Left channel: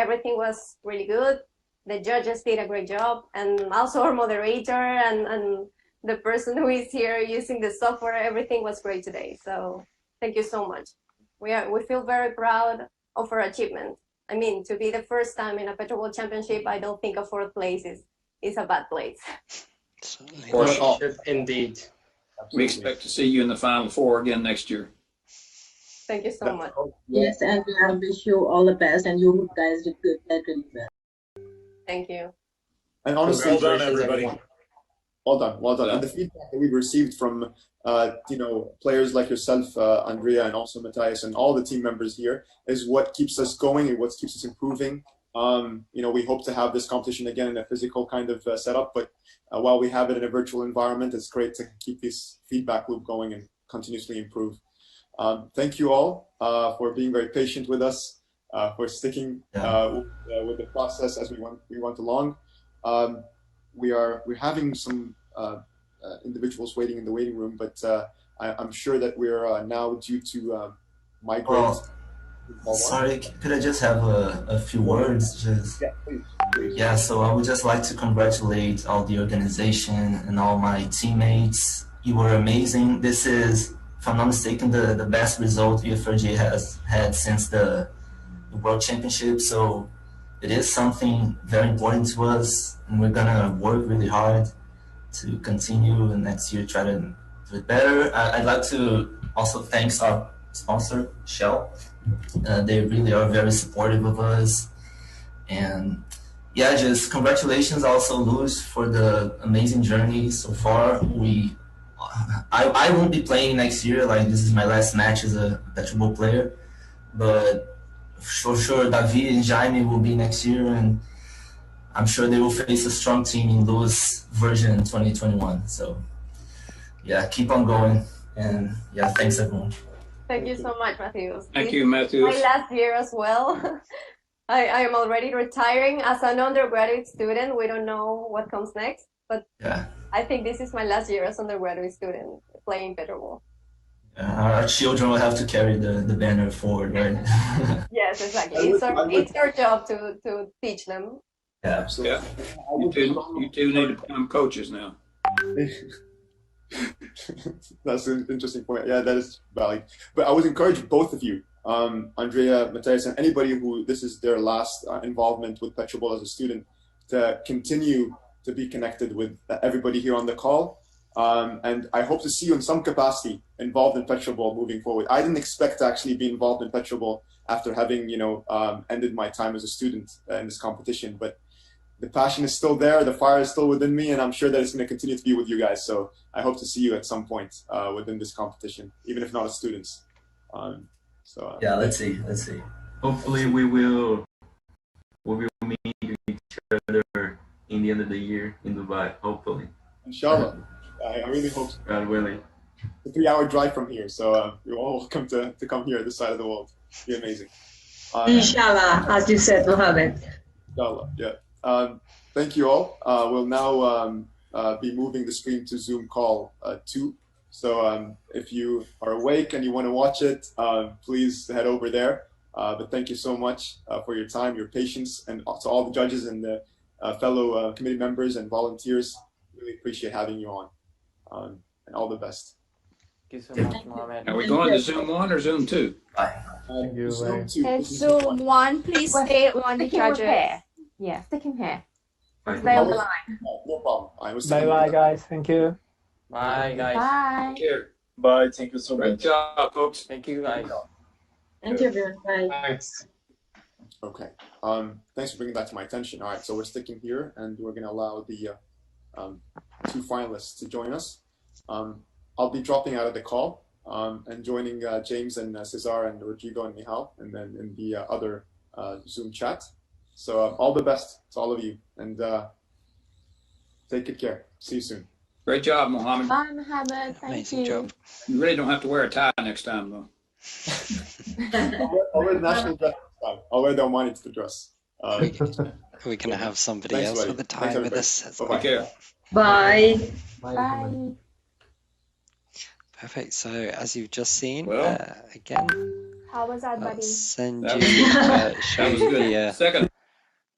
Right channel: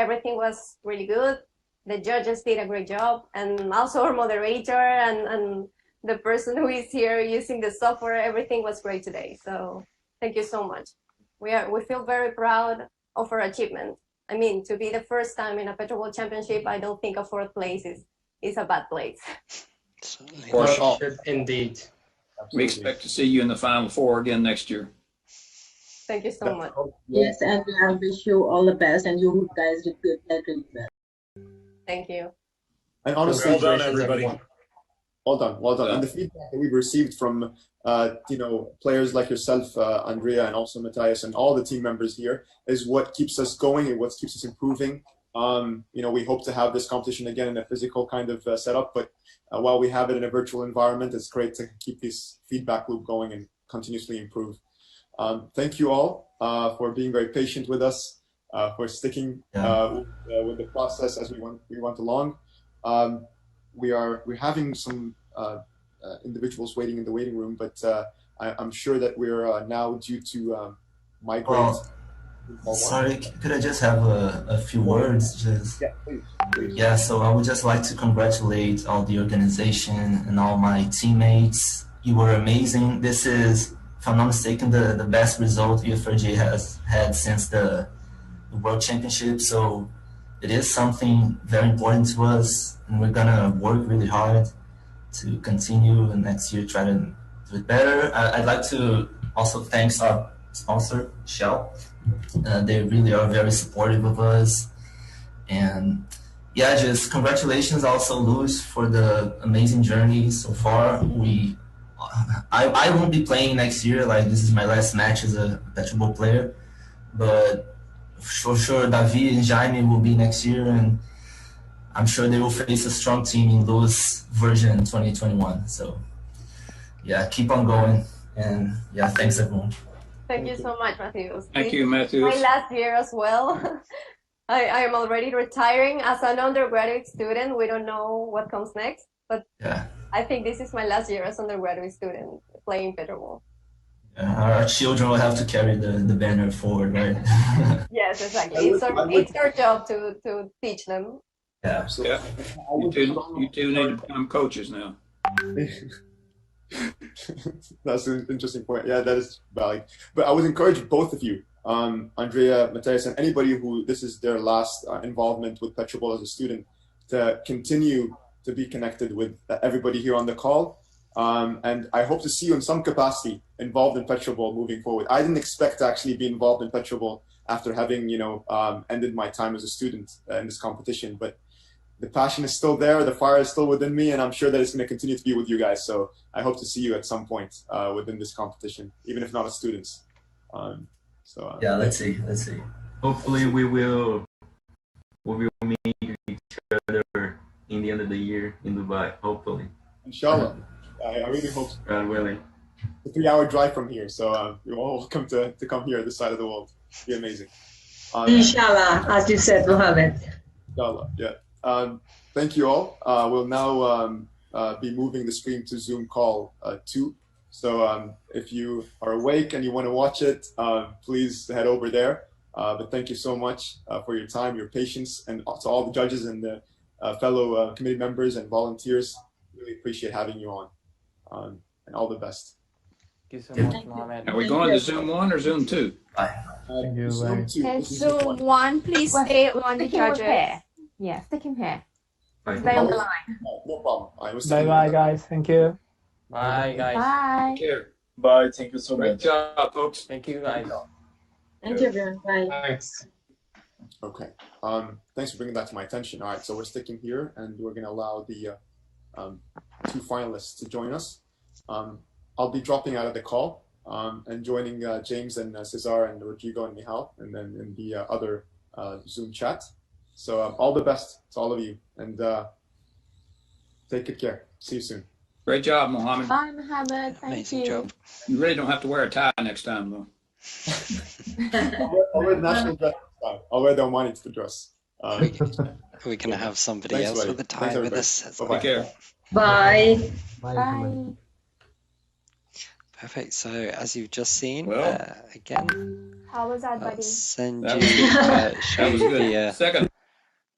everything was really good. The judges did a great job, and also our moderator and the person who is here using the software, everything was great today. So thank you so much. We feel very proud of our achievement. I mean, to be the first time in a PetroBowl championship, I don't think a fourth place is a bad place. Certainly. For sure, indeed. We expect to see you in the Final Four again next year. Thank you so much. Yes, and I wish you all the best, and you guys did good, really well. Thank you. And honestly, well done, everybody. Well done, well done. And the feedback that we've received from players like yourself, Andrea, and also Matthias, and all the team members here is what keeps us going and what keeps us improving. We hope to have this competition again in a physical kind of setup, but while we have it in a virtual environment, it's great to keep this feedback loop going and continuously improve. Thank you all for being very patient with us, for sticking with the process as we went along. We're having some individuals waiting in the waiting room, but I'm sure that we're now due to migrate. Sorry, could I just have a few words? Yeah, please. Yeah, so I would just like to congratulate all the organization and all my teammates. You were amazing. This is, if I'm not mistaken, the best result UFRJ has had since the World Championship. So it is something very important to us, and we're gonna work really hard to continue and next year try to do it better. I'd like to also thank our sponsor, Shell. They really are very supportive of us. And yeah, just congratulations also, Luis, for the amazing journey so far. I won't be playing next year, like this is my last match as a PetroBowl player, but for sure David and Jaime will be next year, and I'm sure they will face a strong team in Luis version 2021. So yeah, keep on going, and yeah, thanks everyone. Thank you so much, Matthews. Thank you, Matthews. My last year as well. I am already retiring as an undergraduate student. We don't know what comes next, but yeah, I think this is my last year as undergraduate student playing PetroBowl. Our children will have to carry the banner forward, right? Yes, exactly. It's our job to teach them. Yeah, absolutely. Yeah. You two need to become coaches now. That's an interesting point. Yeah, that is valid. But I would encourage both of you, Andrea, Matthias, and anybody who this is their last involvement with PetroBowl as a student, to continue to be connected with everybody here on the call. And I hope to see you in some capacity involved in PetroBowl moving forward. I didn't expect to actually be involved in PetroBowl after having, ended my time as a student in this competition. But the passion is still there, the fire is still within me, and I'm sure that it's going to continue to be with you guys. So I hope to see you at some point within this competition, even if not as students. Yeah, let's see. Hopefully we will meet each other in the end of the year in Dubai. Hopefully. Inshallah. I really hope so. God willing. It's a 3-hour drive from here, so you're all welcome to come here this side of the world. It'd be amazing. Inshallah, as you said, Mohammed. Inshallah, yeah. Thank you all. We'll now be moving the stream to Zoom call 2. So if you are awake and you want to watch it, please head over there. But thank you so much for your time, your patience, and to all the judges and the fellow committee members and volunteers. Really appreciate having you on. And all the best. Thank you so much, Mohammed. Are we going to Zoom 1 or Zoom 2? Thank you. Zoom 2. And Zoom 1, please stay on the judges. Yeah, stick him here. Stay on the line. No problem. Bye-bye, guys. Thank you. Bye, guys. Bye. Take care. Bye. Thank you so much. Great job, folks. Thank you, guys. Thank you, everyone. Bye. Thanks. Okay. Thanks for bringing that to my attention. All right, so we're sticking here, and we're going to allow the 2 finalists to join us. I'll be dropping out of the call and joining James and Cesar and Rodrigo and Mihal, and then in the other Zoom chat. So all the best to all of you, and take good care. See you soon. Great job, Mohammed. Bye, Mohammed. Amazing job. You really don't have to wear a tie next time, though. I'll wear the national dress next time. I'll wear the Omani to the dress. We're going to have somebody else with a tie with us. Take care. Bye. Bye. Perfect. So as you've just seen, Well, again, How was that, buddy? send That you, was- show That was you good. the Second.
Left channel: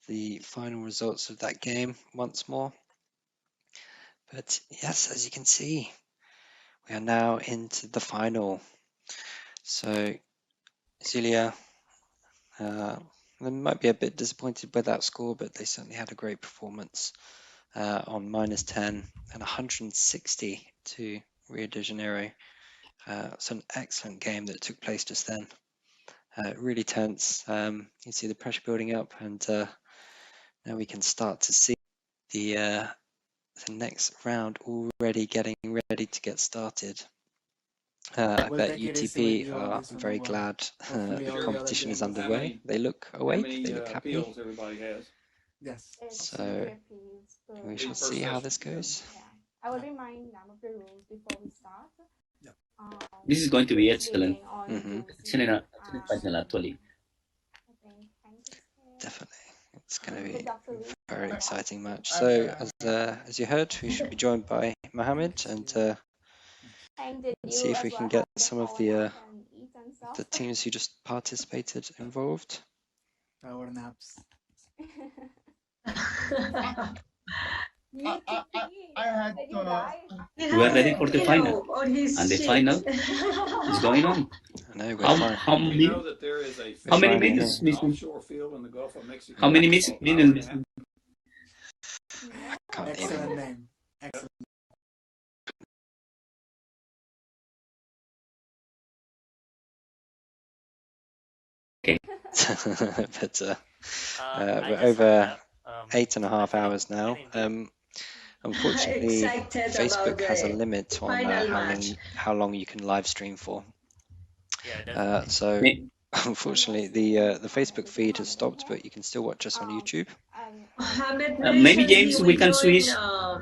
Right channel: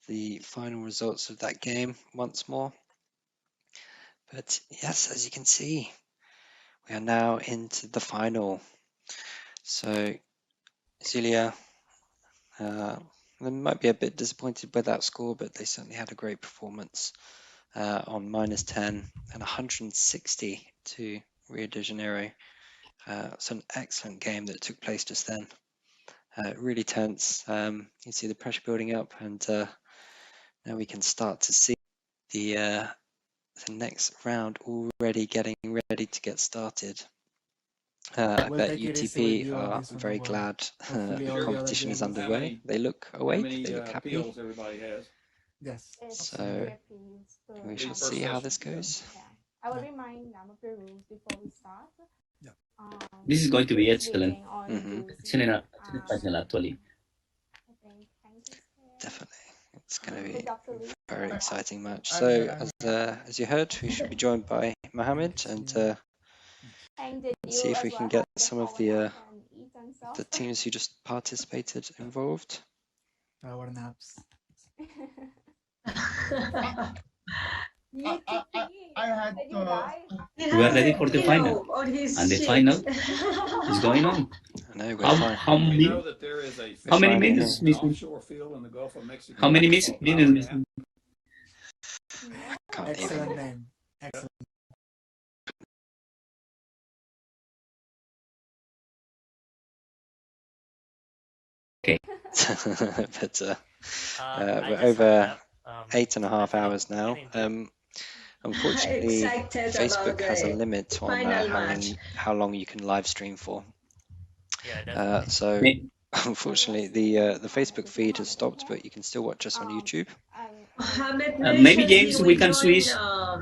the final results of that game once more. But yes, as you can see, we are now into the final. So Zulia, they might be a bit disappointed with that score, but they certainly had a great performance on -10 and 160 to Rio de Janeiro. It's an excellent game that took place just then. Really tense. You can see the pressure building up, and now we can start to see the next round already getting ready to get started. I bet UTP are very glad the competition is underway. They look awake, they look happy. Everybody has. Yes. So we shall see how this goes. I will remind them of the rules before we start. This is going to be excellent. Mm-hmm. Excellent, actually. Definitely. It's going to be a very exciting match. So, as you heard, we should be joined by Mohammed, and see if we can get some of the teams who just participated involved. Power naps. I had We are ready for the final, and the final is going on. I know we're fine. How many? That there is a How many minutes? offshore field in the Gulf of Mexico. How many minutes? Can't Excellent even. name. Excellent. Okay. But we're over 8.5 hours now. Unfortunately, Facebook has a limit on how long you can live stream for. So unfortunately, the Facebook feed has stopped, but you can still watch us on YouTube. Maybe James, we can switch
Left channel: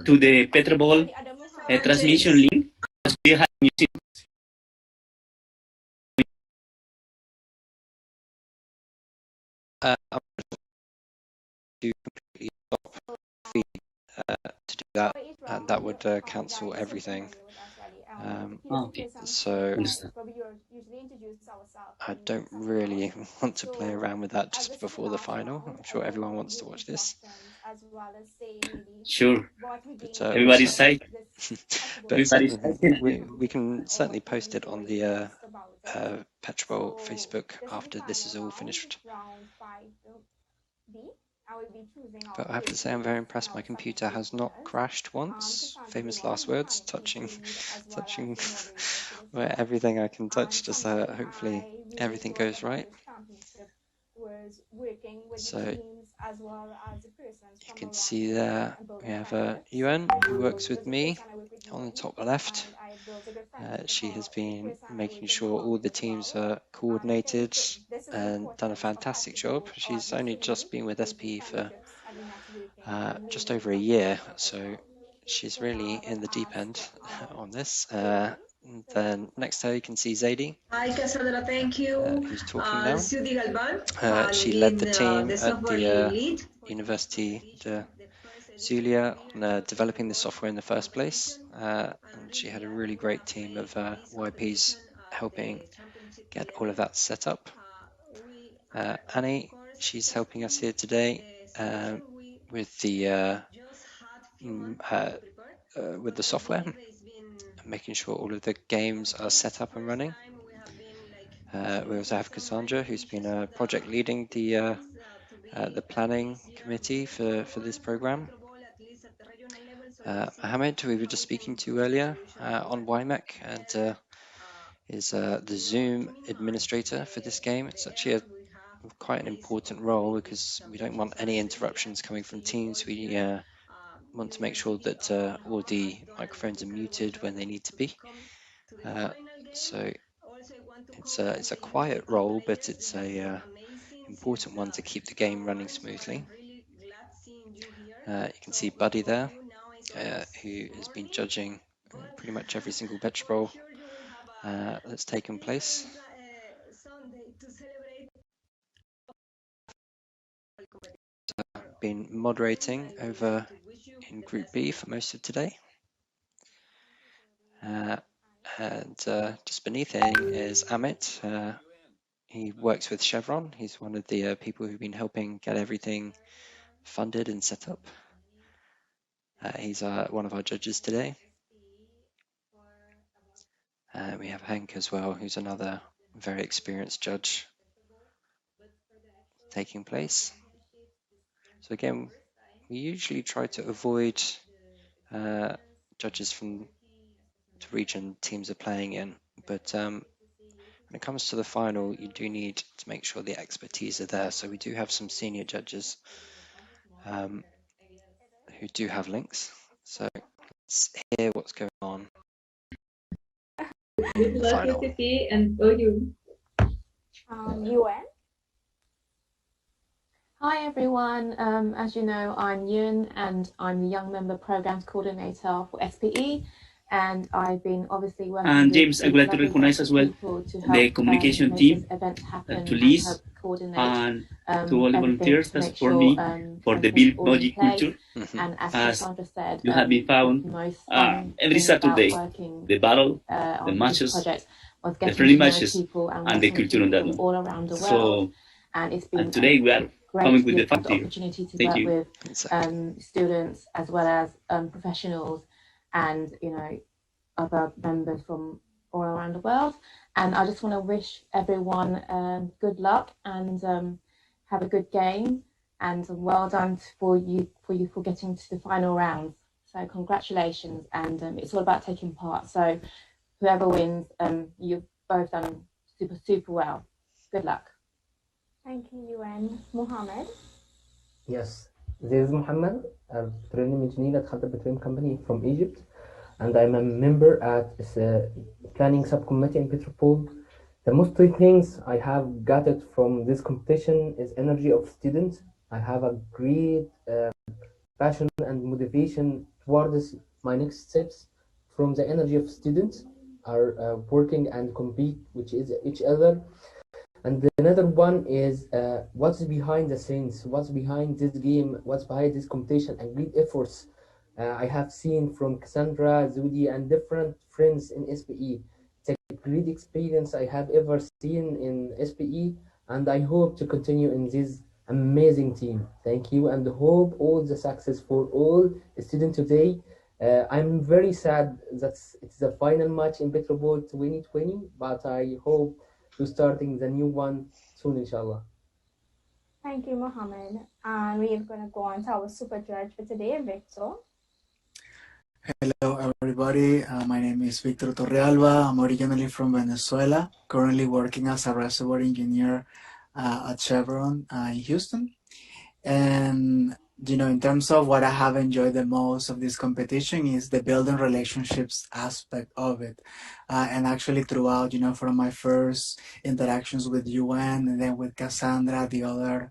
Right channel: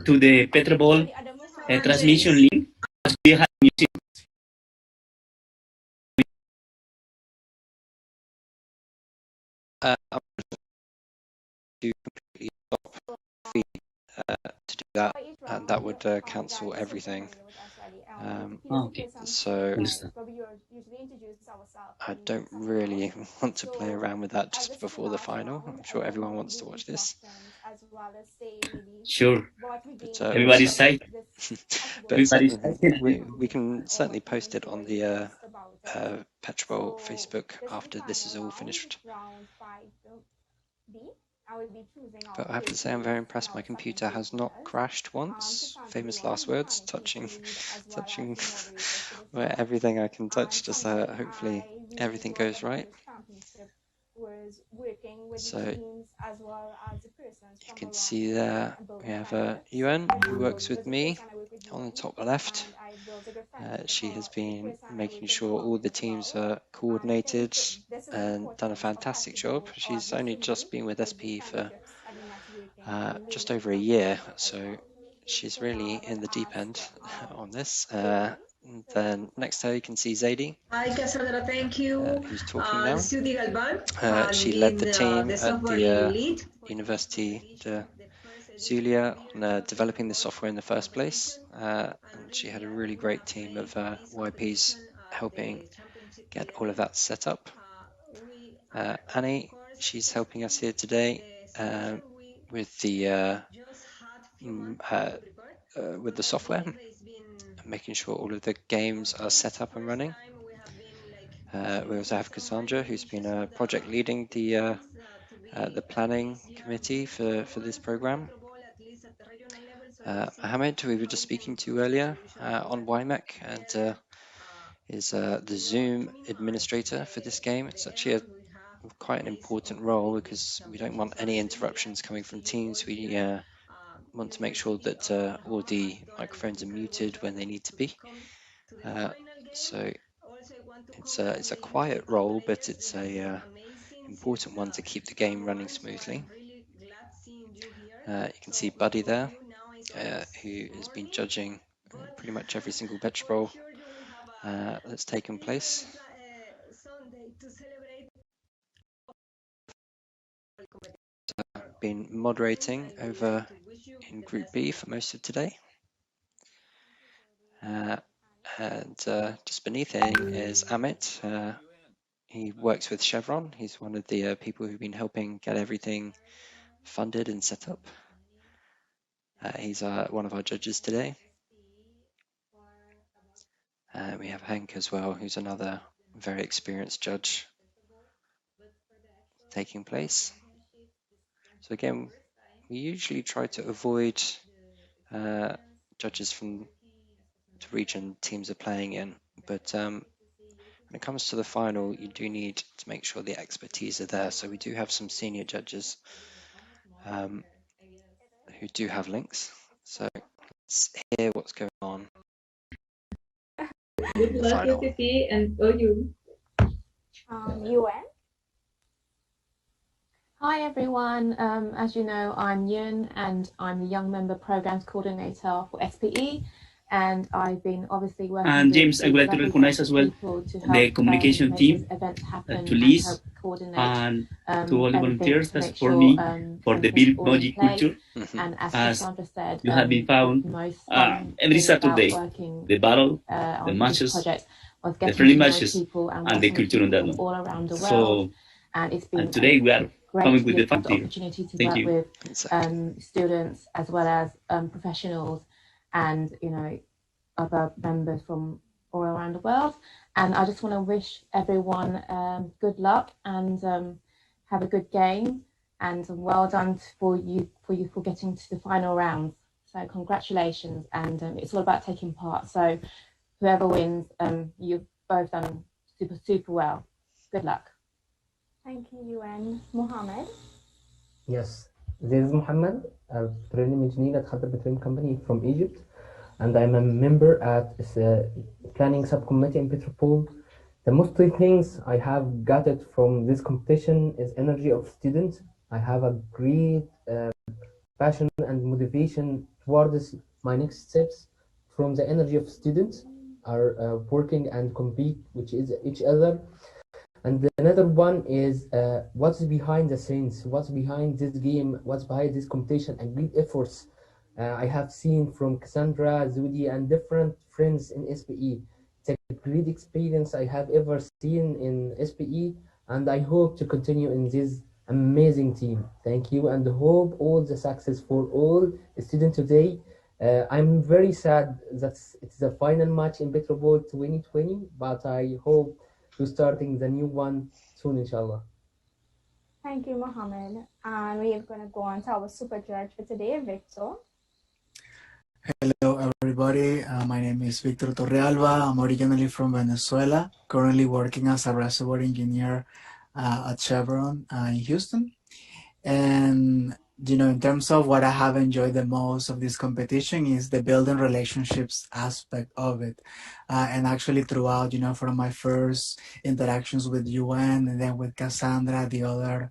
to the PetroBowl transmission link. We have music. To completely stop feed to do that, and that would cancel everything. Okay. So I don't really want to play around with that just before the final. I'm sure everyone wants to watch this. Sure. But, Everybody's safe. But we can certainly post it on the PetroBowl Facebook after this is all finished. But I have to say I'm very impressed. My computer has not crashed once. Famous last words, touching where everything I can touch, just hopefully everything goes right. So you can see there we have Yuan, who works with me on the top left. She has been making sure all the teams are coordinated and done a fantastic job. She's only just been with SPE for just over a year, so she's really in the deep end on this. And then next to her you can see Zadie, who's talking now. She led the team at the University de Zulia on developing the software in the first place. And she had a really great team of YPs helping get all of that set up. Annie, she's helping us here today with the software, making sure all of the games are set up and running. We also have Cassandra, who's been project leading the planning committee for this program. Mohammed, who we were just speaking to earlier on YMEC, and is the Zoom administrator for this game. It's actually quite an important role because we don't want any interruptions coming from teams. We want to make sure that all the microphones are muted when they need to be. So it's a quiet role, but it's a important one to keep the game running smoothly. You can see Buddy there, who has been judging pretty much every single PetroBowl that's taken place. Been moderating over in Group B for most of today. And just beneath him is Amit. He works with Chevron. He's one of the people who've been helping get everything funded and set up. He's one of our judges today. We have Hank as well, who's another very experienced judge taking place. So again, we usually try to avoid judges from the region teams are playing in, but when it comes to the final, you do need to make sure the expertise are there. So we do have some senior judges who do have links. So let's hear what's going on. Good luck, Final. SCP, and you. UN. Hi everyone, as you know, I'm Yun and I'm the Young Member Programs Coordinator for SPE, and I've been obviously working And with James, I would like to recognize as well the communication team, to Liz, and to all the volunteers that support me for the Build Logic culture. And as As Cassandra said, you have been found every Saturday, the battle, the matches, the friendly matches, and the culture on that one. all around the world. So, and it's been and today we are great coming to with the have fact here. opportunity to Thank work you. with students as well as professionals and other members from all around the world. And I just want to wish everyone good luck and have a good game, and well done for you for getting to the final round. So congratulations, and it's all about taking part. So whoever wins, you've both done super well. Good luck. Thank you, UN. Mohammed. Yes, this is Mohammed, a petroleum engineer at Hazardous Petroleum Company from Egypt, and I'm a member at the planning subcommittee in PetroBowl. The most things I have gathered from this competition is energy of students. I have a great passion and motivation towards my next steps from the energy of students are working and compete with each other. And another one is what's behind the scenes, what's behind this game, what's behind this competition, and great efforts I have seen from Cassandra, Zudi, and different friends in SPE. It's a great experience I have ever seen in SPE, and I hope to continue in this amazing team. Thank you, and hope all the success for all students today. I'm very sad that it's the final match in PetroBowl 2020, but I hope to starting the new one soon, inshallah. Thank you, Mohammed. And we are going to go on to our super judge for today, Victor. Hello, everybody. My name is Victor Torrealova. I'm originally from Venezuela, currently working as a reservoir engineer at Chevron in Houston. And in terms of what I have enjoyed the most of this competition is the building relationships aspect of it. And actually throughout, from my first interactions with UN and then with Cassandra, the other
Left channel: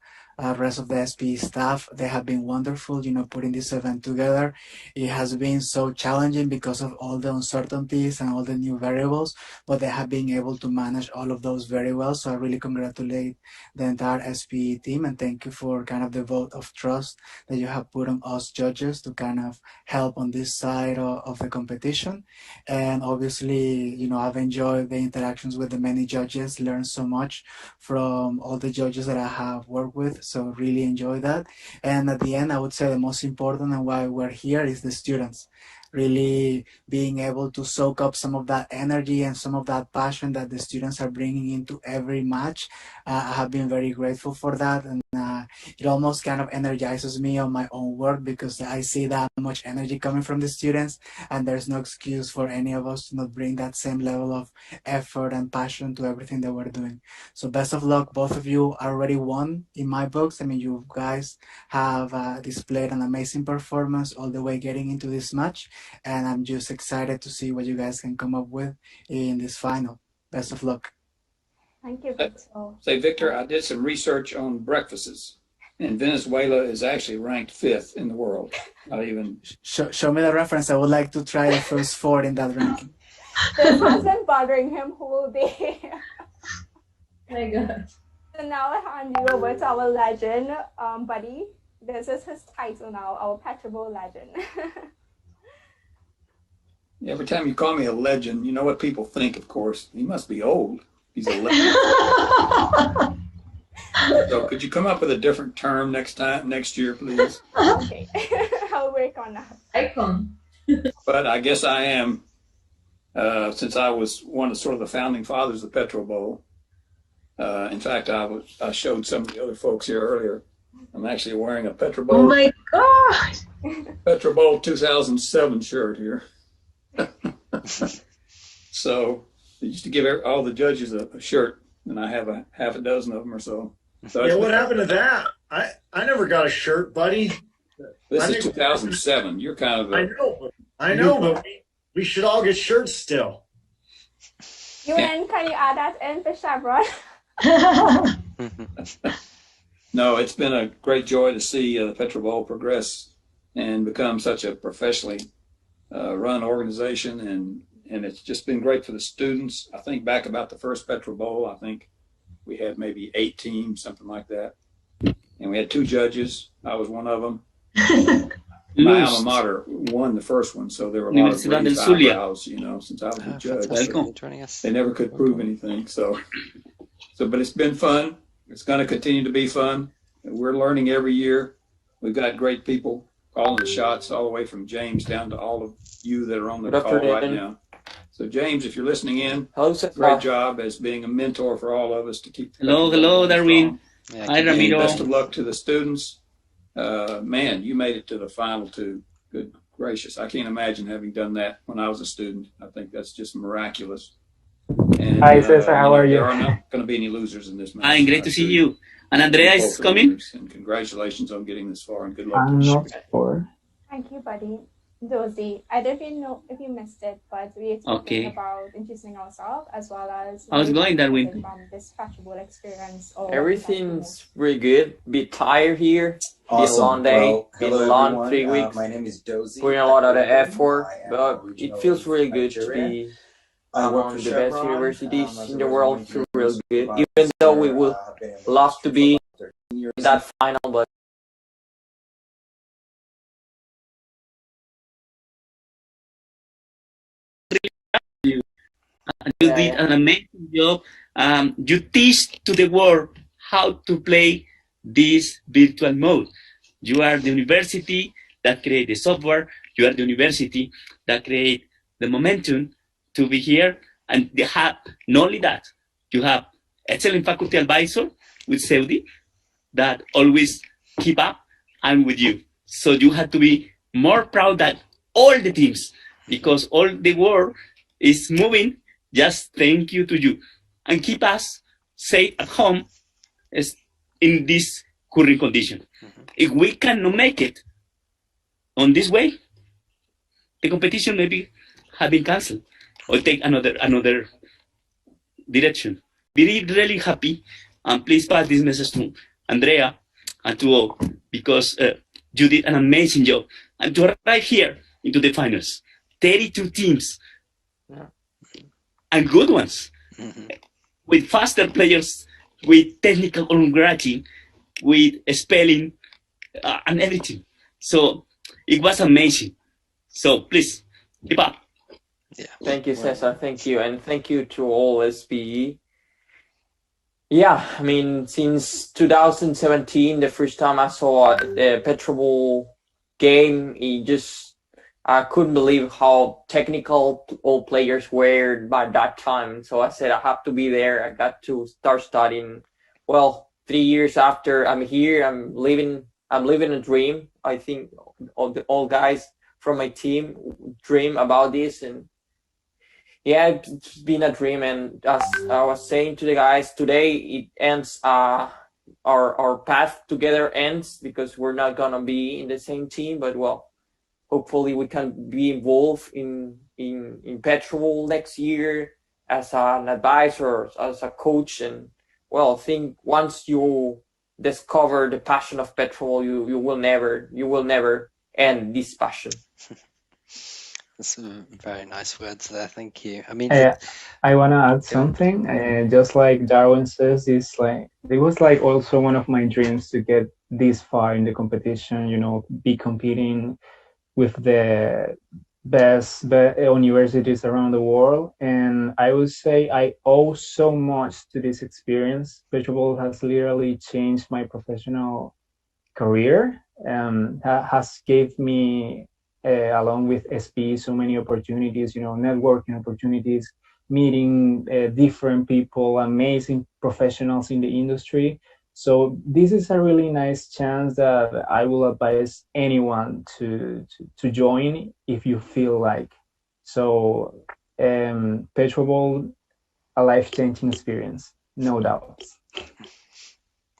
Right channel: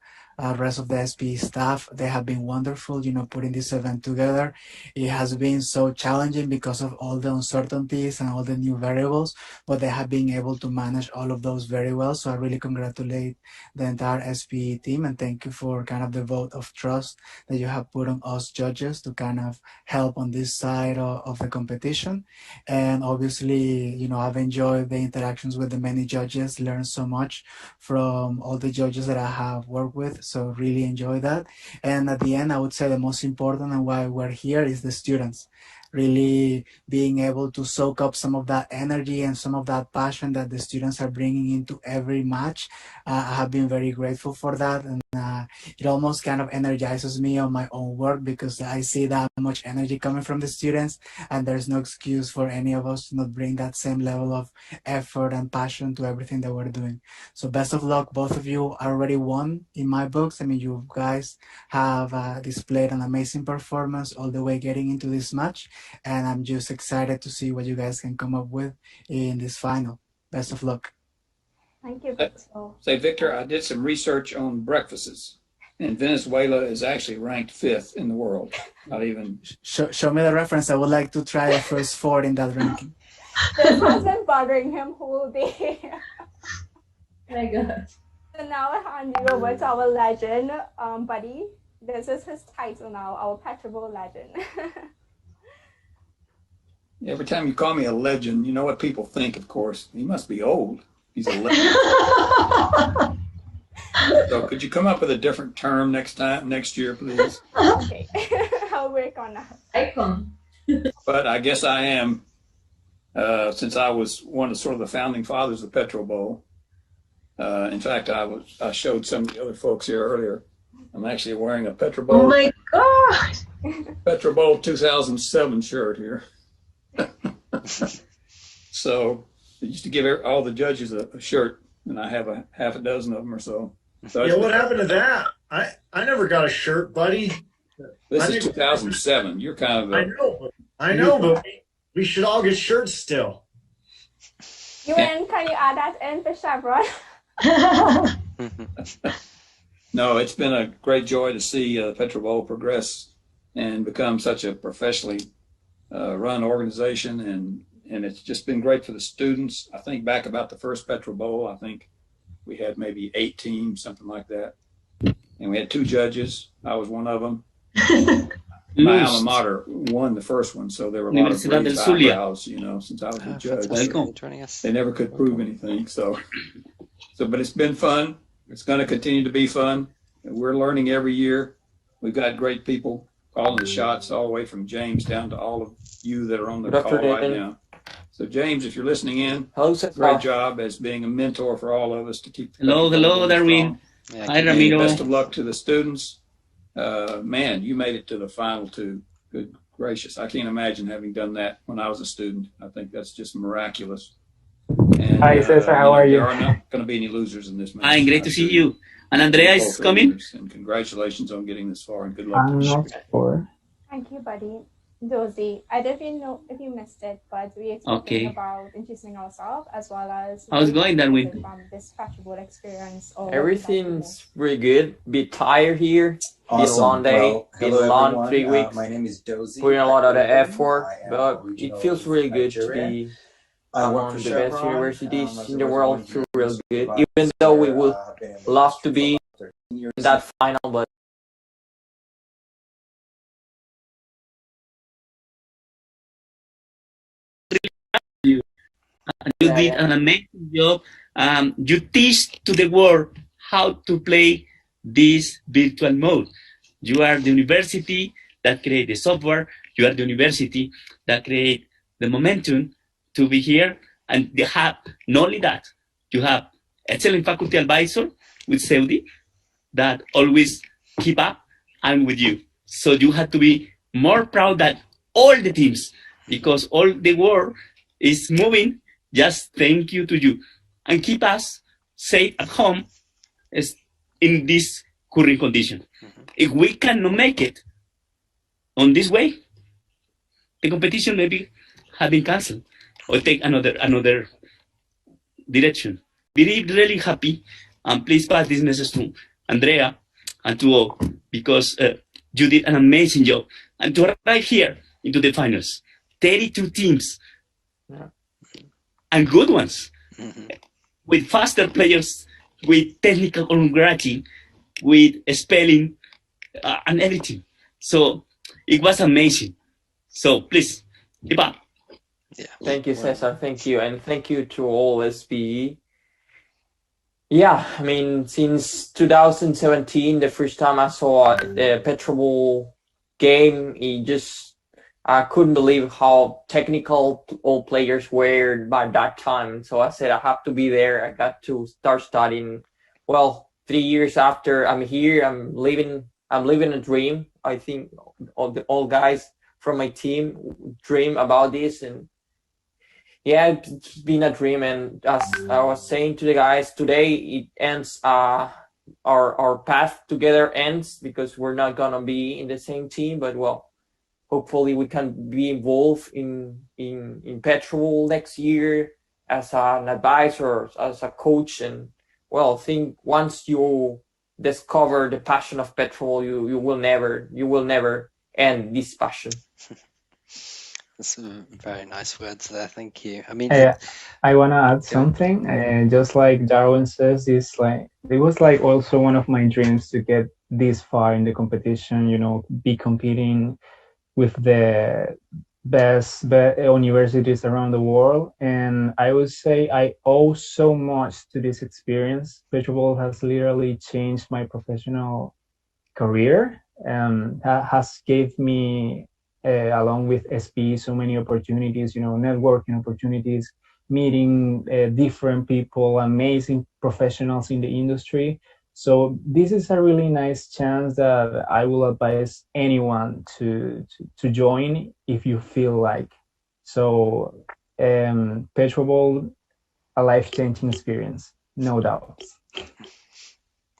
rest of the SPE staff, they have been wonderful, putting this event together. It has been so challenging because of all the uncertainties and all the new variables, but they have been able to manage all of those very well. So I really congratulate the entire SPE team and thank you for kind of the vote of trust that you have put on us judges to kind of help on this side of the competition. And obviously, I've enjoyed the interactions with the many judges, learned so much from all the judges that I have worked with. So really enjoy that. And at the end, I would say the most important and why we're here is the students. Really being able to soak up some of that energy and some of that passion that the students are bringing into every match. I have been very grateful for that, and it almost kind of energizes me on my own work because I see that much energy coming from the students, and there's no excuse for any of us to not bring that same level of effort and passion to everything that we're doing. So best of luck. Both of you already won in my books. I mean, you guys have displayed an amazing performance all the way getting into this match. And I'm just excited to see what you guys can come up with in this final. Best of luck. Thank you, Victor. Say, Victor, I did some research on breakfasts, and Venezuela is actually ranked 5th in the world. Not even. Show me the reference. I would like to try the first 4 in that ranking. This has been bothering him whole day. Oh my God. So now I hand you over to our legend, Buddy. This is his title now, our PetroBowl legend. Every time you call me a legend, you know what people think, of course. He must be old. He's a legend. So could you come up with a different term next year, please? Okay, I'll work on that. Icon. But I guess I am, since I was one of sort of the founding fathers of PetroBowl. In fact, I showed some of the other folks here earlier. I'm actually wearing a PetroBowl. Oh my God. PetroBowl 2007 shirt here. So they used to give all the judges a shirt, and I have a half a dozen of them or so. Yeah, what happened to that? I never got a shirt, buddy. This is 2007. You're kind of I know, but we should all get shirts still. UN, can you add that in for Chevron? No, it's been a great joy to see PetroBowl progress and become such a professionally run organization, and it's just been great for the students. I think back about the first PetroBowl, I think we had maybe 8 teams, something like that, and we had 2 judges. I was one of them. My alma mater won the first one, so there were a lot of raised eyebrows, since I was a judge. They never could prove anything. So, but it's been fun. It's going to continue to be fun. We're learning every year. We've got great people calling the shots, all the way from James down to all of you that are on the call right now. So, James, if you're listening in, great job as being a mentor for all of us to keep. Hello, Darwin. Hi, Ramiro. Best of luck to the students. Man, you made it to the final 2. Good gracious. I can't imagine having done that when I was a student. I think that's just miraculous. And, hi, Cesar. How are you? There are not going to be any losers in this match. Hi, great to see you. And Andrea is coming. And congratulations on getting this far, and good luck. I'm not sure. Thank you, buddy. Dozy, I don't even know if you missed it, but we are talking about introducing ourselves as well as how's it going, Darwin? From this PetroBowl experience. Everything's pretty good. Bit tired here. Awesome. Been a long day. Well, been hello, a long everyone. 3 weeks. My name is Dozy. Putting a lot of the I effort, but it feels really good to be among the best universities in the world. Feel real good, even though we would love to be in that final, but you did an amazing job. You teach to the world how to play this virtual mode. You are the university that create the software. You are the university that create the momentum to be here. And they have not only that, you have excellent faculty advisor with Saudi that always keep up and with you. So you have to be more proud that all the teams, because all the world is moving. Just thank you to you and keep us safe at home in this current condition. If we cannot make it on this way, the competition maybe have been cancelled or take another direction. Be really happy, and please pass this message to Andrea and to all, because you did an amazing job. And to arrive here into the finals, 32 teams, and good ones, with faster players, with technical grading, with spelling, and everything. So it was amazing. So please, keep up. Yeah. Thank you, Cesar. Thank you. And thank you to all SPE. Yeah, I mean, since 2017, the first time I saw the PetroBowl game, I couldn't believe how technical all players were by that time. So I said, I have to be there. I got to start studying. Well, 3 years after I'm here, I'm living a dream. I think all guys from my team dream about this, and yeah, it's been a dream. And as I was saying to the guys today, it ends. Our path together ends because we're not gonna be in the same team. But well, hopefully we can be involved in PetroBowl next year as an advisor, as a coach. And well, I think once you discover the passion of PetroBowl, you will never end this passion. That's some very nice words there. Thank you. I mean, I want to add something. Just like Darwin says, it was like also one of my dreams to get this far in the competition. You know, be competing with the best universities around the world. And I would say I owe so much to this experience. PetroBowl has literally changed my professional career and has gave me, along with SPE, so many opportunities, networking opportunities, meeting different people, amazing professionals in the industry. So this is a really nice chance that I will advise anyone to join if you feel like. So PetroBowl, a life-changing experience, no doubt.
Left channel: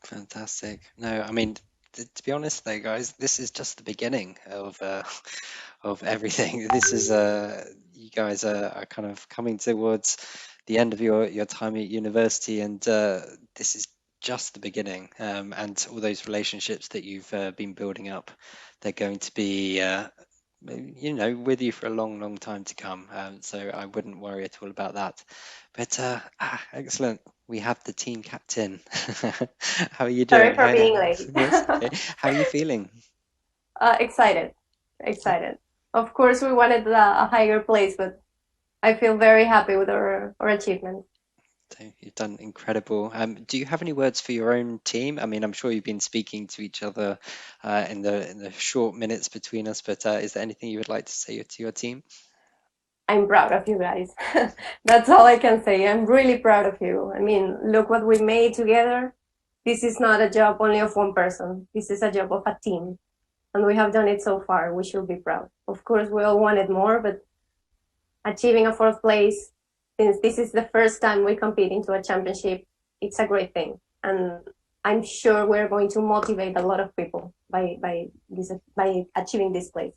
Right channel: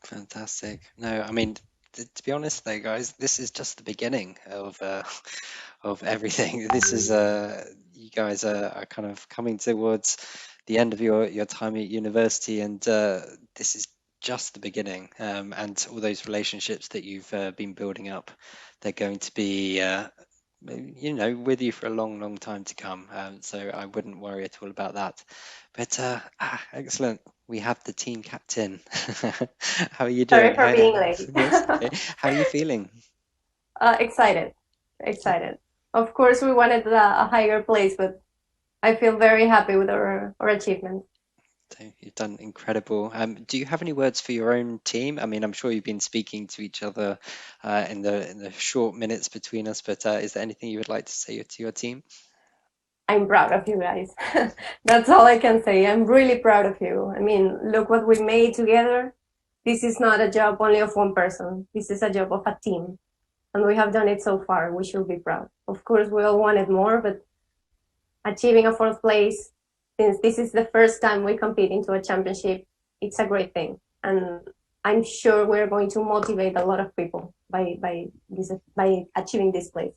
Fantastic. No, I mean, to be honest though, guys, this is just the beginning of everything. This is you guys are kind of coming towards the end of your time at university, and this is just the beginning. And all those relationships that you've been building up, they're going to be with you for a long, long time to come. So I wouldn't worry at all about that. But excellent. We have the team captain. How are you doing? Sorry for being late. Okay. How are you feeling? Excited. Of course, we wanted a higher place, but I feel very happy with our achievement. So you've done incredible. Do you have any words for your own team? I mean, I'm sure you've been speaking to each other in the short minutes between us, but is there anything you would like to say to your team? I'm proud of you guys. That's all I can say. I'm really proud of you. I mean, look what we made together. This is not a job only of one person. This is a job of a team. And we have done it so far. We should be proud. Of course, we all wanted more, but achieving a 4th place, since this is the first time we compete into a championship, it's a great thing. And I'm sure we're going to motivate a lot of people by achieving this place.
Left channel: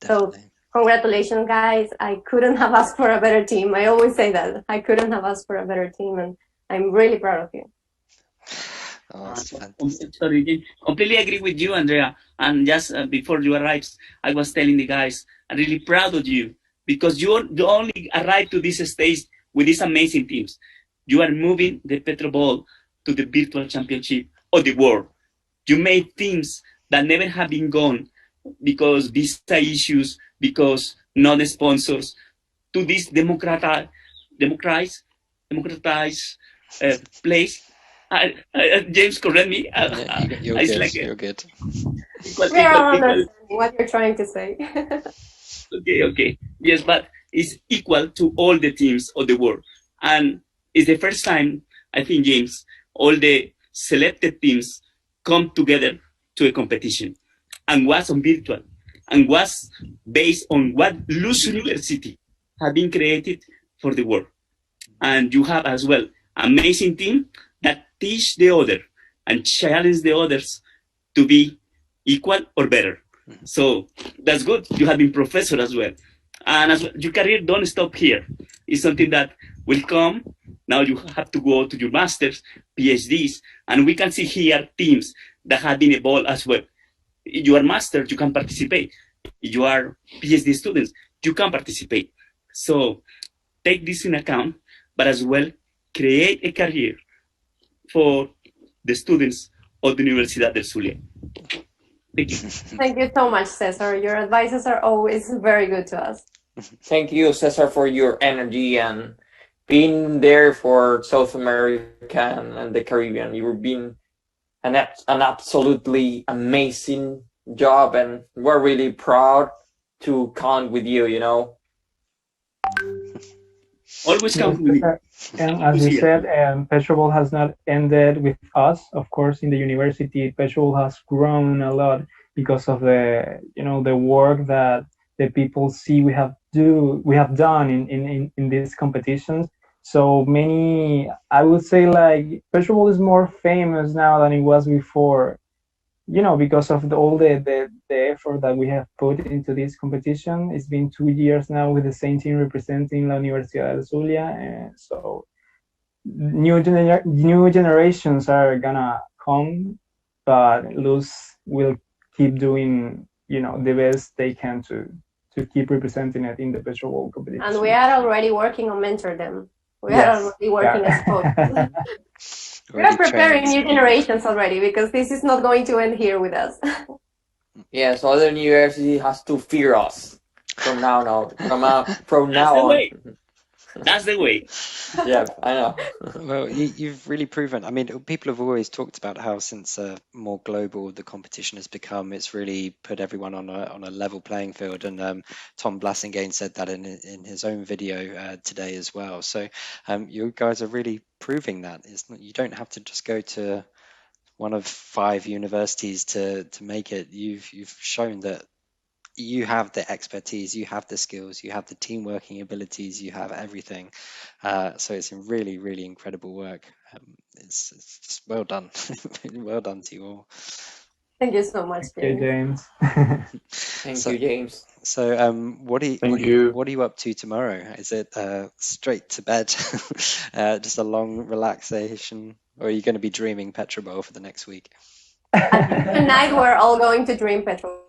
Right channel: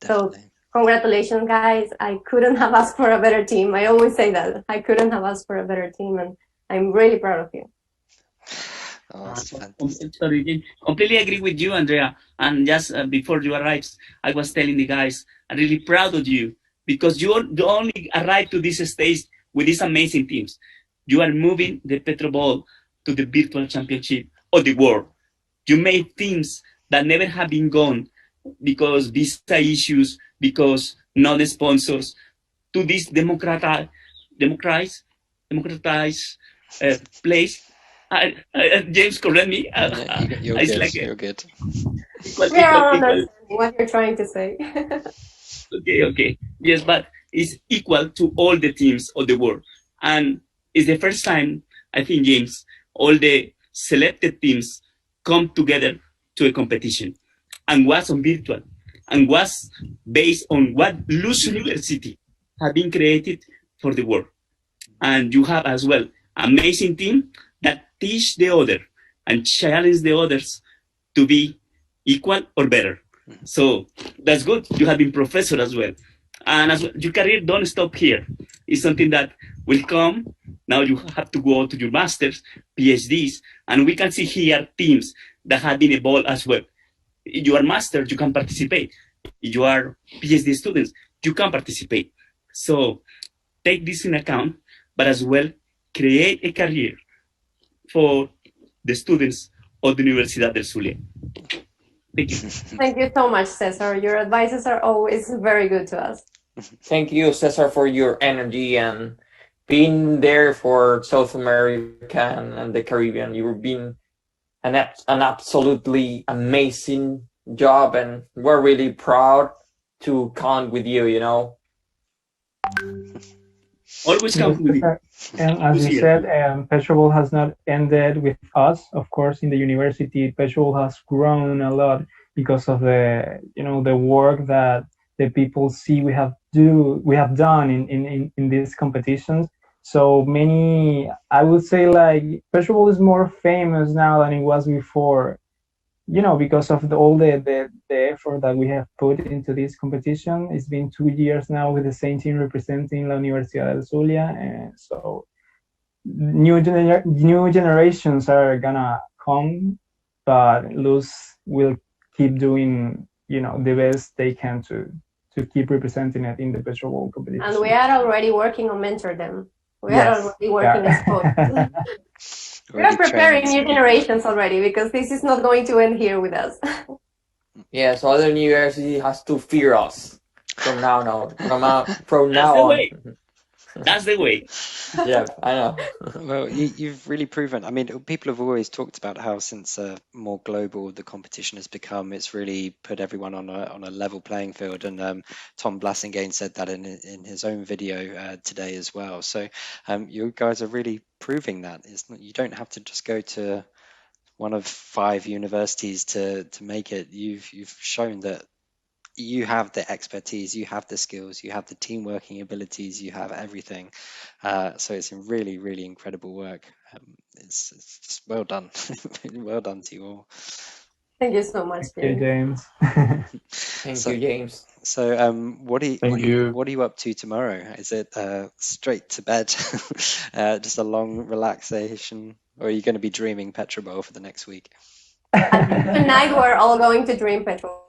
Definitely. So congratulations, guys. I couldn't have asked for a better team. I always say that. I couldn't have asked for a better team, and I'm really proud of you. Oh, that's fantastic. Sorry, completely agree with you, Andrea. And just before you arrived, I was telling the guys, I'm really proud of you because you only arrived to this stage with these amazing teams. You are moving the PetroBowl to the virtual championship of the world. You made teams that never have been gone because visa issues, because not the sponsors, to this democratized place. James, correct me. You're good. Like you're good. We are understanding what you're trying to say. Okay. Yes, but it's equal to all the teams of the world. And it's the first time, I think, James, all the selected teams come together to a competition and was on virtual and was based on what Luz University have been created for the world. And you have as well amazing team that teach the other and challenge the others to be equal or better. So that's good. You have been professor as well. And as well, your career don't stop here. It's something that will come. Now you have to go to your masters, PhDs, and we can see here teams that have been evolved as well. If you are masters, you can participate. If you are PhD students, you can participate. So take this in account, but as well create a career for the students of the Universidad del Zulia. Thank you. Thank you so much, Cesar. Your advices are always very good to us. Thank you, Cesar, for your energy and being there for South America and the Caribbean. You've been an absolutely amazing job, and we're really proud to count with you, Always count with you. And as you said, PetroBowl has not ended with us. Of course, in the university, PetroBowl has grown a lot because of the work that the people see we have done in these competitions. So many, I would say, like PetroBowl is more famous now than it was before, because of all the effort that we have put into this competition. It's been 2 years now with the same team representing La Universidad del Zulia, and so new generations are gonna come, but Luz will keep doing the best they can to keep representing it in the PetroBowl competition. And we are already working on mentor them. We are already working as coaches. We are preparing new generations already, because this is not going to end here with us. Yeah, so other university has to fear us. From now on. From That's now the on. way. That's the way. Yeah, I know. Well, you've really proven. I mean, people have always talked about how since more global the competition has become, it's really put everyone on a level playing field. And Tom Blasingame said that in his own video today as well. So you guys are really proving that. You don't have to just go to one of 5 universities to make it. You've shown that you have the expertise, you have the skills, you have the team working abilities, you have everything. So it's a really, really incredible work. It's just well done. Well done to you all. Thank you so much, Okay, James. James. Thank you, James. So what are you up to tomorrow? Is it straight to bed, just a long relaxation, or are you going to be dreaming PetroBowl for the next week? Tonight we're all going to dream petrol.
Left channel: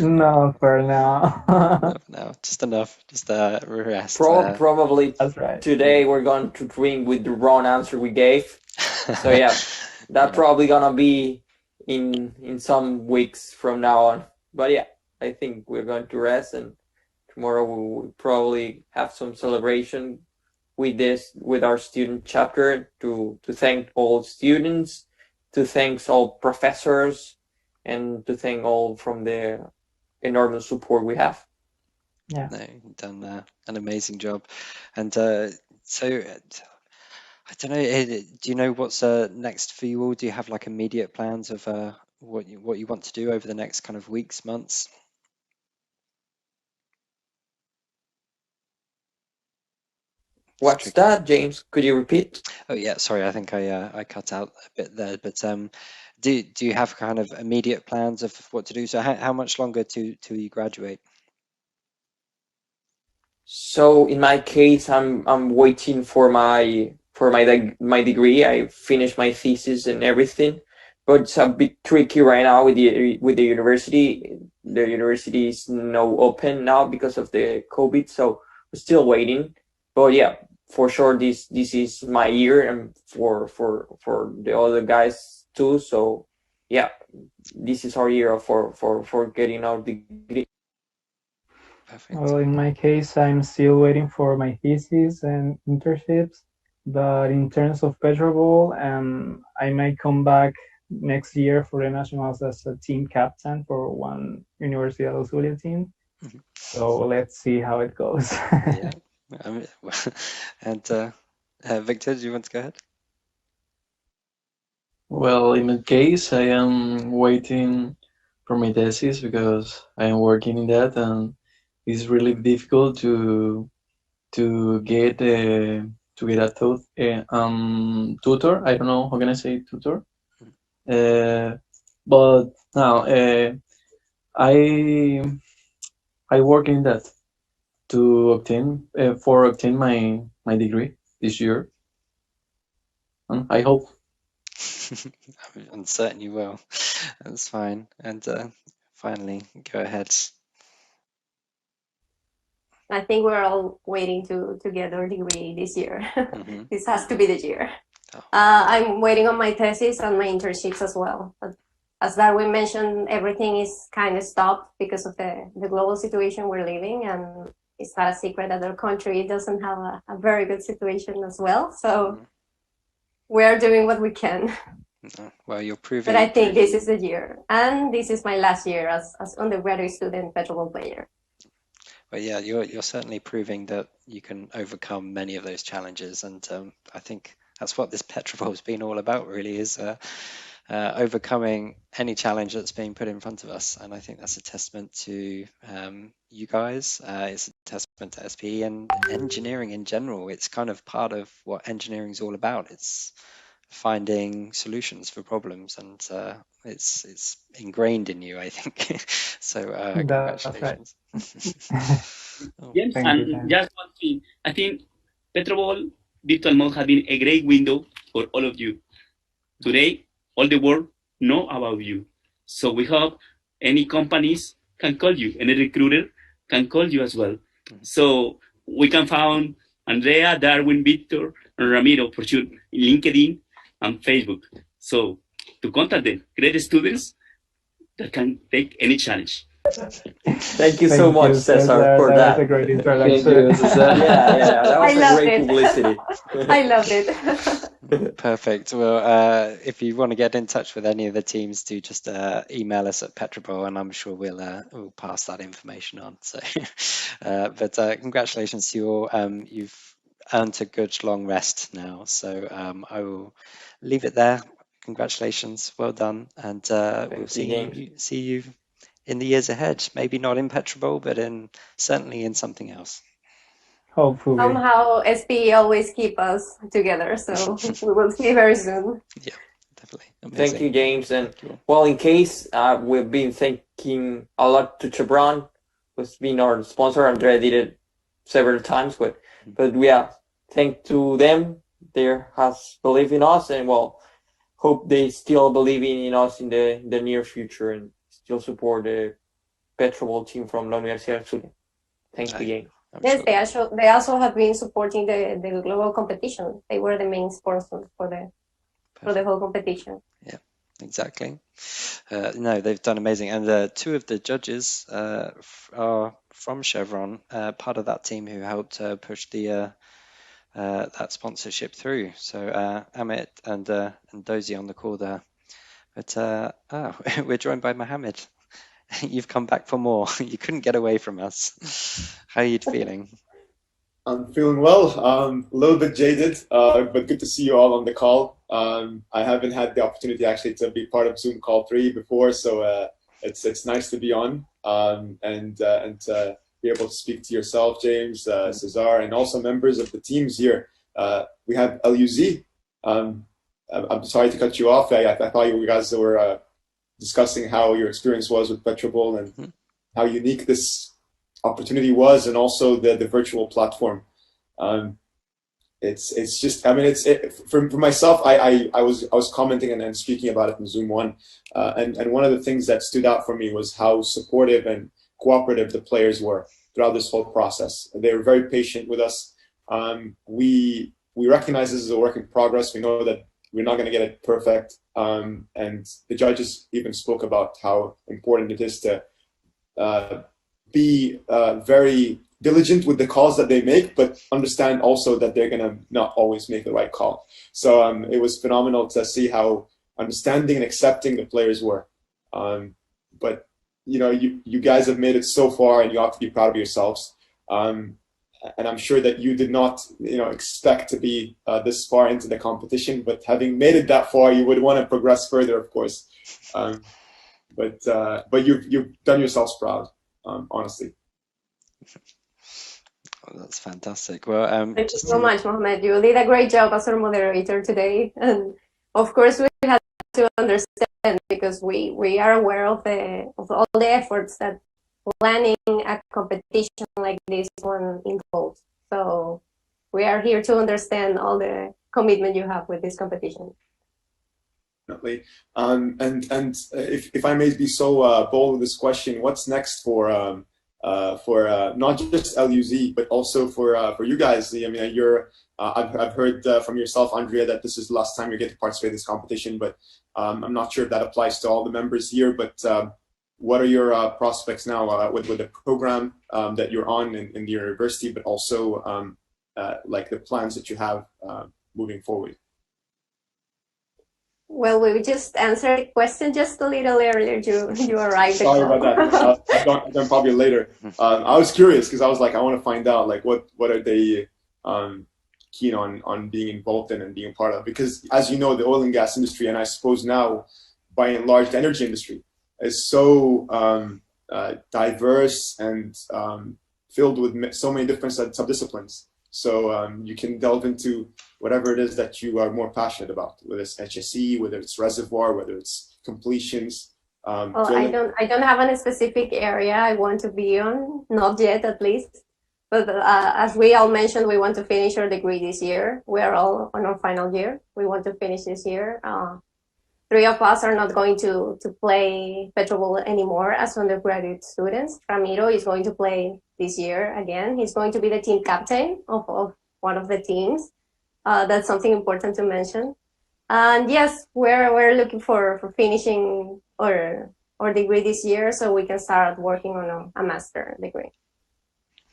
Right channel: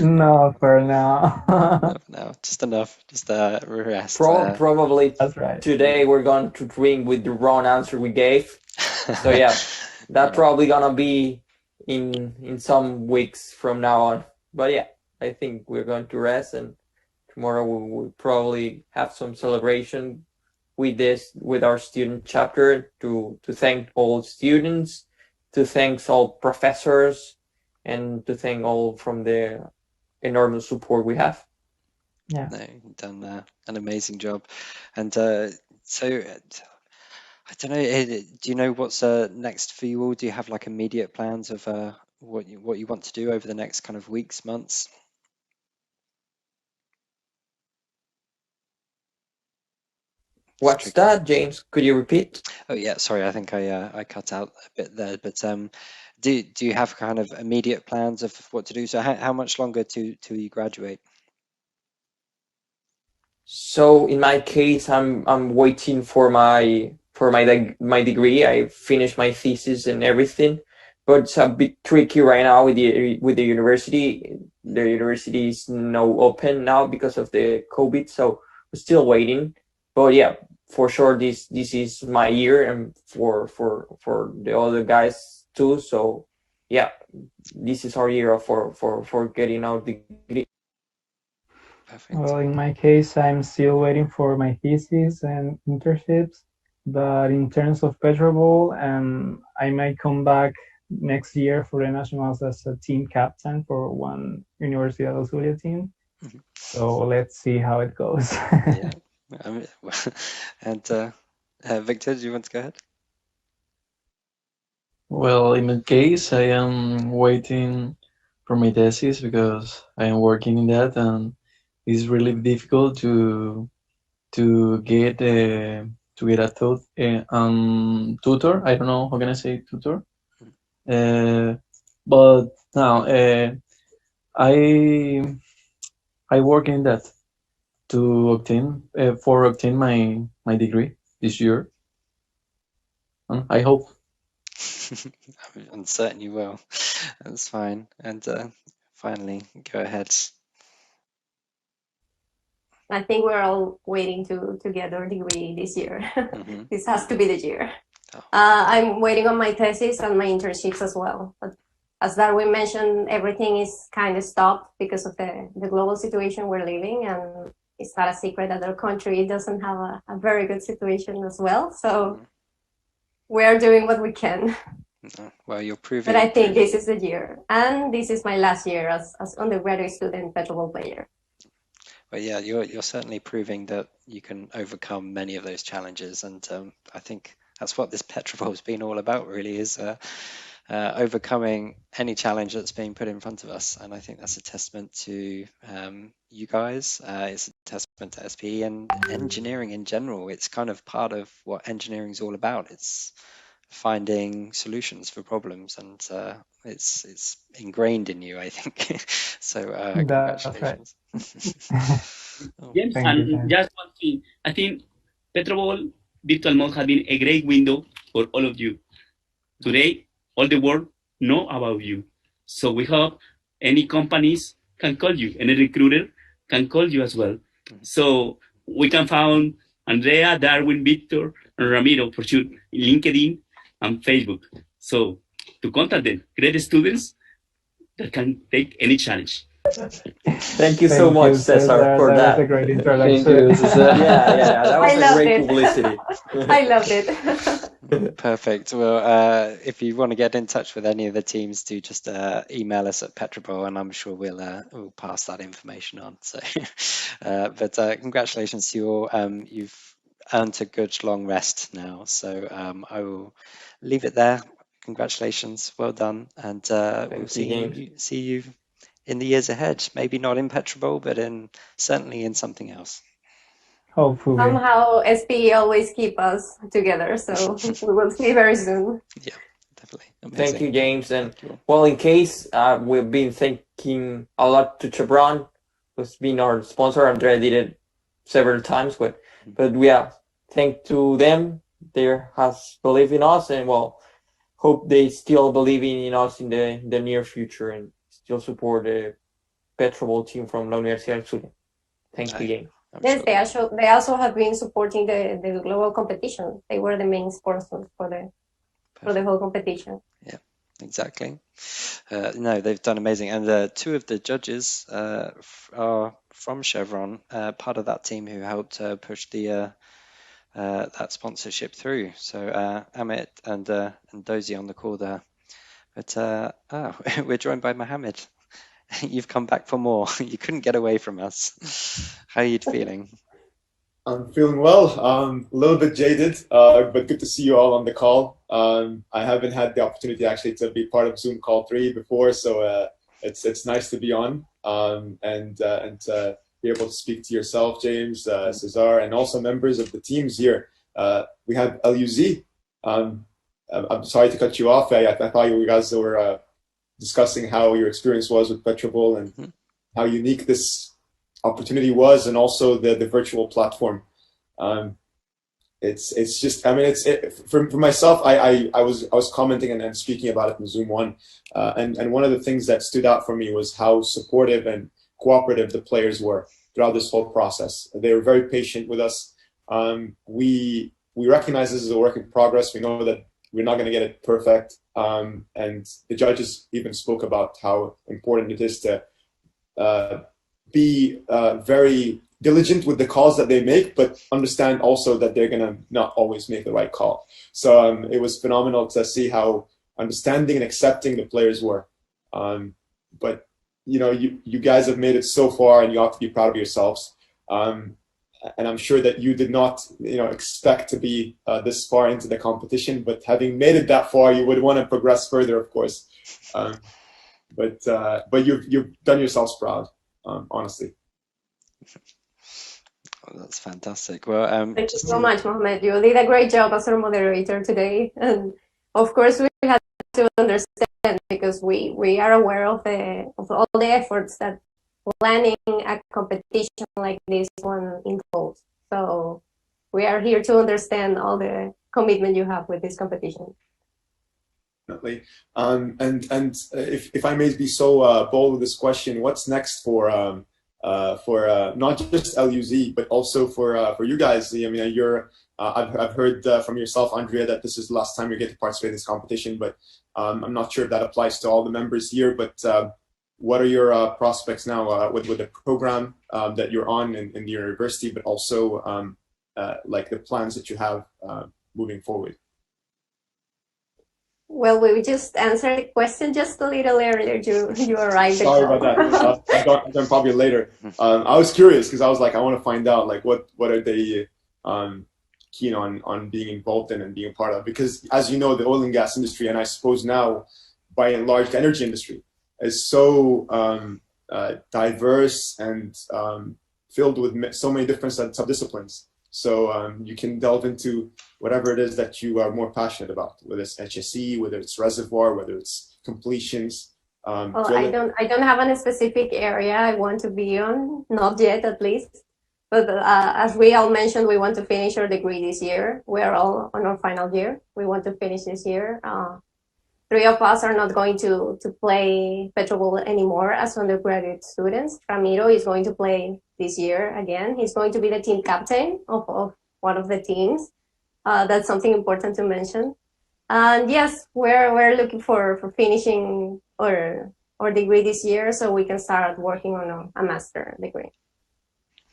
No, for now. No, just enough. Just rest. Probably That's right. today we're going to dream with the wrong answer we gave. So yeah, that's probably gonna be in some weeks from now on. But yeah, I think we're going to rest, and tomorrow we will probably have some celebration with our student chapter to thank all students, to thank all professors, and to thank all from the enormous support we have. Yeah. No, you've done an amazing job. And so I don't know, do you know what's next for you all? Do you have like immediate plans of what you want to do over the next kind of weeks, months? What's that, James? Could you repeat? Oh yeah, sorry, I think I cut out a bit there. But do you have kind of immediate plans of what to do? So how much longer till you graduate? So in my case, I'm waiting for my degree. I finished my thesis and everything, but it's a bit tricky right now with the university. The university is not open now because of the COVID, so we're still waiting. But yeah, for sure this is my year, and for the other guys too. So yeah, this is our year for getting our degree. Perfect. Well, in my case, I'm still waiting for my thesis and internships. But in terms of PetroBowl, I might come back next year for the nationals as a team captain for one Universidad del Zulia team. So let's see how it goes. Yeah. And Victor, do you want to go ahead? Well, in my case, I am waiting for my thesis because I am working in that, and it's really difficult to get a tutor. I don't know how can I say tutor. But now I work in that to obtain my degree this year. I hope. I'm certain you will. That's fine. And finally, go ahead. I think we're all waiting to get our degree this year. This has to be the year. I'm waiting on my thesis and my internships as well. But as Darwin mentioned, everything is kind of stopped because of the global situation we're living, and it's not a secret that our country doesn't have a very good situation as well. So we are doing what we can. Well, you're proving. But I think this is the year, and this is my last year as undergraduate student PetroBowl player. But yeah, you're certainly proving that you can overcome many of those challenges, and I think that's what this PetroBowl has been all about, really, is overcoming any challenge that's being put in front of us. And I think that's a testament to you guys. It's a testament to SPE and engineering in general. It's kind of part of what engineering is all about. It's finding solutions for problems, and it's ingrained in you, I think. So congratulations. James, and just one thing, I think PetroBowl Virtual Mode has been a great window for all of you. Today, all the world know about you. So we hope any companies can call you, any recruiter can call you as well. So we can find Andrea, Darwin, Victor, and Ramiro for sure in LinkedIn and Facebook. So to contact them, great students that can take any challenge. Thank you so much, Cesar, for that that. was a great Thank introduction. you, Cesar. Yeah, that was I a loved great it. publicity. I loved it. Perfect. Well, if you want to get in touch with any of the teams, do just email us at PetroBowl, and I'm sure we'll pass that information on. So, but congratulations to you all. You've earned a good long rest now, so I will leave it there. Congratulations, well done, and we'll see you in the years ahead. Maybe not in PetroBowl, but certainly in something else. Hopefully. Somehow SPE always keep us together, so we will see very soon. Yeah, definitely. Amazing. Thank you, James. And well, in case we've been thanking a lot to Chevron, who's been our sponsor. Andrea did it several times, but yeah, thank to them. They has believed in us, and well, hope they still believe in us in the near future and still support the PetroBowl team from La Universidad del Zulia. Thank you, James. Yes, they also have been supporting the global competition. They were the main sponsors for the whole competition. Yeah, exactly. No, they've done amazing. And two of the judges are from Chevron, part of that team who helped push that sponsorship through. So Amit and Dozy on the call there. But we're joined by Mohammed. You've come back for more. You couldn't get away from us. How are you feeling? I'm feeling well. A little bit jaded, but good to see you all on the call. I haven't had the opportunity actually to be part of Zoom call 3 before, so it's nice to be on and to be able to speak to yourself, James, Cesar, and also members of the teams here. We have LUZ. I'm sorry to cut you off. I thought you guys were discussing how your experience was with PetroBowl and how unique this opportunity was, and also the virtual platform. It's just, I mean, for myself, I was commenting and speaking about it in Zoom 1, and one of the things that stood out for me was how supportive and cooperative the players were throughout this whole process. They were very patient with us. We recognize this is a work in progress. We know that we're not going to get it perfect, and the judges even spoke about how important it is to be very diligent with the calls that they make, but understand also that they're going to not always make the right call. So it was phenomenal to see how understanding and accepting the players were. But you know, you guys have made it so far, and you ought to be proud of yourselves. And I'm sure that you did not, expect to be this far into the competition, but having made it that far, you would want to progress further, of course. But you've done yourselves proud, honestly. Oh, that's fantastic. Well, thank you so much, Mohammed. You did a great job as our moderator today, and of course we had to understand, because we are aware of all the efforts that planning a competition like this one involves. So we are here to understand all the commitment you have with this competition. Definitely. And if I may be so bold with this question, what's next for not just LUZ, but also for you guys? I mean, I've heard from yourself, Andrea, that this is the last time you get to participate in this competition, but I'm not sure if that applies to all the members here, but what are your prospects now with the program that you're on in the university, but also like the plans that you have moving forward? Well, we just answered the question just a little earlier. You arrived. Sorry about that. I'll jump probably later. I was curious because I was like, I want to find out like what are they keen on being involved in and being part of, because as you know, the oil and gas industry, and I suppose now by and large the energy industry, is so diverse and filled with so many different subdisciplines. So you can delve into whatever it is that you are more passionate about, whether it's HSE, whether it's reservoir, whether it's completions. Well, I don't have any specific area I want to be on, not yet at least. But as we all mentioned, we want to finish our degree this year. We are all on our final year. We want to finish this year. 3 of us are not going to play PetroBowl anymore as undergraduate students. Ramiro is going to play this year again. He's going to be the team captain of one of the teams. That's something important to mention. And yes, we're looking for finishing or our degree this year so we can start working on a master degree.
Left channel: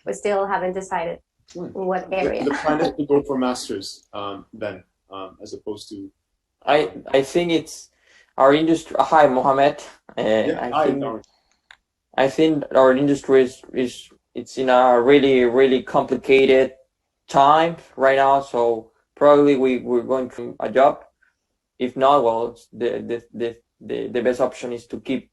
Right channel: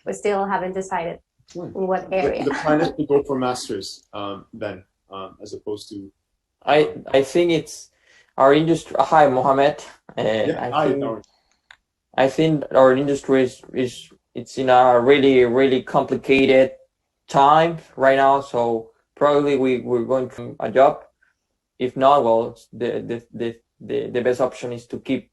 We still haven't decided in what area. The plan is to go for masters then, as opposed to. I think it's our industry. Hi, Mohammed. I think our industry it's in a really complicated time right now. So probably we're going to a job. If not, well, the best option is to keep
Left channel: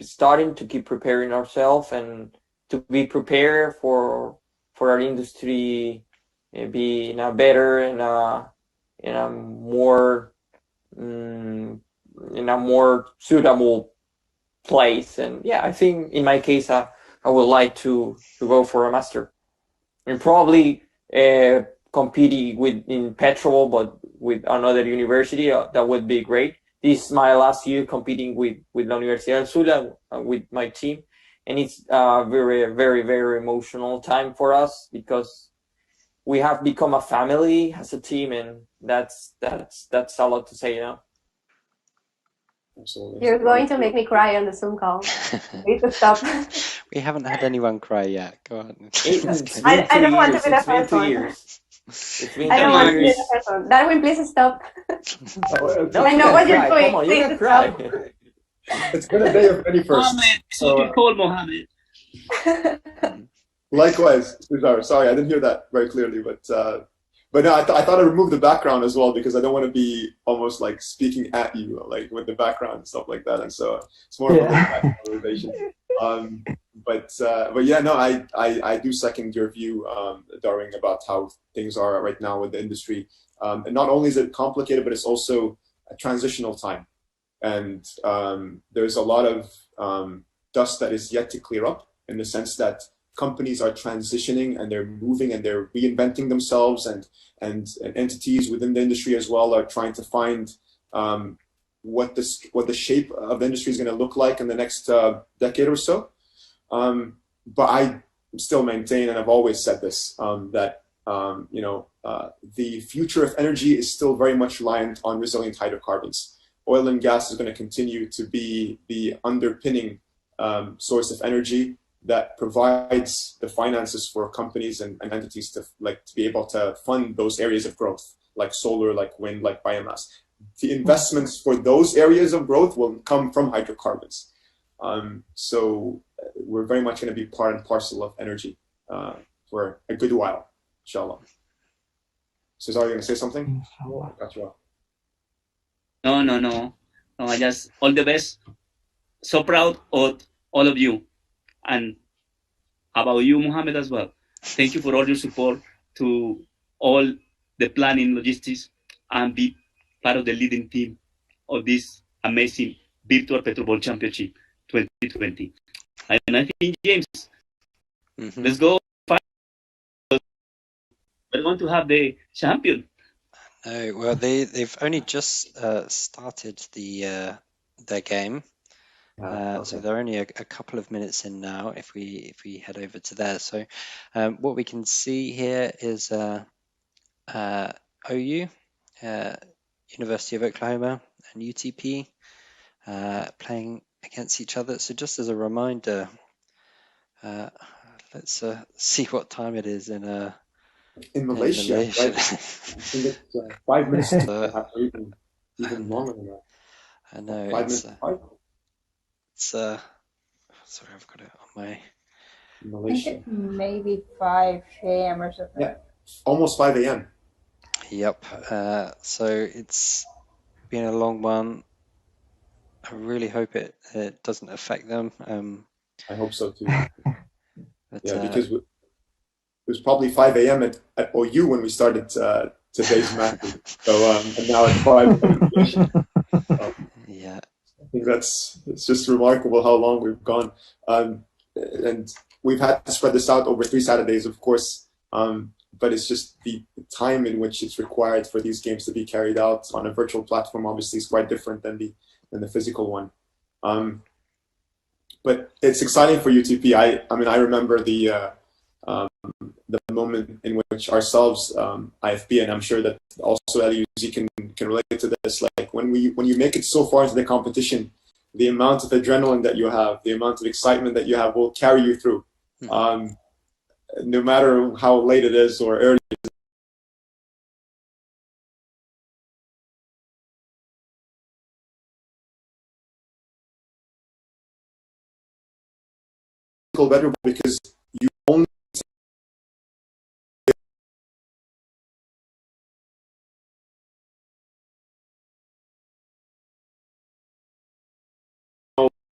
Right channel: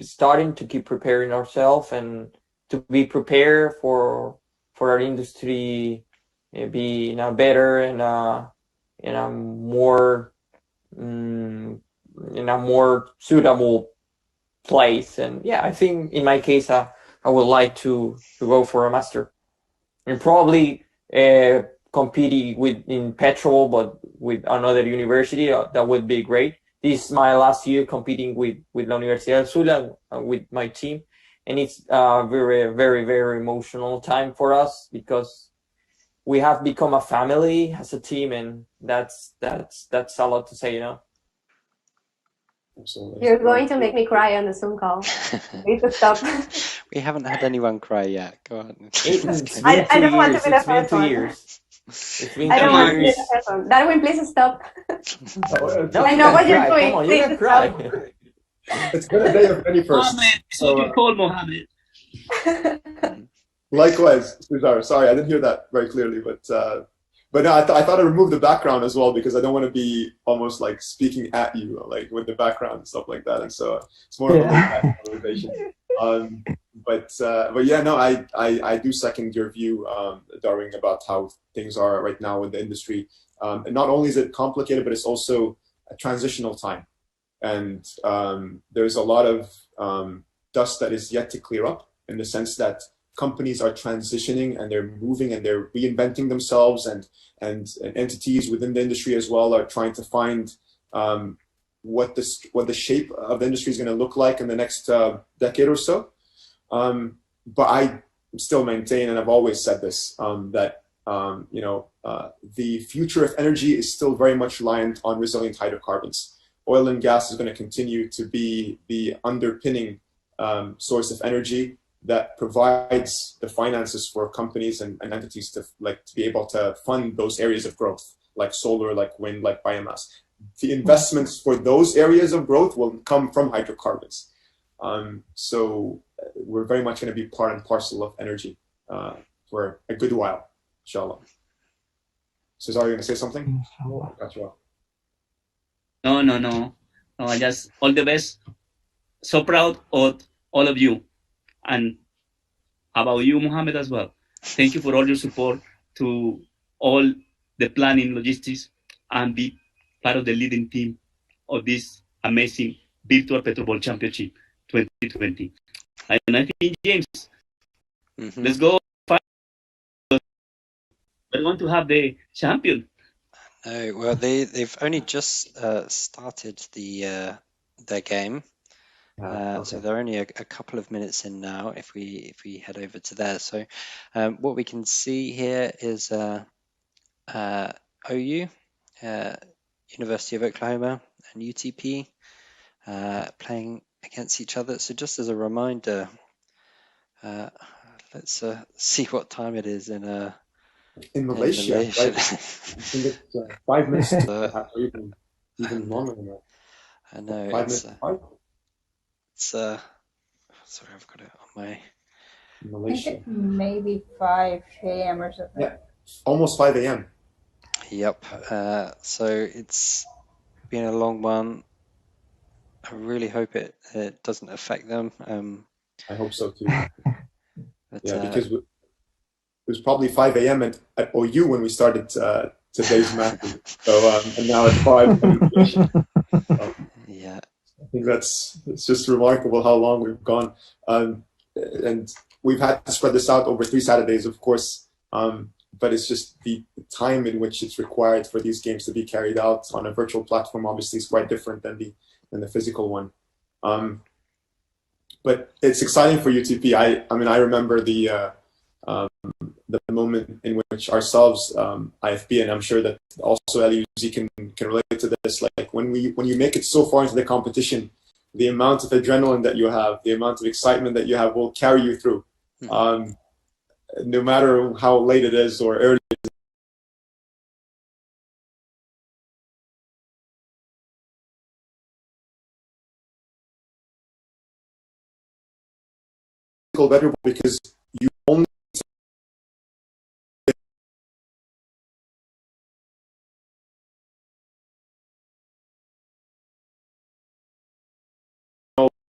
starting, to keep preparing ourselves, and to be prepared for our industry, be in a better and in a more suitable place. And yeah, I think in my case, I would like to go for a master, and probably competing in PetroBowl, but with another university. That would be great. This is my last year competing with La Universidad del Zulia, with my team, and it's a very emotional time for us because we have become a family as a team, and that's a lot to say, you know. Absolutely. You're going to make me cry on the Zoom call. Please stop. We haven't had anyone cry yet. Go on. I don't want to be the first one. I don't want to be the first one. Darwin, please stop. I know what you're doing. Come on, please you can cry. It's been a day of many firsts. Mohammed, so you call Mohammed. Likewise, Cesar. Sorry, I didn't hear that very clearly, but no, I thought I removed the background as well because I don't want to be almost like speaking at you, like with the background and stuff like that, and so it's more of a conversation. But yeah, no, I do second your view, Darwin, about how things are right now with the industry. And not only is it complicated, but it's also a transitional time, and there's a lot of dust that is yet to clear up, in the sense that companies are transitioning and they're moving and they're reinventing themselves, and entities within the industry as well are trying to find what the shape of the industry is going to look like in the next decade or so. But I still maintain, and I've always said this, that the future of energy is still very much reliant on resilient hydrocarbons. Oil and gas is going to continue to be the underpinning source of energy that provides the finances for companies and entities to be able to fund those areas of growth, like solar, like wind, like biomass. The investments for those areas of growth will come from hydrocarbons. So we're very much going to be part and parcel of energy for a good while, inshallah. Cesar, you going to say something? Got you off. No. I just all the best. So proud of all of you, and about you, Mohammed, as well. Thank you for all your support to all the planning, logistics, and be part of the leading team of this amazing virtual PetroBowl Championship 2020. And I think, James, let's go. We're going to have the champion. No, well, they've only just started their game. So they're only a couple of minutes in now. If we head over to there, so what we can see here is OU, University of Oklahoma, and UTP playing against each other. So just as a reminder, let's see what time it is in Malaysia. Right? I think it's 5 minutes. Even longer than that. I know. 5 minutes. Sorry, I've got it on my Malaysia. Maybe 5 a.m. or something. Yeah, almost 5 a.m. Yep. So it's been a long one. I really hope it doesn't affect them. I hope so too. But, because it was probably 5 a.m. at OU when we started today's match. So and now it's 5. Yeah. I think it's just remarkable how long we've gone, and we've had to spread this out over 3 Saturdays, of course. But it's just the time in which it's required for these games to be carried out on a virtual platform. Obviously, is quite different than the physical one. But it's exciting for UTP. I mean, I remember the moment in which ourselves, IFB, and I'm sure that also LUZ can relate to this. Like when you make it so far into the competition the amount of adrenaline that you have, the amount of excitement that you have will carry you through. No matter how late it is or early it is. Better because you only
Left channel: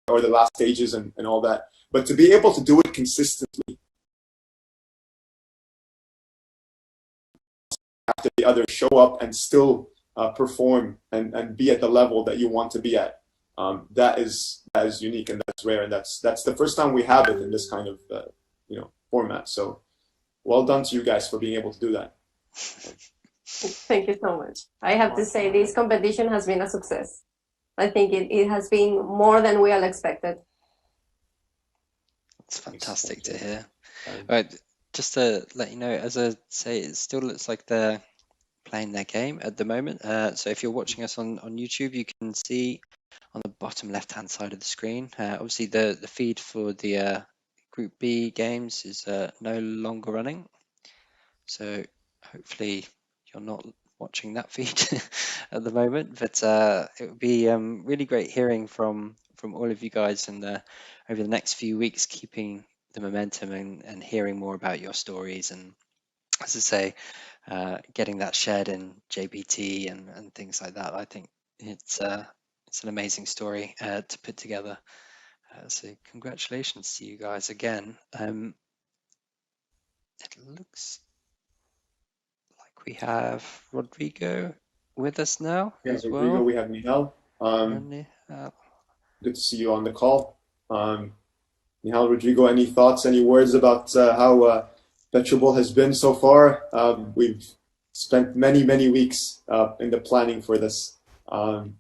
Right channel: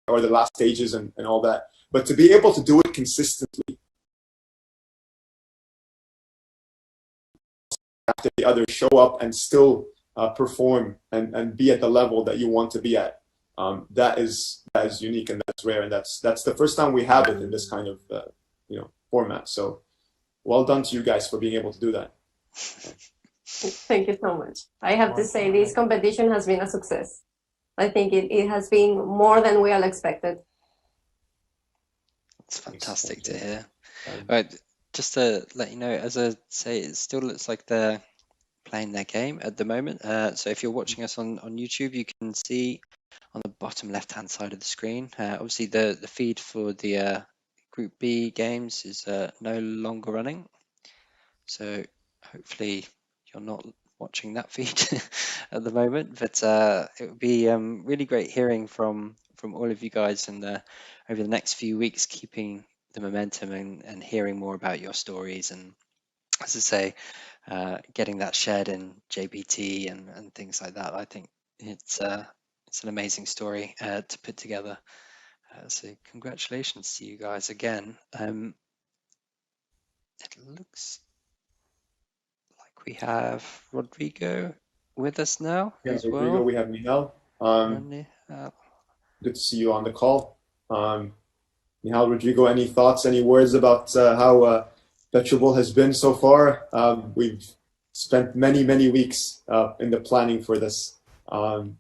or the last stages and all that, but to be able to do it consistently after the others show up and still perform and be at the level that you want to be at, that is unique and that's rare, and that's the first time we have it in this kind of format. So well done to you guys for being able to do that. Thank you so much. I have to say this competition has been a success. I think it has been more than we all expected. It's fantastic to hear. Right, just to let you know, as I say, it still looks like they're playing their game at the moment. So if you're watching us on YouTube, you can see on the bottom left-hand side of the screen, obviously the feed for the Group B games is no longer running. So hopefully you're not watching that feed at the moment, but it would be really great hearing from all of you guys and over the next few weeks, keeping the momentum and hearing more about your stories, and as I say, getting that shared in JBT and things like that. I think it's an amazing story to put together. So congratulations to you guys again. It looks like we have Rodrigo with us now as Rodrigo, well. we have Nihal. Good to see you on the call. Nihal, Rodrigo, any thoughts, any words about how PetroBowl has been so far? We've spent many weeks in the planning for this, and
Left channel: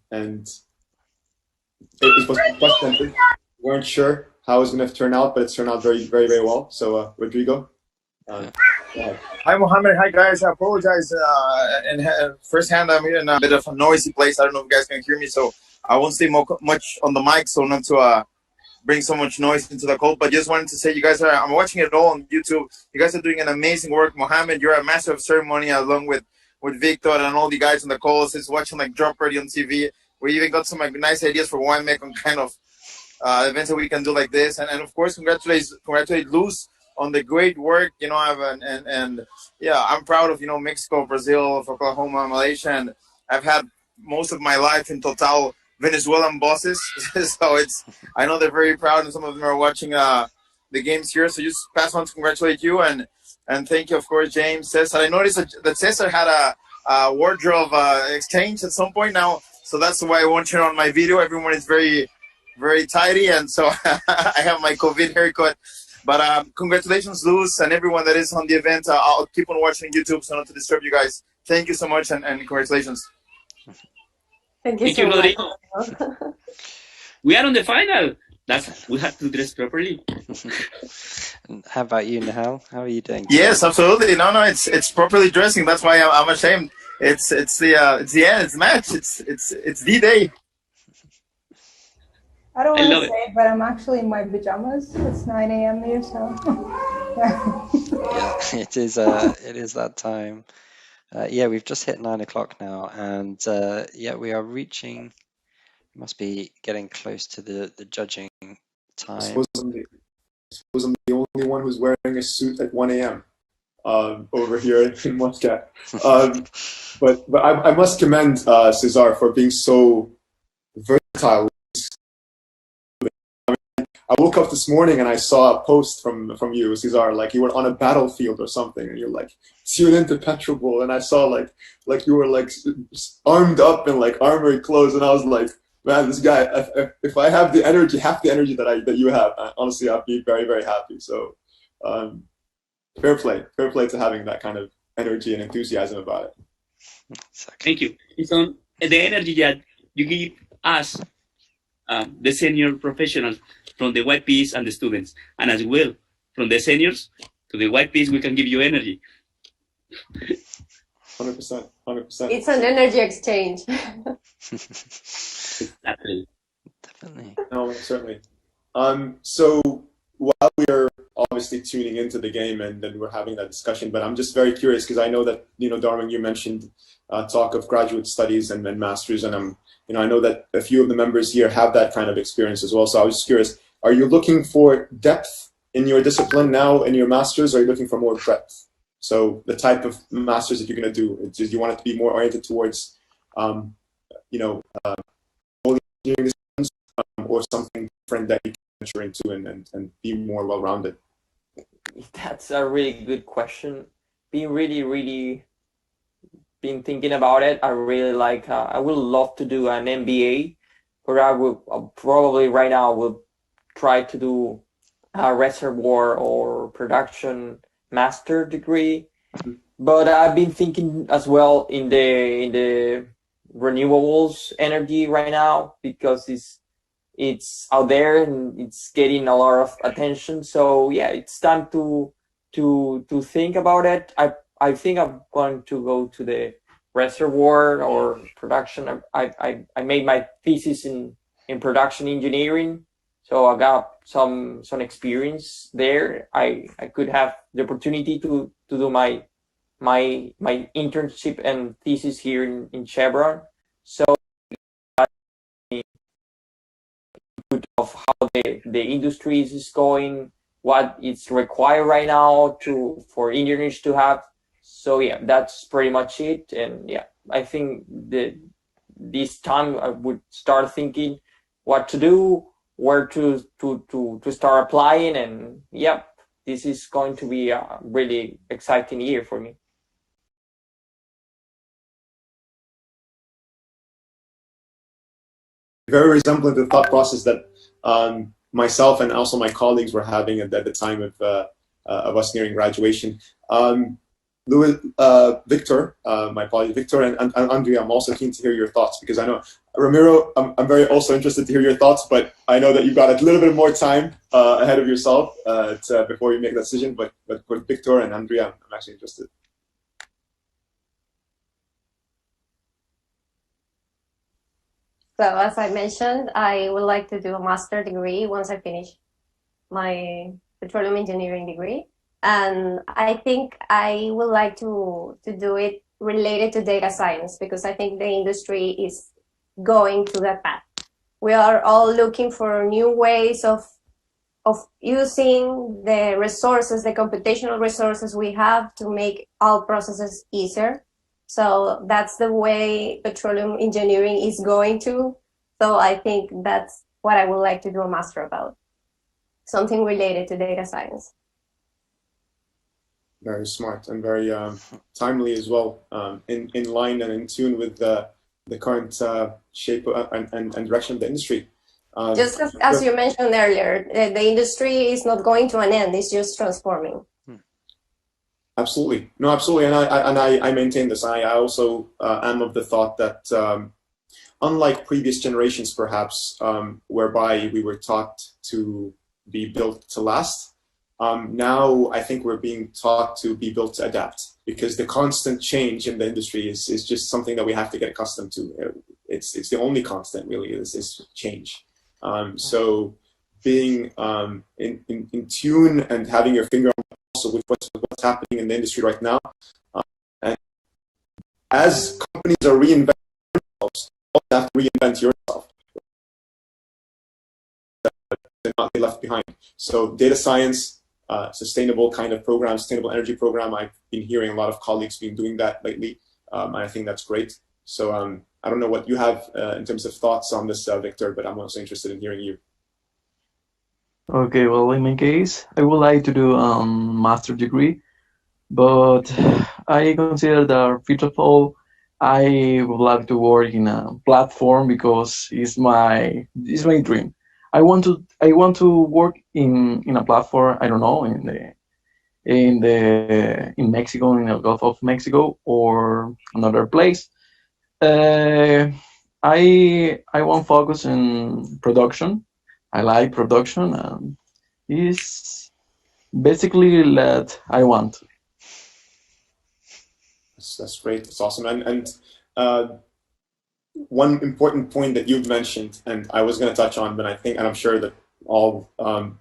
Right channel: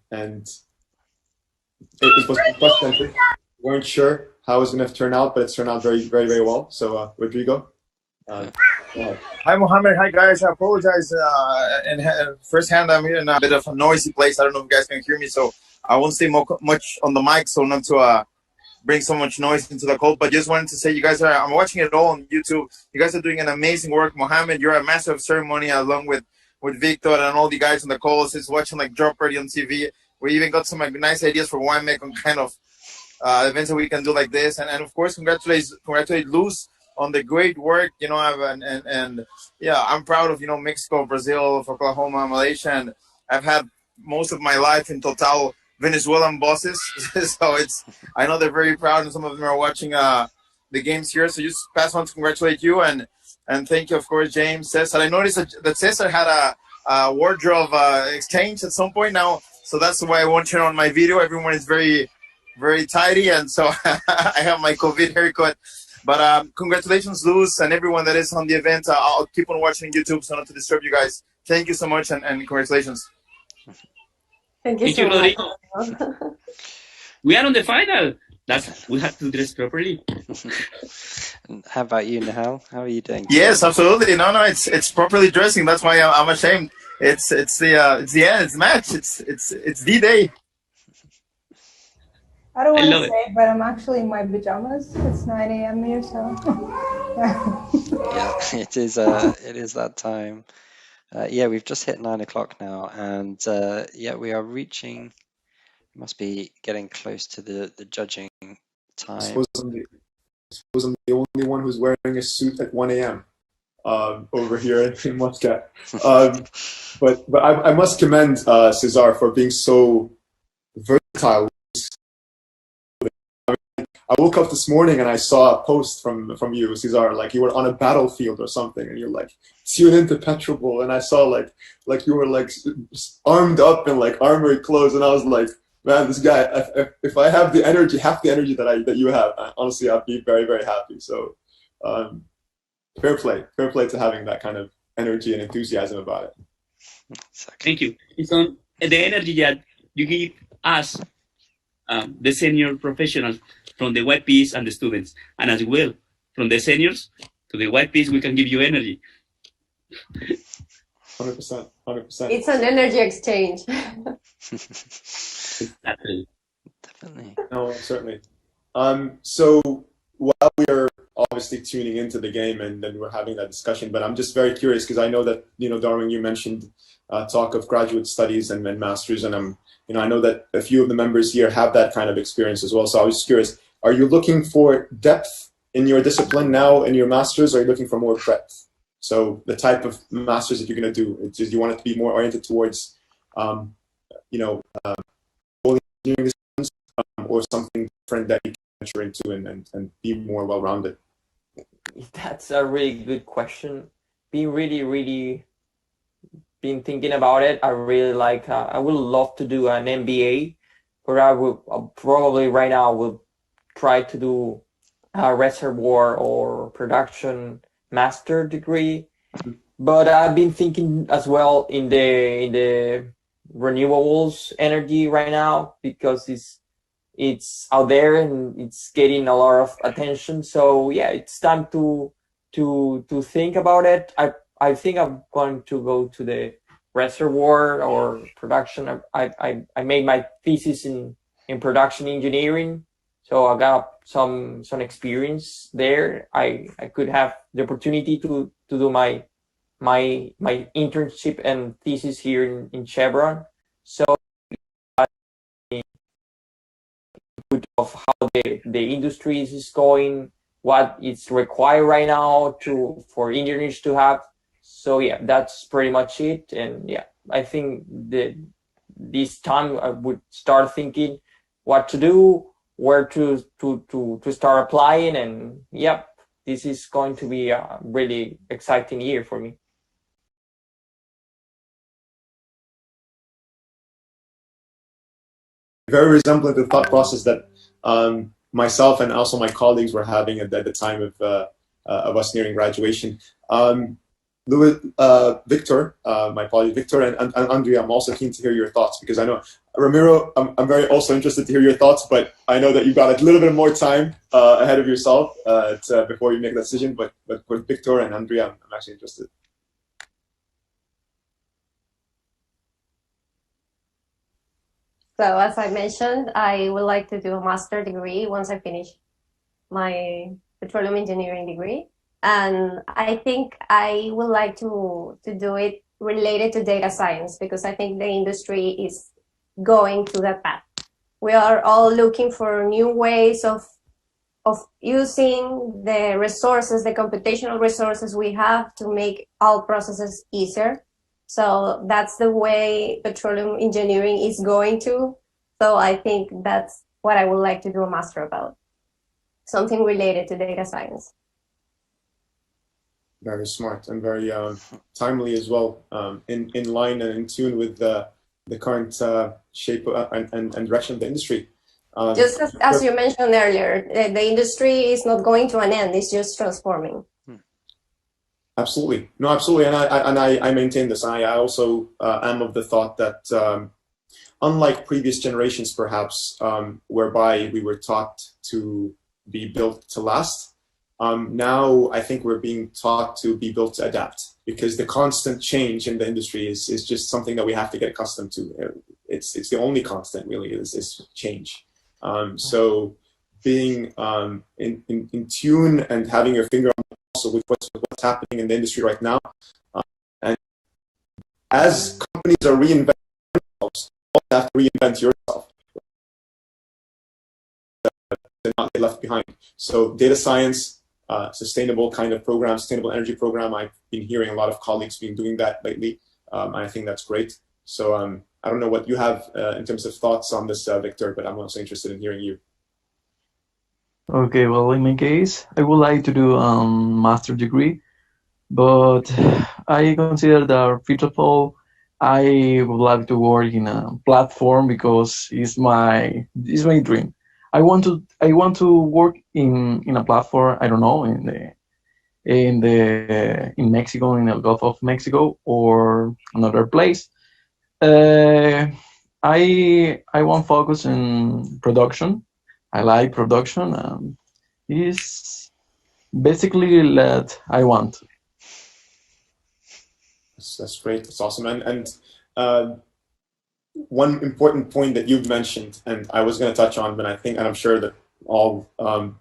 it was unprecedented. We weren't sure how it was going to turn out, but it's turned out very well. So, Rodrigo. Hi, Mohammed. Hi, guys. I apologize. In firsthand, I'm here in a bit of a noisy place. I don't know if you guys can hear me, so I won't stay much on the mic, so not to bring so much noise into the call. But just wanted to say, you guys I'm watching it all on YouTube. You guys are doing an amazing work. Mohammed, you're a master of ceremony, along with Victor and all the guys on the calls. It's watching like Drop Ready on TV. We even got some like nice ideas for WineMec on kind of events that we can do like this. And of course, congratulate Luz on the great work, and yeah, I'm proud of, Mexico, Brazil, Oklahoma, Malaysia, and I've had most of my life in Total Venezuelan bosses. So I know they're very proud, and some of them are watching the games here. So just pass on to congratulate you, and thank you, of course, James, Cesar. I noticed that Cesar had a wardrobe exchange at some point now, so that's why I want you on my video. Everyone is very, very tidy, and so I have my COVID haircut. But congratulations, Luz, and everyone that is on the event. I'll keep on watching YouTube so not to disturb you guys. Thank you so much, and congratulations. Thank you so much. We are on the final. We have to dress properly. And how about you, Nihal? How are you doing today? Yes, absolutely. No, it's properly dressing. That's why I'm ashamed. It's the end. It's match. It's the day. I don't want to say it, but I'm actually in my pajamas. It's 9 a.m. here, so yeah. Yeah, it is that time. Yeah, we've just hit 9 o'clock now, and yeah, we are reaching. Must be getting close to the judging time. I suppose I'm the only one who's wearing a suit at 1 a.m. Over here in Muscat. But I must commend Cesar for being so versatile. I woke up this morning and I saw a post from you, Cesar, like you were on a battlefield or something, and you're like, tune into PetroBowl, and I saw like you were like armed up in like armory clothes, and I was like, man, this guy, if I have the energy, half the energy that you have, honestly, I'd be very, very happy. So fair play to having that kind of energy and enthusiasm about it. Thank you. It's on the energy that you give us, the senior professionals, from the white piece and the students, and as well from the seniors to the white piece, we can give you energy. 100%. It's an energy exchange. Exactly. Definitely. No, certainly. So while we are obviously tuning into the game and then we're having that discussion, but I'm just very curious because I know that, Darwin, you mentioned talk of graduate studies and masters, and I know that a few of the members here have that kind of experience as well. So I was just curious, are you looking for depth in your discipline now in your masters, or are you looking for more breadth? So the type of masters that you're going to do, do you want it to be more oriented towards, engineering disciplines, or something different that you can venture into and be more well-rounded? That's a really good question. Been thinking about it. I really like. I would love to do an MBA, but I would probably right now would try to do a reservoir or production master degree. But I've been thinking as well in the renewables energy right now, because it's out there and it's getting a lot of attention. So yeah, it's time to think about it. I think I'm going to go to the reservoir or production. I made my thesis in production engineering, so I got some experience there. I could have the opportunity to do my internship and thesis here in Chevron. So of how the industry is going, what is required right now for engineers to have. So yeah, that's pretty much it. And yeah, I think this time I would start thinking what to do, where to start applying, and yep, this is going to be a really exciting year for me. Very resembling the thought process that myself and also my colleagues were having at the time of us nearing graduation. Victor, my colleague Victor, and Andrea, I'm also keen to hear your thoughts, because I know, Ramiro, I'm very also interested to hear your thoughts, but I know that you've got a little bit more time ahead of yourself before you make that decision. But with Victor and Andrea, I'm actually interested. So as I mentioned, I would like to do a master degree once I finish my petroleum engineering degree. And I think I would like to do it related to data science, because I think the industry is going to that path. We are all looking for new ways of using the resources, the computational resources we have, to make all processes easier. So that's the way petroleum engineering is going to. So I think that's what I would like to do a master about, something related to data science. Very smart and very timely as well, in line and in tune with the current shape and direction of the industry. Just as you mentioned earlier, the industry is not going to an end; it's just transforming. Absolutely, no, absolutely, and I maintain this. I also am of the thought that unlike previous generations, perhaps, whereby we were taught to be built to last, now I think we're being taught to be built to adapt, because the constant change in the industry is just something that we have to get accustomed to. It's the only constant, really, is change. So being in tune and having your finger on the pulse with what's happening in the industry right now, and as companies are reinventing themselves, you have to reinvent yourself and not get left behind. So data science, sustainable kind of program, sustainable energy program, I've been hearing a lot of colleagues been doing that lately, and I think that's great. So I don't know what you have in terms of thoughts on this, Victor, but I'm also interested in hearing you. Okay, well, in my case, I would like to do a master degree, but I consider that first of all, I would like to work in a platform, because it's my dream. I want to work in a platform. I don't know, in Mexico, in the Gulf of Mexico, or another place. I won't focus in production. I like production. Is basically that I want. That's great. That's awesome. And one important point that you've mentioned, and I was going to touch on, but I think, and I'm sure that all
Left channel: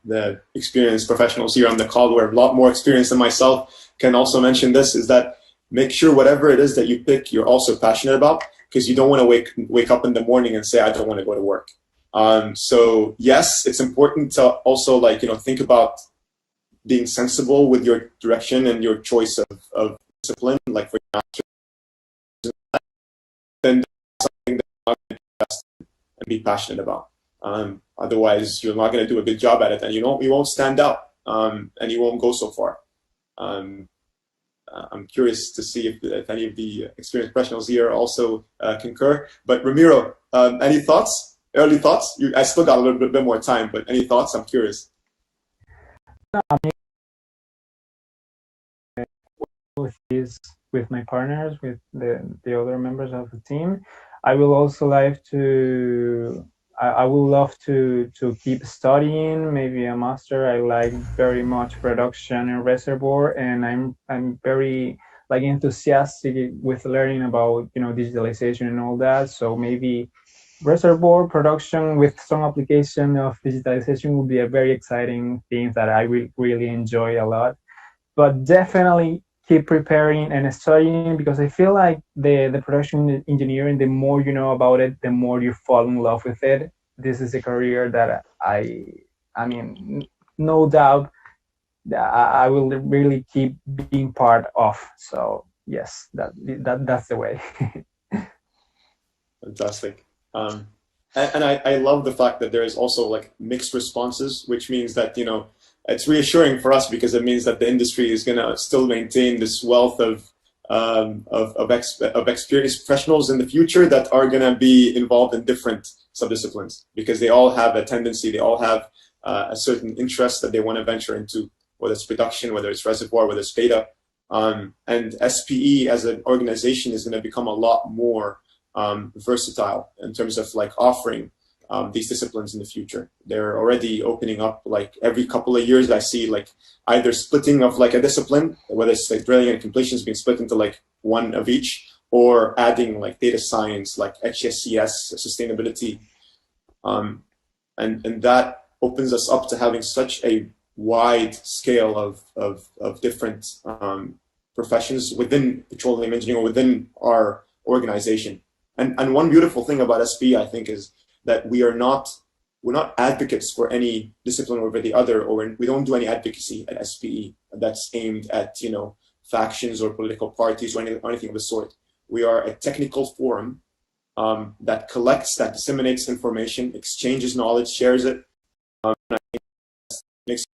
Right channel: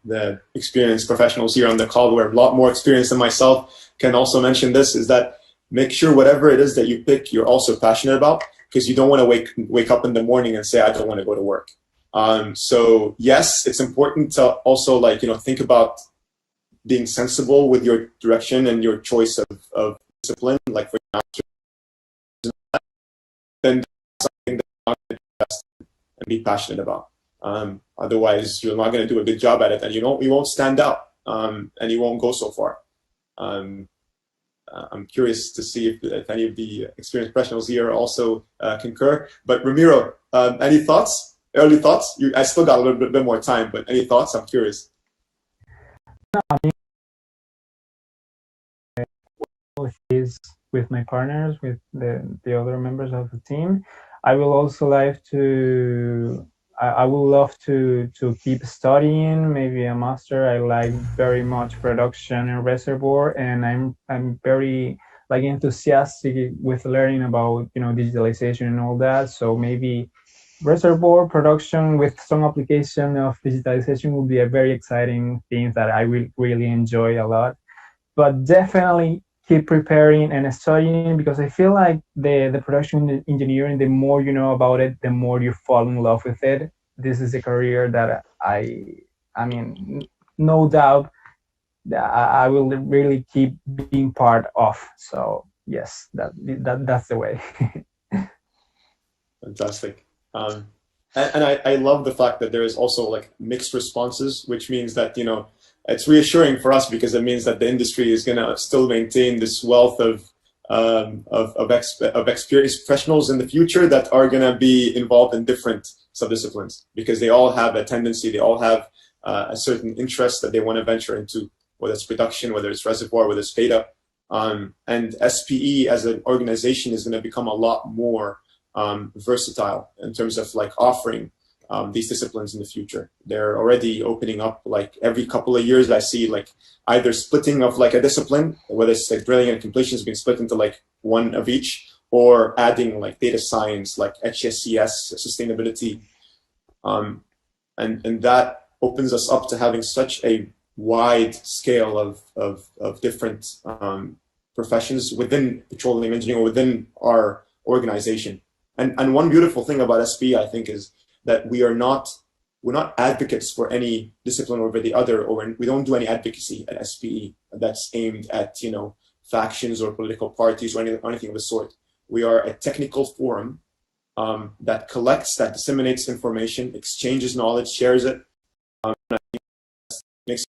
the experienced professionals here on the call who are a lot more experienced than myself can also mention this, is that make sure whatever it is that you pick, you're also passionate about, because you don't want to wake up in the morning and say, I don't want to go to work. So yes, it's important to also think about being sensible with your direction and your choice of discipline, like for your then something that you're not going to invest in and be passionate about. Otherwise, you're not going to do a good job at it, and you won't stand out, and you won't go so far. I'm curious to see if any of the experienced professionals here also concur. But Ramiro, any thoughts? Early thoughts? I still got a little bit more time, but any thoughts? I'm curious. Is with my partners, with the other members of the team. I will also like to. I would love to keep studying, maybe a master. I like very much production and reservoir, and I'm very enthusiastic with learning about digitalization and all that. So maybe reservoir production with some application of digitalization will be a very exciting thing that I will really enjoy a lot. But definitely keep preparing and studying, because I feel like the production engineering, the more you know about it, the more you fall in love with it. This is a career that I mean, no doubt that I will really keep being part of. So yes, that's the way. Fantastic. And I love the fact that there is also mixed responses, which means that it's reassuring for us, because it means that the industry is going to still maintain this wealth of experienced professionals in the future that are going to be involved in different subdisciplines, because they all have a tendency, they all have a certain interest that they want to venture into, whether it's production, whether it's reservoir, whether it's beta. And SPE as an organization is going to become a lot more versatile in terms of offering these disciplines in the future. They're already opening up, every couple of years I see either splitting of a discipline, whether it's drilling and completions being split into one of each, or adding data science, HSCS, sustainability. And that opens us up to having such a wide scale of different professions within petroleum engineering or within our organization. And one beautiful thing about SPE, I think, is that we're not advocates for any discipline over the other, or we don't do any advocacy at SPE that's aimed at factions or political parties or anything of the sort. We are a technical forum that collects, that disseminates information, exchanges knowledge, shares it, makes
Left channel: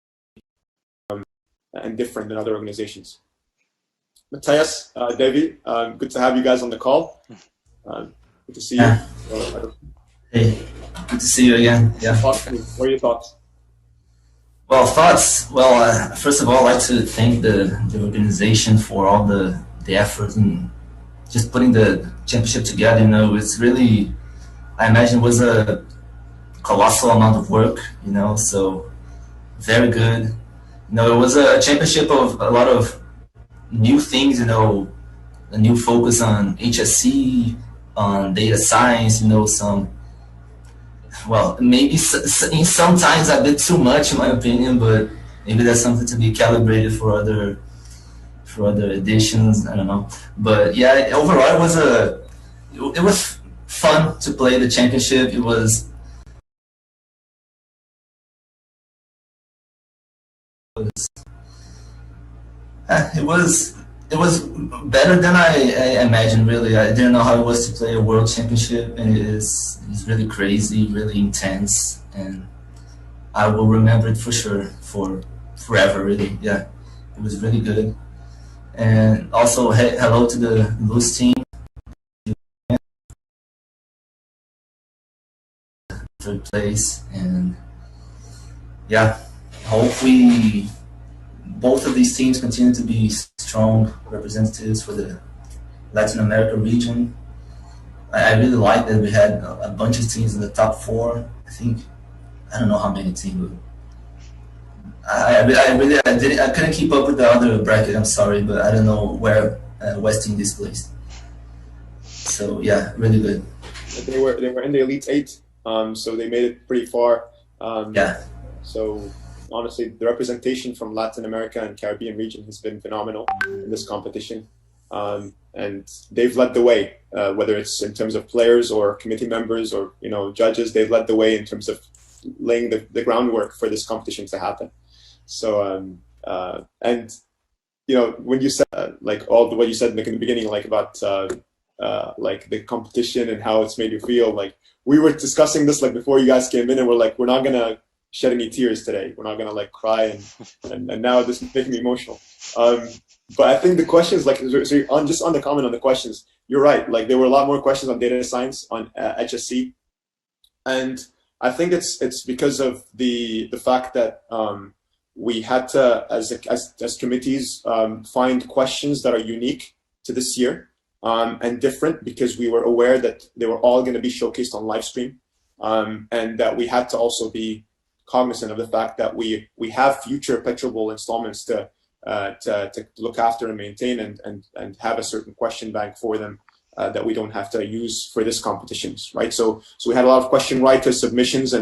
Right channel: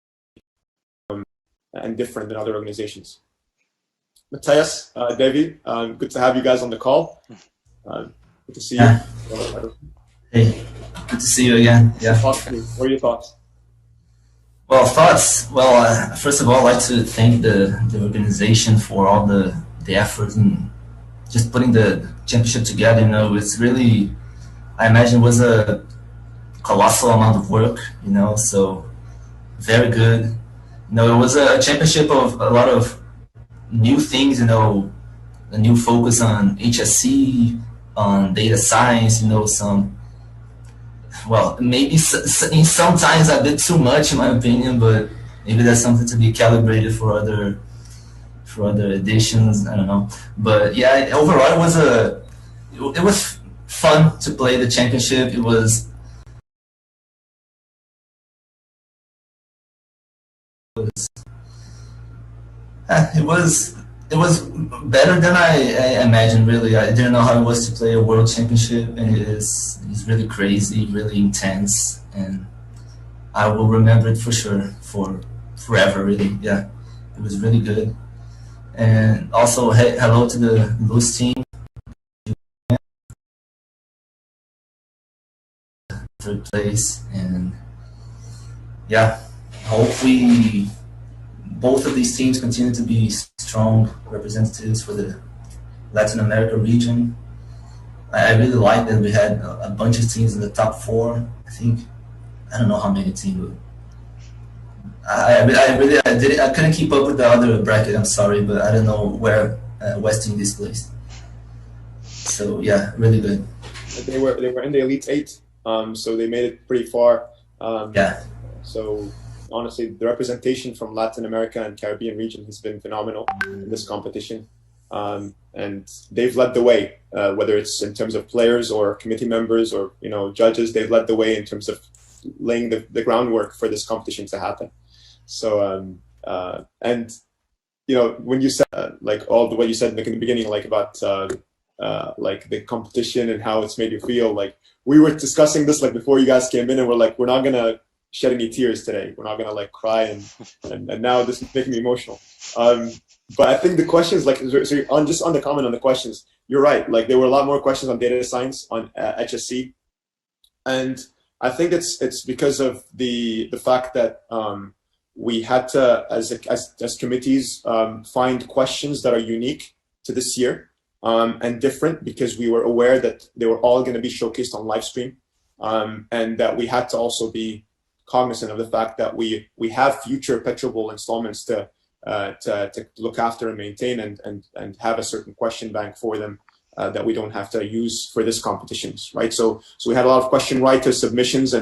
and different than other organizations. Matthias, Devi, good to have you guys on the call. Good to see you. Hey, good to see you again. Yeah. What are your thoughts? Well, thoughts. Well, first of all, I'd like to thank the organization for all the effort and just putting the championship together. It's really, I imagine, it was a colossal amount of work. So very good. It was a championship of a lot of new things. A new focus on HSC, on data science. Maybe sometimes a bit too much, in my opinion, but maybe that's something to be calibrated for other editions. I don't know, but yeah, overall it was fun to play the championship. It was better than I imagined. Really, I didn't know how it was to play a world championship, and it's really crazy, really intense, and I will remember it for sure, for forever. Really, yeah, it was really good. And also, hello to the Luz team. Third place, and yeah, hope both of these teams continue to be strong representatives for the Latin America region. I really like that we had a bunch of teams in the top 4. I don't know how many teams. I couldn't keep up with the other bracket. I'm sorry, but I don't know where West Indies placed. So yeah, really good. they were in the Elite Eight, so they made it pretty far. Yeah. So honestly, the representation from Latin America and Caribbean region has been phenomenal in this competition, and they've led the way. Whether it's in terms of players or committee members or judges, they've led the way in terms of laying the groundwork for this competition to happen. So and when you said like what you said in the beginning, like about like the competition and how it's made you feel, like we were discussing this like before you guys came in, and we're like, we're not gonna shed any tears today. We're not gonna like cry, and now this is making me emotional. But I think the questions, like, so on the comment on the questions, you're right. Like there were a lot more questions on data science on HSC, and I think it's because of the fact that we had to, as committees, find questions that are unique to this year and different, because we were aware that they were all going to be showcased on live stream, and that we had to also be cognizant of the fact that we have future PetroBowl installments to look after and maintain, and have a certain question bank for them that we don't have to use for this competitions, right? So we had a lot of question writers submissions,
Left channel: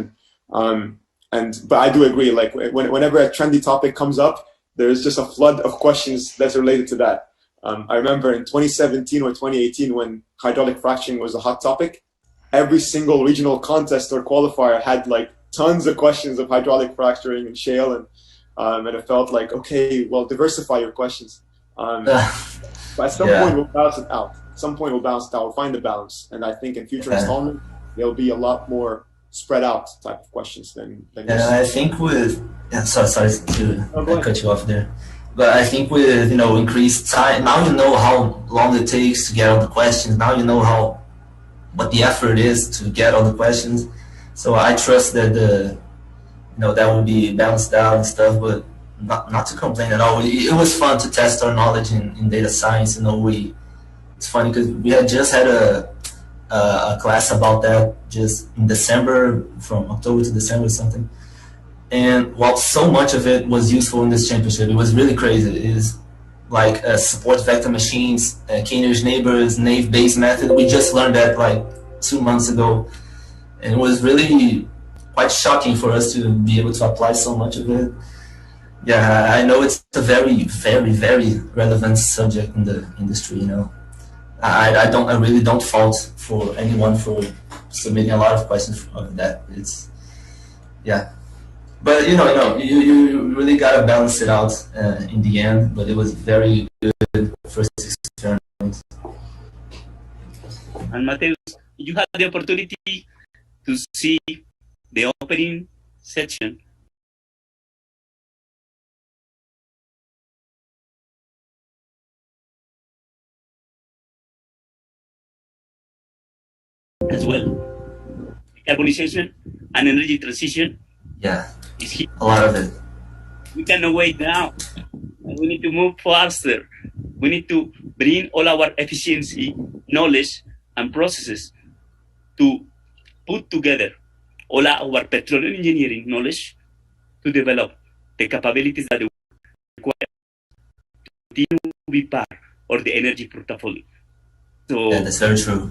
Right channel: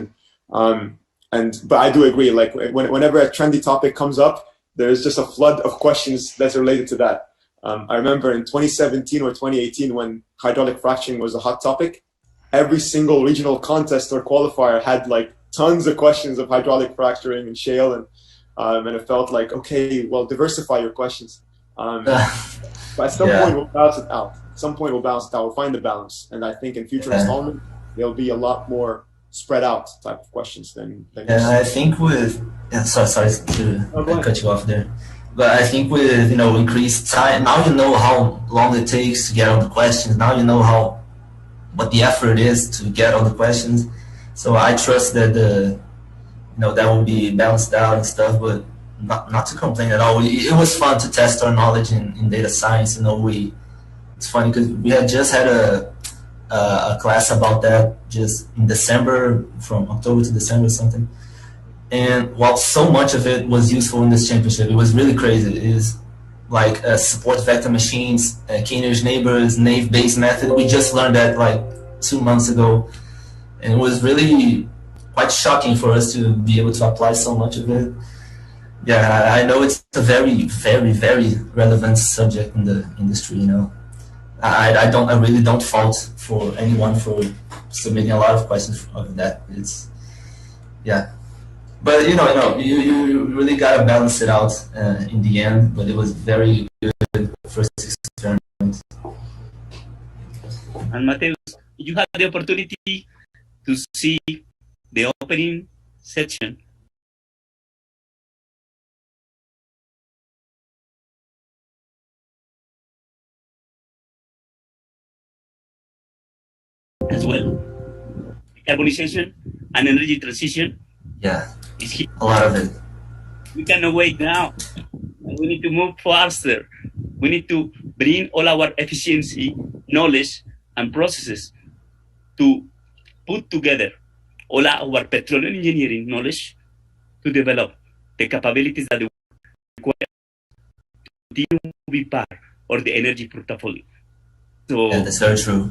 but I do agree, like whenever a trendy topic comes up, there's just a flood of questions that's related to that. I remember in 2017 or 2018 when hydraulic fracturing was a hot topic, every single regional contest or qualifier had like tons of questions of hydraulic fracturing and shale, and it felt like, okay, well, diversify your questions. But at some point we'll balance it out. At some point we'll balance it out. We'll find the balance, and I think in future installments there'll be a lot more spread out type of questions than I think with sorry to cut you off there, but I think with increased time, now you know how long it takes to get all the questions. Now you know what the effort is to get all the questions. So I trust that that will be balanced out and stuff, but not to complain at all. It was fun to test our knowledge in data science. It's funny because we had just had a class about that just in December, from October to December or something. And while so much of it was useful in this championship, it was really crazy. It is like support vector machines, K-nearest neighbors, naive Bayes method. We just learned that like 2 months ago. And it was really quite shocking for us to be able to apply so much of it. Yeah, I know it's a very, very, very relevant subject in the industry, I really don't fault for anyone for submitting a lot of questions of that. But you really gotta balance it out in the end. But it was very good first experiment. And Mateus, you had the opportunity to see the opening section. As well, decarbonization and energy transition. Yeah, is here. A lot of it. We cannot wait now. We need to move faster. We need to bring all our efficiency, knowledge, and processes to put together all our petroleum engineering knowledge to develop the capabilities that we require to continue to be part of the energy portfolio. So that's very true.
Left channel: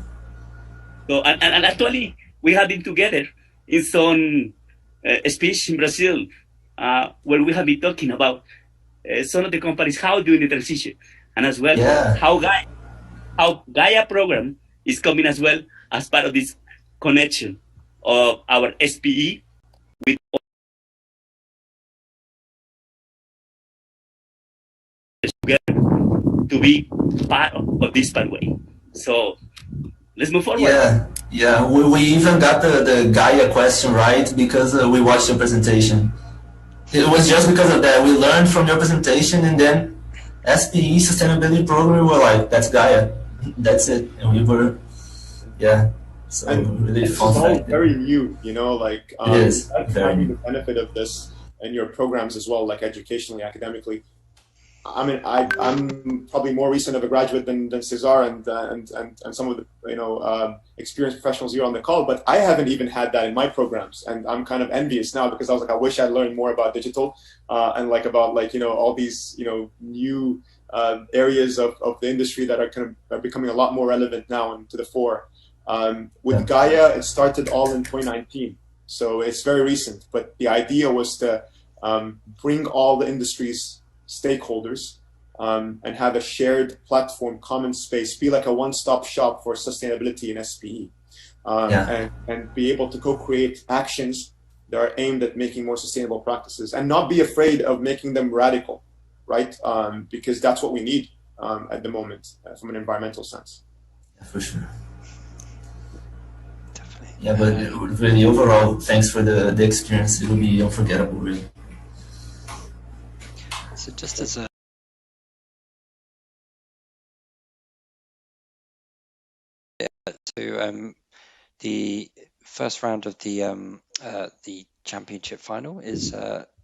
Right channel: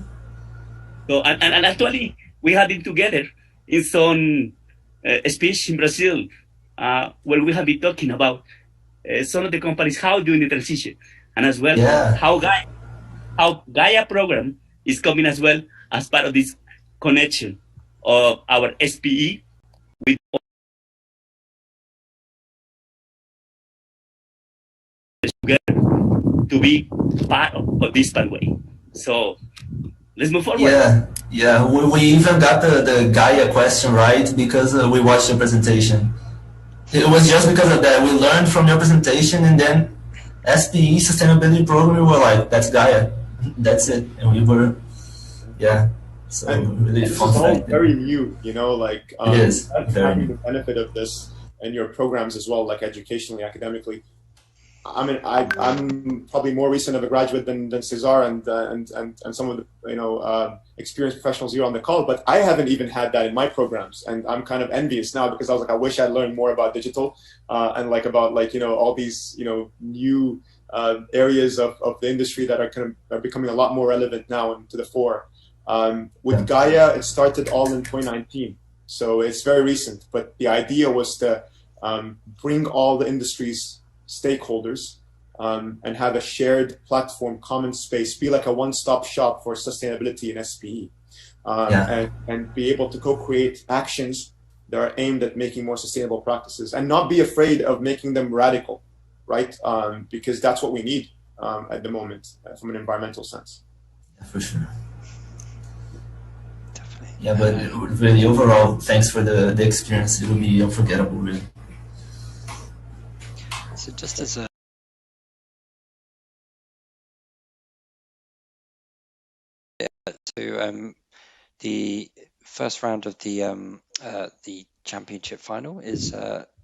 So and actually we had it together in some speech in Brazil where we have been talking about some of the companies how doing the transition, and as well how Gaia program is coming as well as part of this connection of our SPE with together to be part of this pathway. So let's move forward. Yeah. We even got the Gaia question right because we watched your presentation. It was just because of that. We learned from your presentation, and then SPE sustainability program, we were like, that's Gaia. That's it. And we were, so really it's fun. all very new, like it is having the benefit of this in your programs as well, like educationally, academically. I mean, I'm probably more recent of a graduate than Cesar and some of the experienced professionals here on the call, but I haven't even had that in my programs, and I'm kind of envious now because I was like, I wish I'd learned more about digital and like about all these new areas of the industry that are becoming a lot more relevant now and to the fore. With Gaia, it started all in 2019, so it's very recent. But the idea was to bring all the industry's stakeholders and have a shared platform, common space, be like a one-stop shop for sustainability in SPE, and be able to co-create actions that are aimed at making more sustainable practices, and not be afraid of making them radical, right? Because that's what we need at the moment from an environmental sense. Yeah, for sure. Definitely. Yeah, but really overall, thanks for the experience. It'll be unforgettable, really. So just as a the first round of the championship final is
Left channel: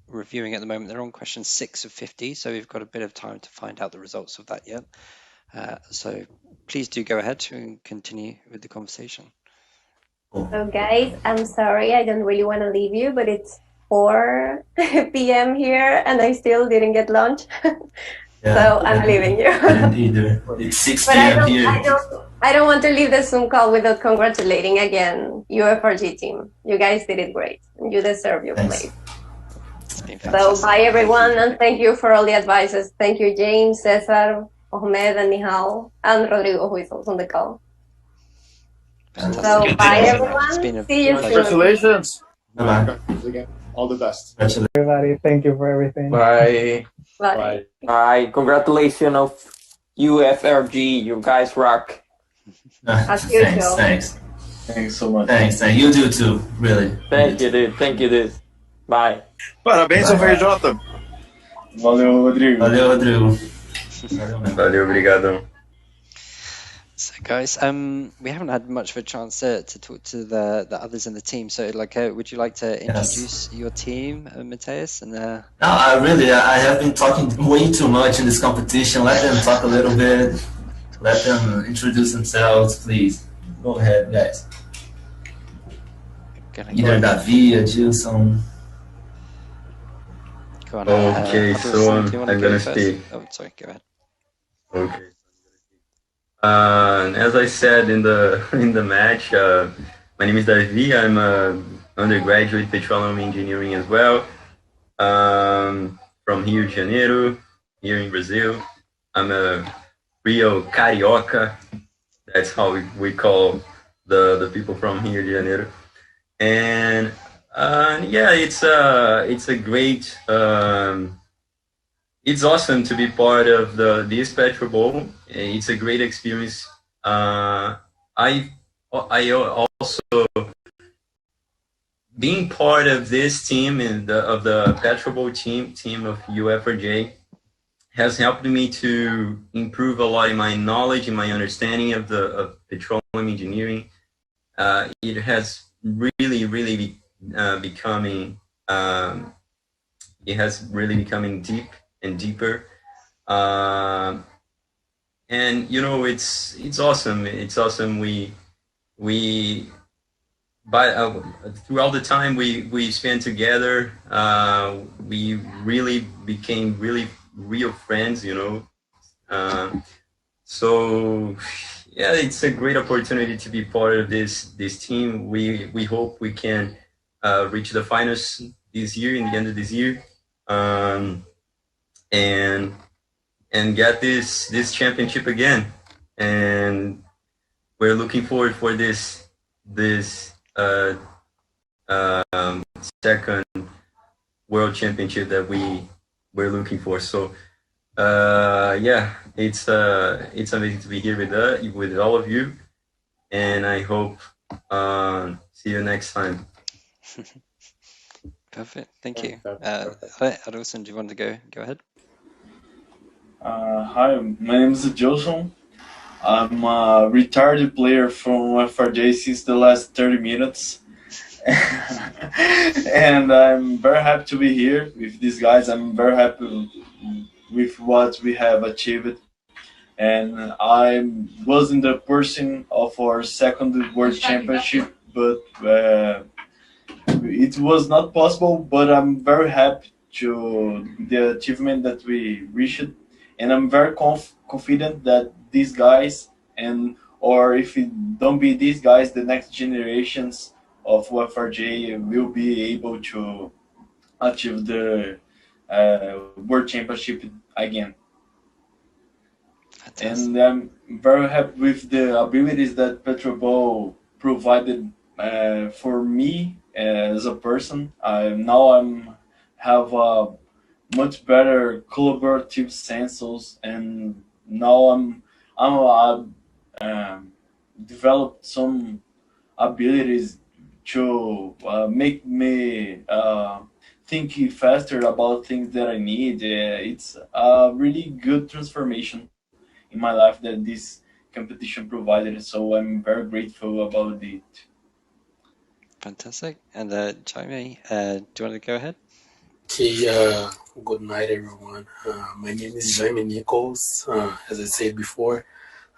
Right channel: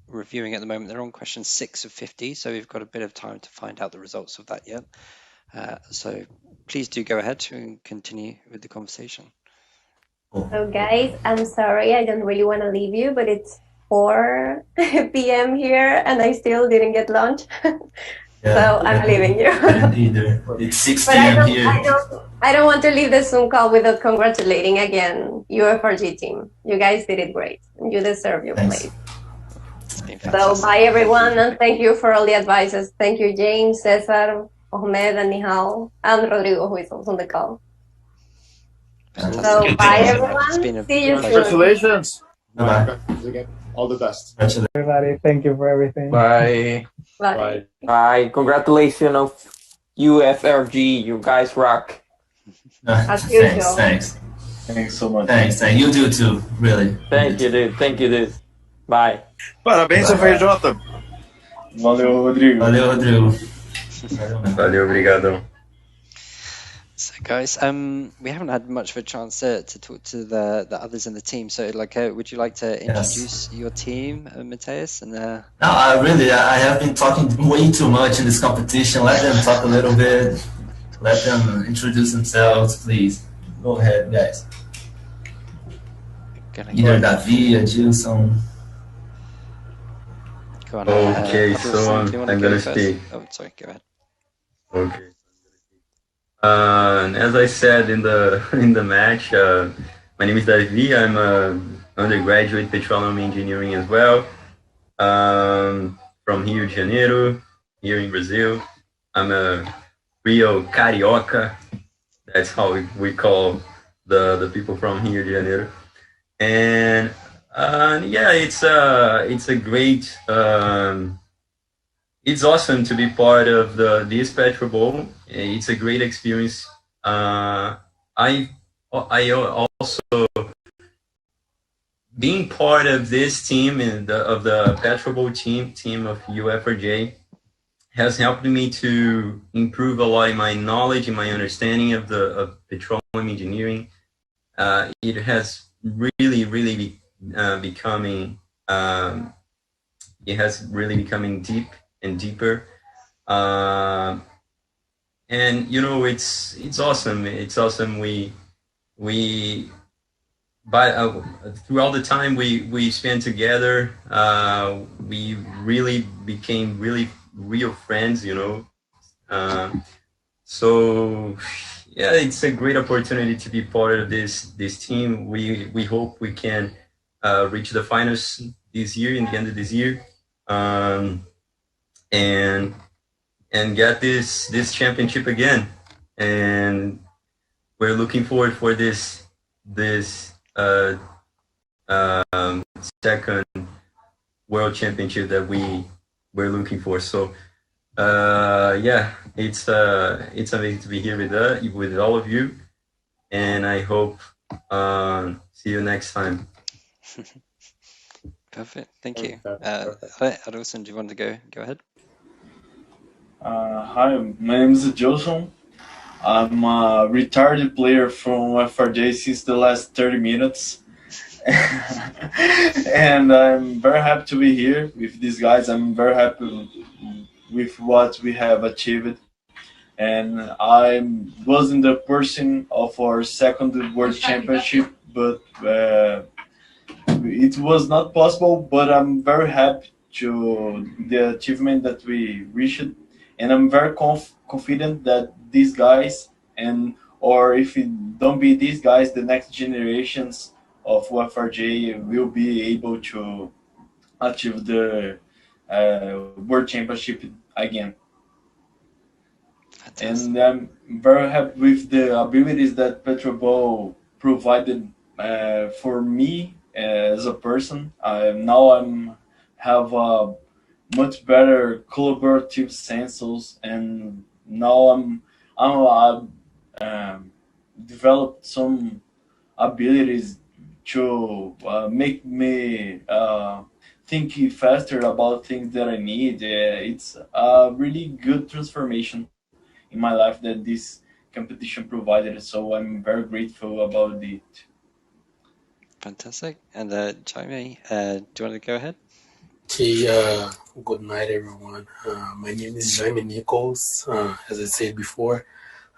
reviewing at the moment. They're on question 6 of 50, so we've got a bit of time to find out the results of that yet. So please do go ahead and continue with the conversation. So guys, I'm sorry, I don't really want to leave you, but it's 4 p.m. here and I still didn't get lunch. So I'm leaving you. I didn't either. It's 6 p.m. here. I don't want to leave the Zoom call without congratulating again UFRG team. You guys did it great. You deserve your place. It's been fantastic. So bye everyone, and thank you for all the advices. Thank you James, Cesar, Ahmed, and Nihal, and Rodrigo, who is also on the call. Fantastic. So bye everyone. It's been a See you soon. Congratulations. Bye. Again. All the best. Everybody, thank you for everything. Bye. Bye. Bye. Congratulations of UFRG. You guys rock. Thanks. Thanks so much. Thanks. You do too, really. Thank you, dude. Thank you, dude. Bye. Parabéns ao VJ. Valeu, Rodrigo. Valeu, Rodrigo. Valeu, obrigado. So guys, we haven't had much of a chance to talk to the others in the team. So like, would you like to introduce your team, Mateus? And No, I have been talking way too much in this competition. Let them talk a little bit. Let them introduce themselves, please. Go ahead, guys. Either Davi or Gilson. Go on. Okay, so do you want to I'm go gonna first? speak. Oh, sorry. Go ahead. Okay. As I said in the match, my name is Davi. I'm an undergraduate petroleum engineering as well, from Rio de Janeiro, here in Brazil. I'm a real carioca. That's how we call the people from Rio de Janeiro. And yeah, it's a great. It's awesome to be part of this PetroBowl. It's a great experience. I also being part of this team and of the PetroBowl team of UFRJ has helped me to improve a lot in my knowledge and my understanding of petroleum engineering. It has really becoming deep and deeper, and you know it's awesome. It's awesome. Throughout the time we spent together, we really became real friends. You know, so yeah, it's a great opportunity to be part of this team. We hope we can reach the finals this year, in the end of this year. And get this championship again, and we're looking forward for this second world championship that we're looking for. So yeah, it's amazing to be here with all of you, and I hope see you next time. Perfect. Thank you. Adolson, do you want to go ahead? Hi, my name is Johnson. I'm a retired player from FRJ since the last 30 minutes. And I'm very happy to be here with these guys. I'm very happy with what we have achieved. And I wasn't the person of our second World Championship, but it was not possible. But I'm very happy to the achievement that we reached. And I'm very confident that these guys and or if it don't be these guys, the next generations of UFRJ will be able to achieve the World Championship again. Fantastic. And I'm very happy with the abilities that PetroBowl provided for me as a person. Now have a much better collaborative senses, and now developed some abilities to make me think faster about things that I need. It's a really good transformation in my life that this competition provided, so I'm very grateful about it. Fantastic. And Jaime, do you want to go ahead? Okay, good night, everyone. My name is Jaime Nichols. As I said before,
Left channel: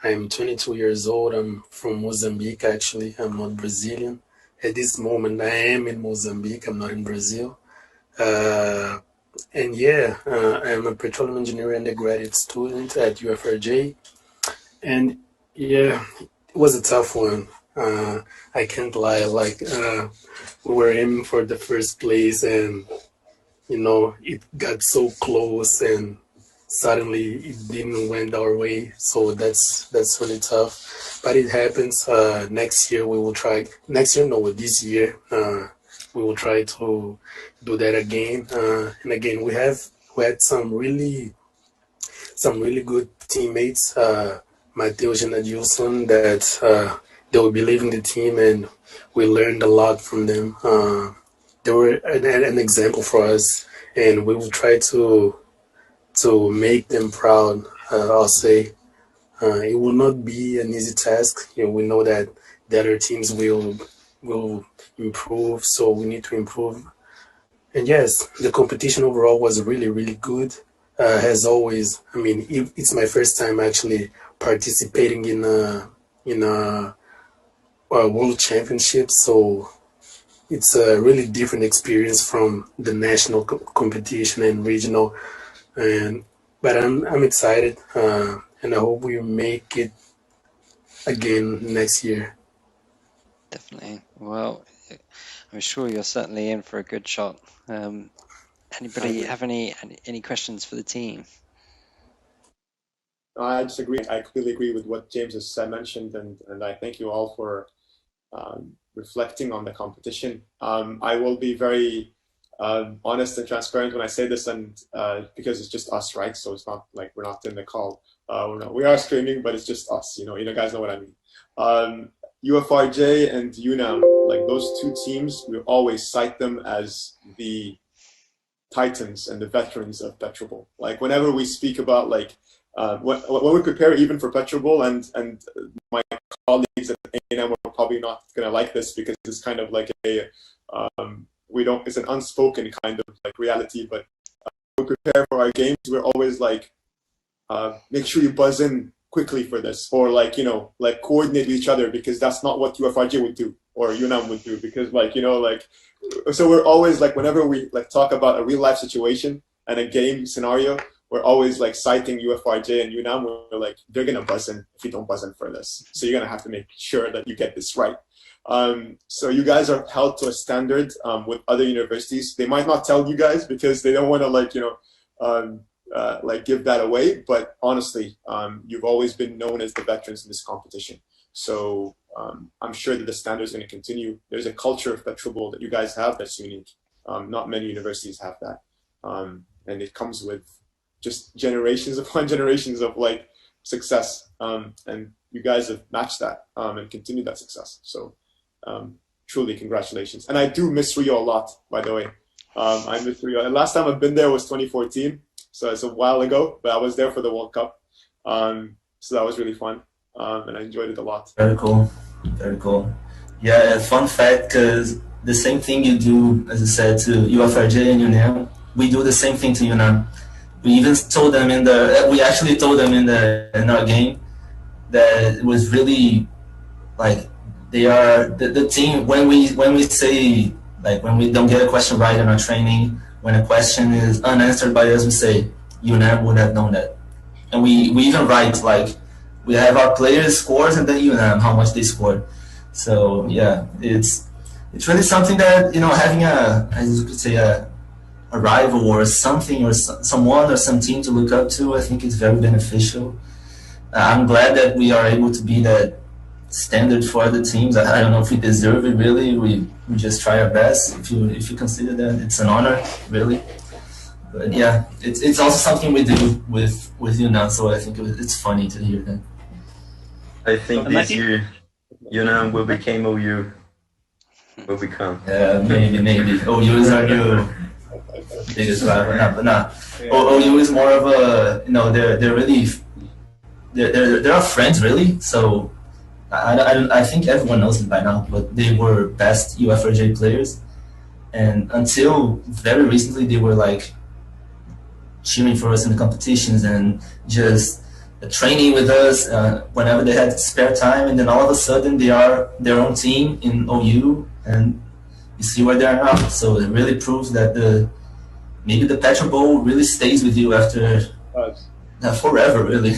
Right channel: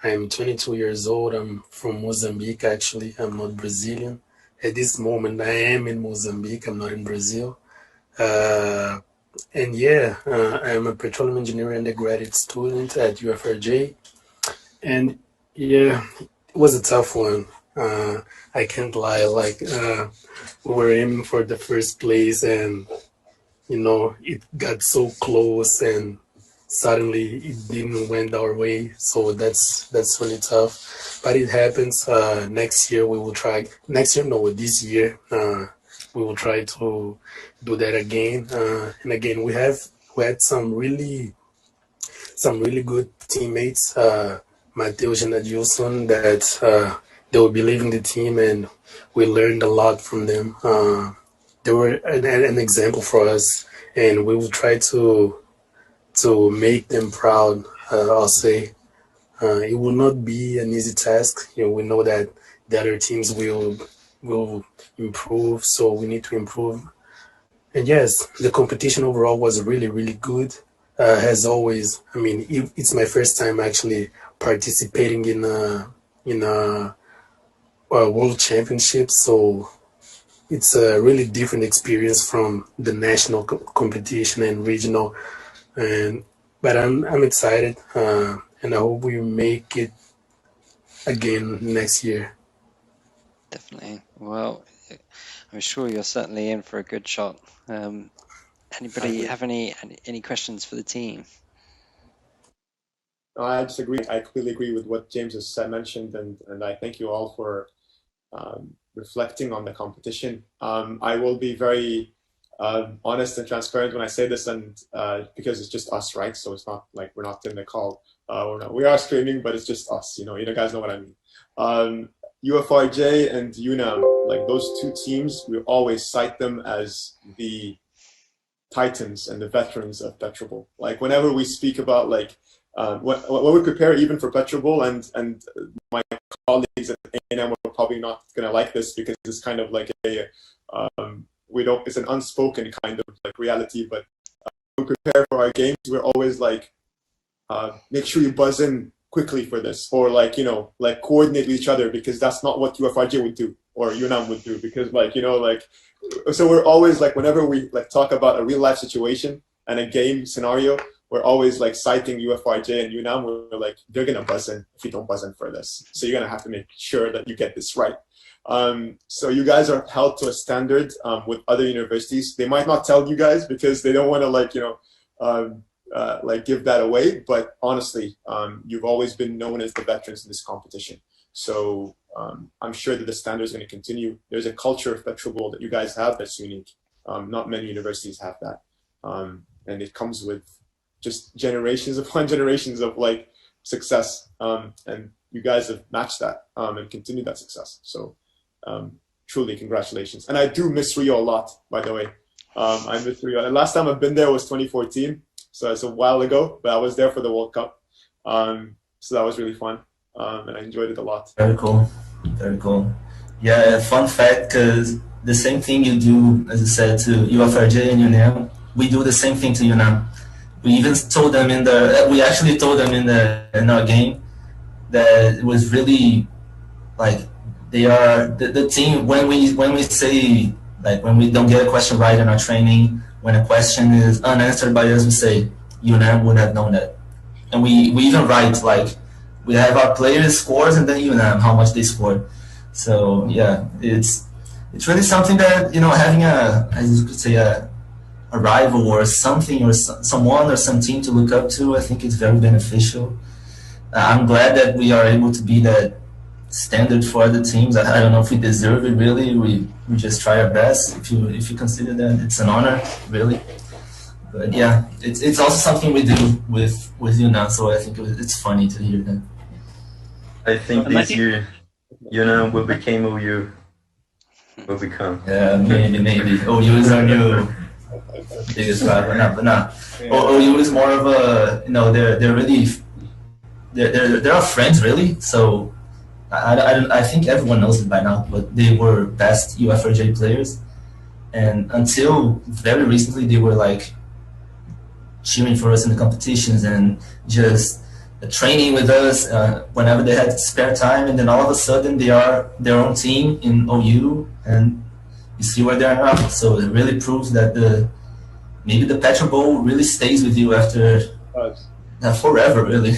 I am 22 years old. I'm from Mozambique, actually. I'm not Brazilian. At this moment, I am in Mozambique. I'm not in Brazil. And yeah, I'm a petroleum engineer undergraduate student at UFRJ. And yeah, it was a tough one. I can't lie. Like, we were aiming for the first place, and you know, it got so close, and suddenly it didn't went our way. So that's really tough. But it happens. Next year we will try. Next year, no, this year we will try to do that again. And again, we had some really good teammates. Mateus and Adilson, that they will be leaving the team, and we learned a lot from them. They were an example for us, and we will try to make them proud. I'll say it will not be an easy task. You know, we know that the other teams will improve, so we need to improve. And yes, the competition overall was really good. As always, I mean, it's my first time actually participating in a world championship, so it's a really different experience from the national competition and regional. But I'm excited, and I hope we make it again next year. Definitely. Well, I'm sure you're certainly in for a good shot. Anybody have any questions for the team? I just agree. I completely agree with what James has mentioned, and I thank you all for reflecting on the competition. I will be very honest and transparent when I say this, and because it's just us, right? So it's not like we're not in the call. We are streaming, but it's just us. You guys know what I mean. UFRJ and UNAM, like those two teams, we always cite them as the titans and the veterans of PetroBowl. Like whenever we speak about like when we prepare even for PetroBowl, and my colleagues at A&M are probably not going to like this because it's kind of like a it's an unspoken kind of like reality, but when we prepare for our games, we're always like make sure you buzz in quickly for this, or like like coordinate with each other, because that's not what UFRJ would do or UNAM would do, because like so we're always like, whenever we like talk about a real life situation and a game scenario, we're always like citing UFRJ and UNAM. We're like, they're gonna buzz in if you don't buzz in for this, so you're gonna have to make sure that you get this right. So you guys are held to a standard with other universities. They might not tell you guys because they don't want to like like give that away, but honestly, you've always been known as the veterans in this competition. So I'm sure that the standard is going to continue. There's a culture of PetroBowl that you guys have that's unique. Not many universities have that, and it comes with just generations upon generations of like success, and you guys have matched that and continued that success. So truly congratulations. And I do miss Rio a lot, by the way. I miss Rio. And last time I've been there was 2014. So it's a while ago, but I was there for the World Cup. So that was really fun, and I enjoyed it a lot. Very cool, very cool. Yeah, fun fact, because the same thing you do, as I said, to UFRJ and UNAM, we do the same thing to UNAM. We even told them we actually told them in our game that it was really like they are the team. When we say, like, when we don't get a question right in our training, when a question is unanswered by us, we say UNAM would have known that, and we even write like we have our players' scores and then UNAM, how much they scored. So yeah, it's really something that, you know, having as you could say, a rival or something or someone or some team to look up to, I think it's very beneficial. I'm glad that we are able to be that standard for other teams. I don't know if we deserve it really. We just try our best. If you consider that, it's an honor, really. But yeah, it's also something we do with you now. So I think it's funny to hear that. I think this year, you know, will become OU. Will become. Yeah, maybe. OU is our new biggest rival. But not. OU is more of a, you know, they're really they're our friends really. So I think everyone knows it by now. But they were best UFRJ players, and until very recently they were like cheering for us in the competitions and just training with us whenever they had spare time, and then all of a sudden they are their own team in OU, and you see where they are now. So it really proves that maybe the PetroBowl really stays with you after forever, really.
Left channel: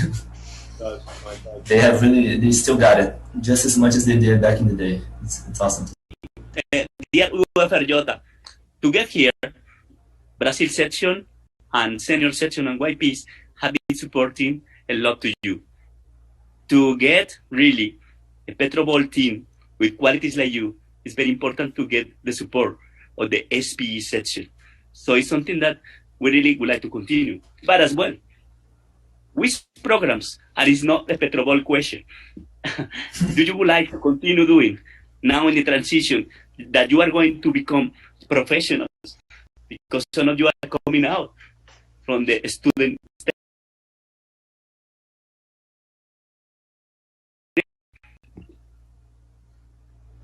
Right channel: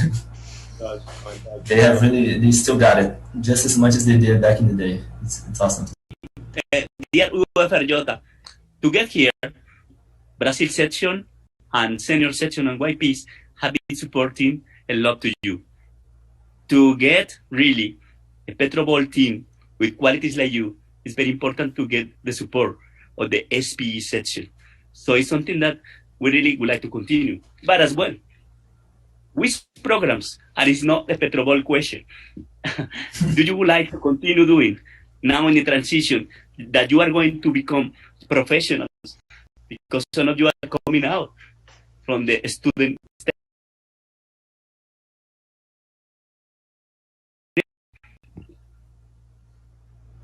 They still got it just as much as they did back in the day. It's awesome. Dear UFRJ, to get here, Brazil section and senior section and YPs have been supporting a lot to you. To get really a PetroBowl team with qualities like you, it's very important to get the support of the SPE section. So it's something that we really would like to continue. But as well, which programs, and it's not a PetroBowl question, do you would like to continue doing now in the transition that you are going to become professionals? Because some of you are coming out from the student state.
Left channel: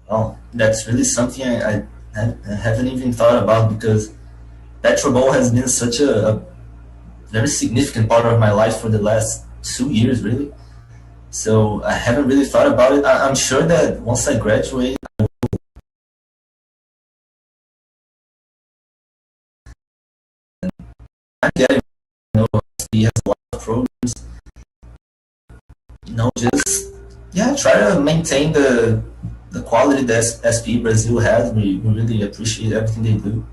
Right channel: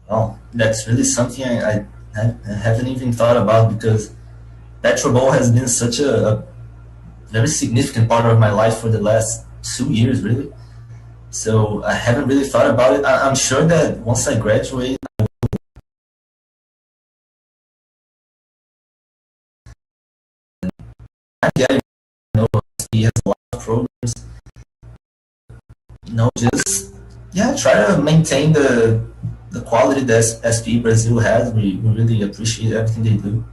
Oh, that's really something I haven't even thought about, because PetroBowl has been such a very significant part of my life for the last 2 years, really. So I haven't really thought about it. I'm sure that once I graduate, I'm getting, you know, he has a lot of programs. You know, just try to maintain the quality that SP Brazil has. We really appreciate everything they do.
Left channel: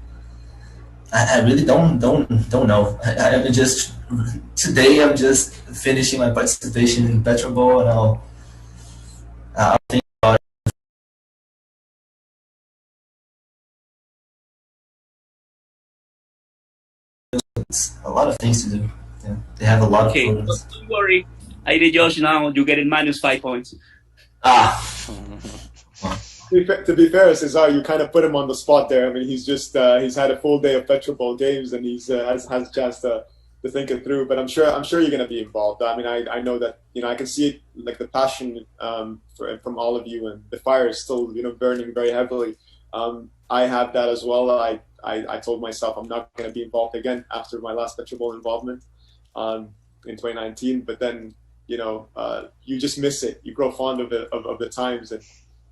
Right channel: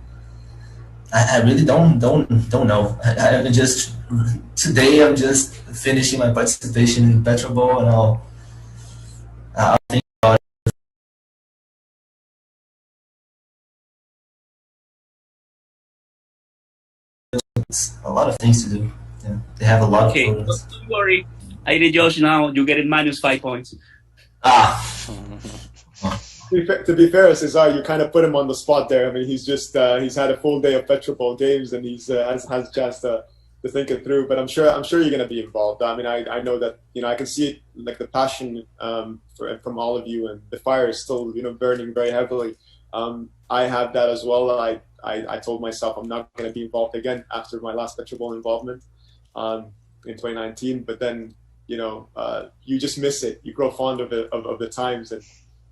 I really don't know. I just today I'm just finishing my participation in PetroBowl, and I'll think about it. It's a lot of things to do. Yeah, they have a lot of programs. Don't worry, I did Josh now. You get it -5 points. To be fair, Cesar, you kind of put him on the spot there. I mean, he's just he's had a full day of PetroBowl games, and he's has a chance to think it through. But I'm sure you're going to be involved. I mean, I know that, you know, I can see it, like the passion from all of you, and the fire is still, you know, burning very heavily. I have that as well. I told myself I'm not going to be involved again after my last PetroBowl involvement in 2019. But then, you know, you just miss it. You grow fond of it, of the times,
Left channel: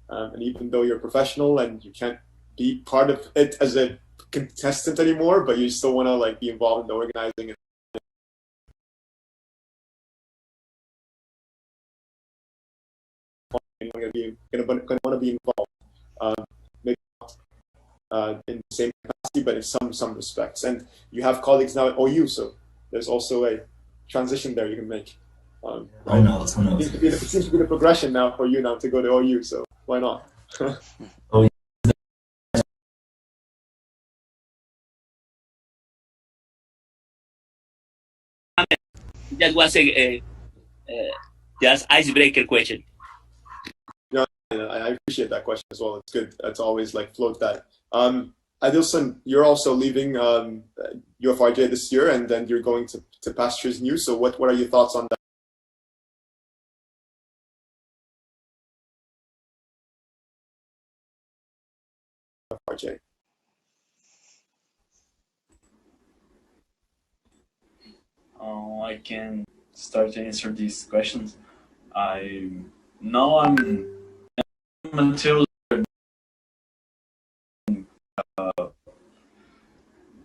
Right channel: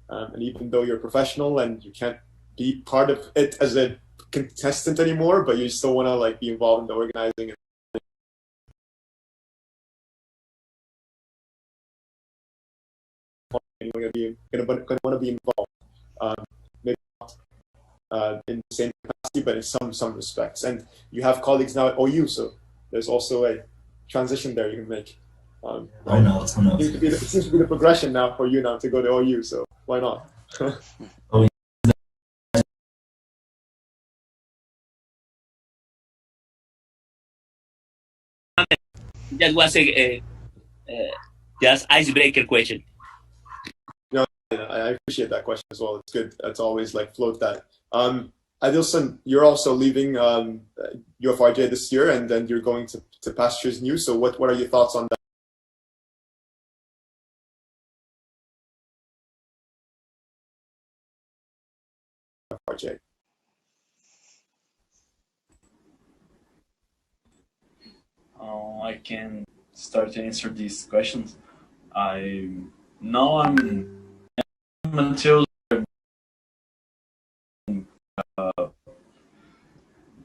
and even though you're professional and you can't be part of it as a contestant anymore, but you still want to like be involved in the organizing. Going to want to be involved, maybe not in the same capacity, but in some respects. And you have colleagues now at OU, so there's also a transition there you can make. Who knows? It seems to be the progression now for you now to go to OU, so why not? That was a just icebreaker question. No, I appreciate that question as well. It's good. It's always like float that. Adilson, you're also leaving UFRJ this year, and then you're going to Pastures New. So what are your thoughts on that? UFRJ. I can start to answer these questions. I'm until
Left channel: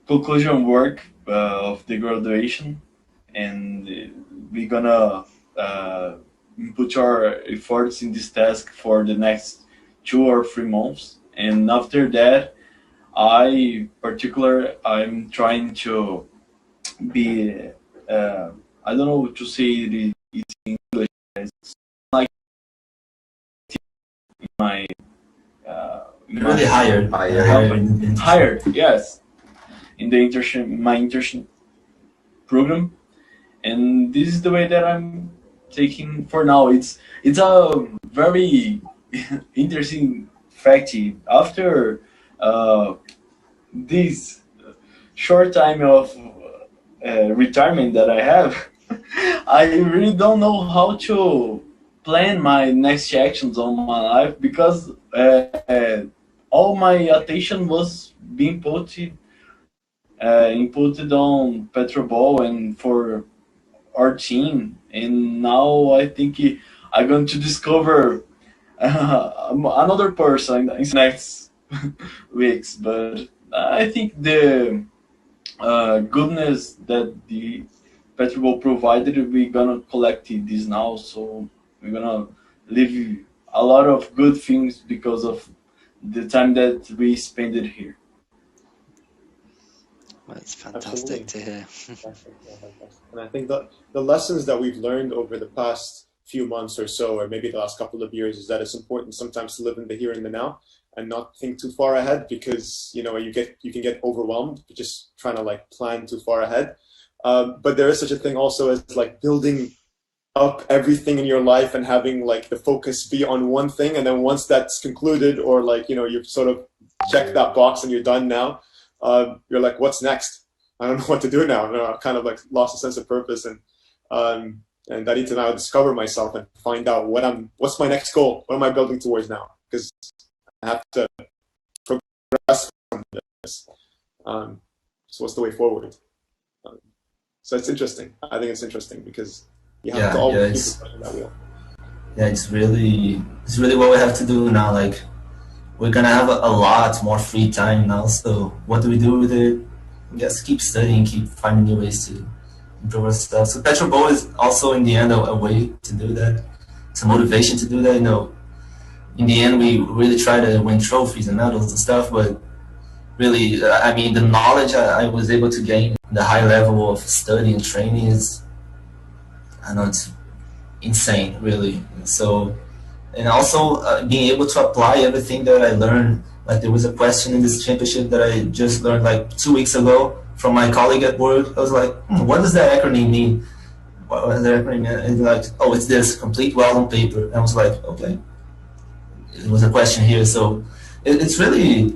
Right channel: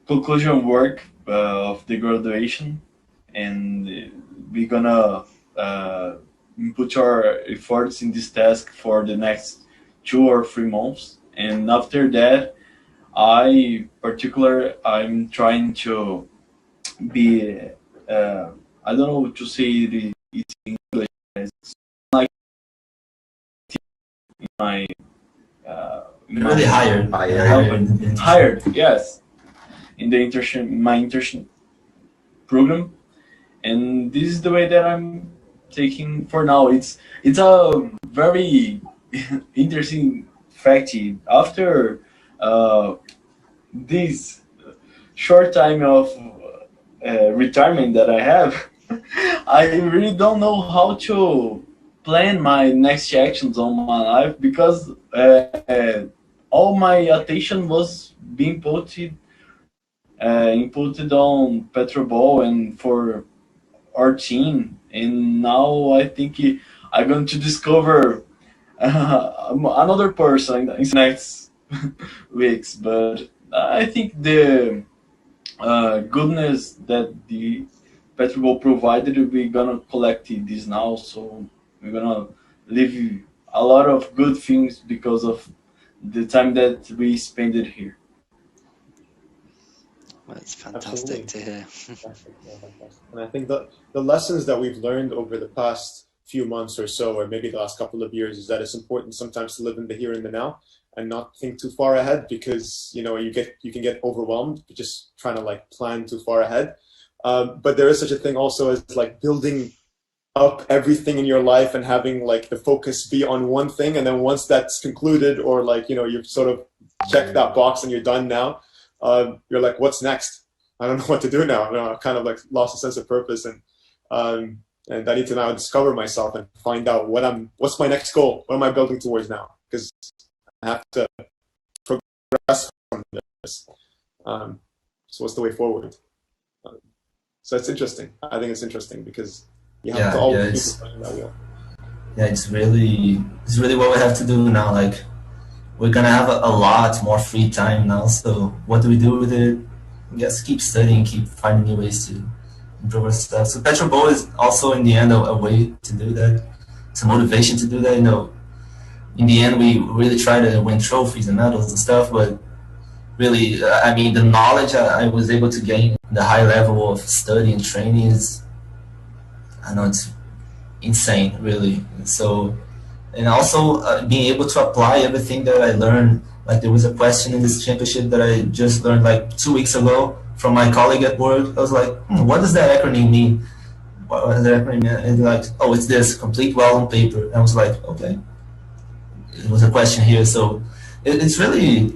conclusion work of the graduation, and we're gonna put your efforts in this task for the next 2 or 3 months, and after that, I'm trying to be I don't know to say it in English. It's like my Really hired. hired, yes, in the internship program, and this is the way that I'm taking for now. It's a very interesting fact. After this short time of retirement that I have, I really don't know how to plan my next actions on my life because all my attention was being inputted on PetroBowl and for our team, and now I think I'm going to discover another person in the next weeks. But I think the goodness that the PetroBowl provided, we're gonna collect this now, so we're gonna live a lot of good things because of the time that we spent it here. Well, it's fantastic to hear. Fantastic, yeah, fantastic. And I think the lessons that we've learned over the past few months or so, or maybe the last couple of years, is that it's important sometimes to live in the here and the now and not think too far ahead, because you can get overwhelmed just trying to like plan too far ahead. But there is such a thing also as like building up everything in your life and having like the focus be on one thing, and then once that's concluded, or like you've sort of checked that box and you're done now, you're like, what's next? I don't know what to do now. I've kind of like lost a sense of purpose, and I need to now discover myself and find out what's my next goal? What am I building towards now? Because I have to progress from this. So what's the way forward? So it's interesting. I think it's interesting because you have to always keep that wheel. Yeah, it's really what we have to do now. Like, we're gonna have a lot more free time now. So what do we do with it? Just keep studying, keep finding new ways to improve our stuff. So PetroBowl is also in the end a way to do that. It's a motivation to do that. In the end, we really try to win trophies and medals and stuff. But really, I mean, the knowledge I was able to gain, the high level of study and training is, I know, it's insane, really. So, and also being able to apply everything that I learned. Like, there was a question in this championship that I just learned like 2 weeks ago from my colleague at work. I was like, what does that acronym mean? What does that acronym mean? And like, oh, it's this, complete well on paper. And I was like, okay. It was a question here. So it's really,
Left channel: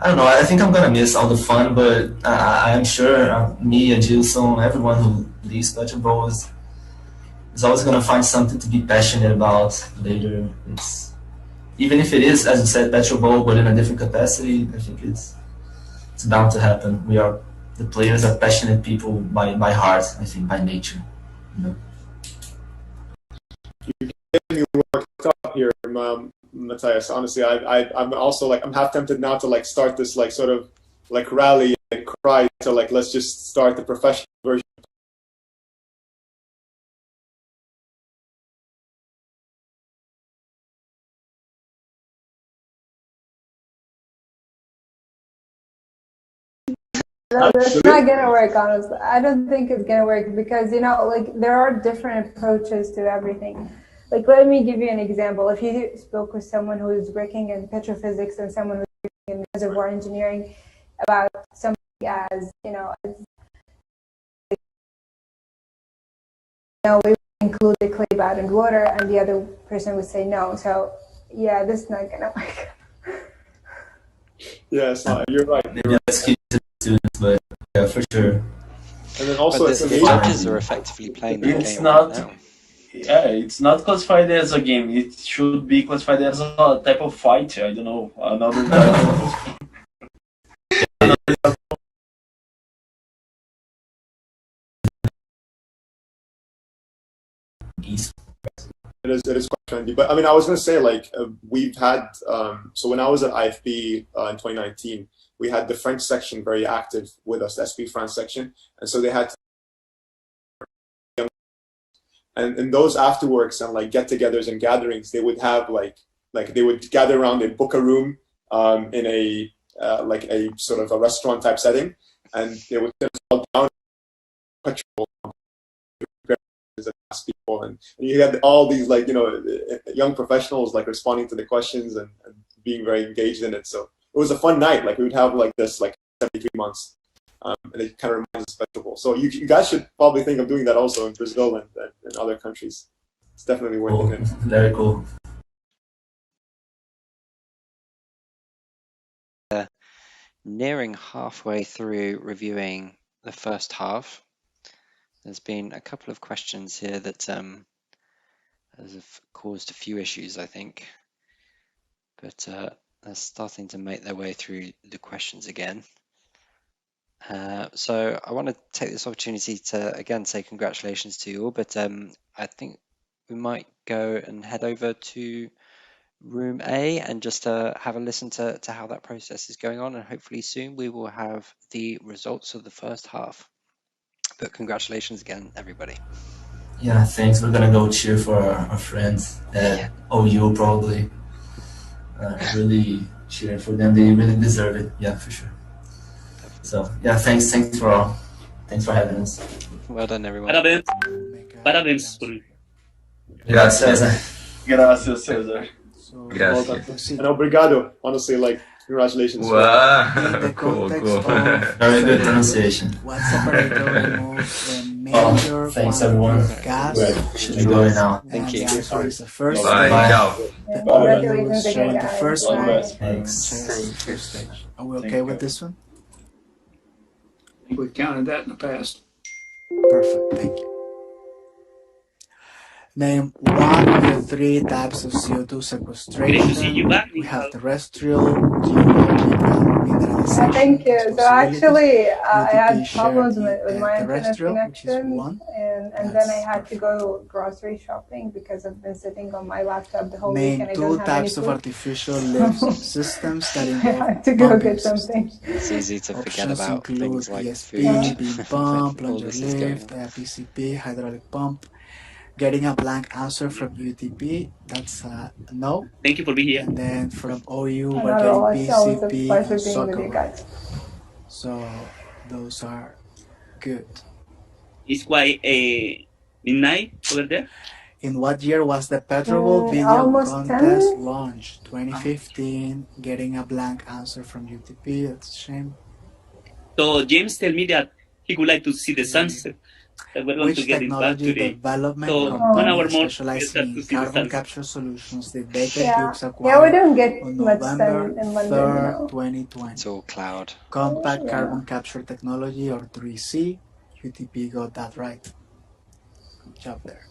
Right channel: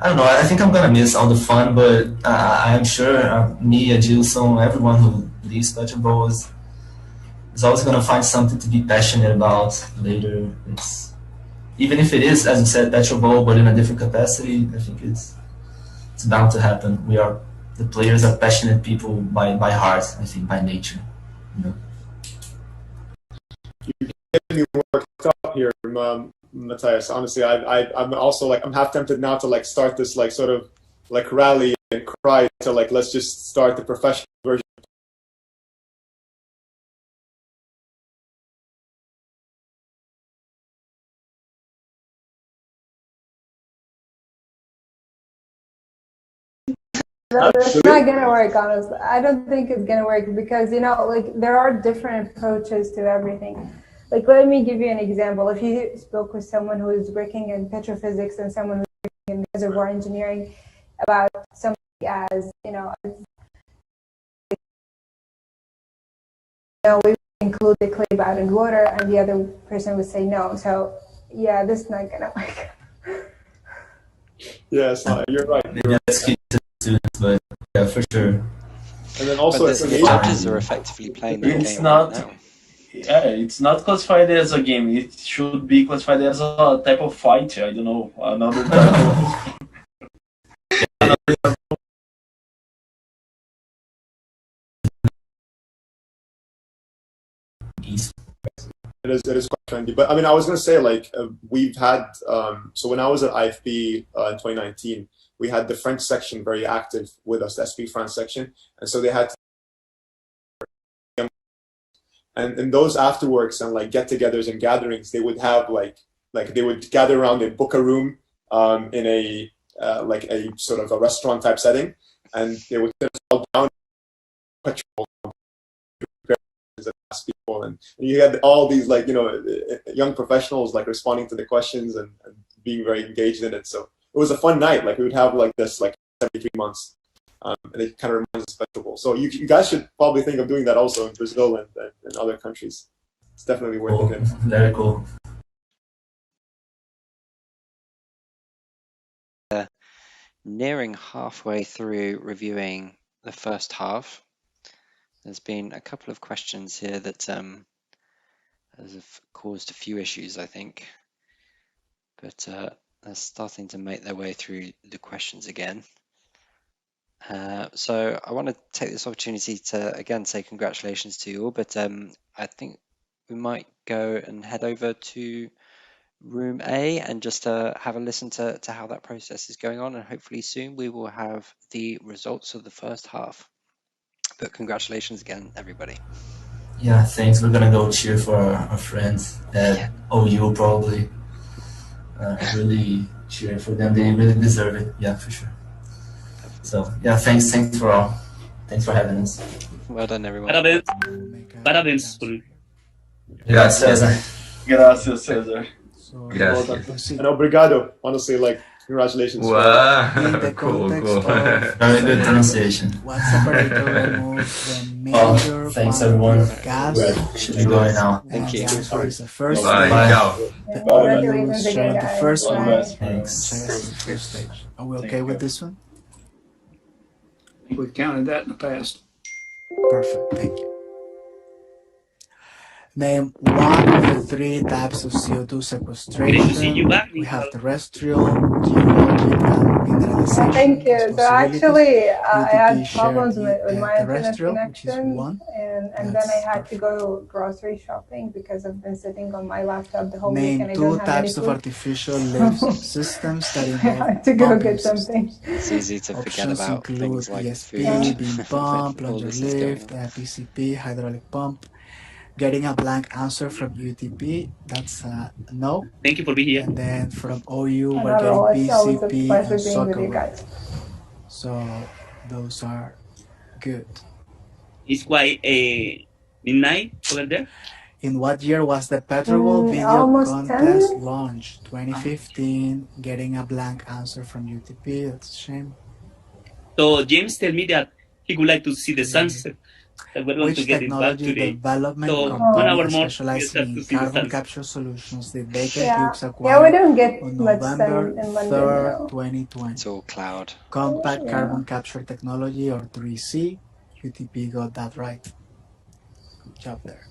I don't know, I think I'm going to miss all the fun, but I'm sure me, Adilson, everyone who leaves PetroBowl is always going to find something to be passionate about later. Even if it is, as you said, PetroBowl, but in a different capacity, I think it's bound to happen. The players are passionate people by heart, I think, by nature. You get me worked up here, Matthias. Honestly, I'm also like, I'm half tempted now to like start this like sort of like rally and cry to like, let's just start the professional version. That's not gonna work, honestly. I don't think it's gonna work because like there are different approaches to everything. Like, let me give you an example. If you spoke with someone who is working in petrophysics and someone who's working in reservoir engineering about something as we include the clay bed and water, and the other person would say no. So yeah, this is not gonna work. Yeah, it's not. You're right. Maybe let's keep to students, but yeah, for sure. And then also, the judges are effectively playing that game right now. Yeah, it's not classified as a game. It should be classified as a type of fight. I don't know, another type of... It is quite trendy. But I mean, I was going to say, like, we've had, so when I was at IFB in 2019, we had the French section very active with us, the SP France section. And so they had And in those afterworks and like get-togethers and gatherings, they would have like they would gather around and book a room in a like a sort of a restaurant type setting, and they would sit us all down, people, and you had all these like young professionals like responding to the questions and being very engaged in it. So it was a fun night. Like we would have like this like 73 months, and it kind of reminds us of festival. So you guys should probably think of doing that also in Brazil and other countries. It's definitely worth Cool. it. Very cool. Nearing halfway through reviewing the first half, there's been a couple of questions here that have caused a few issues, I think, but they're starting to make their way through the questions again. So I want to take this opportunity to again say congratulations to you all, but I think we might go and head over to room A and just have a listen to how that process is going on, and hopefully soon we will have the results of the first half. But congratulations again, everybody. Yeah, thanks. We're gonna go cheer for our friends at OU probably. Really cheer for them. They really deserve it. Yeah, for sure. So yeah, thanks for all. Thanks for having us. Well done, everyone. Parabéns. Parabéns. Gracias. Gracias, Cesar. Gracias. And obrigado. Honestly, like congratulations. Wow. In the Cool, context cool. of Very good pronunciation. one separator removes the major thanks quantity everyone. of gas. Should be going now. Thank you. The answer is the first Bye. stage. Ciao. The Congratulations OU again, showing the guys. first one. Thanks. Shares the first stage. Are we okay with this one? We've counted that in the past. Perfect. Thank you. Name one of the three types of CO2 Great to see sequestration. you back, We have Nichols. terrestrial, geologic, and mineralization. Thank you. So possibilities. actually, I had UTP shared problems the with my internet terrestrial, which is connection, one. and then I had to go grocery shopping because I've been sitting on my laptop the whole week Name and I two don't have any types of food. artificial lift systems that I involve had to go pumping get something. It's easy to forget Options about include things like ESP, food beam pump, when all plunger this is going lift, on. PCP, hydraulic pump. Getting a blank answer from UTP, that's a no. Thank you for being here. And then from OU, Not we're at all. getting It's always a PCP pleasure and being with soccer you ball. guys. So those are good. It's quite midnight over there. In what year was the PetroBowl video Almost contest 10. launched? 2015. Getting a blank answer from UTP, that's a shame. So James tell me that he would like to see the sunset. That we're going to Which get it back technology today. development So 1 company hour more, we specializing start to in see the carbon sunset. capture solutions did Baker Yeah, Hughes yeah, acquire we don't get on much November sun in London, 3rd, 2020? It's all cloud. Compact Yeah. Carbon Capture Technology, or 3C. UTP got that right. Good job there.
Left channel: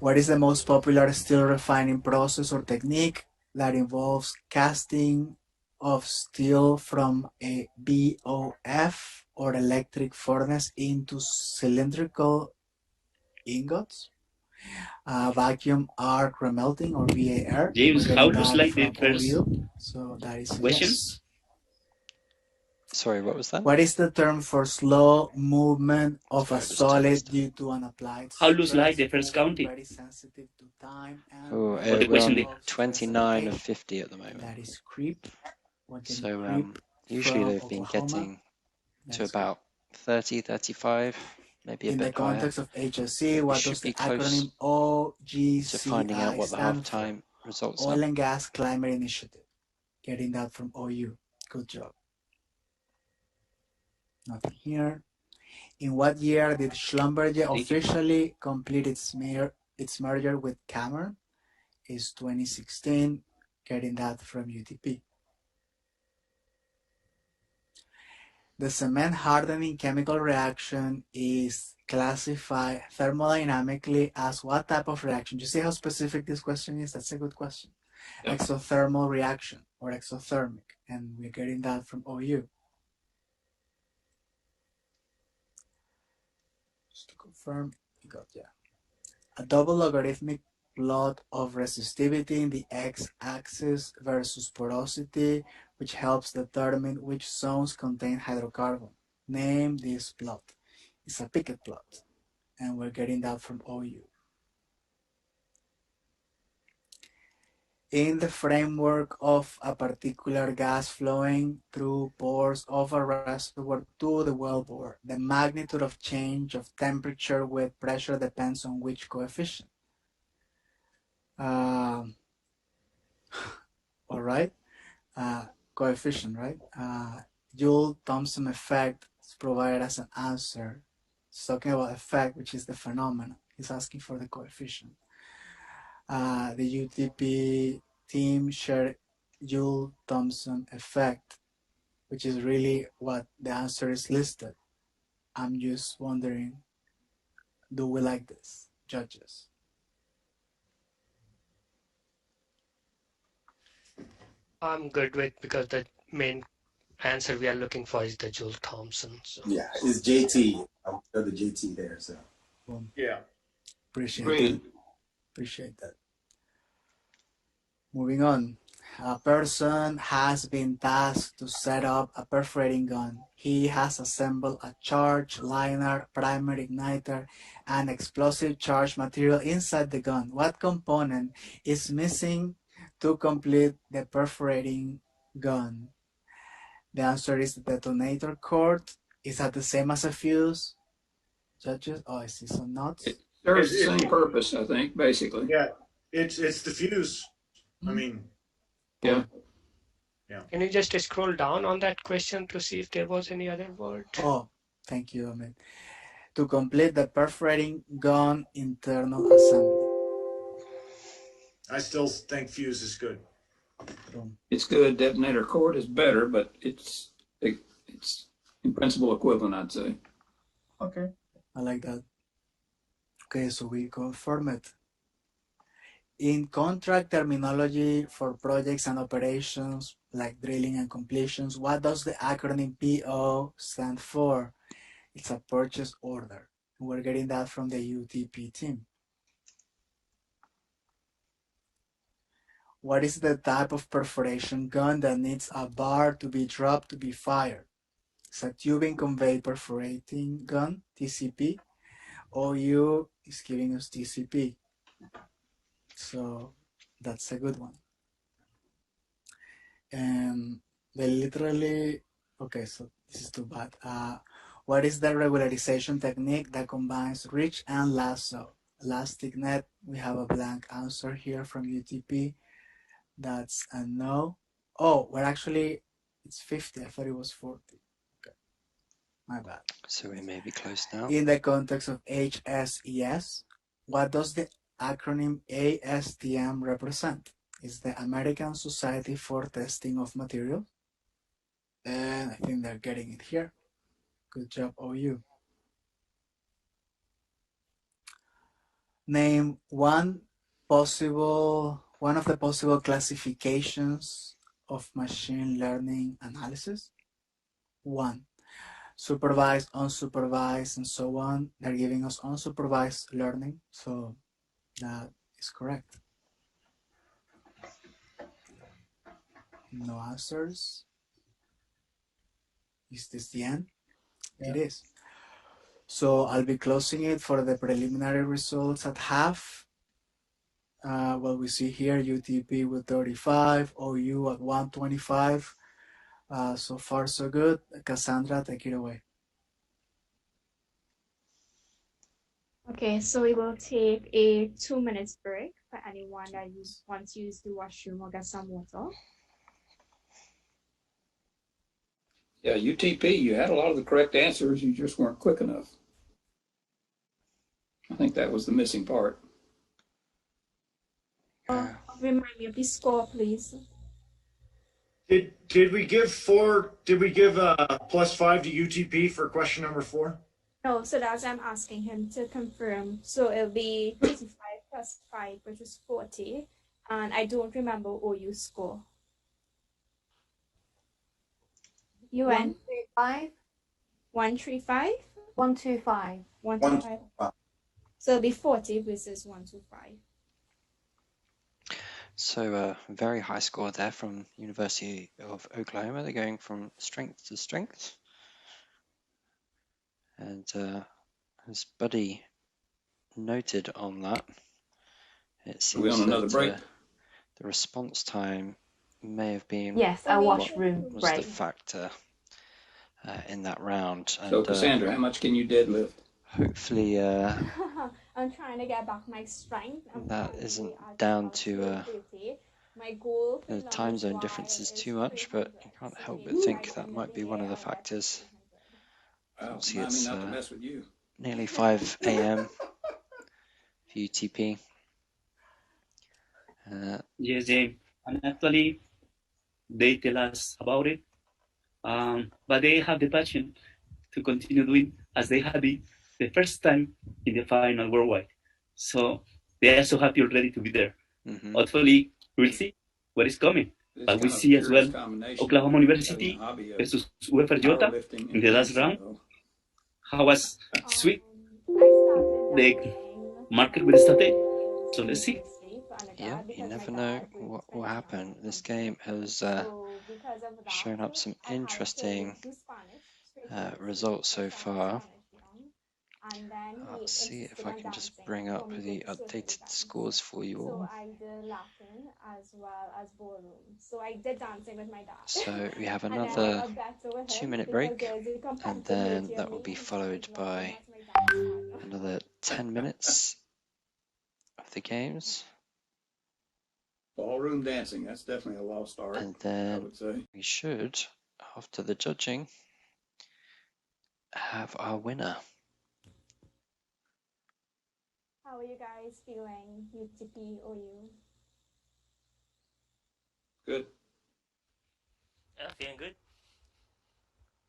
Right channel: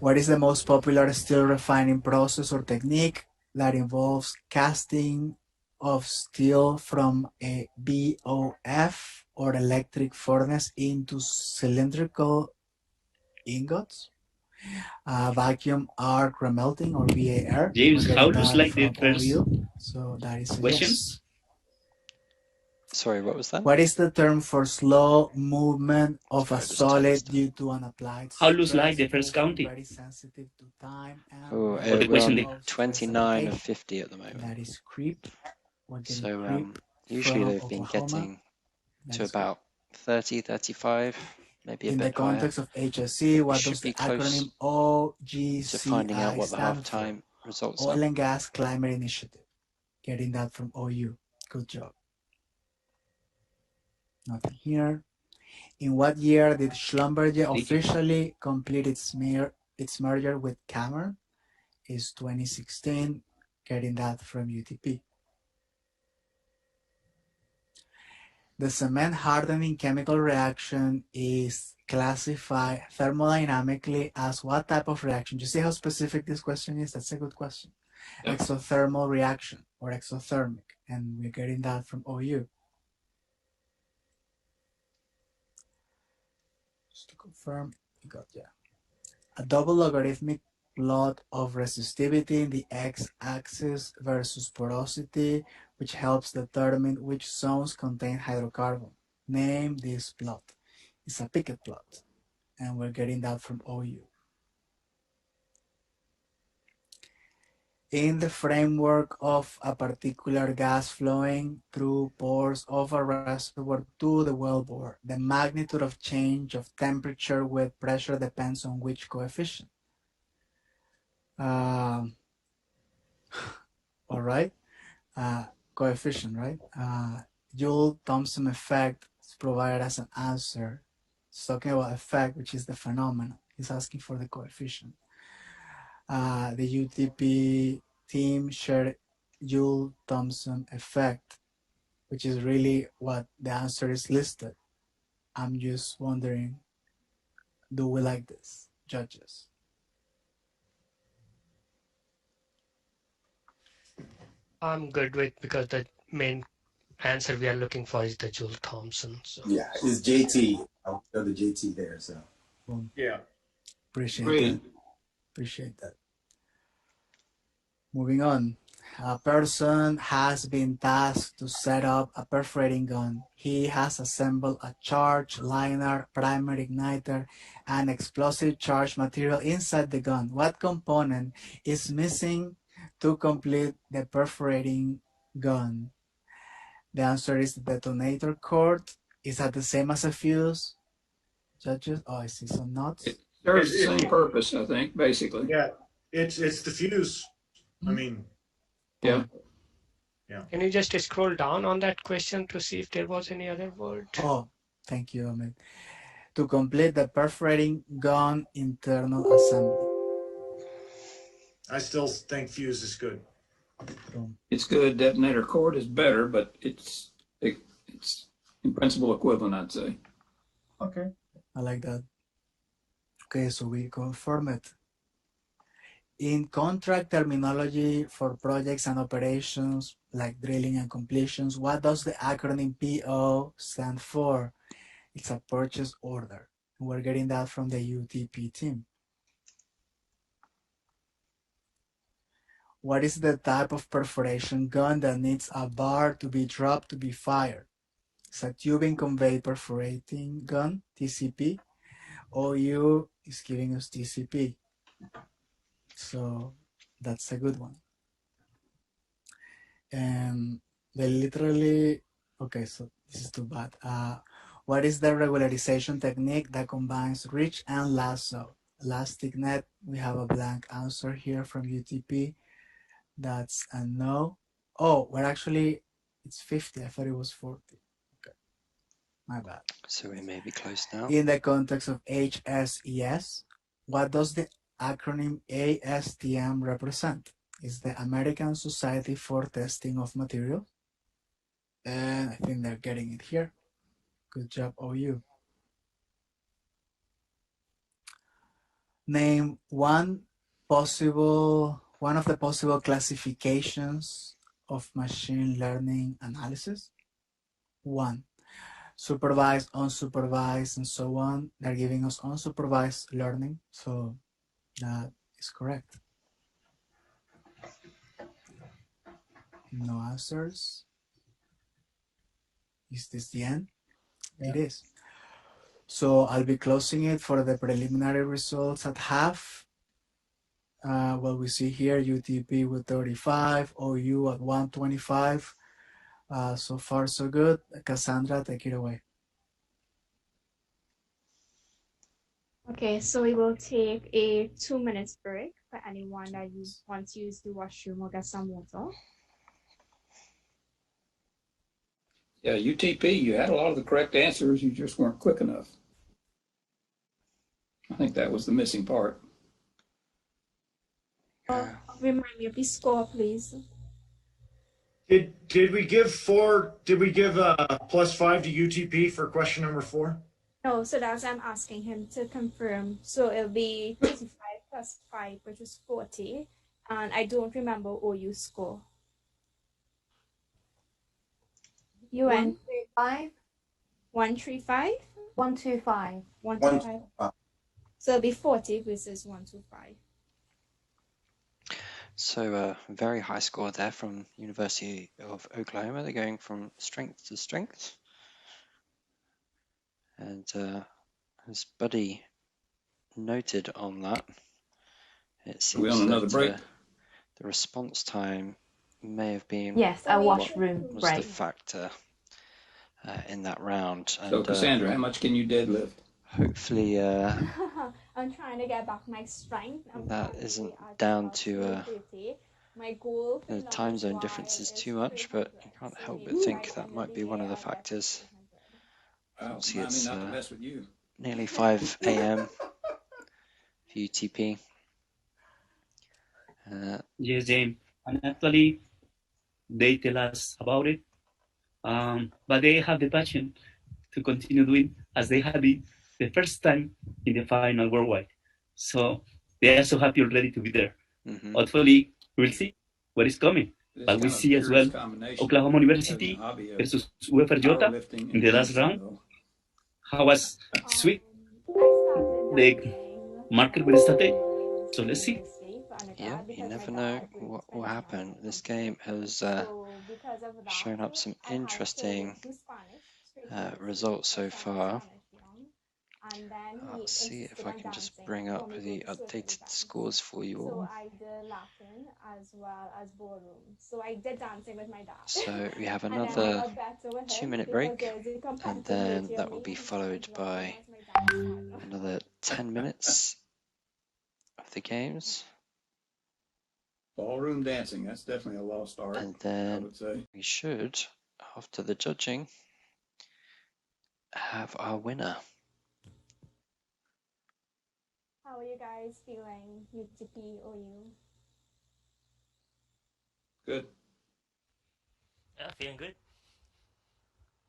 What is the most popular steel refining process or technique that involves casting of steel from a BOF or electric furnace into cylindrical ingots? Vacuum arc remelting, or VAR. James, We're how getting looks that like the from first OU. So that is a yes. questions? Sorry, what was that? What is the term for slow movement of Sorry, a I just solid tensed. due to an applied How looks stress? like the first Also counting? very sensitive to time and Oh, For the rate we're question on day. of 29 of stratification. 50 at the moment. That is creep. We're getting So creep usually from they've been Oklahoma. getting That to is good. about 30, 35, maybe a In the bit higher. context of HSE, We what should does be the close acronym to finding out OGCI what the stand for? halftime results are. Oil and Gas Climate Initiative. Getting that from OU. Good job. Nothing here. In what year did Schlumberger officially complete its merger with Cameron? Is 2016. Getting that from UTP. The cement hardening chemical reaction is classified thermodynamically as what type of reaction? You see how specific this question is? That's a good question. Yep. Exothermal reaction or exothermic. And we're getting that from OU. Just to confirm, we got, yeah. A double logarithmic plot of resistivity in the x-axis versus porosity, which helps determine which zones contain hydrocarbon. Name this plot. It's a Pickett plot. and we're getting that from OU. In the framework of a particular gas flowing through pores of a reservoir to the wellbore, the magnitude of change of temperature with pressure depends on which coefficient? All right, coefficient, right? Joule-Thomson effect is provided as an answer. It's talking about effect, which is the phenomenon. He's asking for the coefficient. The UTP team shared Joule-Thomson effect, which is really what the answer is listed. I'm just wondering, do we like this, judges? I'm good with, because the main answer we are looking for is the Joule-Thomson. So. Yeah, it's JT. I'm the JT there. So Yeah. Appreciate Great. that. Appreciate that. Moving on. A person has been tasked to set up a perforating gun. He has assembled a charge liner, primary igniter, and explosive charge material inside the gun. What component is missing to complete the perforating gun? The answer is the detonator cord. Is that the same as a fuse? Judges? Oh, I see some notes. It serves the same purpose, I think, basically. Yeah, it's the fuse. I mean, yeah. Can you just scroll down on that question to see if there was any other word? Oh, thank you, Ahmed. To complete the perforating gun internal assembly. I still think fuse is good. It's good. Detonator cord is better, but it's in principle equivalent, I'd say. Okay. I like that. Okay, so we confirm it. In contract terminology for projects and operations like drilling and completions, what does the acronym PO stand for? It's a purchase order. We're getting that from the UTP team. What is the type of perforation gun that needs a bar to be dropped to be fired? It's a tubing conveyed perforating gun, TCP. OU is giving us TCP. So that's a good one. And they literally, okay, so this is too bad. What is the regularization technique that combines reach and lasso? Elastic net, we have a blank answer here from UTP. That's a no. Oh, we're actually, it's 50. I thought it was 40. Okay, my bad. So we may be close now. In the context of HSES, what does the acronym ASTM represent? Is the American Society for Testing of Materials. And I think they're getting it here. Good job, OU. Name one of the possible classifications of machine learning analysis. One, supervised, unsupervised, and so on. They're giving us unsupervised learning, so that is correct. No answers. Is this the end? Yeah. It is. So I'll be closing it for the preliminary results at half. Well, we see here UTP with 35, OU at 125. So far, so good. Cassandra, take it away. Okay, so we will take a 2 minutes break for anyone that wants to use the washroom or get some water. Yeah, UTP, you had a lot of the correct answers, you just weren't quick enough. I think that was the missing part. Remind me of the score, please. Did we give +5 to UTP for question number 4? No, so that's I'm asking him to confirm. So it'll be 35 plus 5, which is 40. And I don't remember OU score. You went 135. 135? 125. 125. So it'll be 40 versus 125. So a very high score there from University of Oklahoma. They're going from strength to strength. And his buddy noted on that. It Are we on seems another that break? the response time may have been Yes, a washroom was break. the factor in that round. So, And Cassandra, how much can you deadlift? hopefully I'm trying to get back my strength. that isn't down to My goal the time zone differences too much, but you can't help but think that might be one of the factors. Well, Obviously, remind me it's not to mess with you. nearly 5 a.m. for UTP. Yes, James. And actually, they tell us about it, but they have the passion to continue doing as they had it the first time in the final worldwide. So they are so happy already to be there. Hopefully, we'll see what is coming. This But we kind of see as well curious combination Oklahoma of University having a hobby of versus UFRJ powerlifting in the and last round. judo. How was sweet? The market will start it. So let's see. Yeah, you never know what will happen. This game has shown up some interesting results so far. I'll see if I can just bring up the updated scores for you all. I did Latin as well as ballroom. So I did dancing with my dad. So we have And then I another got better with him 2-minute because break, there's a and then compatibility that of will me be and followed by another 10 minutes of the games. Ballroom dancing, that's definitely a lost art, And I then would say. we should, after the judging, have our winner. How are you guys feeling, UTP or you? Good. Yeah, feeling good.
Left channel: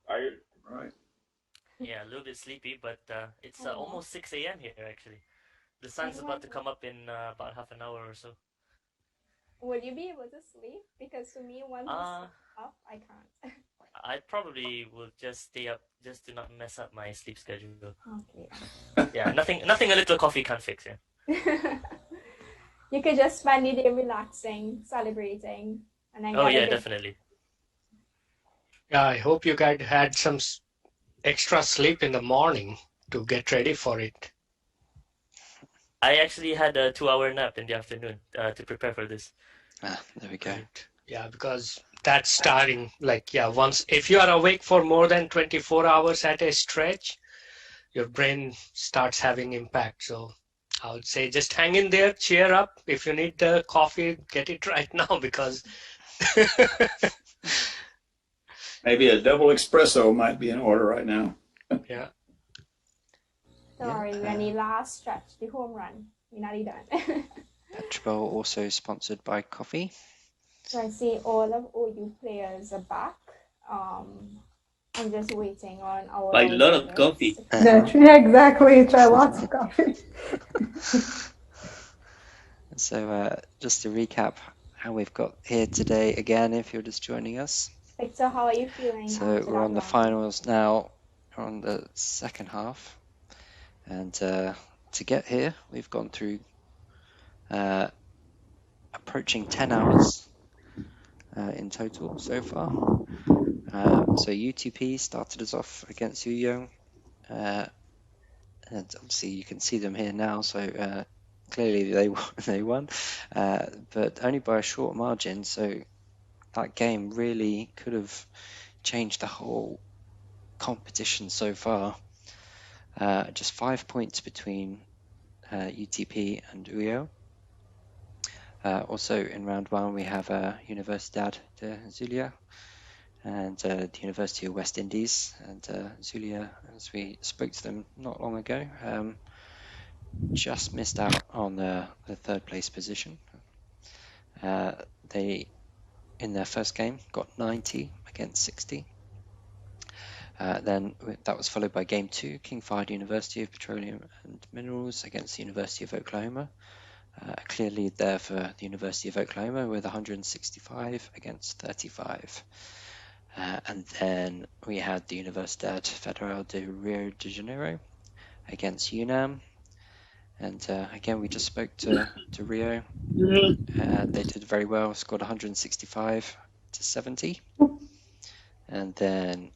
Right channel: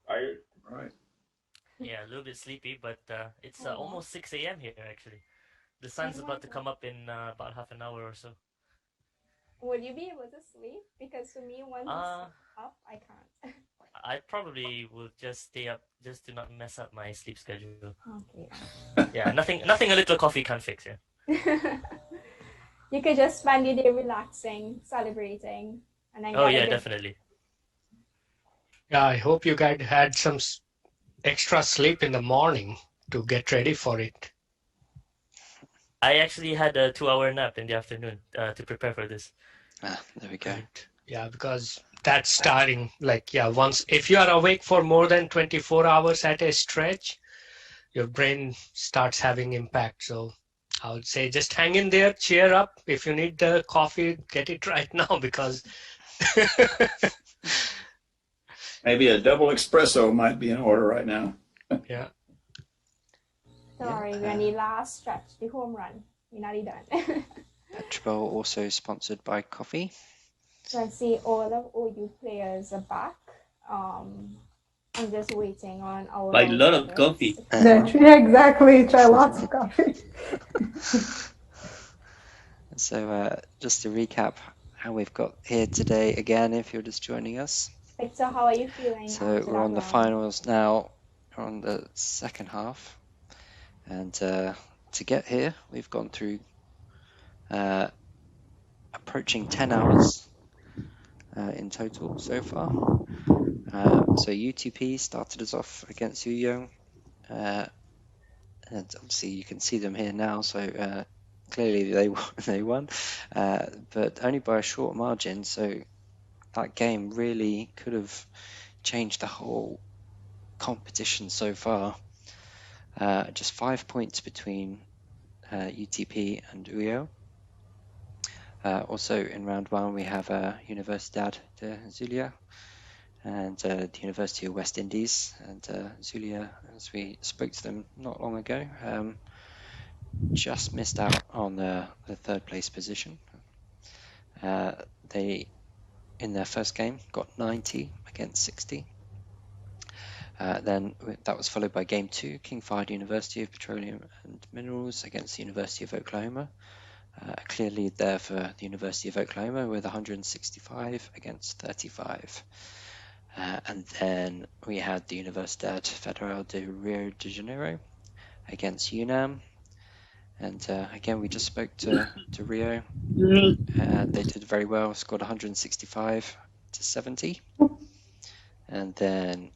Tired. Right. Yeah, a little bit sleepy, but it's almost 6 a.m. here actually. The sun's about to come up in about half an hour or so. Will you be able to sleep? Because for me, once it's up, I can't. I probably will just stay up just to not mess up my sleep schedule. Okay. Yeah, nothing a little coffee can't fix. Yeah. You could just spend the day relaxing, celebrating, and then Oh get a yeah, good definitely. Yeah, I hope you guys had some extra sleep in the morning to get ready for it. I actually had a 2-hour nap in the afternoon to prepare for this. There we go. Right. Yeah, because that's starting once if you are awake for more than 24 hours at a stretch, your brain starts having impact. So I would say just hang in there, cheer up. If you need the coffee, get it right now because Maybe a double espresso might be in order right now. Yeah. Sorry, any last stretch, the home run. You're not done. PetroBowl also sponsored by coffee. So I see all of OU players are back. I'm just waiting on our. Buy a lot of coffee. Yeah, exactly. Try lots of coffee. So just to recap how we've got here today again, if you're just joining us. Victor, how are you feeling? So we're on the finals now. We're on the second half. And to get here, we've gone through approaching 10 hours in total so far. So UTP started us off against Young. And obviously you can see them here now, so clearly they won, but only by a short margin. So that game really could have changed the whole competition so far. Just 5 points between UTP and UIO. Also in round one we have Universidad de Zulia and the University of West Indies, and Zulia, as we spoke to them not long ago, just missed out on the third place position. They, in their first game, got 90 against 60. Then that was followed by game 2, King Fahd University of Petroleum and Minerals against the University of Oklahoma. A clear lead there for the University of Oklahoma with 165 against 35. And then we had the Universidad Federal de Rio de Janeiro against UNAM. And again, we just spoke to Rio. They did very well, scored 165 to 70. And then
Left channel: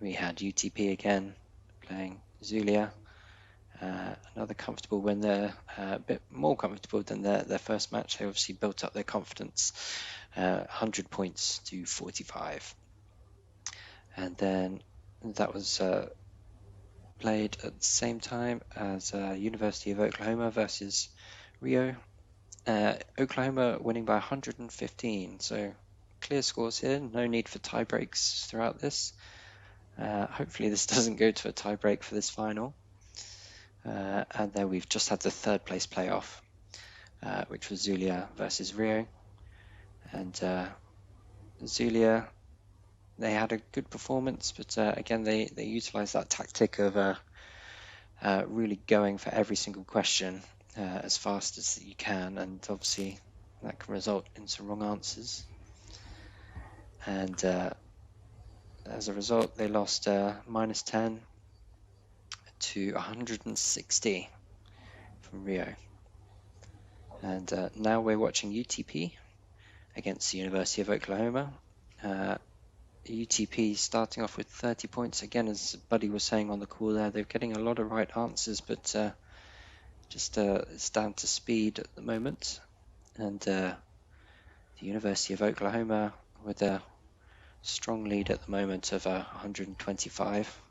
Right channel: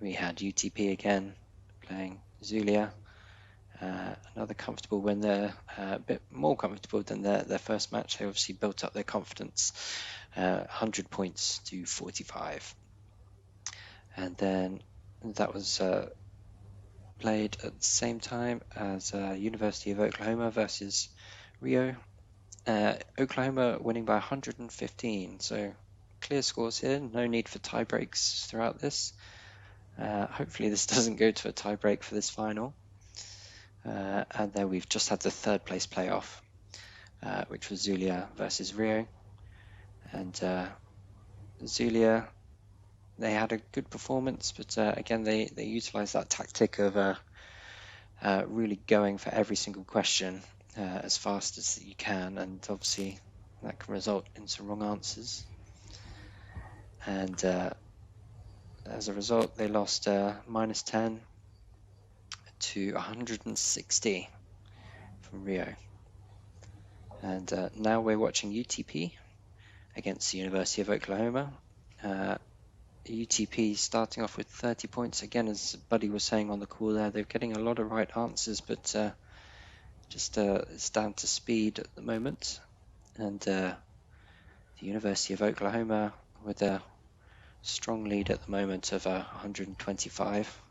we had UTP again playing Zulia. Another comfortable win there, a bit more comfortable than their first match. They obviously built up their confidence, 100 points to 45. And then that was played at the same time as University of Oklahoma versus Rio. Oklahoma winning by 115, so clear scores here, no need for tie breaks throughout this. Hopefully this doesn't go to a tie break for this final. And then we've just had the third place playoff, which was Zulia versus Rio. And Zulia, they had a good performance, but again, they utilized that tactic of really going for every single question as fast as you can, and obviously that can result in some wrong answers. And as a result, they lost -10 to 160 from Rio. And now we're watching UTP against the University of Oklahoma. UTP starting off with 30 points. Again, as Buddy was saying on the call there, they're getting a lot of right answers, but just it's down to speed at the moment. And the University of Oklahoma with a strong lead at the moment of 125.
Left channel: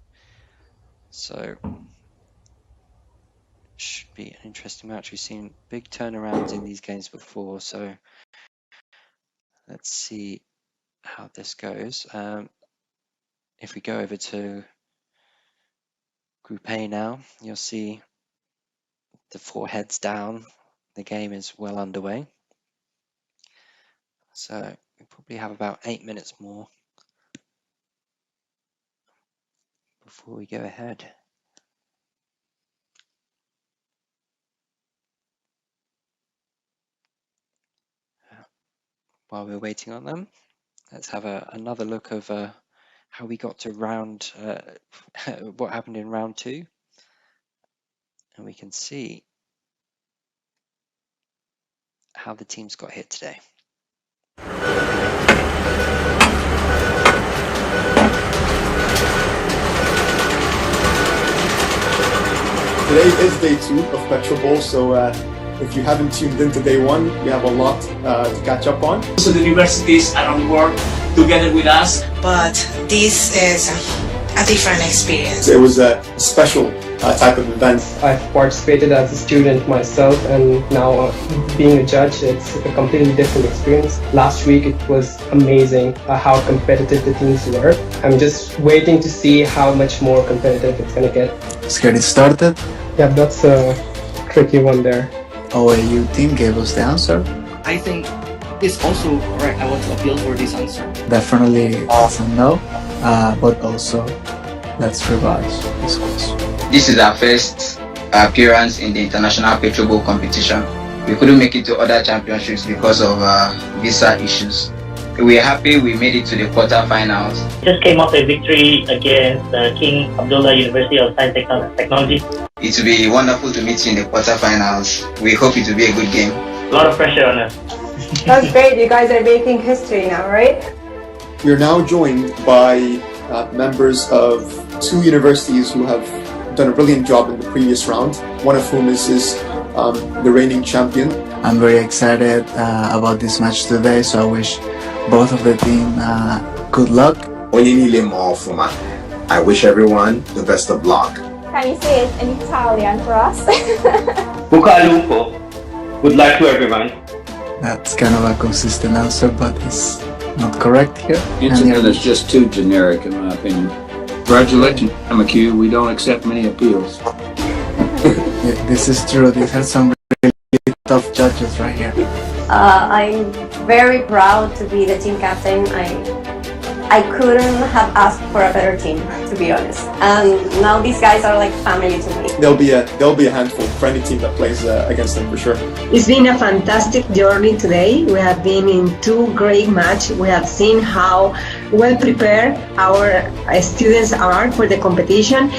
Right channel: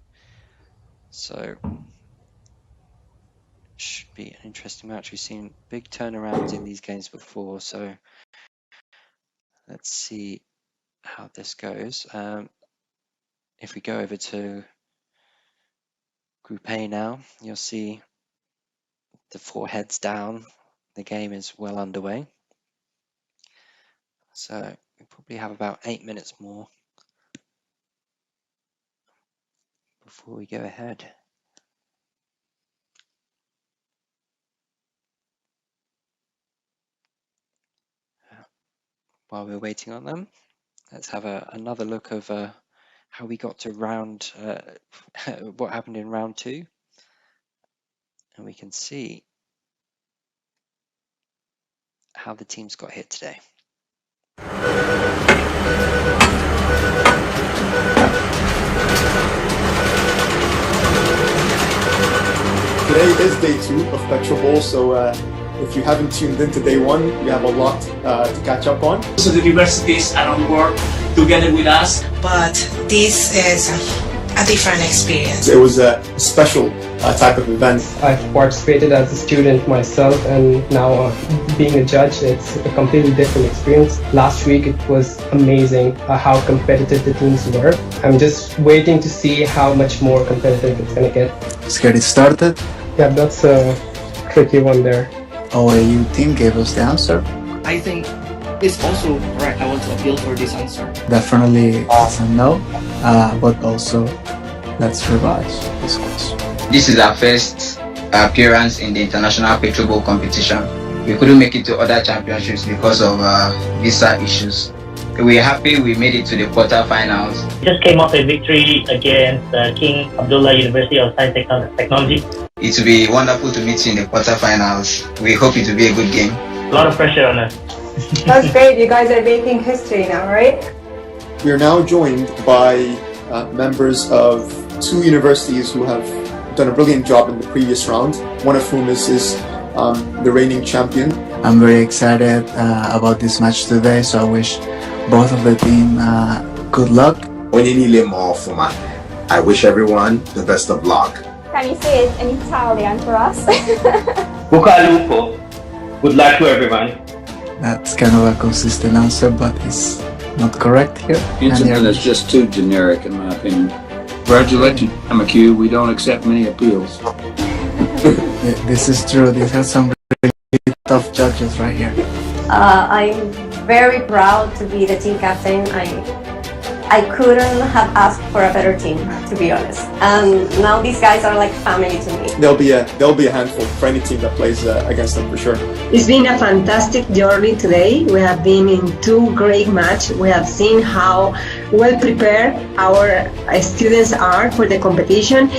So should be an interesting match. We've seen big turnarounds in these games before, so let's see how this goes. If we go over to Group A now, you'll see the 4 heads down. The game is well underway. So we probably have about 8 minutes more before we go ahead. While we're waiting on them, let's have another look of how we got to what happened in round 2. And we can see how the teams got hit today. Today is day 2 of PetroBowl, so if you haven't tuned into day 1, we have a lot to catch up on. So the universities around the world together with us. But this is a different experience. It was a special type of event. I've participated as a student myself, and now being a judge, it's a completely different experience. Last week it was amazing how competitive the teams were. I'm just waiting to see how much more competitive it's going to get. Let's get it started. Yeah, that's a tricky one there. OAU team gave us the answer. I think it's also correct. I want to appeal for this answer. Definitely it's a no, but also let's revise this question. This is our first appearance in the International PetroBowl competition. We couldn't make it to other championships because of visa issues. We're happy we made it to the quarterfinals. We just came off a victory against King Abdullah University of Science Technology. It will be wonderful to meet you in the quarterfinals. We hope it will be a good game. A lot of pressure on us. That's great. You guys are making history now, right? We are now joined by members of 2 universities who have done a brilliant job in the previous round, one of whom is the reigning champion. I'm very excited about this match today, so I wish both of the team good luck. I wish everyone the best of luck. Can you say it in Italian for us? Buca lupo. Good luck to everyone. That's kind of a consistent answer, but it's not correct here. Incident is just too generic, in my opinion. Congratulations, McHugh. We don't accept many appeals. This is true. These are some really tough judges right here. I'm very proud to be the team captain. I couldn't have asked for a better team, to be honest. And now these guys are like family to me. There'll be a handful for any team that plays against them for sure. It's been a fantastic journey today. We have been in 2 great matches. We have seen how well prepared our students are for the competition.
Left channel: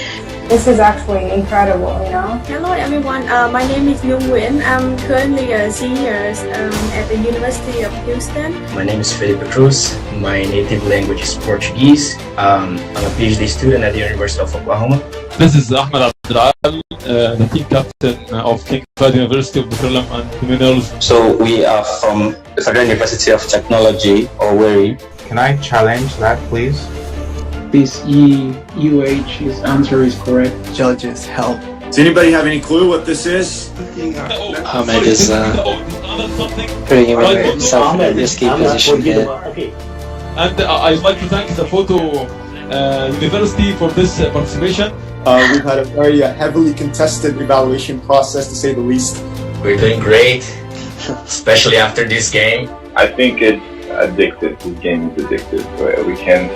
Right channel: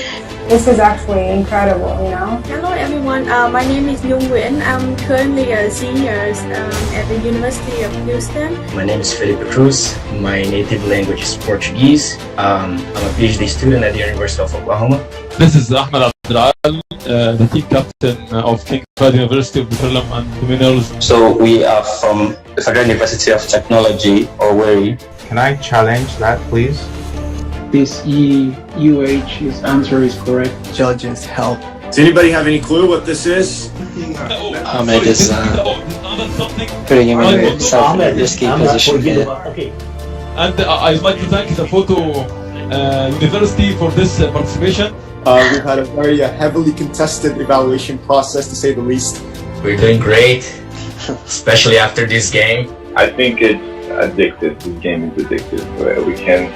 This is actually incredible, you know? Hello everyone, my name is Nhung Nguyen. I'm currently a senior at the University of Houston. My name is Felipe Cruz. My native language is Portuguese. I'm a PhD student at the University of Oklahoma. This is Ahmed the team captain of King Fahd University of Petroleum and Minerals. So we are from the Federal University of Technology, Owerri. Can I challenge that, please? This his answer is correct. Judges help. Does anybody have any clue what this is? Ahmed is putting himself in a risky position here. And I'd like to thank the photo university for this participation. We've had a very heavily contested evaluation process, to say the least. We're doing great, especially after this game. I think it's addictive. The game is addictive, where we can't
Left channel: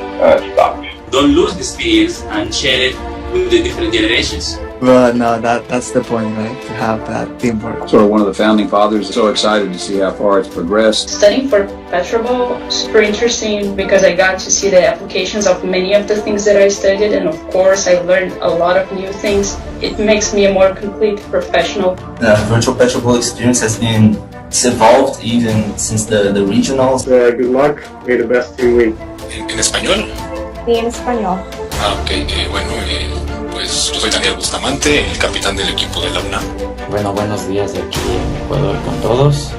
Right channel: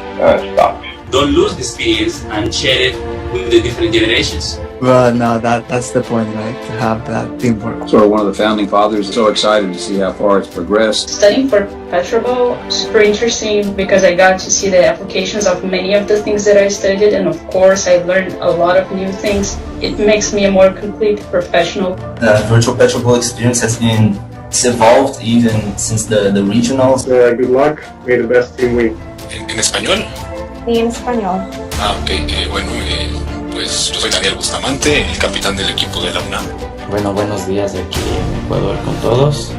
stop. Don't lose the skills and share it with the different generations. But no, that's the point, right? To have that teamwork. Sort of one of the founding fathers. So excited to see how far it's progressed. Studying for PetroBowl was super interesting because I got to see the applications of many of the things that I studied, and of course I learned a lot of new things. It makes me a more complete professional. The virtual PetroBowl experience has it's evolved even since the regionals. Good luck. May the best team win. ¿En español? Sí, en español. Ok. Bueno, pues yo soy Daniel Bustamante, el capitán del equipo de la UNAM. Bueno, buenos días de aquí en Ecuador con todos.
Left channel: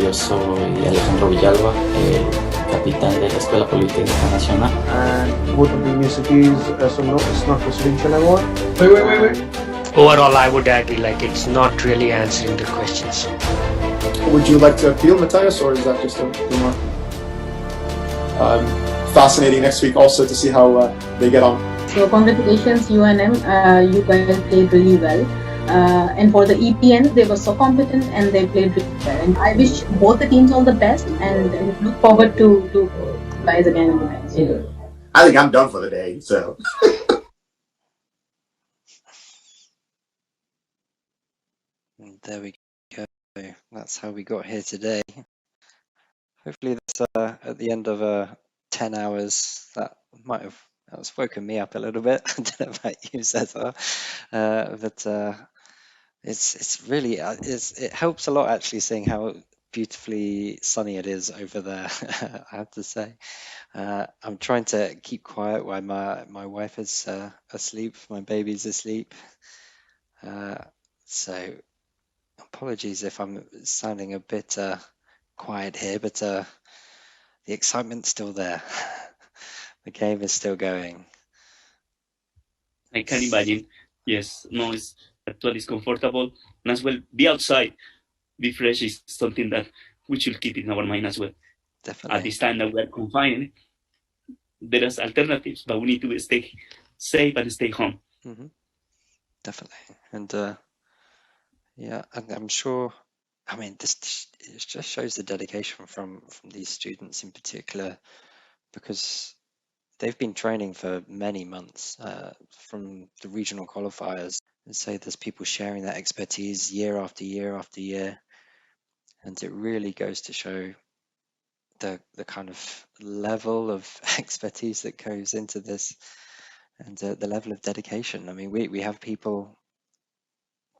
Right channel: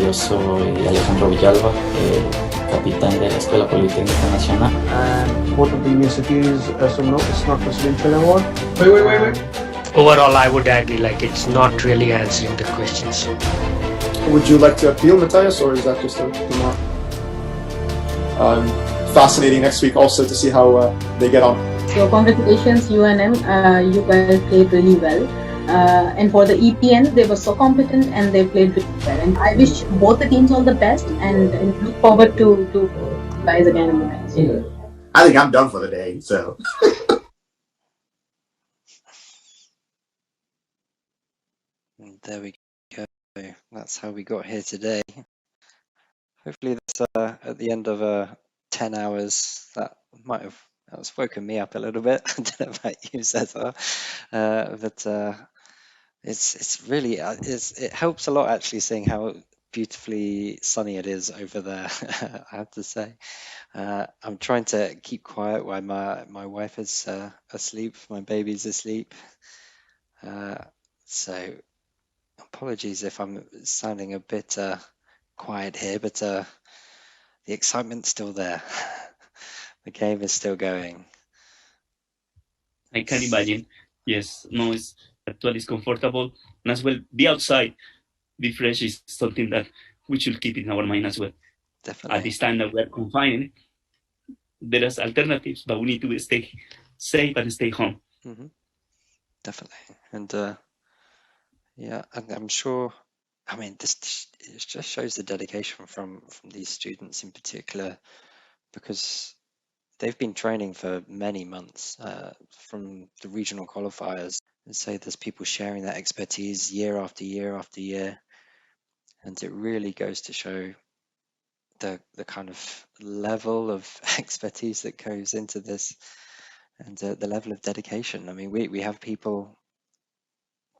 Yo soy Alejandro Villalba, capitán de la Escuela Politécnica Nacional. What of the universities, so no, it's not presidential award. Wait. Overall, I would agree, like it's not really answering the questions. Would you like to appeal, Matthias, or is that just a remark? Fascinating next week also to see how they get on. So congratulations, UNM. You guys played really well. And for the EPN, they were so competent and they played really well. And I wish both the teams all the best and look forward to guys again in the next year. I think I'm done for the day, so. And there we go. That's how we got here today. Hopefully that's at the end of 10 hours. That's woken me up a little bit. I don't know about you, Cesar, but it's really it helps a lot actually seeing how beautifully sunny it is over there. I have to say, I'm trying to keep quiet while my wife is asleep, my baby's asleep. So apologies if I'm sounding a bit quiet here, but the excitement's still there. The game is still going. I can imagine. Yes, no, it's actually comfortable, and as well, be outside, be fresh is something that we should keep in our mind as well. Definitely. At this time that we are confined, there is alternatives, but we need to stay safe and stay home. Mm-hmm. Definitely, and yeah, and I'm sure. I mean, this it just shows the dedication from these students in particular, because they've been training for many months from the regional qualifiers. And so there's people sharing that expertise year after year after year, and it really goes to show the kind of level of expertise that goes into this, and the level of dedication. I mean, we have people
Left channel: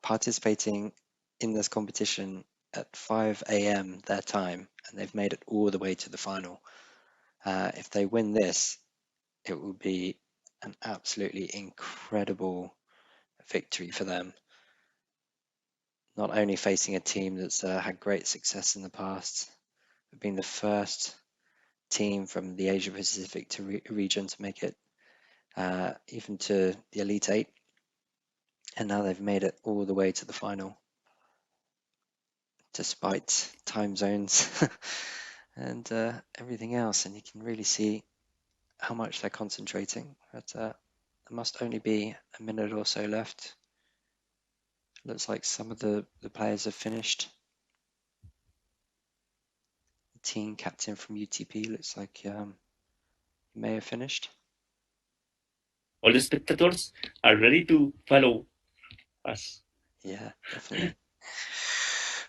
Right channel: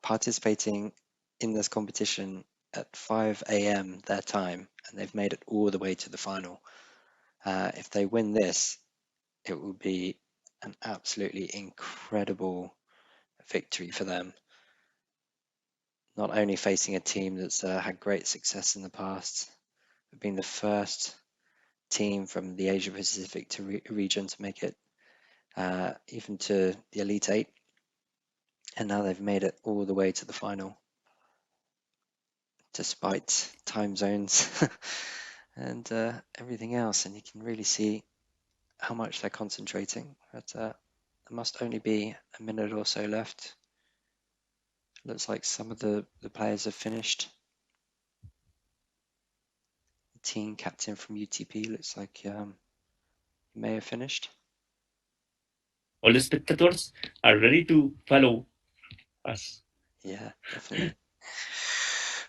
participating in this competition at 5 a.m. their time, and they've made it all the way to the final. If they win this, it will be an absolutely incredible victory for them. Not only facing a team that's had great success in the past, but being the first team from the Asia Pacific region to make it even to the Elite Eight, and now they've made it all the way to the final, despite time zones and everything else. And you can really see how much they're concentrating. But there must only be a minute or so left. Looks like some of the players have finished. The team captain from UTP looks like he may have finished. All the spectators are ready to follow us. Yeah, definitely.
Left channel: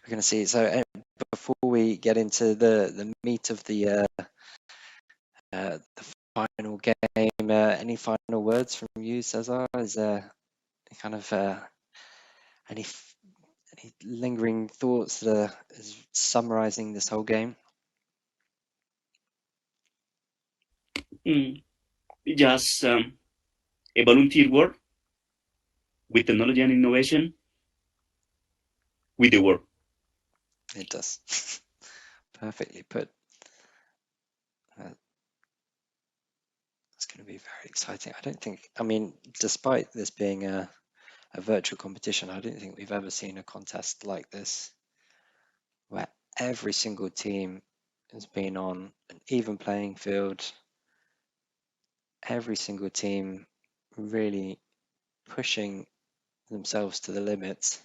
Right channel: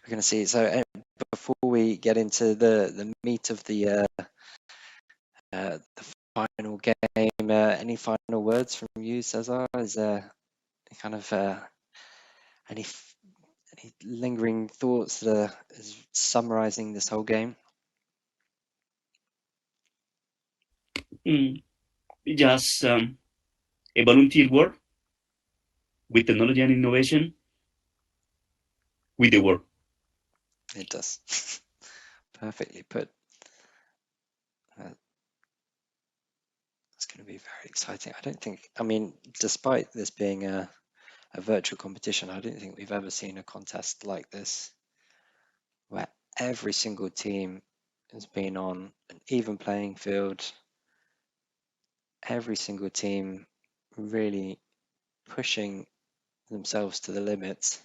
We're going to see. So before we get into the meat of the final game, any final words from you, Cesar? Is there kind of any lingering thoughts that are summarizing this whole game? Just a volunteer work. with technology and innovation with the world. It does. Perfectly put. It's going to be very exciting. I mean, despite this being a virtual competition, I don't think we've ever seen a contest like this where every single team has been on an even playing field. Every single team really pushing themselves to the limits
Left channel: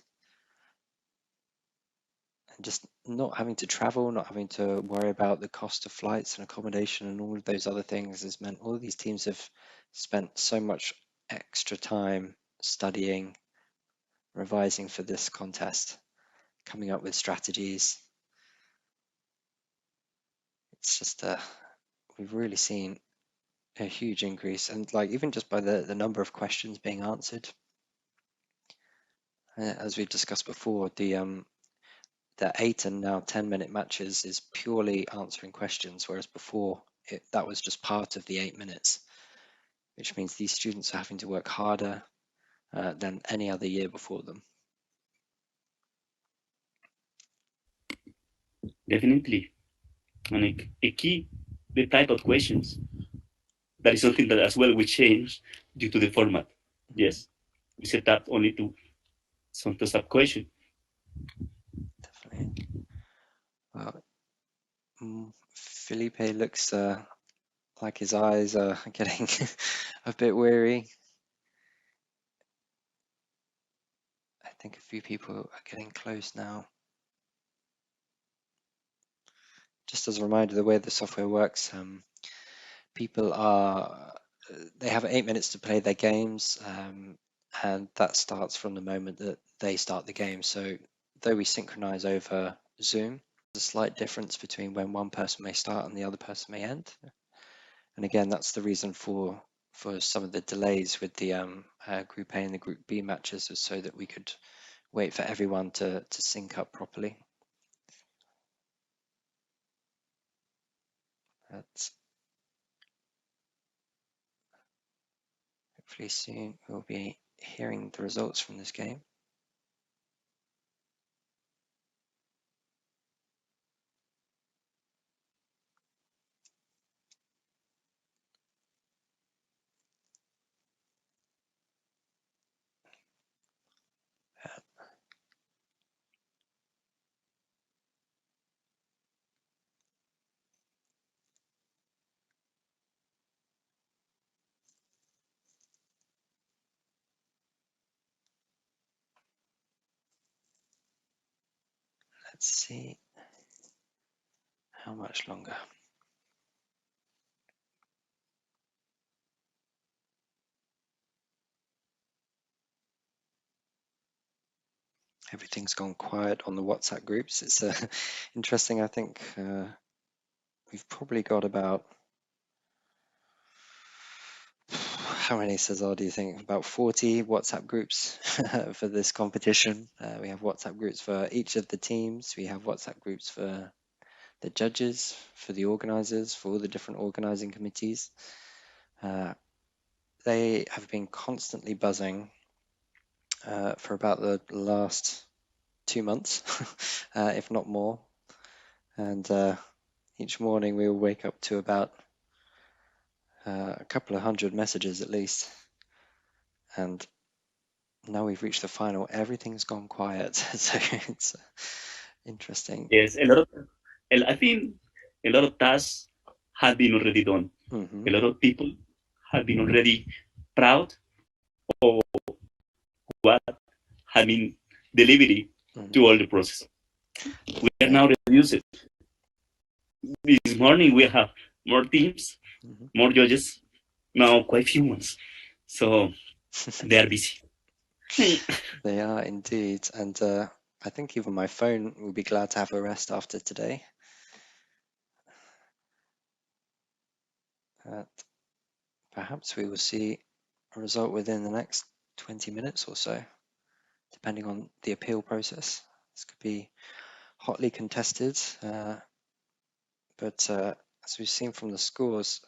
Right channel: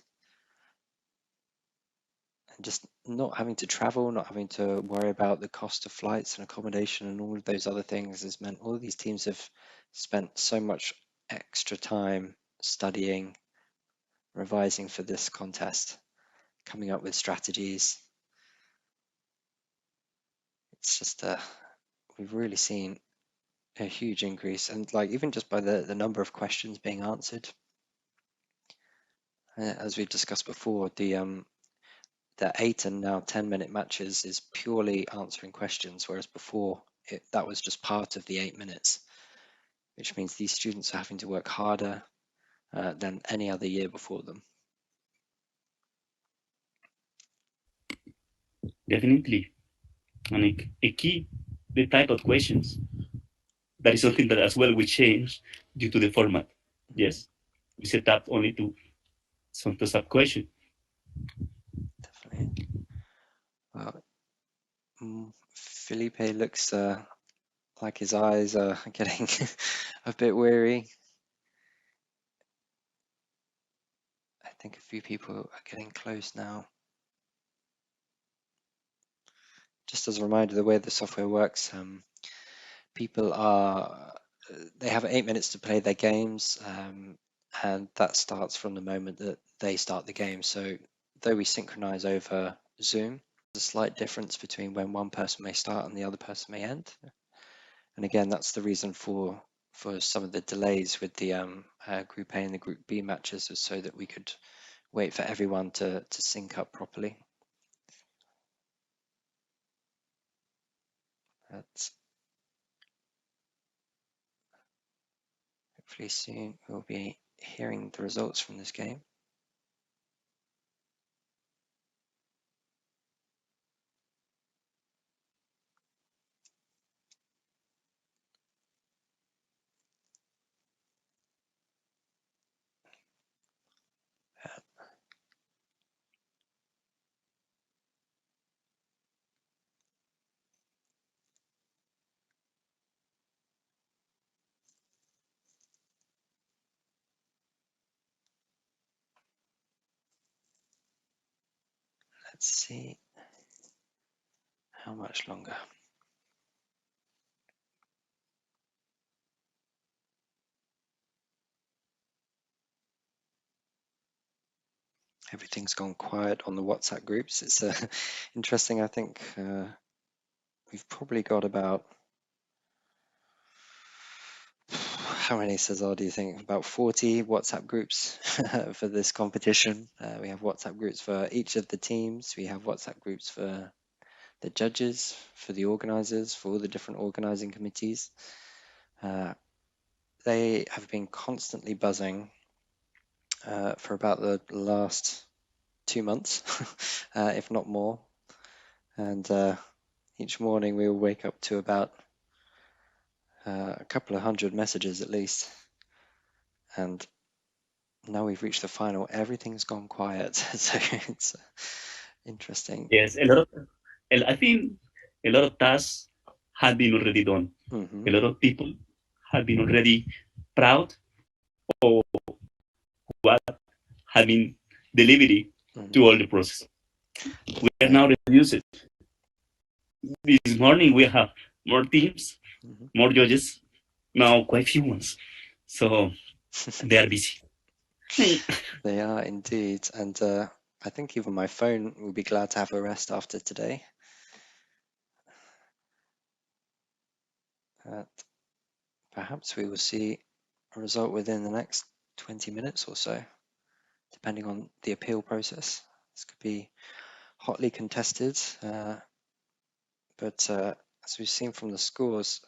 and just not having to travel, not having to worry about the cost of flights and accommodation and all of those other things has meant all of these teams have spent so much extra time studying, revising for this contest, coming up with strategies. It's just we've really seen a huge increase, and like even just by the number of questions being answered. As we've discussed before, the 8 and now 10-minute matches is purely answering questions, whereas before that was just part of the 8 minutes, which means these students are having to work harder than any other year before them. Definitely. And a key, the type of questions. That is something that as well we change due to the format. Yes, we set up only to some sub question. Definitely. Well, Felipe looks like his eyes are getting a bit weary. I think a few people are getting close now. Just as a reminder, the way the software works, people they have 8 minutes to play their games, and that starts from the moment that they start the game. So though we synchronize over Zoom, there's a slight difference between when one person may start and the other person may end. And again, that's the reason for some of the delays with the Group A and the Group B matches, was so that we could wait for everyone to sync up properly. That's hopefully soon we'll be hearing the results from this game. Let's see how much longer. Everything's gone quiet on the WhatsApp groups. It's interesting. I think we've probably got about, how many, Cesar, do you think? About 40 WhatsApp groups for this competition. We have WhatsApp groups for each of the teams. We have WhatsApp groups for the judges, for the organizers, for all the different organizing committees. They have been constantly buzzing for about the last 2 months, if not more. And each morning we will wake up to about a couple of hundred messages at least. And now we've reached the final. Everything's gone quiet. So it's interesting. Yes, I think a lot of tasks have been already done. A lot of people have been already proud of what have been delivered to all the process. We are now reduced. This morning we have more teams, more judges, now quite few ones. So they are busy. They are indeed. And I think even my phone will be glad to have a rest after today. Perhaps we will see a result within the next 20 minutes or so, depending on the appeal process. This could be hotly contested, but as we've seen from the scores,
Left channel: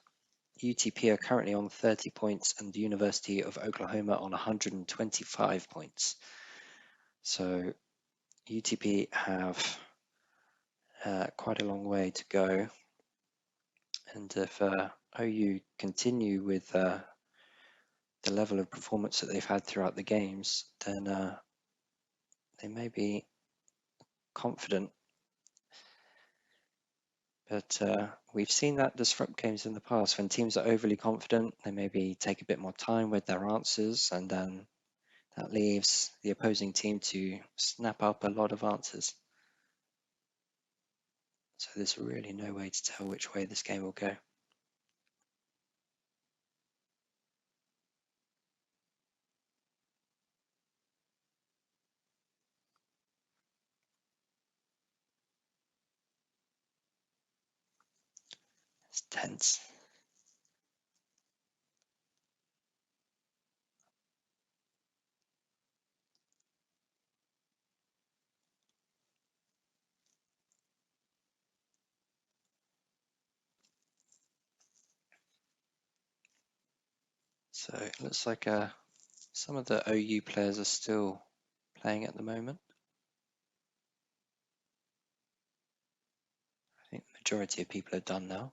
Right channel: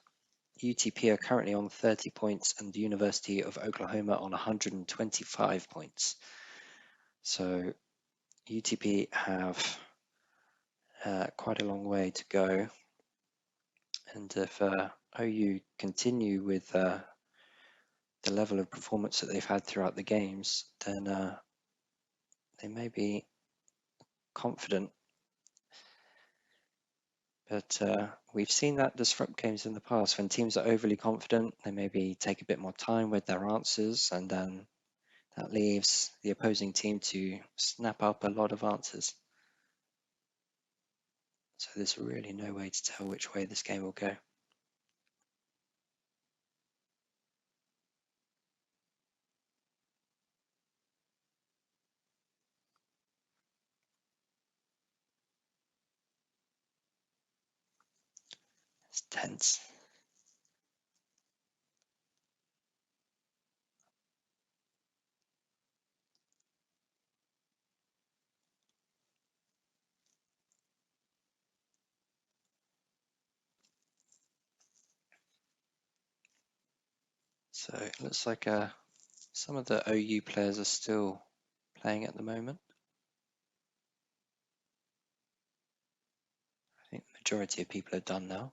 UTP are currently on 30 points and the University of Oklahoma on 125 points. So UTP have quite a long way to go. And if OU continue with the level of performance that they've had throughout the games, then they may be confident. But we've seen that disrupt games in the past. When teams are overly confident, they maybe take a bit more time with their answers, and then that leaves the opposing team to snap up a lot of answers. So there's really no way to tell which way this game will go. It's tense. So it looks like some of the OU players are still playing at the moment. I think the majority of people are done now.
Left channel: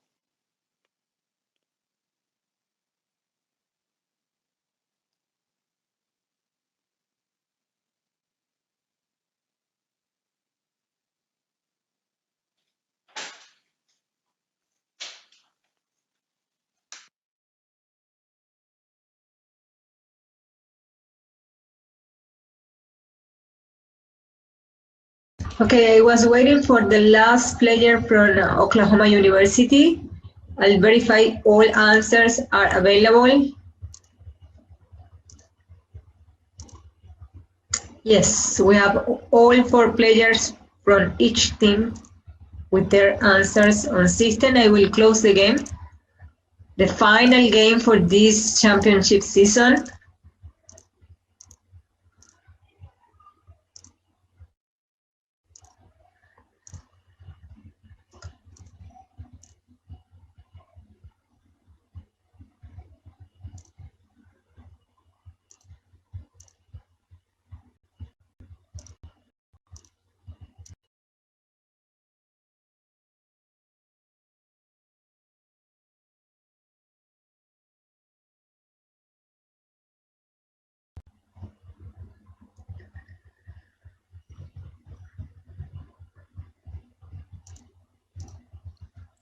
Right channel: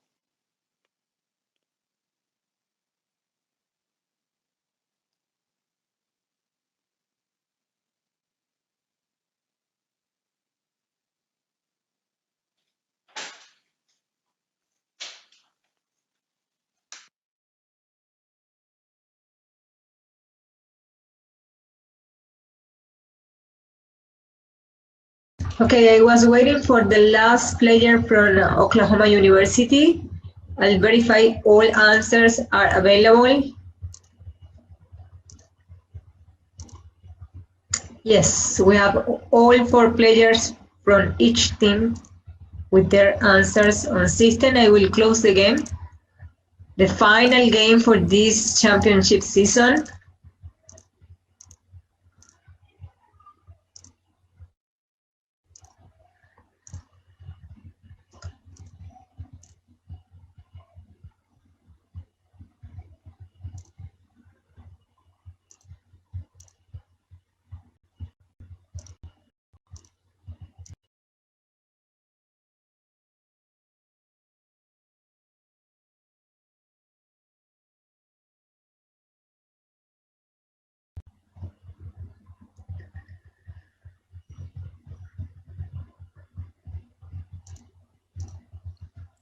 Okay, I was waiting for the last player from Oklahoma University. I'll verify all answers are available. Yes, we have all 4 players from each team with their answers on system. I will close the game. The final game for this championship season.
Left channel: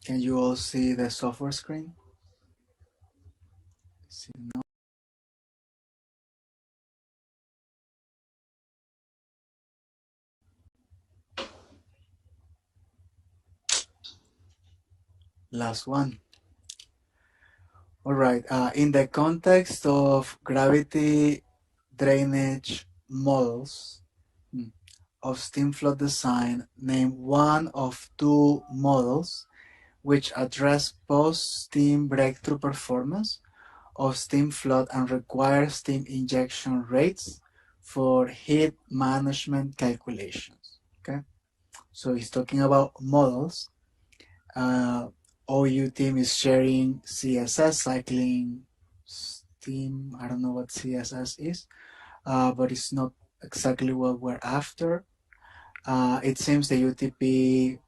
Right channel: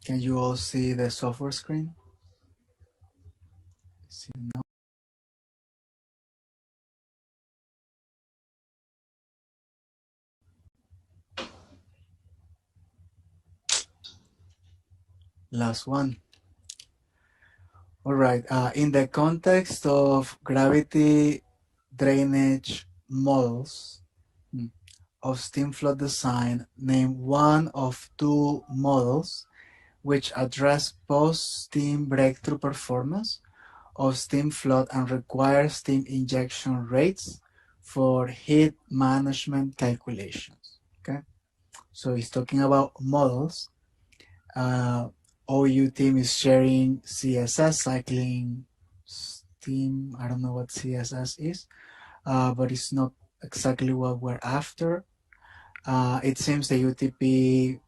Can you all see the software screen? No? Last one. All right. In the context of gravity drainage models of steam flood design, name one of 2 models which address post-steam breakthrough performance of steam flood and require steam injection rates for heat management calculations. Okay, so he's talking about models. OU team is sharing CSS, cycling steam. I don't know what CSS is, but it's not exactly what we're after. It seems the UTP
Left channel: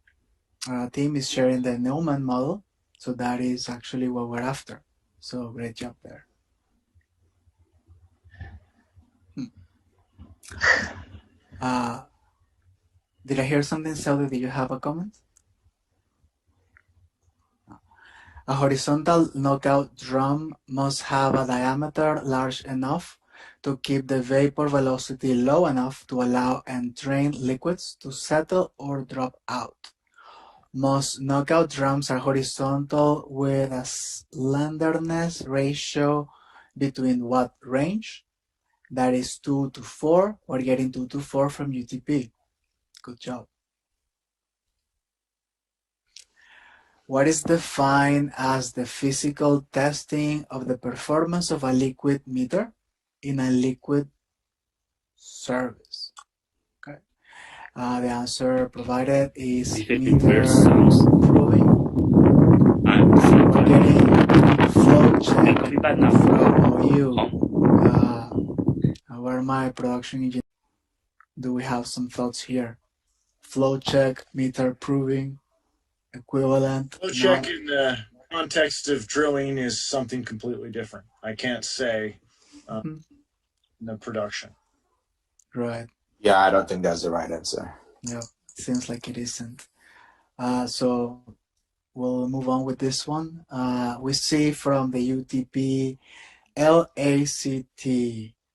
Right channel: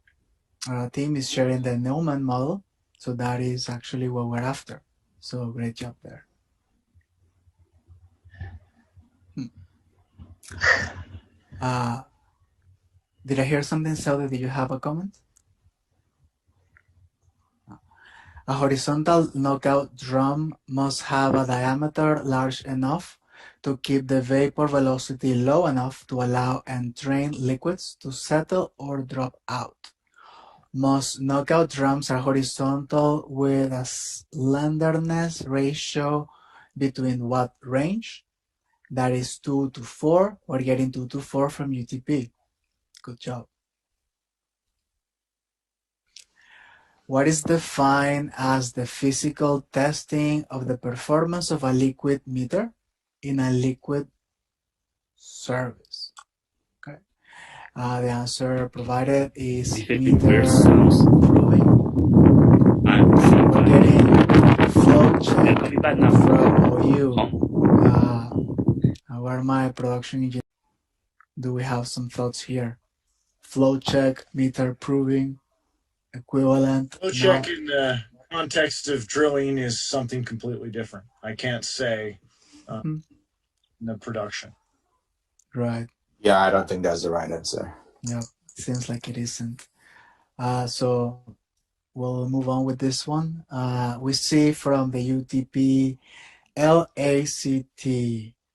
team is sharing the Neumann model, so that is actually what we're after. So great job there. Did I hear something, Sally? Did you have a comment? A horizontal knockout drum must have a diameter large enough to keep the vapor velocity low enough to allow entrained liquids to settle or drop out. Most knockout drums are horizontal with a slenderness ratio between what range? That is 2 to 4. We're getting 2 to 4 from UTP. Good job. What is defined as the physical testing of the performance of a liquid meter in a liquid service? Okay. The answer provided is meter proving. We're getting 4 flow check I'll be back now. from OU. Where my production engineer? Do we have some thoughts here? Flow check, meter proving, equivalent. Flow check in the context of drilling is something completely different. I can't say in the production. Right. Yeah, I don't think that's the right answer. Yeah, seems like it isn't. So we'll move on with this one. We see from the UTP LACT.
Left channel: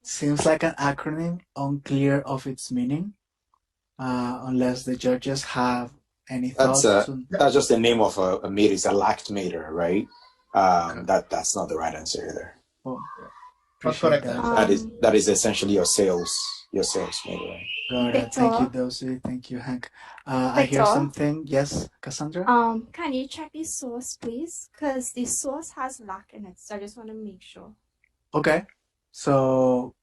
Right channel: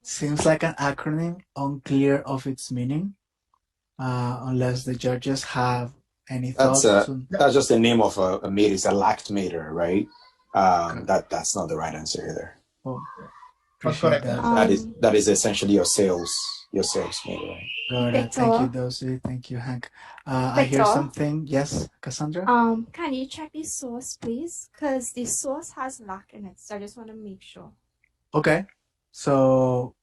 Seems like an acronym, unclear of its meaning, unless the judges have any thoughts. That's just the name of a meter. It's a lact meter, right? That's not the right answer either. Oh, appreciate that. That is essentially your sales meter, right? Got it. Thank you, Dosi. Thank you, Hank. I hear something. Yes, Cassandra? Can you check the source, please? Because the source has lack in it, so I just want to make sure. Okay. So,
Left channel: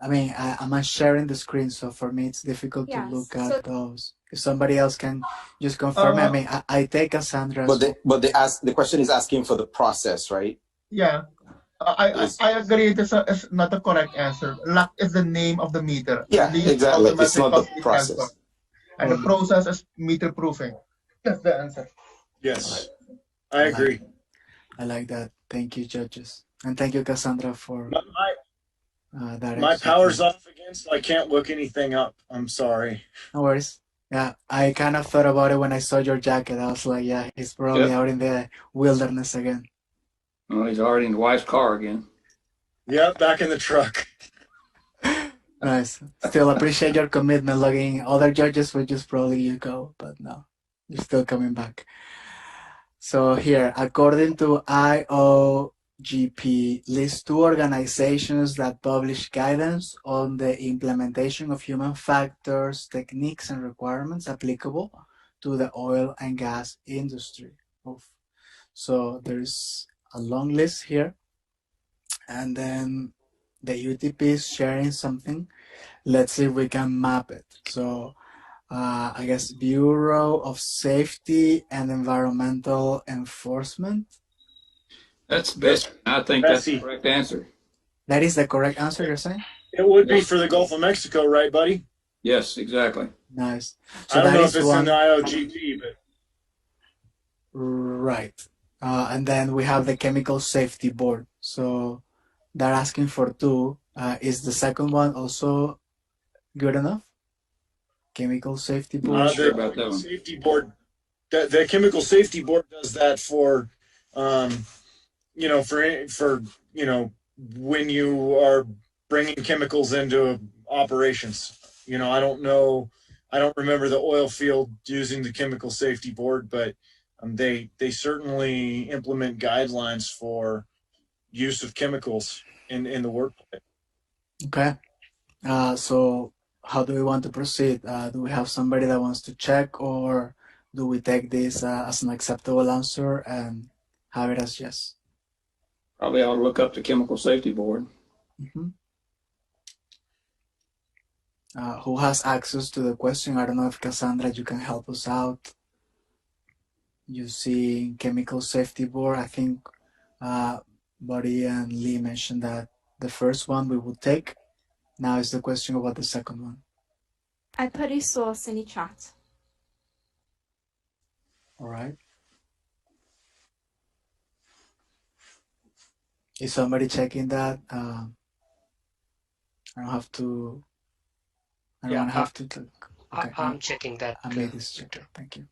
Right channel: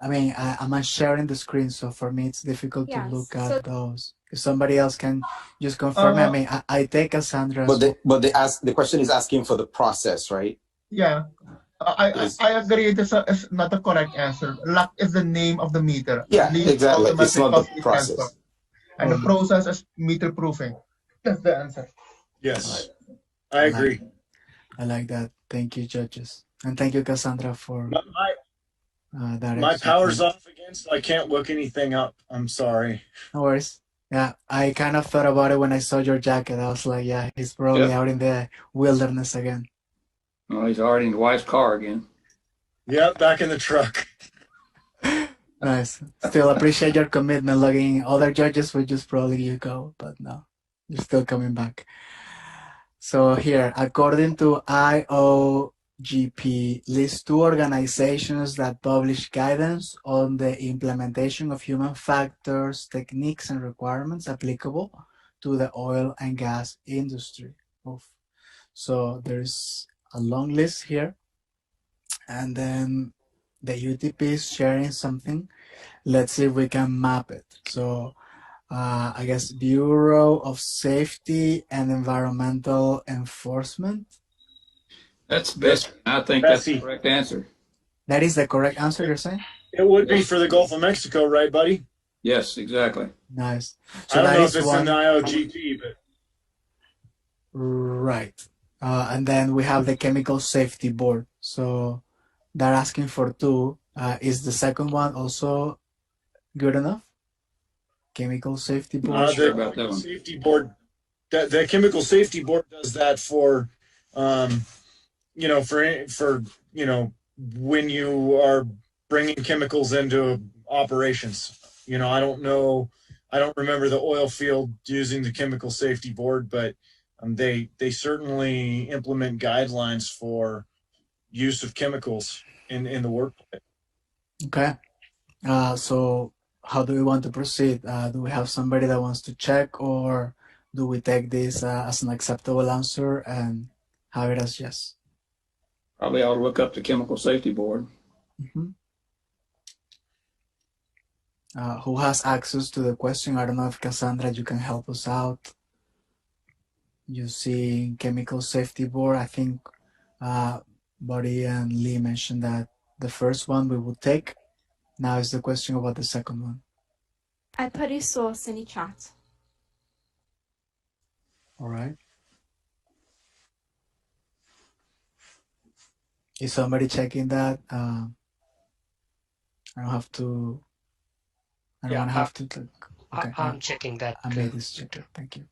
I mean, I'm sharing the screen, so for me it's difficult to look at those. If somebody else can just confirm, I mean, I take Cassandra's. But the question is asking for the process, right? Yeah. I agree. It's not a correct answer. Lack is the name of the meter. Yeah, exactly. It's not the process. And the process is meter proofing. That's the answer. Yes, I agree. I like that. Thank you, judges. And thank you, Cassandra, for that. My power's off again, so I can't look anything up. I'm sorry. No worries. Yeah, I kind of thought about it when I saw your jacket. I was like, yeah, he's probably out in the wilderness again. Oh, he's already in the wife's car again. Yeah, back in the truck. Nice. Still appreciate your commitment. Logging other judges would just probably you go, but no, you're still coming back. So here, according to IOGP, list 2 organizations that publish guidance on the implementation of human factors, techniques, and requirements applicable to the oil and gas industry. So there's a long list here, and then the UTP is sharing something. Let's see if we can map it. So I guess Bureau of Safety and Environmental Enforcement. That's best. I think that's the correct answer. That is the correct answer, you're saying? It would be for the Gulf of Mexico, right, buddy? Yes, exactly. Nice. So I don't know if it's in the IOGP, but right. And then we have the Chemical Safety Board. So they're asking for 2. Is the second one also good enough? Chemical Safety Board. Sure about that one. Safety Board. The Chemical Safety Board does that for, for when you are bringing chemicals into operations. I don't know. I don't remember the oil field using the Chemical Safety Board, but they certainly implement guidelines for use of chemicals in the workplace. Okay. So how do we want to proceed? Do we have somebody that wants to check, or do we take this as an acceptable answer and have it as yes? Probably ought to look up the Chemical Safety Board. Mm-hmm. Who has access to the question? I don't know if Cassandra, you can help us out. You see Chemical Safety Board, I think Buddy and Lee mentioned that the first one we would take. Now is the question about the second one. I put a source in the chat. All right. Is somebody checking that? I don't have to. I don't have to click. Okay. I'm checking that. I made this check. Thank you.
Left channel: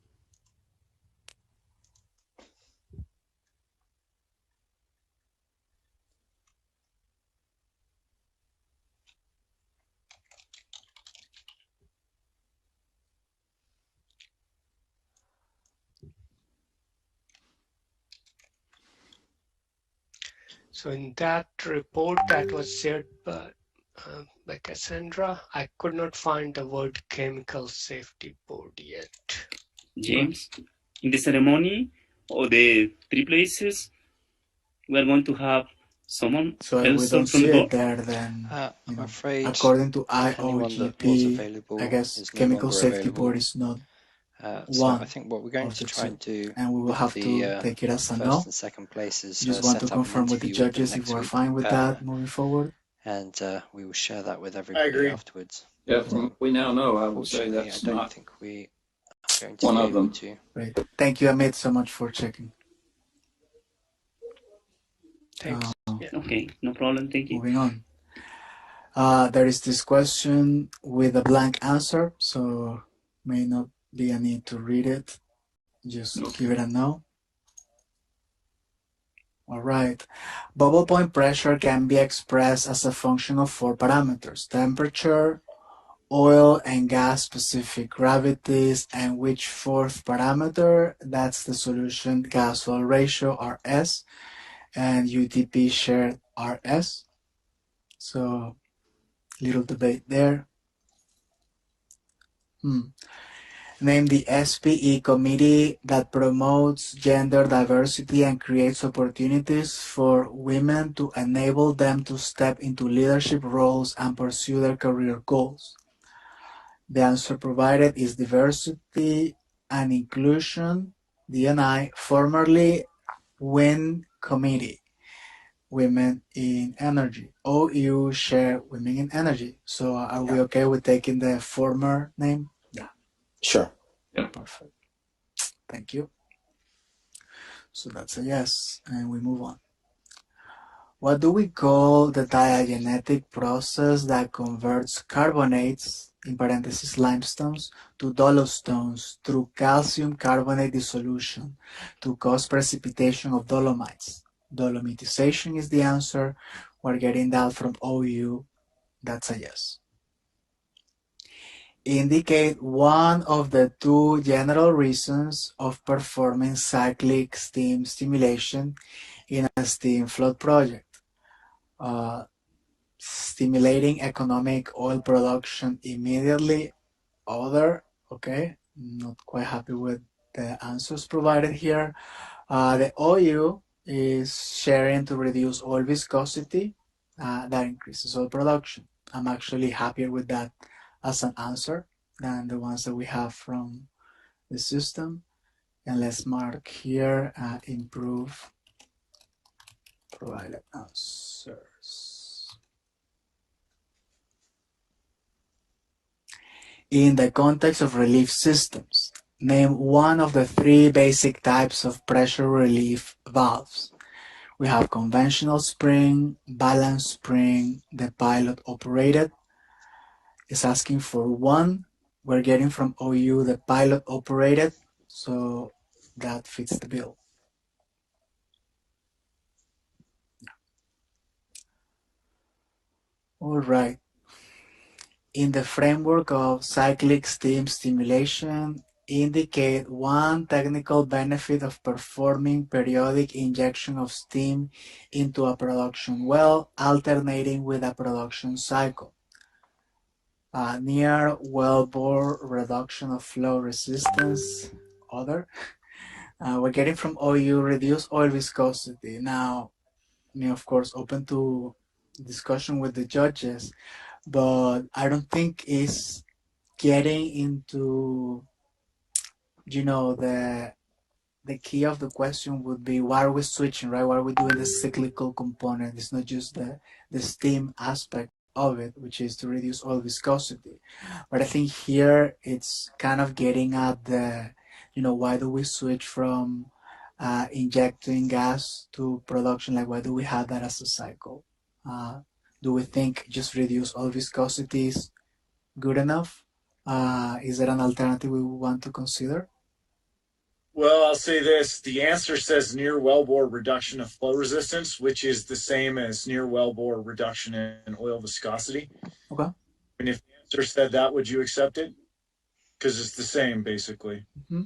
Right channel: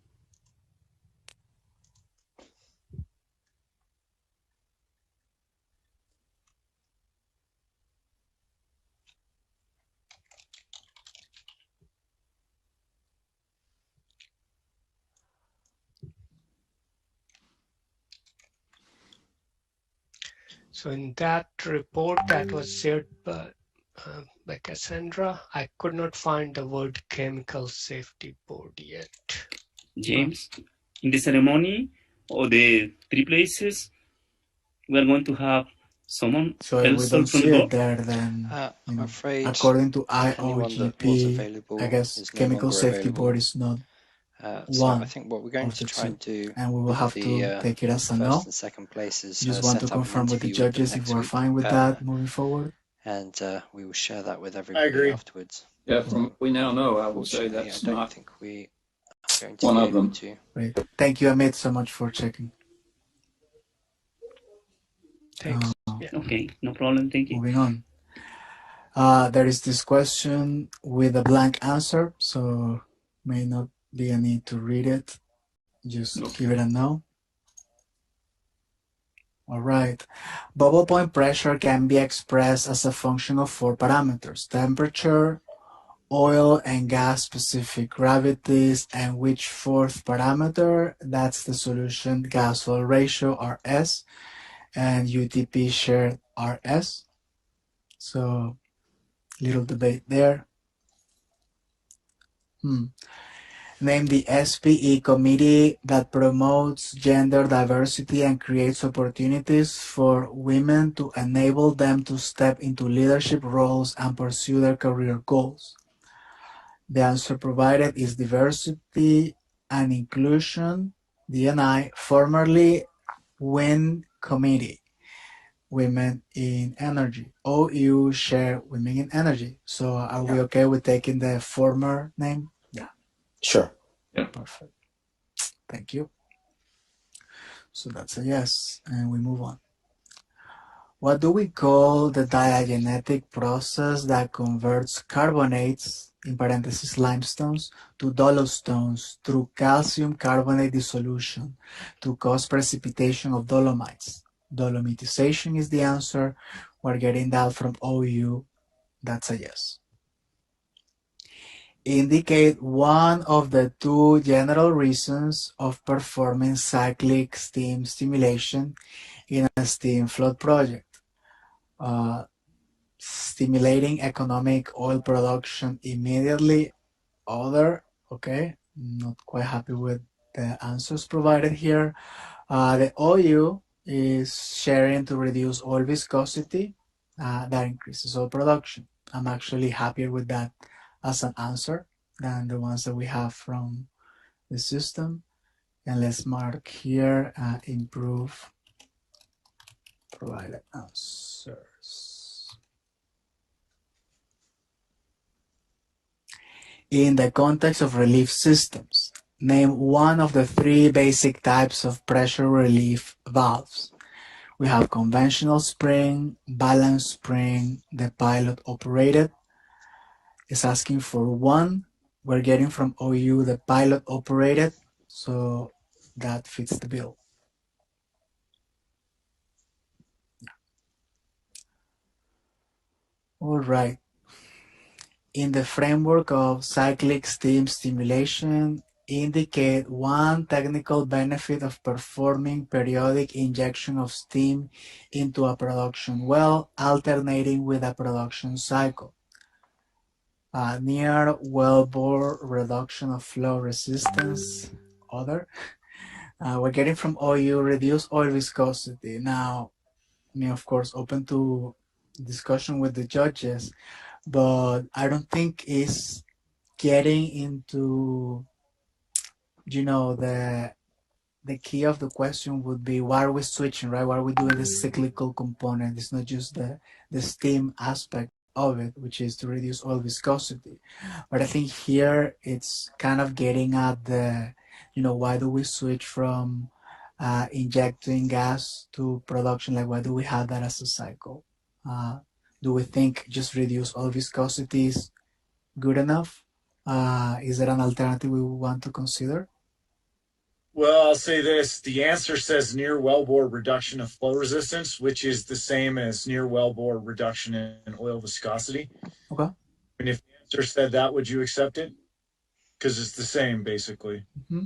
So in that report that was shared by Cassandra, I could not find the word Chemical Safety Board yet. James, in the ceremony or the 3 places, we are going to have someone So else we don't from see the it board. there then. I'm afraid according to anyone that was IOGP, available I guess is no Chemical longer Safety available. Board is not. So I one think what we're going of to the try two, and do and we will with have the to take it as a first no. and second places Just want to set up an confirm with the interview with them judges if next we're week, fine with that moving forward. and we will share that with I everybody agree. afterwards. Yeah, from what we now know, I would say Unfortunately, I that's don't not think we are going to one be of able them. to. Great. Thank you, Amit, so much for checking. Thanks. Yeah. Okay, no problem. Thank you. Moving on. There is this question with a blank answer, so may not be a need to read it. Just give it a no. All right. Bubble point pressure can be expressed as a function of 4 parameters: temperature, oil and gas specific gravities, and which fourth parameter? That's the solution gas-oil ratio, RS, and UTP shared, RS. So little debate there. Name the SPE committee that promotes gender diversity and creates opportunities for women to enable them to step into leadership roles and pursue their career goals. The answer provided is Diversity and Inclusion, D&I, formerly WIN Committee, Women in Energy. OU share Women in Energy. So are we okay with taking the former name? Yeah. Sure. Yeah. Perfect. Thank you. So that's a yes, and we move on. What do we call the diagenetic process that converts carbonates, in parentheses limestones, to dolostones through calcium carbonate dissolution to cause precipitation of dolomites? Dolomitization is the answer. We're getting that from OU. That's a yes. Indicate one of the 2 general reasons of performing cyclic steam stimulation in a steam flood project. Stimulating economic oil production immediately. Other, okay, not quite happy with the answers provided here. The OU is sharing to reduce oil viscosity. That increases oil production. I'm actually happier with that as an answer than the ones that we have from the system. And let's mark here, improve provided answers. In the context of relief systems, name one of the 3 basic types of pressure relief valves. We have conventional spring, balanced spring, the pilot operated. It's asking for 1. We're getting from OU the pilot operated, so that fits the bill. All right. In the framework of cyclic steam stimulation, indicate one technical benefit of performing periodic injection of steam into a production well, alternating with a production cycle. Near wellbore reduction of flow resistance. Other. We're getting from OU reduce oil viscosity. Now, of course, open to discussion with the judges, but I don't think it's getting into, the key of the question would be why are we switching, right? Why are we doing this cyclical component? It's not just the steam aspect of it, which is to reduce oil viscosity. But I think here it's kind of getting at the, why do we switch from injecting gas to production? Like, why do we have that as a cycle? Do we think just reduce oil viscosity is good enough? Is there an alternative we want to consider? Well, I'll say this. The answer says near wellbore reduction of flow resistance, which is the same as near wellbore reduction in oil viscosity. Okay. And if the answer said that, would you accept it? Because it's the same, basically. Mm-hmm.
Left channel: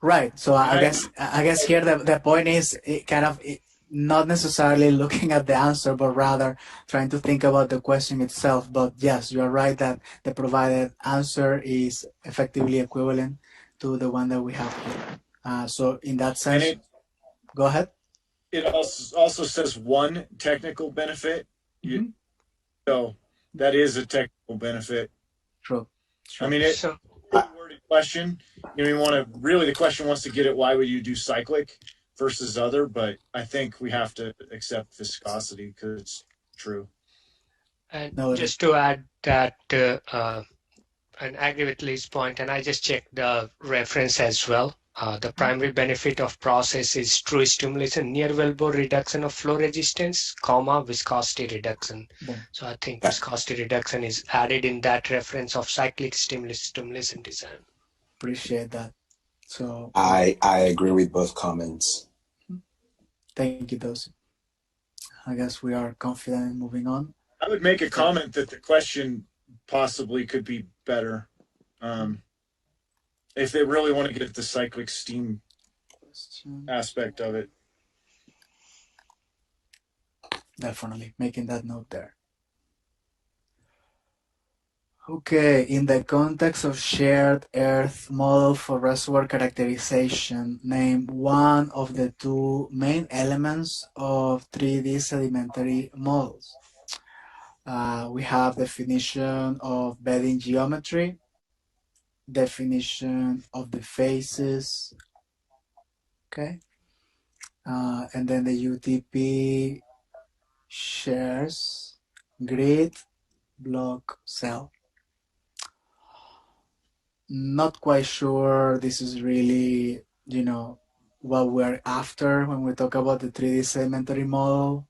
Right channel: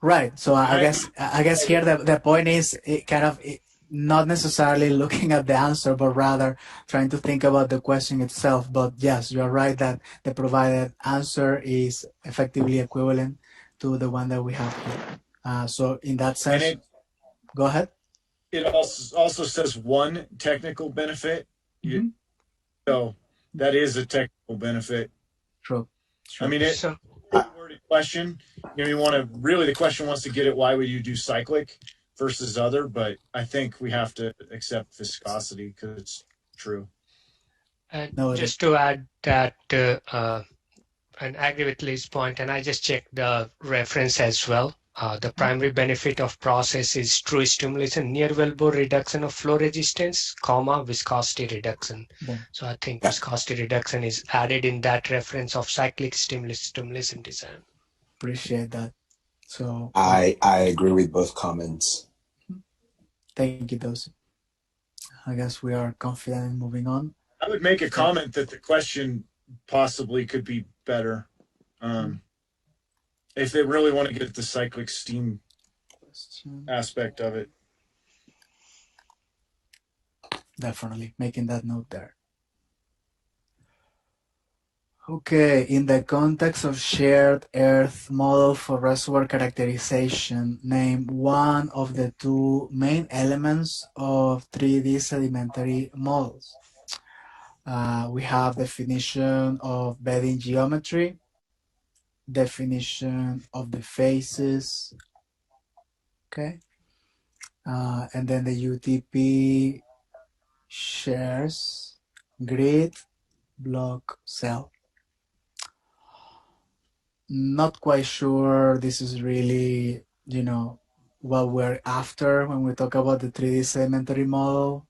Right. So I guess here the point is not necessarily looking at the answer, but rather trying to think about the question itself. But yes, you're right that the provided answer is effectively equivalent to the one that we have here. So in that sense, go ahead. It also says one technical benefit. Mm-hmm. So that is a technical benefit. True. I mean, it's a worded question. you want to really, the question wants to get at why would you do cyclic versus other, but I think we have to accept viscosity because it's true. And No, just to add that, and agree with Lee's point, and I just checked the reference as well. The primary benefit of process is true stimulation, near wellbore reduction of flow resistance, comma, viscosity reduction. So I think viscosity reduction is added in that reference of cyclic stimulation design. Appreciate that. So I agree with both comments. thank you, Dosi. I guess we are confident in moving on. I would make a comment that the question possibly could be better. If they really want to get at the cyclic steam aspect of it. Definitely making that note there. Okay, in the context of shared Earth model for reservoir characterization, name one of the two main elements of 3D sedimentary models. We have definition of bedding geometry, definition of the faces, okay? And then the UTP shares grid, block, cell. Not quite sure this is really, what we're after when we talk about the 3D sedimentary model.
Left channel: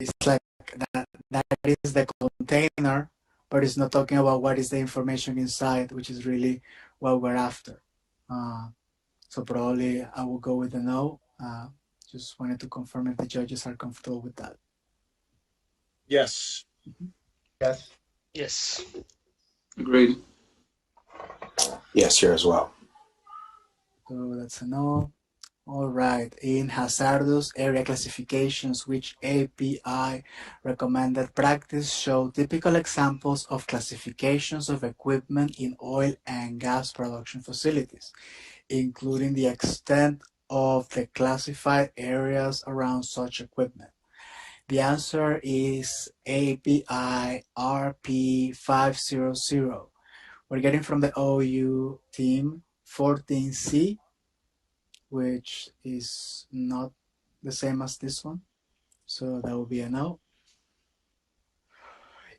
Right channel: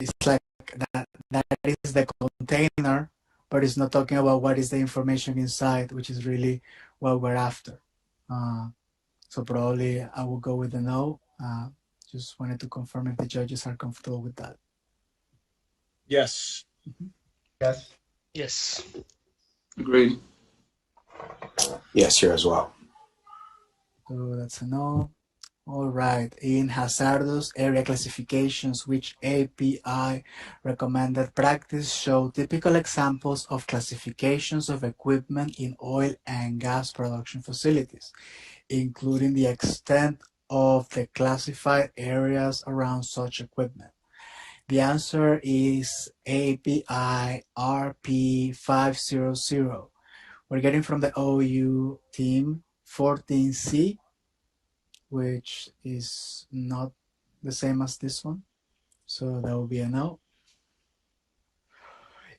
It's like that is the container, but it's not talking about what is the information inside, which is really what we're after. So probably I will go with the no. Just wanted to confirm if the judges are comfortable with that. Yes. Yes. Yes. Agreed. Yes, here as well. So that's a no. All right. In Hazardous area classifications, which API recommended practice show typical examples of classifications of equipment in oil and gas production facilities, including the extent of the classified areas around such equipment? The answer is API RP500. We're getting from the OU team 14C, which is not the same as this one. So that will be a no.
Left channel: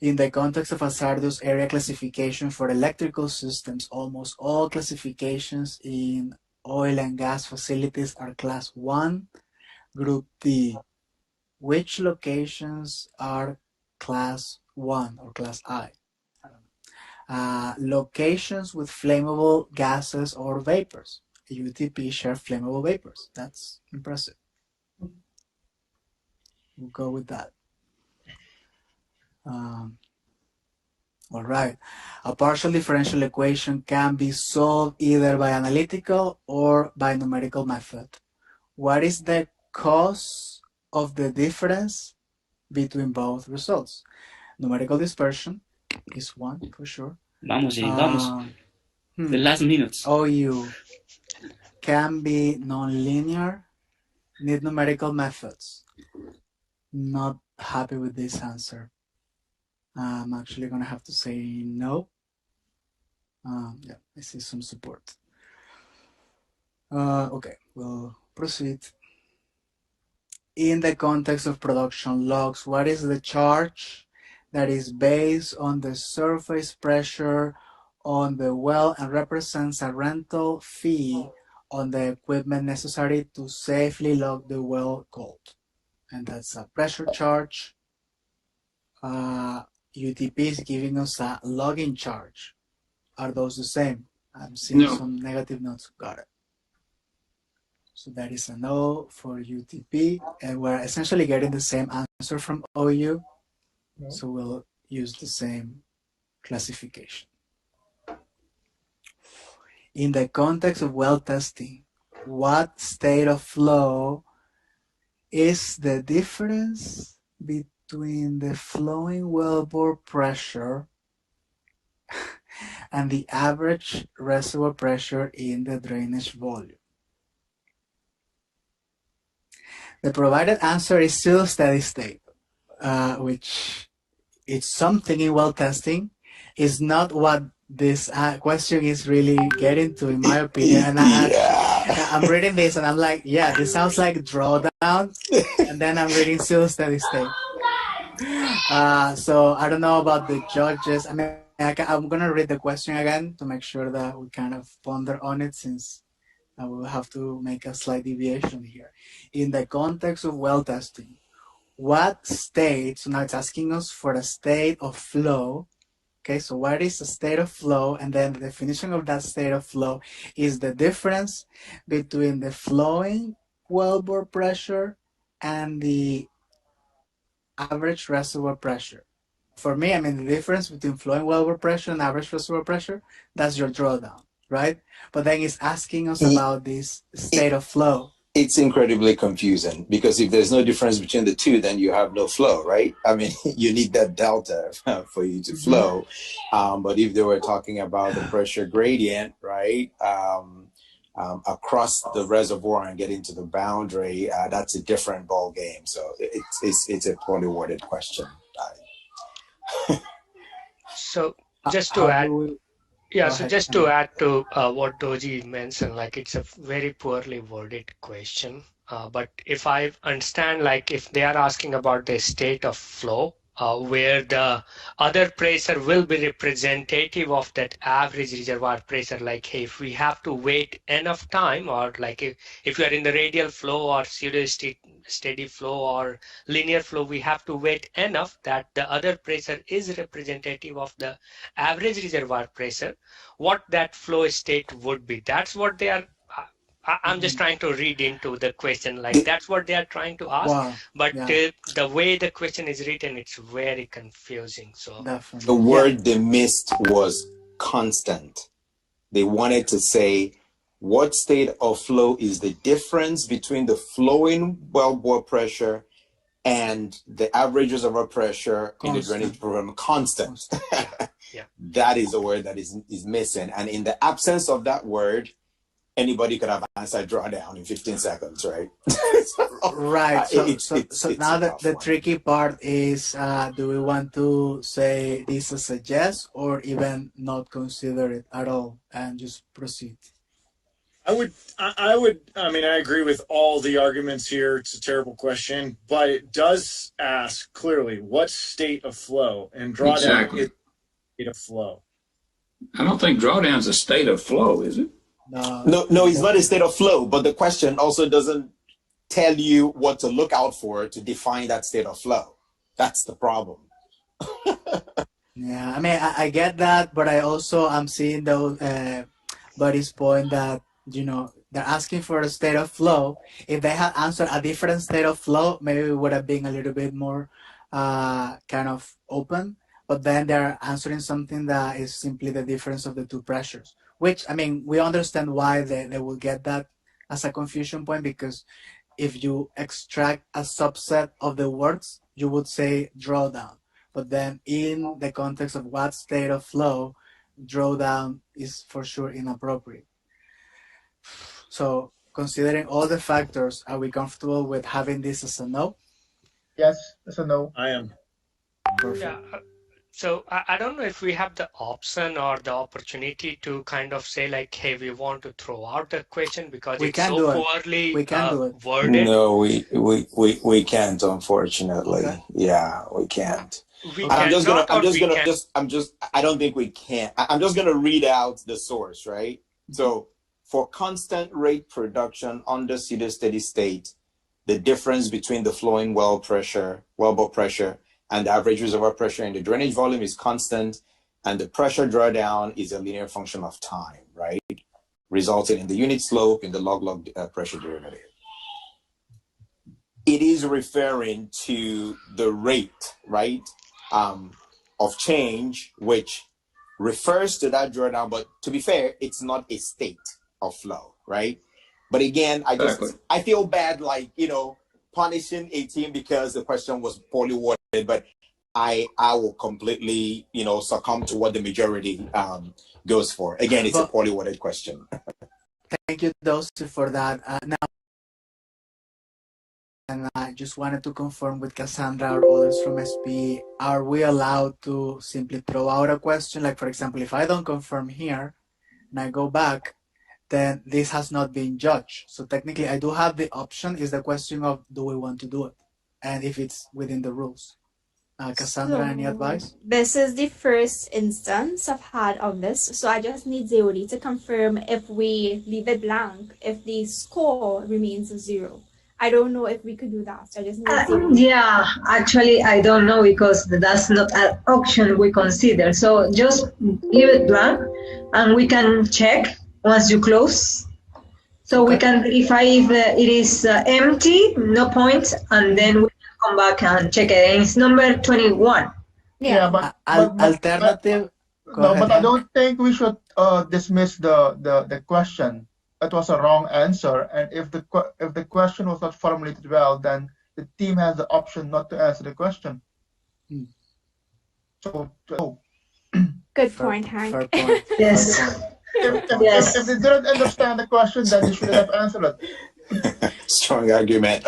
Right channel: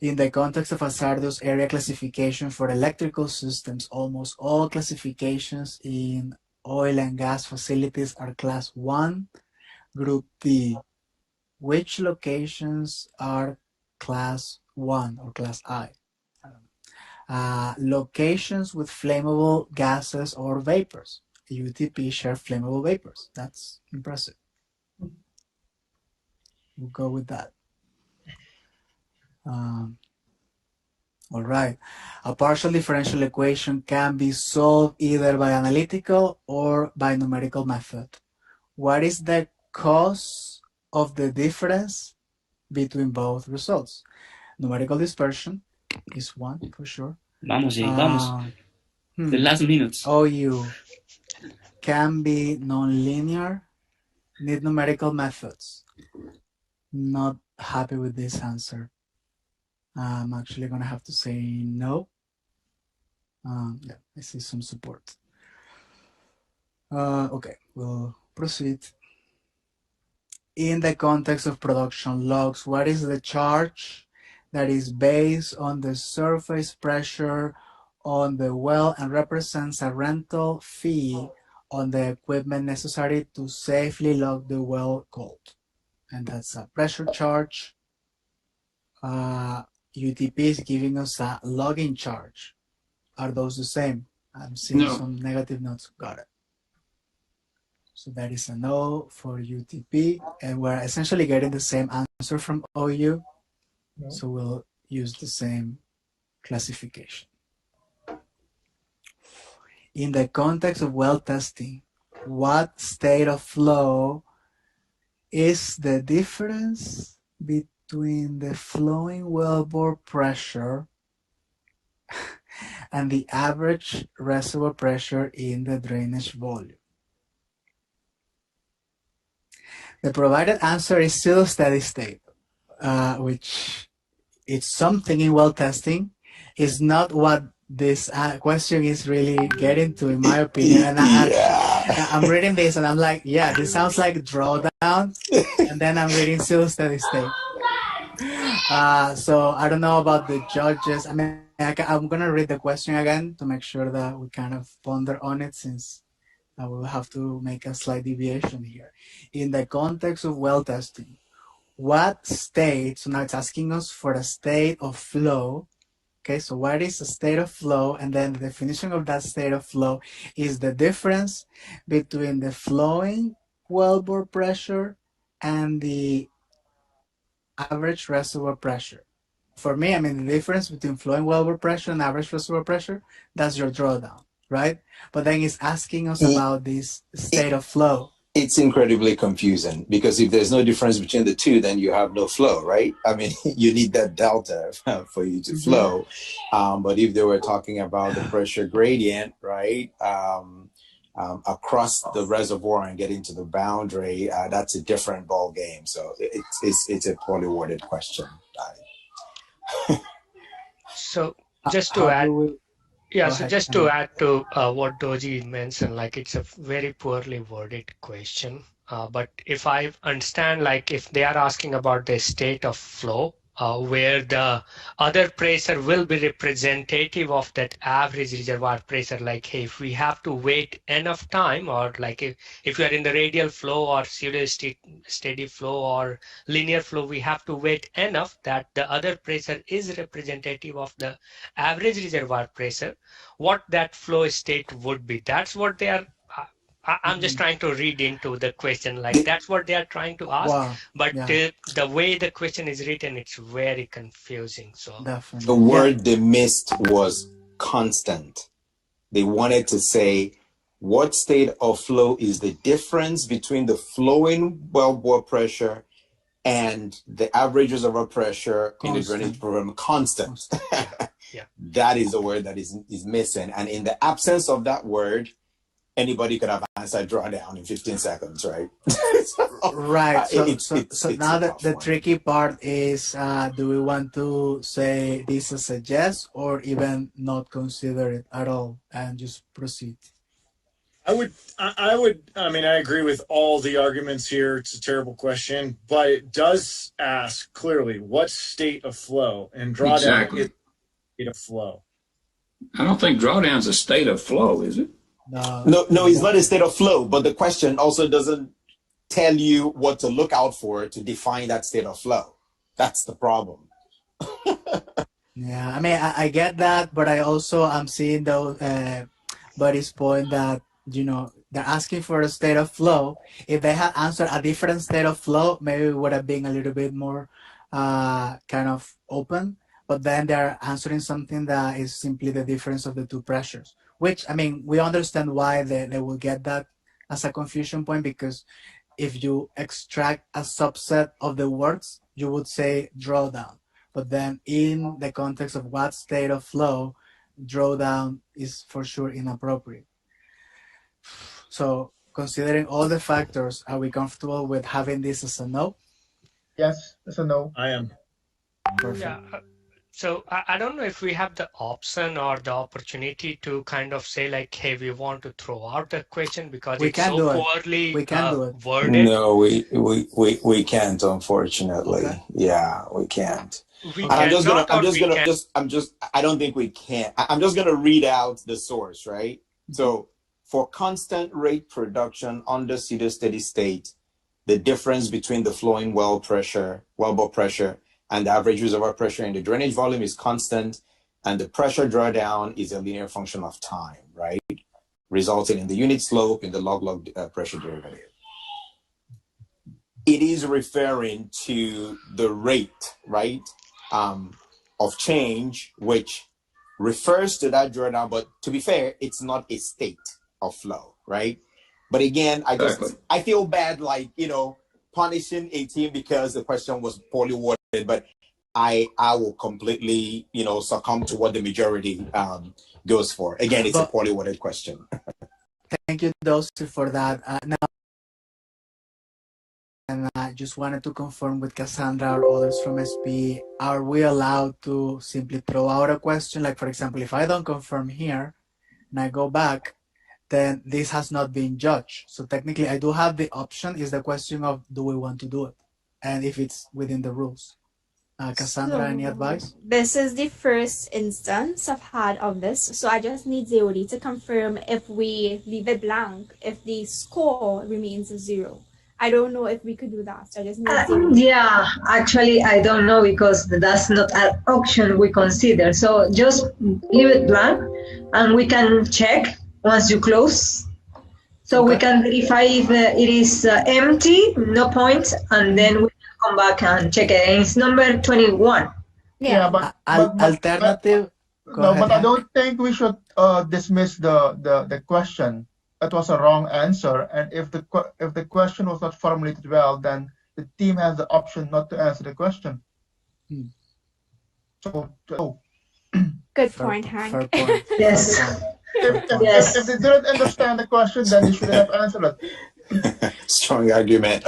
In the context of hazardous area classification for electrical systems, almost all classifications in oil and gas facilities are class 1, group D. Which locations are class 1 or class I? Locations with flammable gases or vapors. UTP share flammable vapors. That's impressive. We'll go with that. All right. A partial differential equation can be solved either by analytical or by numerical method. What is the cause of the difference between both results? Numerical dispersion is one for sure. Vamos, Jay, vamos. The last minutes. OU can be nonlinear, need numerical methods. Not happy with this answer. I'm actually gonna have to say no. Yeah, I see some support. Okay, we'll proceed. In the context of production logs, what is the charge that is based on the surface pressure on the well and represents a rental fee on the equipment necessary to safely log the well cold? And that's a pressure charge. UTP is giving us a logging charge. Are those the same? I'm seeing some negative notes. Got it. So that is a no for UTP, and we're essentially getting the same answer from OU. No. So we'll use the same classification. In the context of well testing, what state of flow is the difference between the flowing wellbore pressure and the average reservoir pressure in the drainage volume? The provided answer is still steady state, which is something in well testing. Is not what this question is really getting to, in my opinion. And I'm reading this and I'm like, yeah, this sounds like drawdown. And then I'm reading still steady state. So I don't know about the judges. I mean, I'm gonna read the question again to make sure that we kind of ponder on it, since I will have to make a slight deviation here. In the context of well testing, what state, so now it's asking us for a state of flow. Okay, so what is a state of flow? And then the definition of that state of flow is the difference between the flowing wellbore pressure and the average reservoir pressure. For me, I mean, the difference between flowing wellbore pressure and average reservoir pressure, that's your drawdown, right? But then it's asking us about this state of flow. It's incredibly confusing, because if there's no difference between the two, then you have no flow, right? I mean, you need that delta for you to flow. But if they were talking about the pressure gradient, right, across the reservoir and getting to the boundary, that's a different ball game. So it's a poorly worded question. So just to add, yeah, so just to add to what Doji mentioned, like it's a very poorly worded question. But if I understand, like if they are asking about the state of flow, where the other pressure will be representative of that average reservoir pressure, like hey, if we have to wait enough time, or like if you are in the radial flow or pseudo steady flow or linear flow, we have to wait enough that the other pressure is representative of the average reservoir pressure, what that flow state would be. That's what they are I'm just trying to read into the question, like that's what they are trying to ask. Wow. But the way the question is written, it's very confusing. So the word they missed was constant. They wanted to say, what state of flow is the difference between the flowing wellbore pressure and the average reservoir pressure in the drainage program? Constant. That is the word that is missing. And in the absence of that word, anybody could have answered drawdown in 15 seconds, right? Right. So now the tricky part is, do we want to say this as a yes, or even not consider it at all and just proceed? I mean, I agree with all the arguments here. It's a terrible question, but it does ask clearly what state of flow, and drawdown is a state of flow. I don't think drawdown is a state of flow, is it? No, it's not a state of flow, but the question also doesn't tell you what to look out for to define that state of flow. That's the problem. Yeah, I mean, I get that, but I also am seeing those Buddy's point that, you know, they're asking for a state of flow. If they had answered a different state of flow, maybe it would have been a little bit more kind of open. But then they're answering something that is simply the difference of the two pressures. Which, I mean, we understand why they will get that as a confusion point, because if you extract a subset of the words, you would say drawdown. But then in the context of what state of flow, drawdown is for sure inappropriate. So considering all the factors, are we comfortable with having this as a no? Yes, as a no. I am. Perfect. Yeah. So I don't know if we have the option or the opportunity to kind of say like, hey, we want to throw out the question because it's so poorly worded. No, we can't, unfortunately. Okay. Yeah, we can't. I don't think we can. I'm just gonna read out the source, right? So for constant rate production under pseudo steady state, the difference between the flowing wellbore pressure and the average reservoir pressure in the drainage volume is constant, and the pressure drawdown is a linear function of time, right? Resulting in the unit slope in the log pressure derivative. It is referring to the rate, right, of change, which refers to that drawdown, but to be fair, it's not a state of flow, right? But again, I feel bad, like, you know, punishing a team because the question was poorly worded, but I will completely, you know, succumb to what the majority goes for. Again, it's a poorly worded question. Thank you, Dulce, for that. Now, I just wanted to confirm with Cassandra or others from SP, are we allowed to simply throw out a question? Like, for example, if I don't confirm here and I go back, then this has not been judged. So technically I do have the option. Is the question of, do we want to do it? And if it's within the rules. Cassandra, any advice? This is the first instance I've had of this, so I just need Zeoli to confirm if we leave it blank, if the score remains 0. I don't know if we could do that. So I just need yeah, actually, I don't know because that's not an option we consider. So just leave it blank and we can check once you close. So we can verify if it is empty, no points, and then we can come back and check it. And it's number 21. Yeah, but alternative. No, but I don't think we should dismiss the question. It was a wrong answer, and if the question was not formulated well, then the team has the option not to answer the question. So, good point, Hank. Fair point. Yes. If they didn't understand the question, then they should have answered it. Strong argument.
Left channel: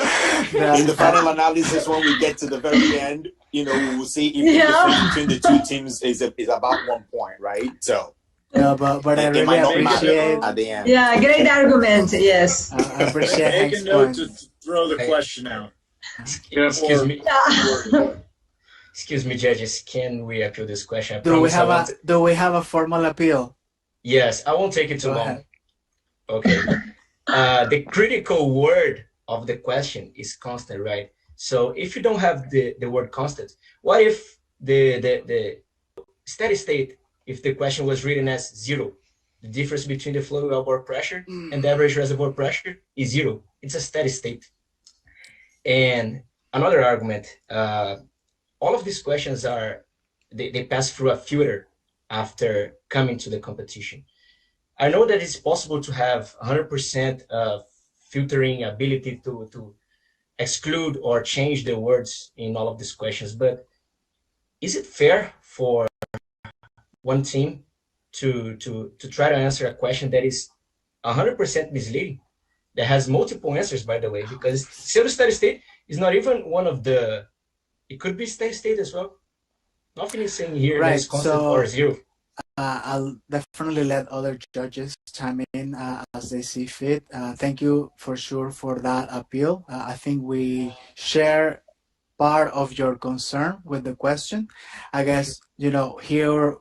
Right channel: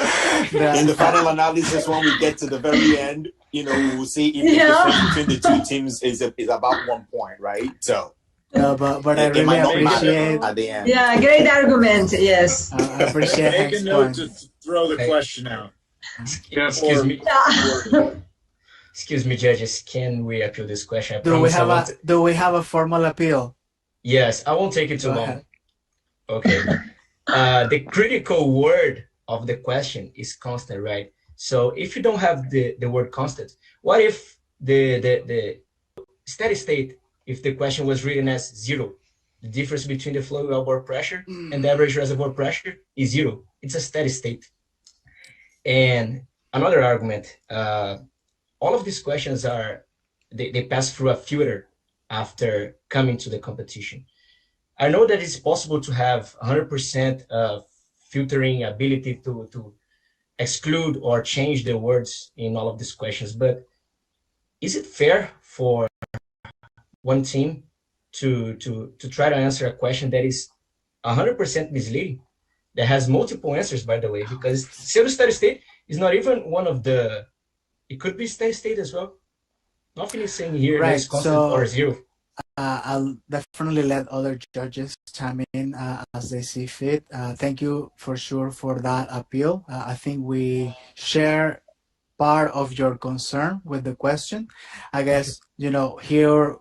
In the final analysis, when we get to the very end, we will see if the difference between the two teams is about 1 point, right? So. No, but I really appreciate at the end. Yeah, great argument. Yes. I appreciate Make a Hank's note point. to throw the question out. Excuse me. Excuse me, judges. Can we appeal this question? I Do we promise have a formal appeal? Yes, I won't take it too Go long. ahead. Okay. The critical word of the question is constant, right? So if you don't have the word constant, what if the steady state, if the question was written as 0, the difference between the flow wellbore pressure and the average reservoir pressure is 0. It's a steady state. And another argument, all of these questions they pass through a filter after coming to the competition. I know that it's possible to have 100% filtering ability to exclude or change the words in all of these questions, but is it fair for one team to try to answer a question that is 100% misleading, that has multiple answers, by the way, because pseudo-steady state is not even one of the, it could be steady state as well. Nothing is saying here that it's constant or 0. I'll definitely let other judges chime in as they see fit. Thank you for sure for that appeal. I think we share part of your concern with the question. I guess, here,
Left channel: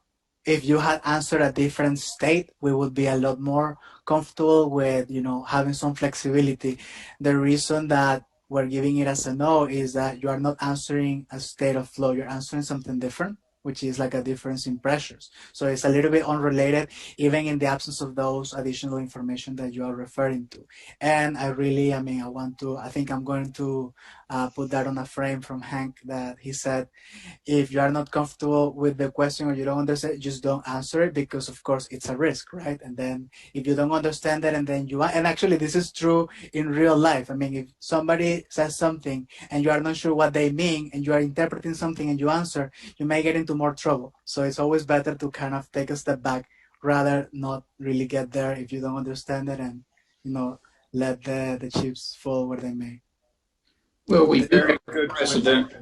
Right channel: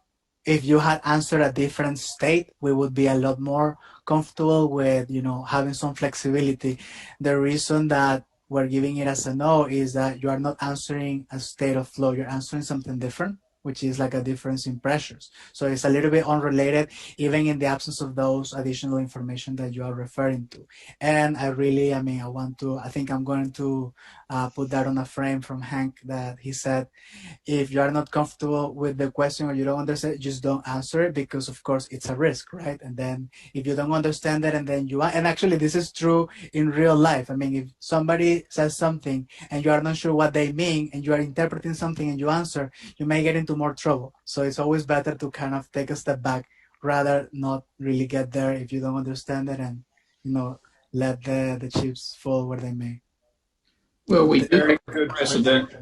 if you had answered a different state, we would be a lot more comfortable with, having some flexibility. The reason that we're giving it as a no is that you are not answering a state of flow. You're answering something different, which is like a difference in pressures. So it's a little bit unrelated, even in the absence of those additional information that you are referring to. And I think I'm going to put that on a frame from Hank that he said, if you are not comfortable with the question or you don't understand, just don't answer it, because of course it's a risk, right? And then if you don't understand it and then and actually this is true in real life. I mean, if somebody says something and you are not sure what they mean and you are interpreting something and you answer, you may get into more trouble. So it's always better to kind of take a step back rather not really get there if you don't understand it, and let the chips fall where they may. Well, we do have a precedent.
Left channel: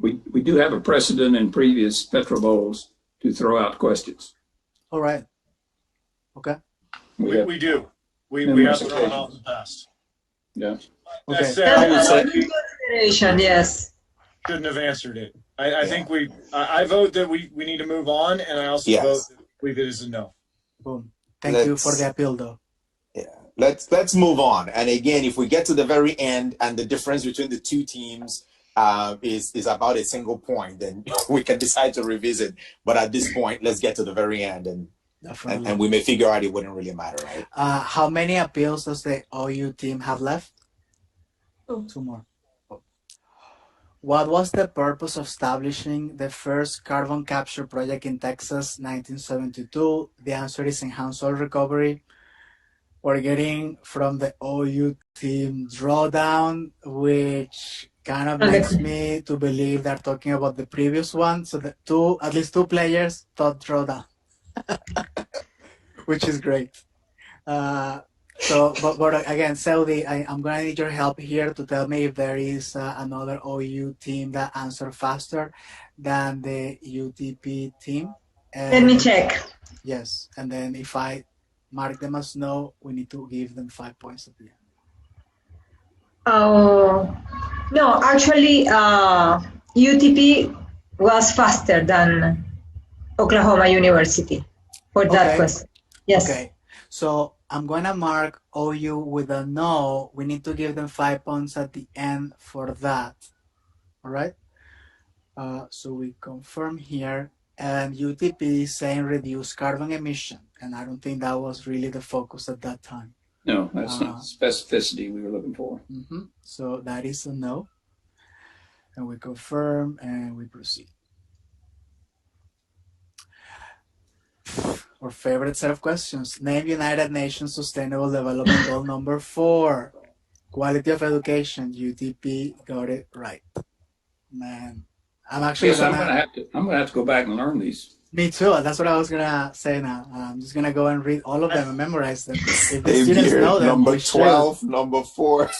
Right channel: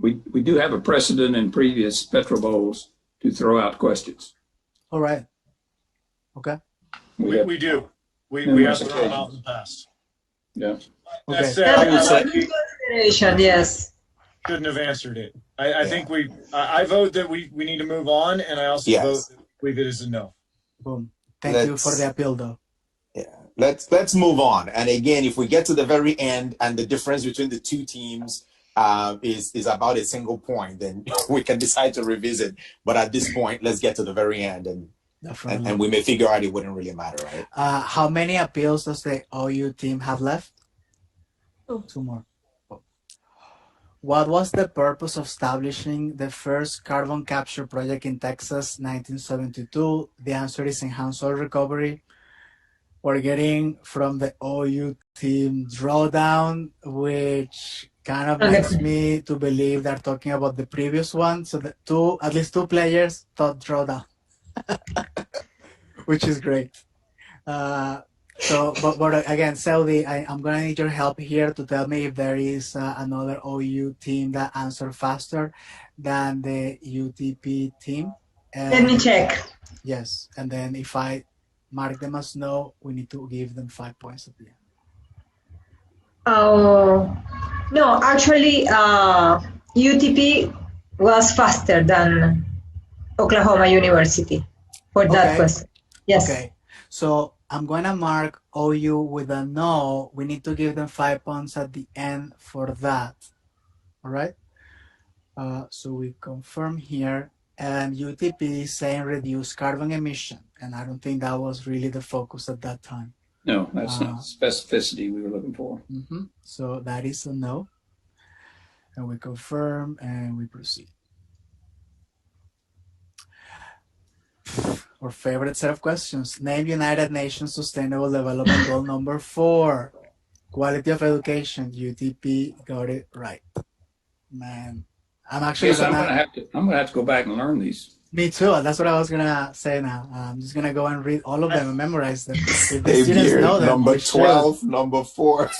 We do have a precedent in previous PetroBowls to throw out questions. All right. Okay. We do. We have thrown out in the past. Yeah. That Okay. said, I would say Yes. shouldn't have answered it. I think I vote that we need to move on, and I also Yes. vote that leave it as a no. Boom. Thank you for the appeal, though. Let's move on. And again, if we get to the very end and the difference between the two teams is about a single point, then we can decide to revisit. But at this point, let's get to the very end, and we may figure out it wouldn't really matter, right? How many appeals does the OU team have left? 2 more. What was the purpose of establishing the first carbon capture project in Texas, 1972? The answer is enhanced oil recovery. We're getting from the OU team drawdown, which kind of makes me to believe they're talking about the previous one. So at least two players thought drawdown, which is great. So, but again, Saudi, I'm gonna need your help here to tell me if there is another OU team that answered faster than the UTP team. Let me check. Yes, and then if I mark them as no, we need to give them 5 points at the end. Oh, no, actually, UTP was faster than Oklahoma University for that question. Yes. Okay, so I'm gonna mark OU with a no. We need to give them 5 points at the end for that. All right. So we confirm here, and UTP is saying reduce carbon emission, and I don't think that was really the focus at that time. No, that's not specificity we were looking for. So that is a no, and we confirm and we proceed. Our favorite set of questions. Name United Nations Sustainable Development Goal number 4. Quality of education. UTP got it right. Man, I'm actually I'm gonna have to go back and learn these. Me too. That's what I was gonna say now. I'm just gonna go and read all of them and memorize them. If the Same students here. know them, Number we should. 12, number 4.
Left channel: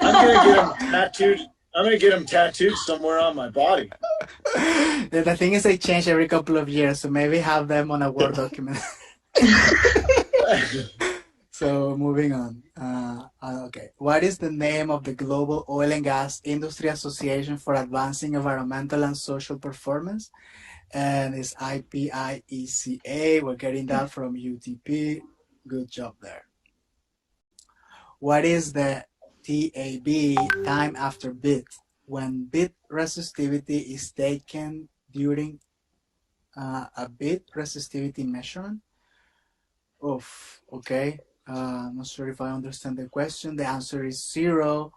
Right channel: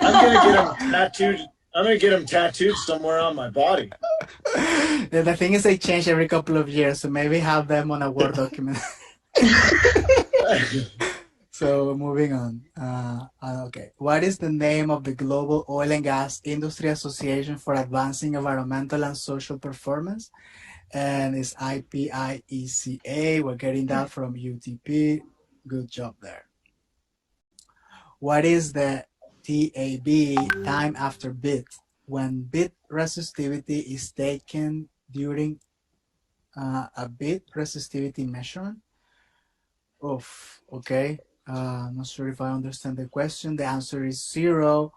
I'm gonna get them tattooed. I'm gonna get them tattooed somewhere on my body. The thing is, they change every couple of years, so maybe have them on a Word document. So moving on. Okay. What is the name of the Global Oil and Gas Industry Association for Advancing Environmental and Social Performance? And it's IPIECA. We're getting that from UTP. Good job there. What is the TAB, time after bit? When bit resistivity is taken during a bit resistivity measurement? Oof, okay. I'm not sure if I understand the question. The answer is 0.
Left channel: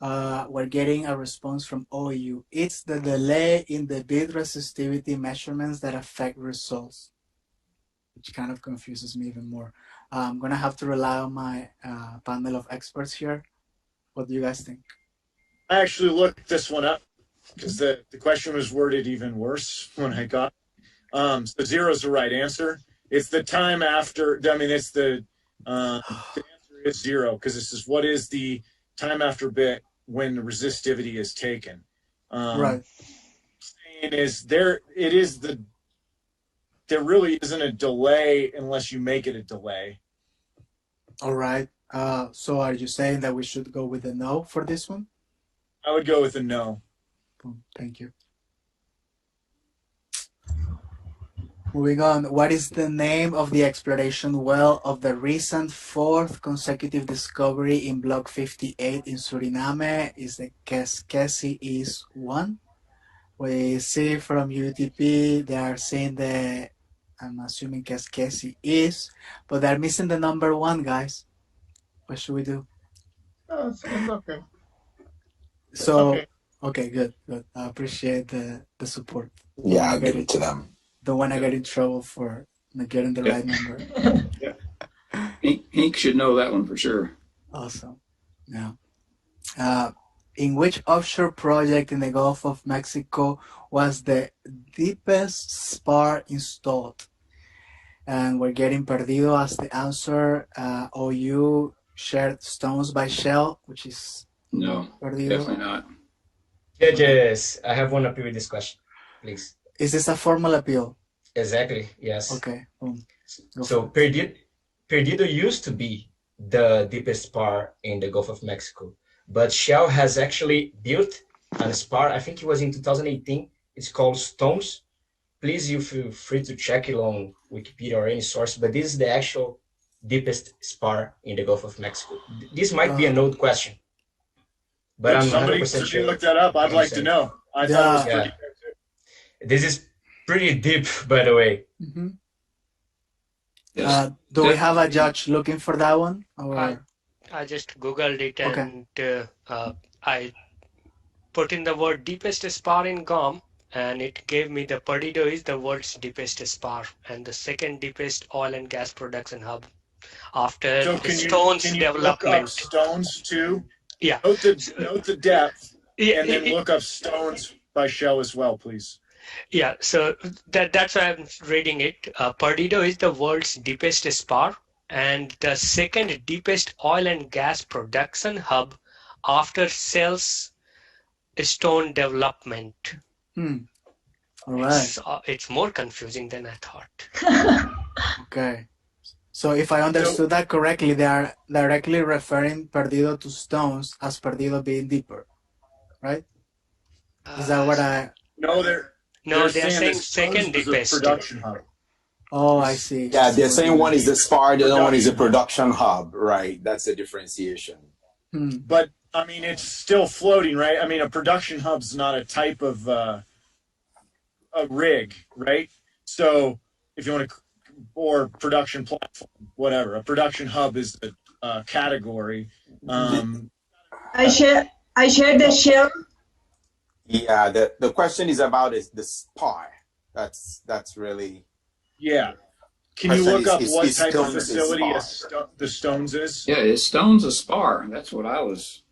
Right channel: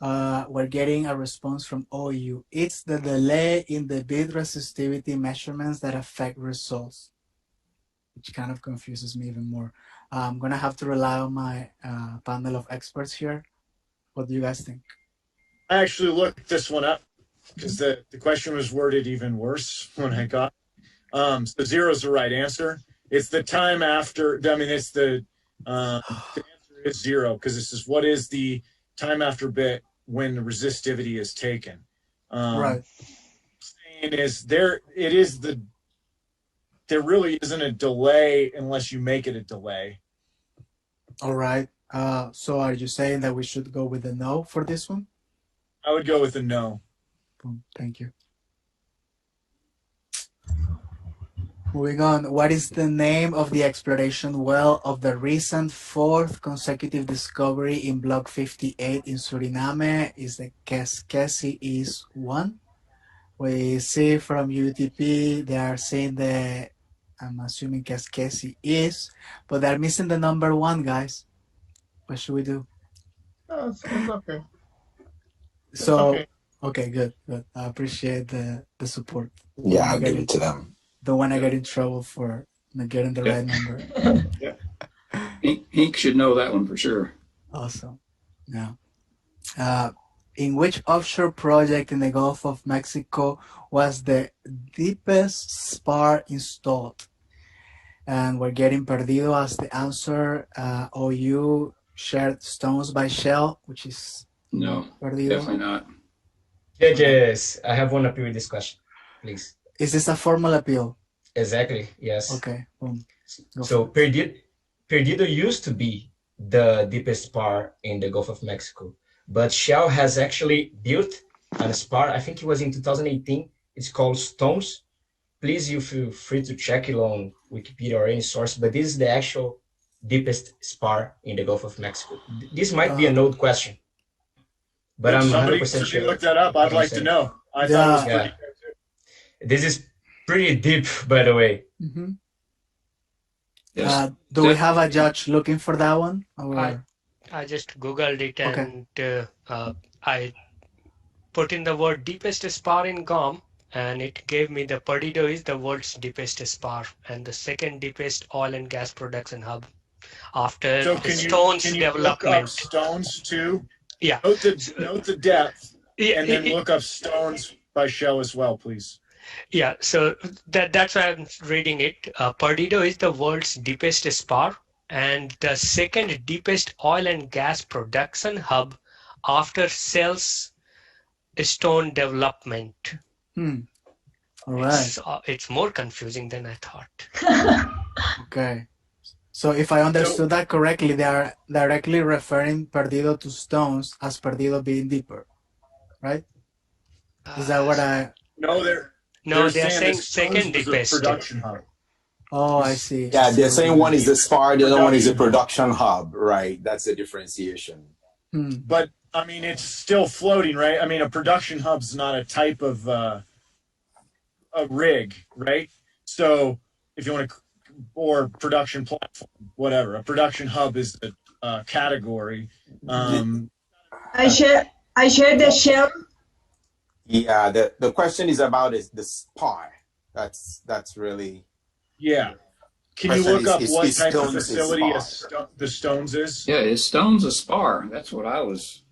We're getting a response from OU. It's the delay in the bit resistivity measurements that affect results, which kind of confuses me even more. I'm gonna have to rely on my panel of experts here. What do you guys think? I actually looked this one up because the question was worded even worse when I got it. So 0 is the right answer. It's the time after, I mean, it's the answer is 0 because this is what is the time after bit when the resistivity is taken. Right. Saying is there really isn't a delay unless you make it a delay. All right. So are you saying that we should go with a no for this one? I would go with a no. Thank you. Moving on, what is the name of the exploration well of the recent 4th consecutive discovery in Block 58 in Suriname? Is the Keskesi East 1? We see from UTP, they are saying I'm assuming Keskesi East, but they're missing the number 1, guys. What should we do? Oh, it's okay. So, okay, good. I appreciate the support. Yeah, I'll give it to them. Don't want to get in trouble for not getting the right number. Yeah. Hank should know that one for sure. Awesome. Yeah. In which offshore project in the Gulf of Mexico was the deepest spar installed? And we're getting Perdido as the answer. OU shared Stones by Shell, which is no, Perdido. Definitely not. Judges, I have one appeal with this question, please. Is this a formal appeal? Exactly, yes. Okay. So Perdido used to be the deepest spar in the Gulf of Mexico, but Shell has actually built a spar, I think it was in 2018. It's called Stones. Please, you feel free to check it on Wikipedia or any source, but this is the actual deepest spar in the Gulf of Mexico. This might be an old question, but I'm 100% sure. Look that up. I'd like to know. I thought it was pretty good. This is pretty deep, by the way. Mm-hmm. Yes. Do we have a judge looking for that one? Or? I just Googled it and I put in the word deepest spar in GOM, and it gave me the Perdido is the world's deepest spar and the second deepest oil and gas production hub after the Stones can you development. Look up Stones too? Yeah. Note the depth, and then look up Stones by Shell as well, please. Yeah, so that's why I'm reading it. Perdido is the world's deepest spar, and the second deepest oil and gas production hub after Shell's stone development. All right. It's more confusing than I thought. Okay. So if I understood that correctly, they are directly referring Perdido to stones as Perdido being deeper, right? Is that what I... No, they're saying this second was a deepest. production hub. Oh, I see. Yeah, they're saying one is the spar, the other one is a production hub, right? That's the differentiation. But I mean, it's still floating, right? I mean, a production hub's not a type of a rig, right? So if you want to, or production platform, whatever, a production hub is the category. I share the shell. Yeah, the question is about the spar. That's really. Yeah. Can you look up what type of Stones is facility spar. the Stones is? Yeah, is Stones a spar? That's what I was.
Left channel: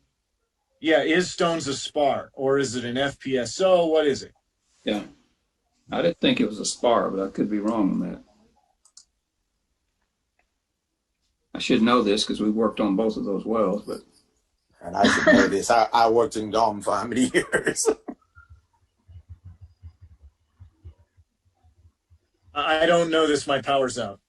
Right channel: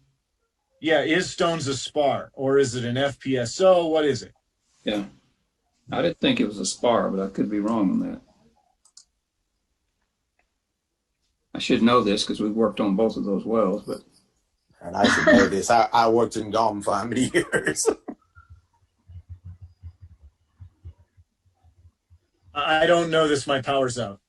Yeah, is Stones a spar or is it an FPSO? What is it? Yeah, I didn't think it was a spar, but I could be wrong on that. I should know this because we worked on both of those wells, but. And I should know this. I worked in GOM for how many years? I don't know this. My power's out.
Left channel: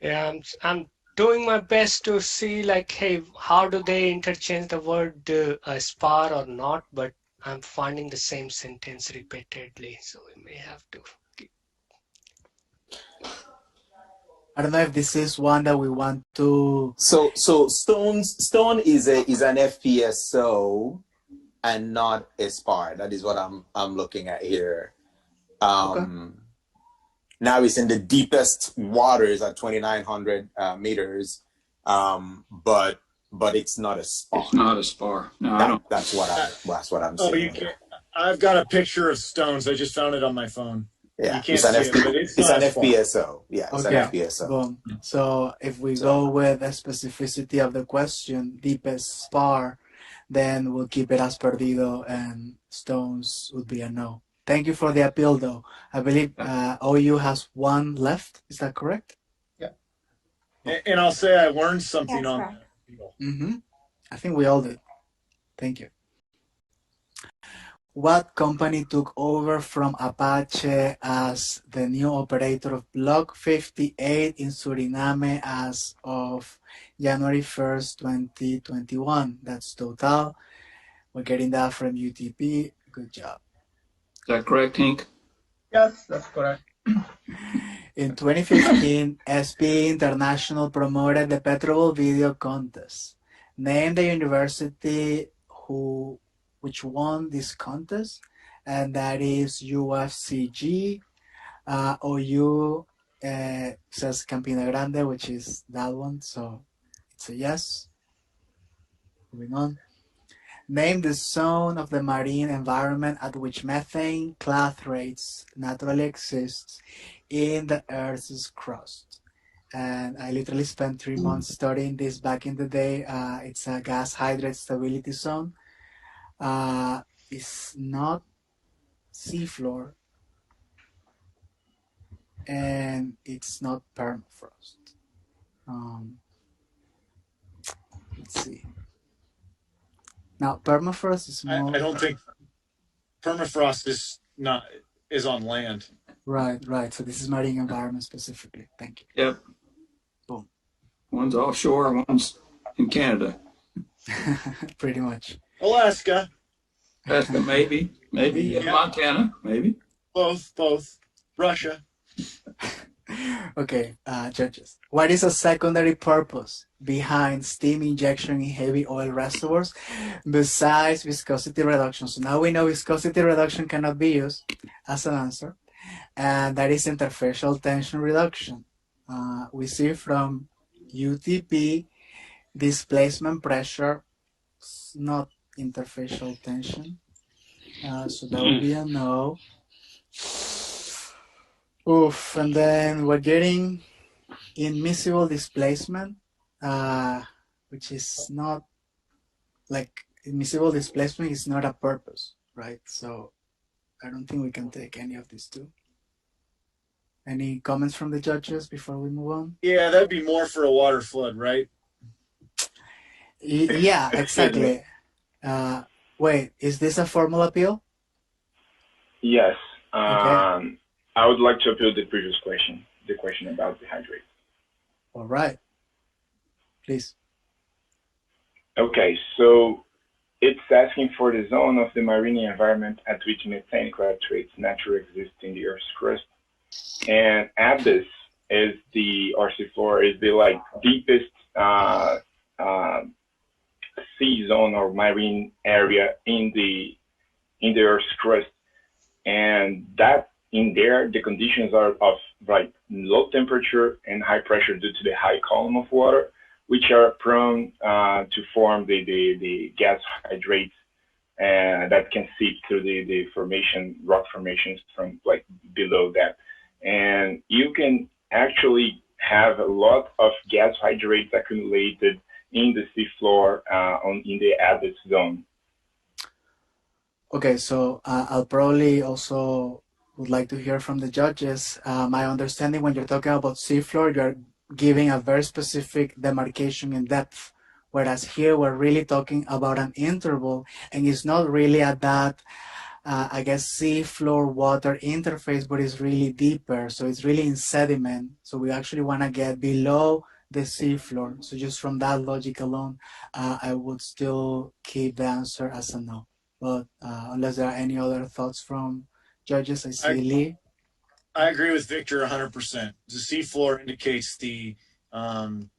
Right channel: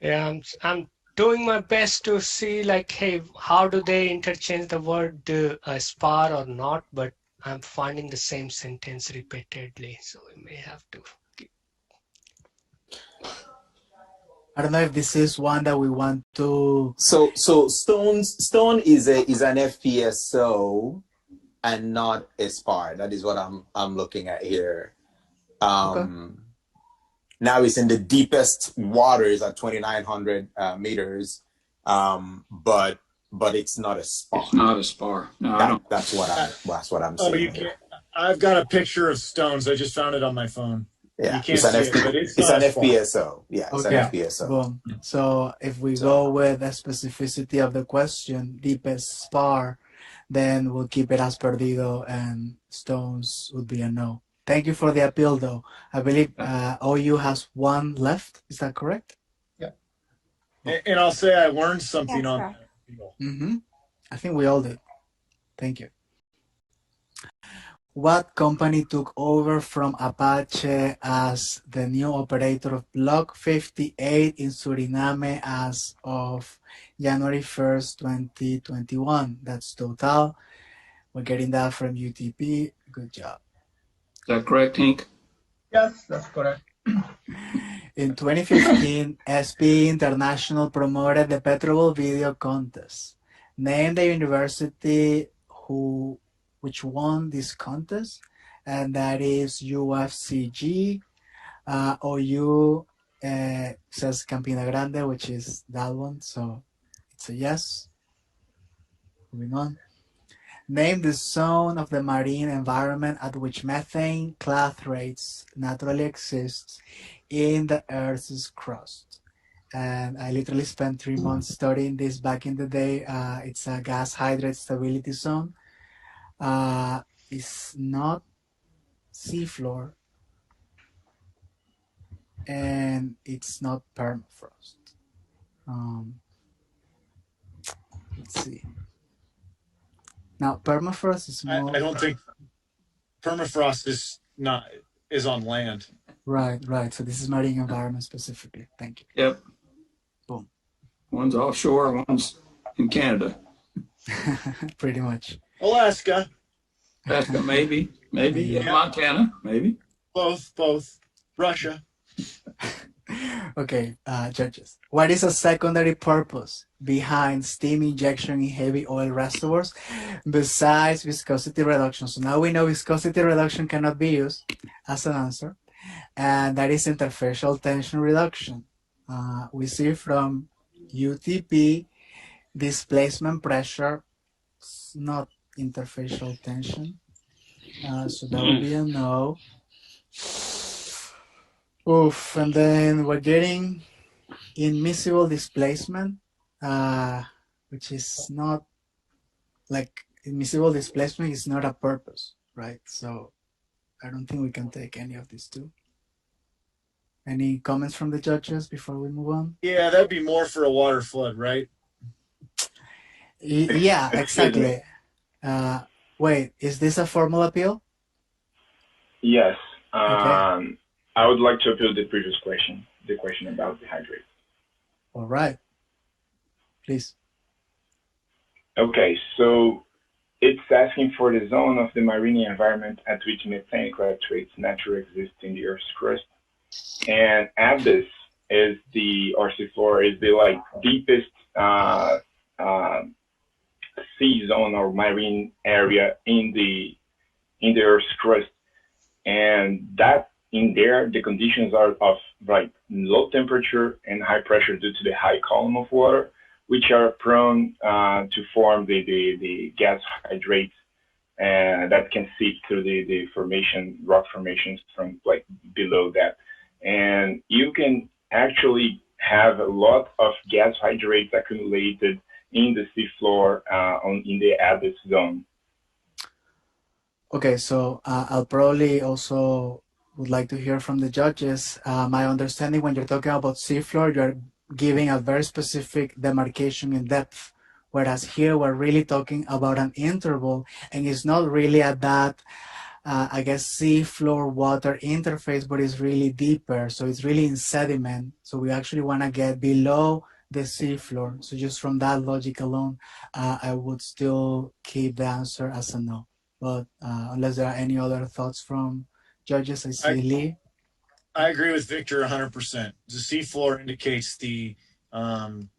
Yeah, I'm doing my best to see like, hey, how do they interchange the word spar or not? But I'm finding the same sentence repeatedly, so we may have to. I don't know if this is one that we want to. So stone is an FPSO and not a spar. That is what I'm looking at here. Now it's in the deepest waters at 2,900 meters, but it's not a spar. It's not a spar. No, I don't. That's what I'm Oh, saying. you can't. I've got a picture of Stones. I just found it on my phone. Yeah, you can't see it, but it's an not a spar. FPSO. Yeah, it's an FPSO. Boom. So if we go with the specificity of the question, deepest spar, then we'll keep it as Perdido, and Stones would be a no. Thank you for the appeal, though. I believe OU has one left. Is that correct? Yeah. And I'll say I learned something on that. I think we all did. Thank you. What company took over from Apache as the new operator of Block 58 in Suriname as of January 1st, 2021? That's Total. We're getting that from UTP. Good job. Is that correct, Hank? Yes, that's correct. In 2015, SP International promoted the PetroBowl video contest. Name the university which won this contest, and that is UFCG. OU says Campina Grande, which is that one, so it's a yes. Moving on. Name the zone of the marine environment at which methane clathrates naturally exists in the Earth's crust. And I literally spent 3 months studying this back in the day. It's a gas hydrate stability zone. It's not seafloor, and it's not permafrost. Let's see. Now, permafrost is more. I don't think permafrost is on land. Right. So this is marine environment specifically. Thank you. Yep. Boom. One's offshore, one's in Canada. Pretty much. Alaska. Alaska, maybe. Yeah. Montana, maybe. Both. Russia. Okay, judges. What is a secondary purpose behind steam injection in heavy oil reservoirs besides viscosity reduction? So now we know viscosity reduction cannot be used as an answer, and that is interfacial tension reduction. We see from UTP displacement pressure, not interfacial tension. So that would be a no. Oof, and then we're getting immiscible displacement, which is not like immiscible displacement is not a purpose, right? So I don't think we can take any of these two. Any comments from the judges before we move on? Yeah, that'd be more for a water flood, right? Yeah, exactly. Wait, is this a formal appeal? Yes. Okay. I would like to appeal the previous question, the question about the hydrate. All right. Please. Okay, so it's asking for the zone of the marine environment at which methane nitrates naturally exist in the Earth's crust. And Abyss is the, or seafloor is the like deepest sea zone or marine area in the Earth's crust. And that in there, the conditions are of like low temperature and high pressure due to the high column of water, which are prone to form the gas hydrates that can seep through the rock formations from like below that. And you can actually have a lot of gas hydrates accumulated in the seafloor in the Abyss zone. Okay, so I'll probably also would like to hear from the judges. My understanding, when you're talking about seafloor, you're giving a very specific demarcation in depth, whereas here we're really talking about an interval, and it's not really at that, I guess, seafloor water interface, but it's really deeper, so it's really in sediment. So we actually want to get below the seafloor. So just from that logic alone, I would still keep the answer as a no. But unless there are any other thoughts from judges, I see Lee. I agree with Victor 100%. The seafloor indicates the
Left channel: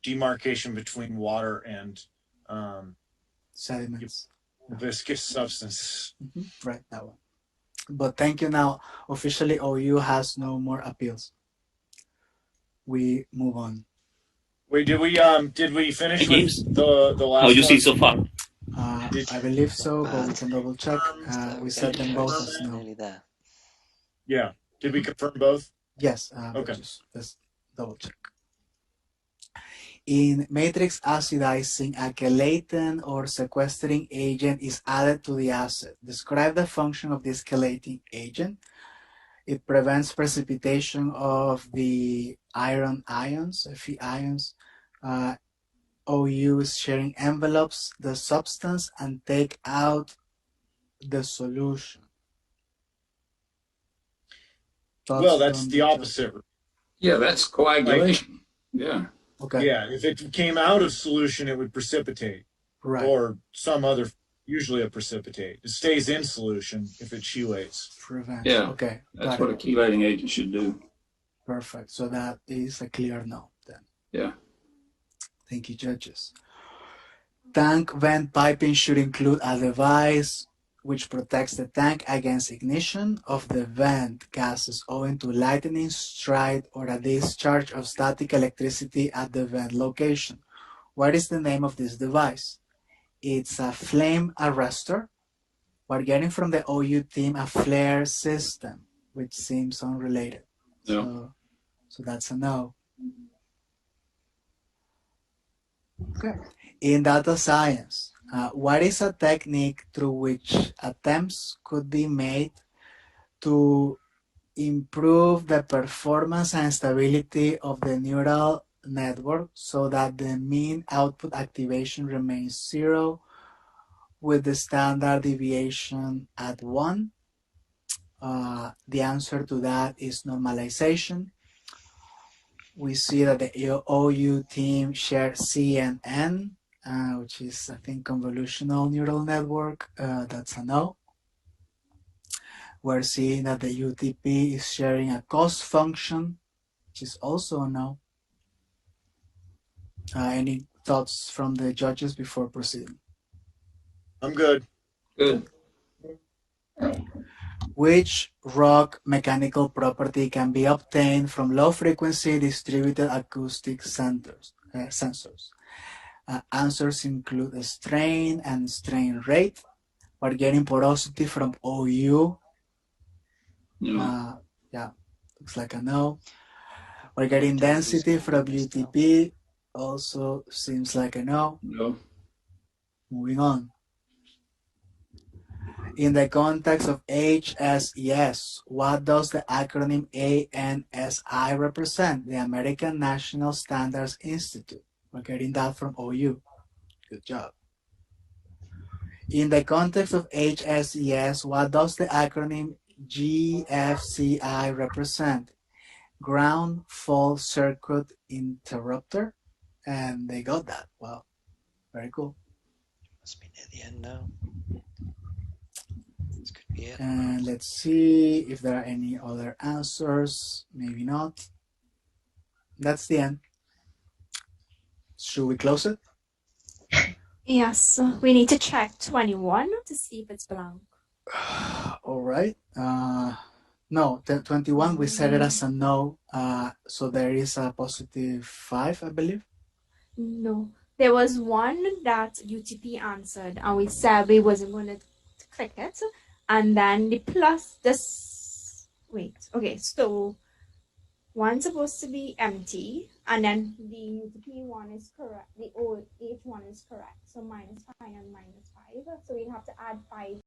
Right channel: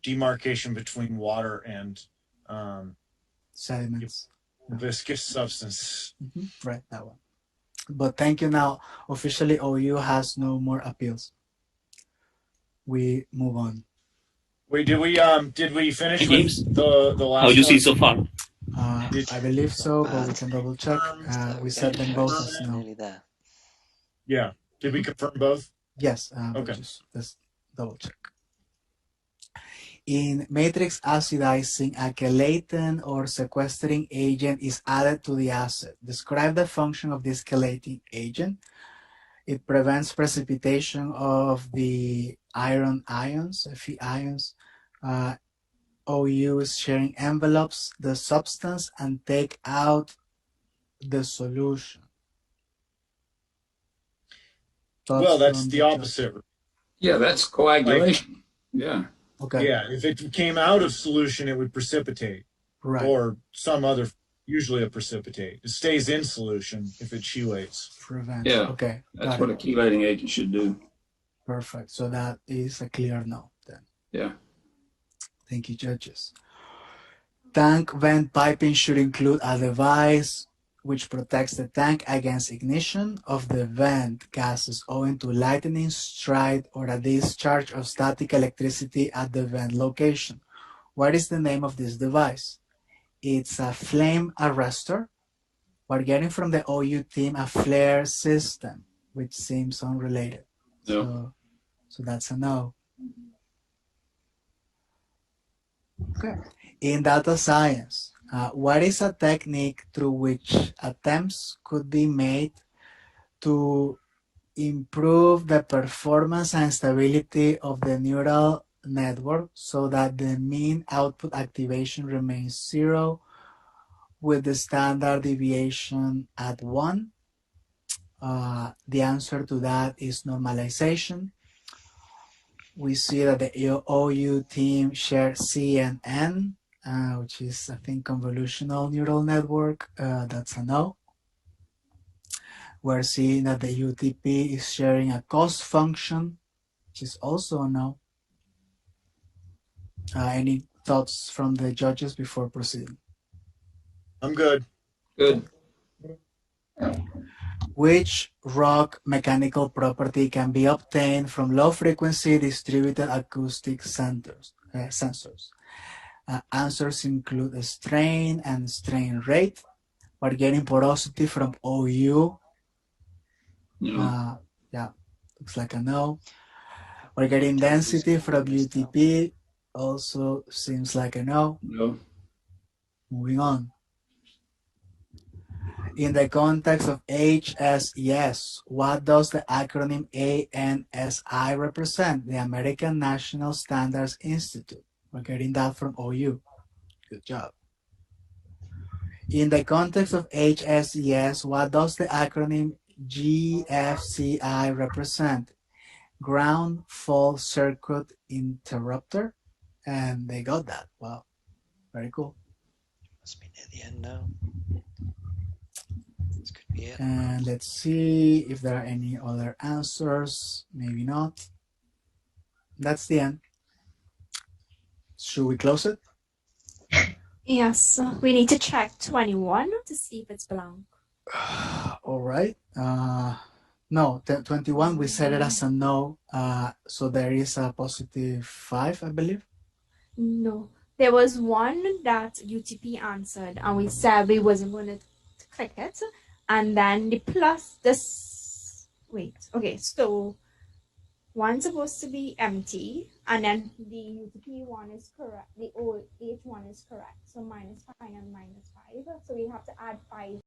demarcation between water and sediments, viscous substance. Right, that one. But thank you. Now, officially, OU has no more appeals. We move on. Wait, did we finish with the last? How you see so far? I believe so, but we can double check. We set them both as no. Nearly there. Yeah. Did we confirm both? Yes. Okay. Let's double check. In matrix acidizing, a chelating or sequestering agent is added to the acid. Describe the function of this chelating agent. It prevents precipitation of the iron ions, Fe ions. OU is sharing envelopes the substance and take out the solution. Well, that's the opposite. Yeah, that's coagulation. Yeah. Okay. Yeah, if it came out of solution, it would precipitate. Right. Or some other, usually a precipitate. It stays in solution if it chelates. Prevents. Yeah. Okay. That's what a chelating agent should do. Perfect. So that is a clear no then. Yeah. Thank you, judges. Tank vent piping should include a device which protects the tank against ignition of the vent gases owing to lightning strike or a discharge of static electricity at the vent location. What is the name of this device? It's a flame arrestor. We're getting from the OU team a flare system, which seems unrelated. No. So that's a no. Okay. In data science, what is a technique through which attempts could be made to improve the performance and stability of the neural network so that the mean output activation remains 0 with the standard deviation at 1? The answer to that is normalization. We see that the OU team shared CNN, which is, I think, convolutional neural network. That's a no. We're seeing that the UTP is sharing a cost function, which is also a no. Any thoughts from the judges before proceeding? I'm good. Good. Which rock mechanical property can be obtained from low-frequency distributed acoustic sensors? Answers include strain and strain rate. We're getting porosity from OU. No. Yeah, looks like a no. We're getting density from UTP. Also seems like a no. No. Moving on. In the context of HSES, what does the acronym ANSI represent? The American National Standards Institute. We're getting that from OU. Good job. In the context of HSES, what does the acronym GFCI represent? Ground Fault Circuit Interrupter. And they got that. Wow. Very cool. Must be near the end now. This could be it. And let's see if there are any other answers. Maybe not. That's the end. Should we close it? Yes, we need to check 21 to see if it's blank. All right. No, 21, we set it as a no. So there is a positive 5, I believe. No, there was one that UTP answered, and we said we wasn't going to click it. And then the plus this. Wait, okay, so one's supposed to be empty, and then the UTP one is correct. The old H one is correct. So -5 and -5. So we have to add 5.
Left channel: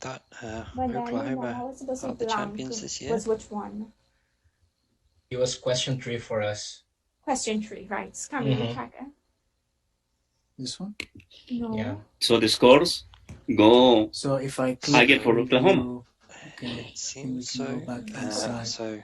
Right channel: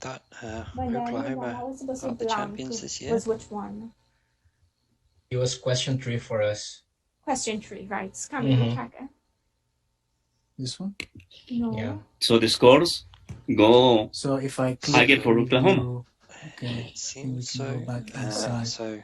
That But then Oklahoma I was supposed to are the blank champions this year. was which one? It was question 3 for us. Question 3, right? Can we check it? This one? No. Yeah. So the scores go So if I click target for Oklahoma. okay, It seems we can so. go back inside. So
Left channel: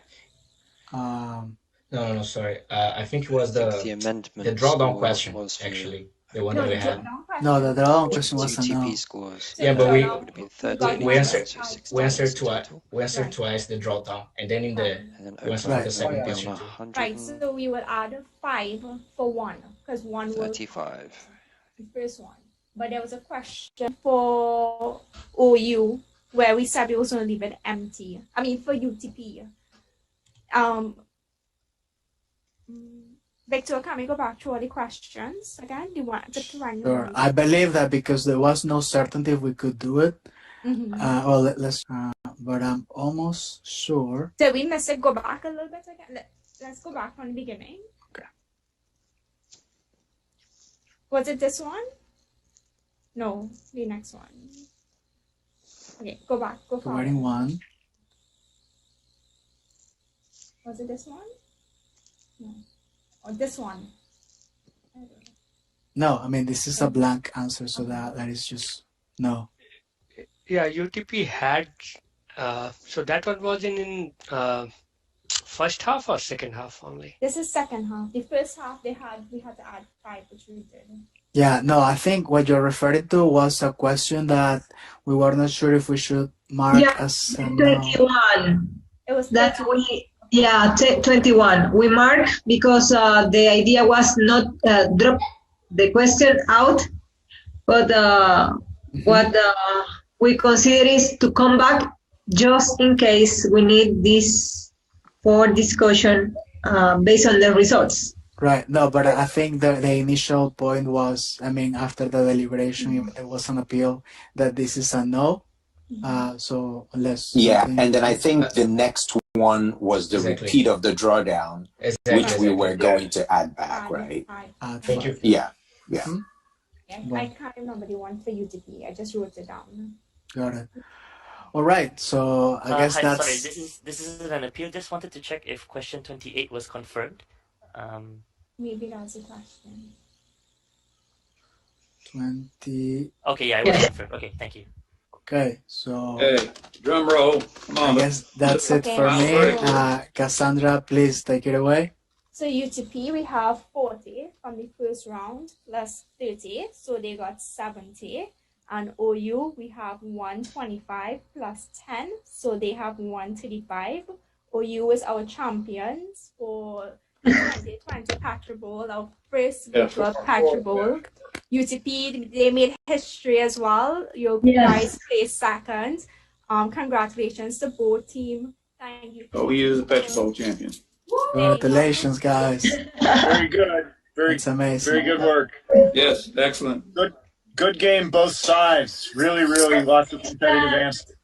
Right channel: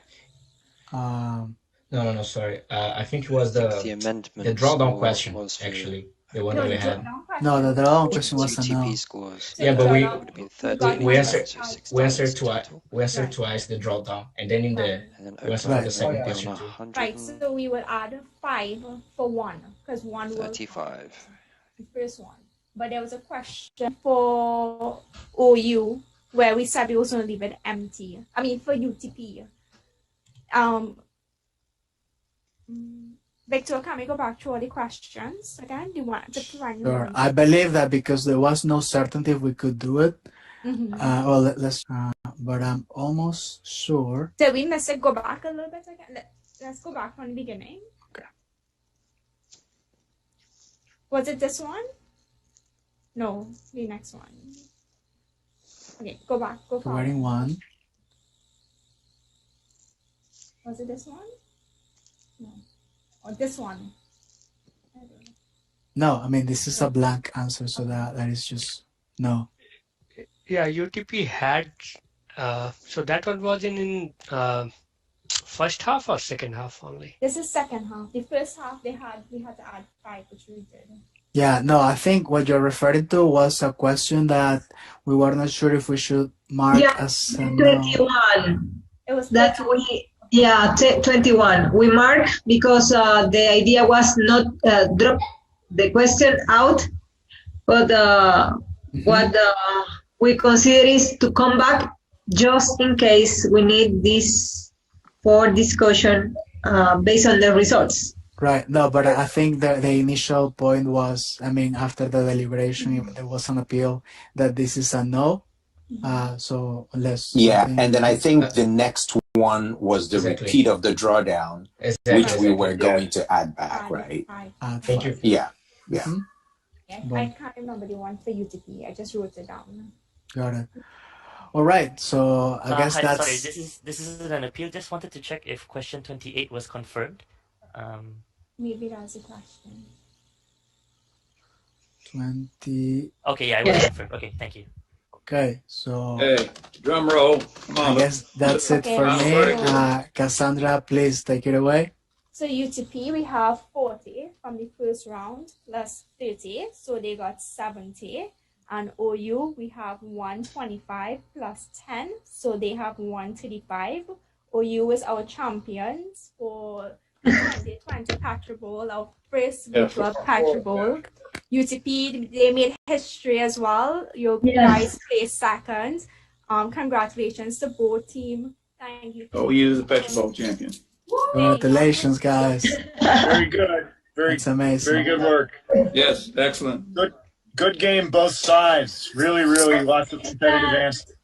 No, sorry. I think it was I think the amendment the drawdown score question, was for actually. The one that we had. No, the drawdown question was a UTP no. scores. Yeah, but It would have been 13 we and answered so 6 we answered times twice. total. We answered twice the drawdown, and then in the And then we answered Oklahoma the second would be question on too. 135. Right, so we will add 5 for one, because one was the first one. But there was a question for OU where we said we was going to leave it empty. I mean, for UTP. Victor, can we go back to all the questions again? Do you want to try? Sure. I believe that because there was no certainty if we could do it. Let's. But I'm almost sure. Did we miss it? Go back a little bit again. Let's go back from the beginning. Okay. Was it this one? No, the next one. Okay, go back. Go forward. Writing 1. Was it this one? No. Or this one? No, I mean, this is a blank answer, so that is just no. Yeah, UTP had, so that one was in first half or second half only? This is second half. The first half we had to add 5, which we did. Yeah, no, I think what you're referring to was a question that we were not sure if we should mark as a no. 21. It was that we 21. We mark because the idea was not drop the question out, but what we consider is to come back just in case we need this for discussion based on the results. Right. No, but I think the initial point was, I mean, after the deliberation, there was an appeal that this is a no. So unless. Yeah, and then I think the next one was the repeat of the drawdown, which we were going to add back, right? Thank you. Yeah. Yeah, I can't remember the one for UTP. I just wrote it down. Got it. All right. So I guess hi, that's. Sorry, this is an appeal. Just wanted to check if question 28 was confirmed. Maybe that's a question. 20. Okay, yeah, it was confirmed. Okay, thank you. Okay, so. Hey, drum roll. Come on. I guess that's it for me. Cassandra, please take it away. So UTP, we have 40 from the first round plus 30, so they got 70. And OU, we have 125 plus 10, so they have 135. OU is our champions for 2020 PetroBowl, our first virtual PetroBowl. UTP, they made history as well. You guys placed second. Congratulations to both team. Thank you. OU is the PetroBowl champion. Congratulations, guys. Very good. It's amazing. Very good work. Yes, excellent. Good game, both sides. Really, lots of competitive answers.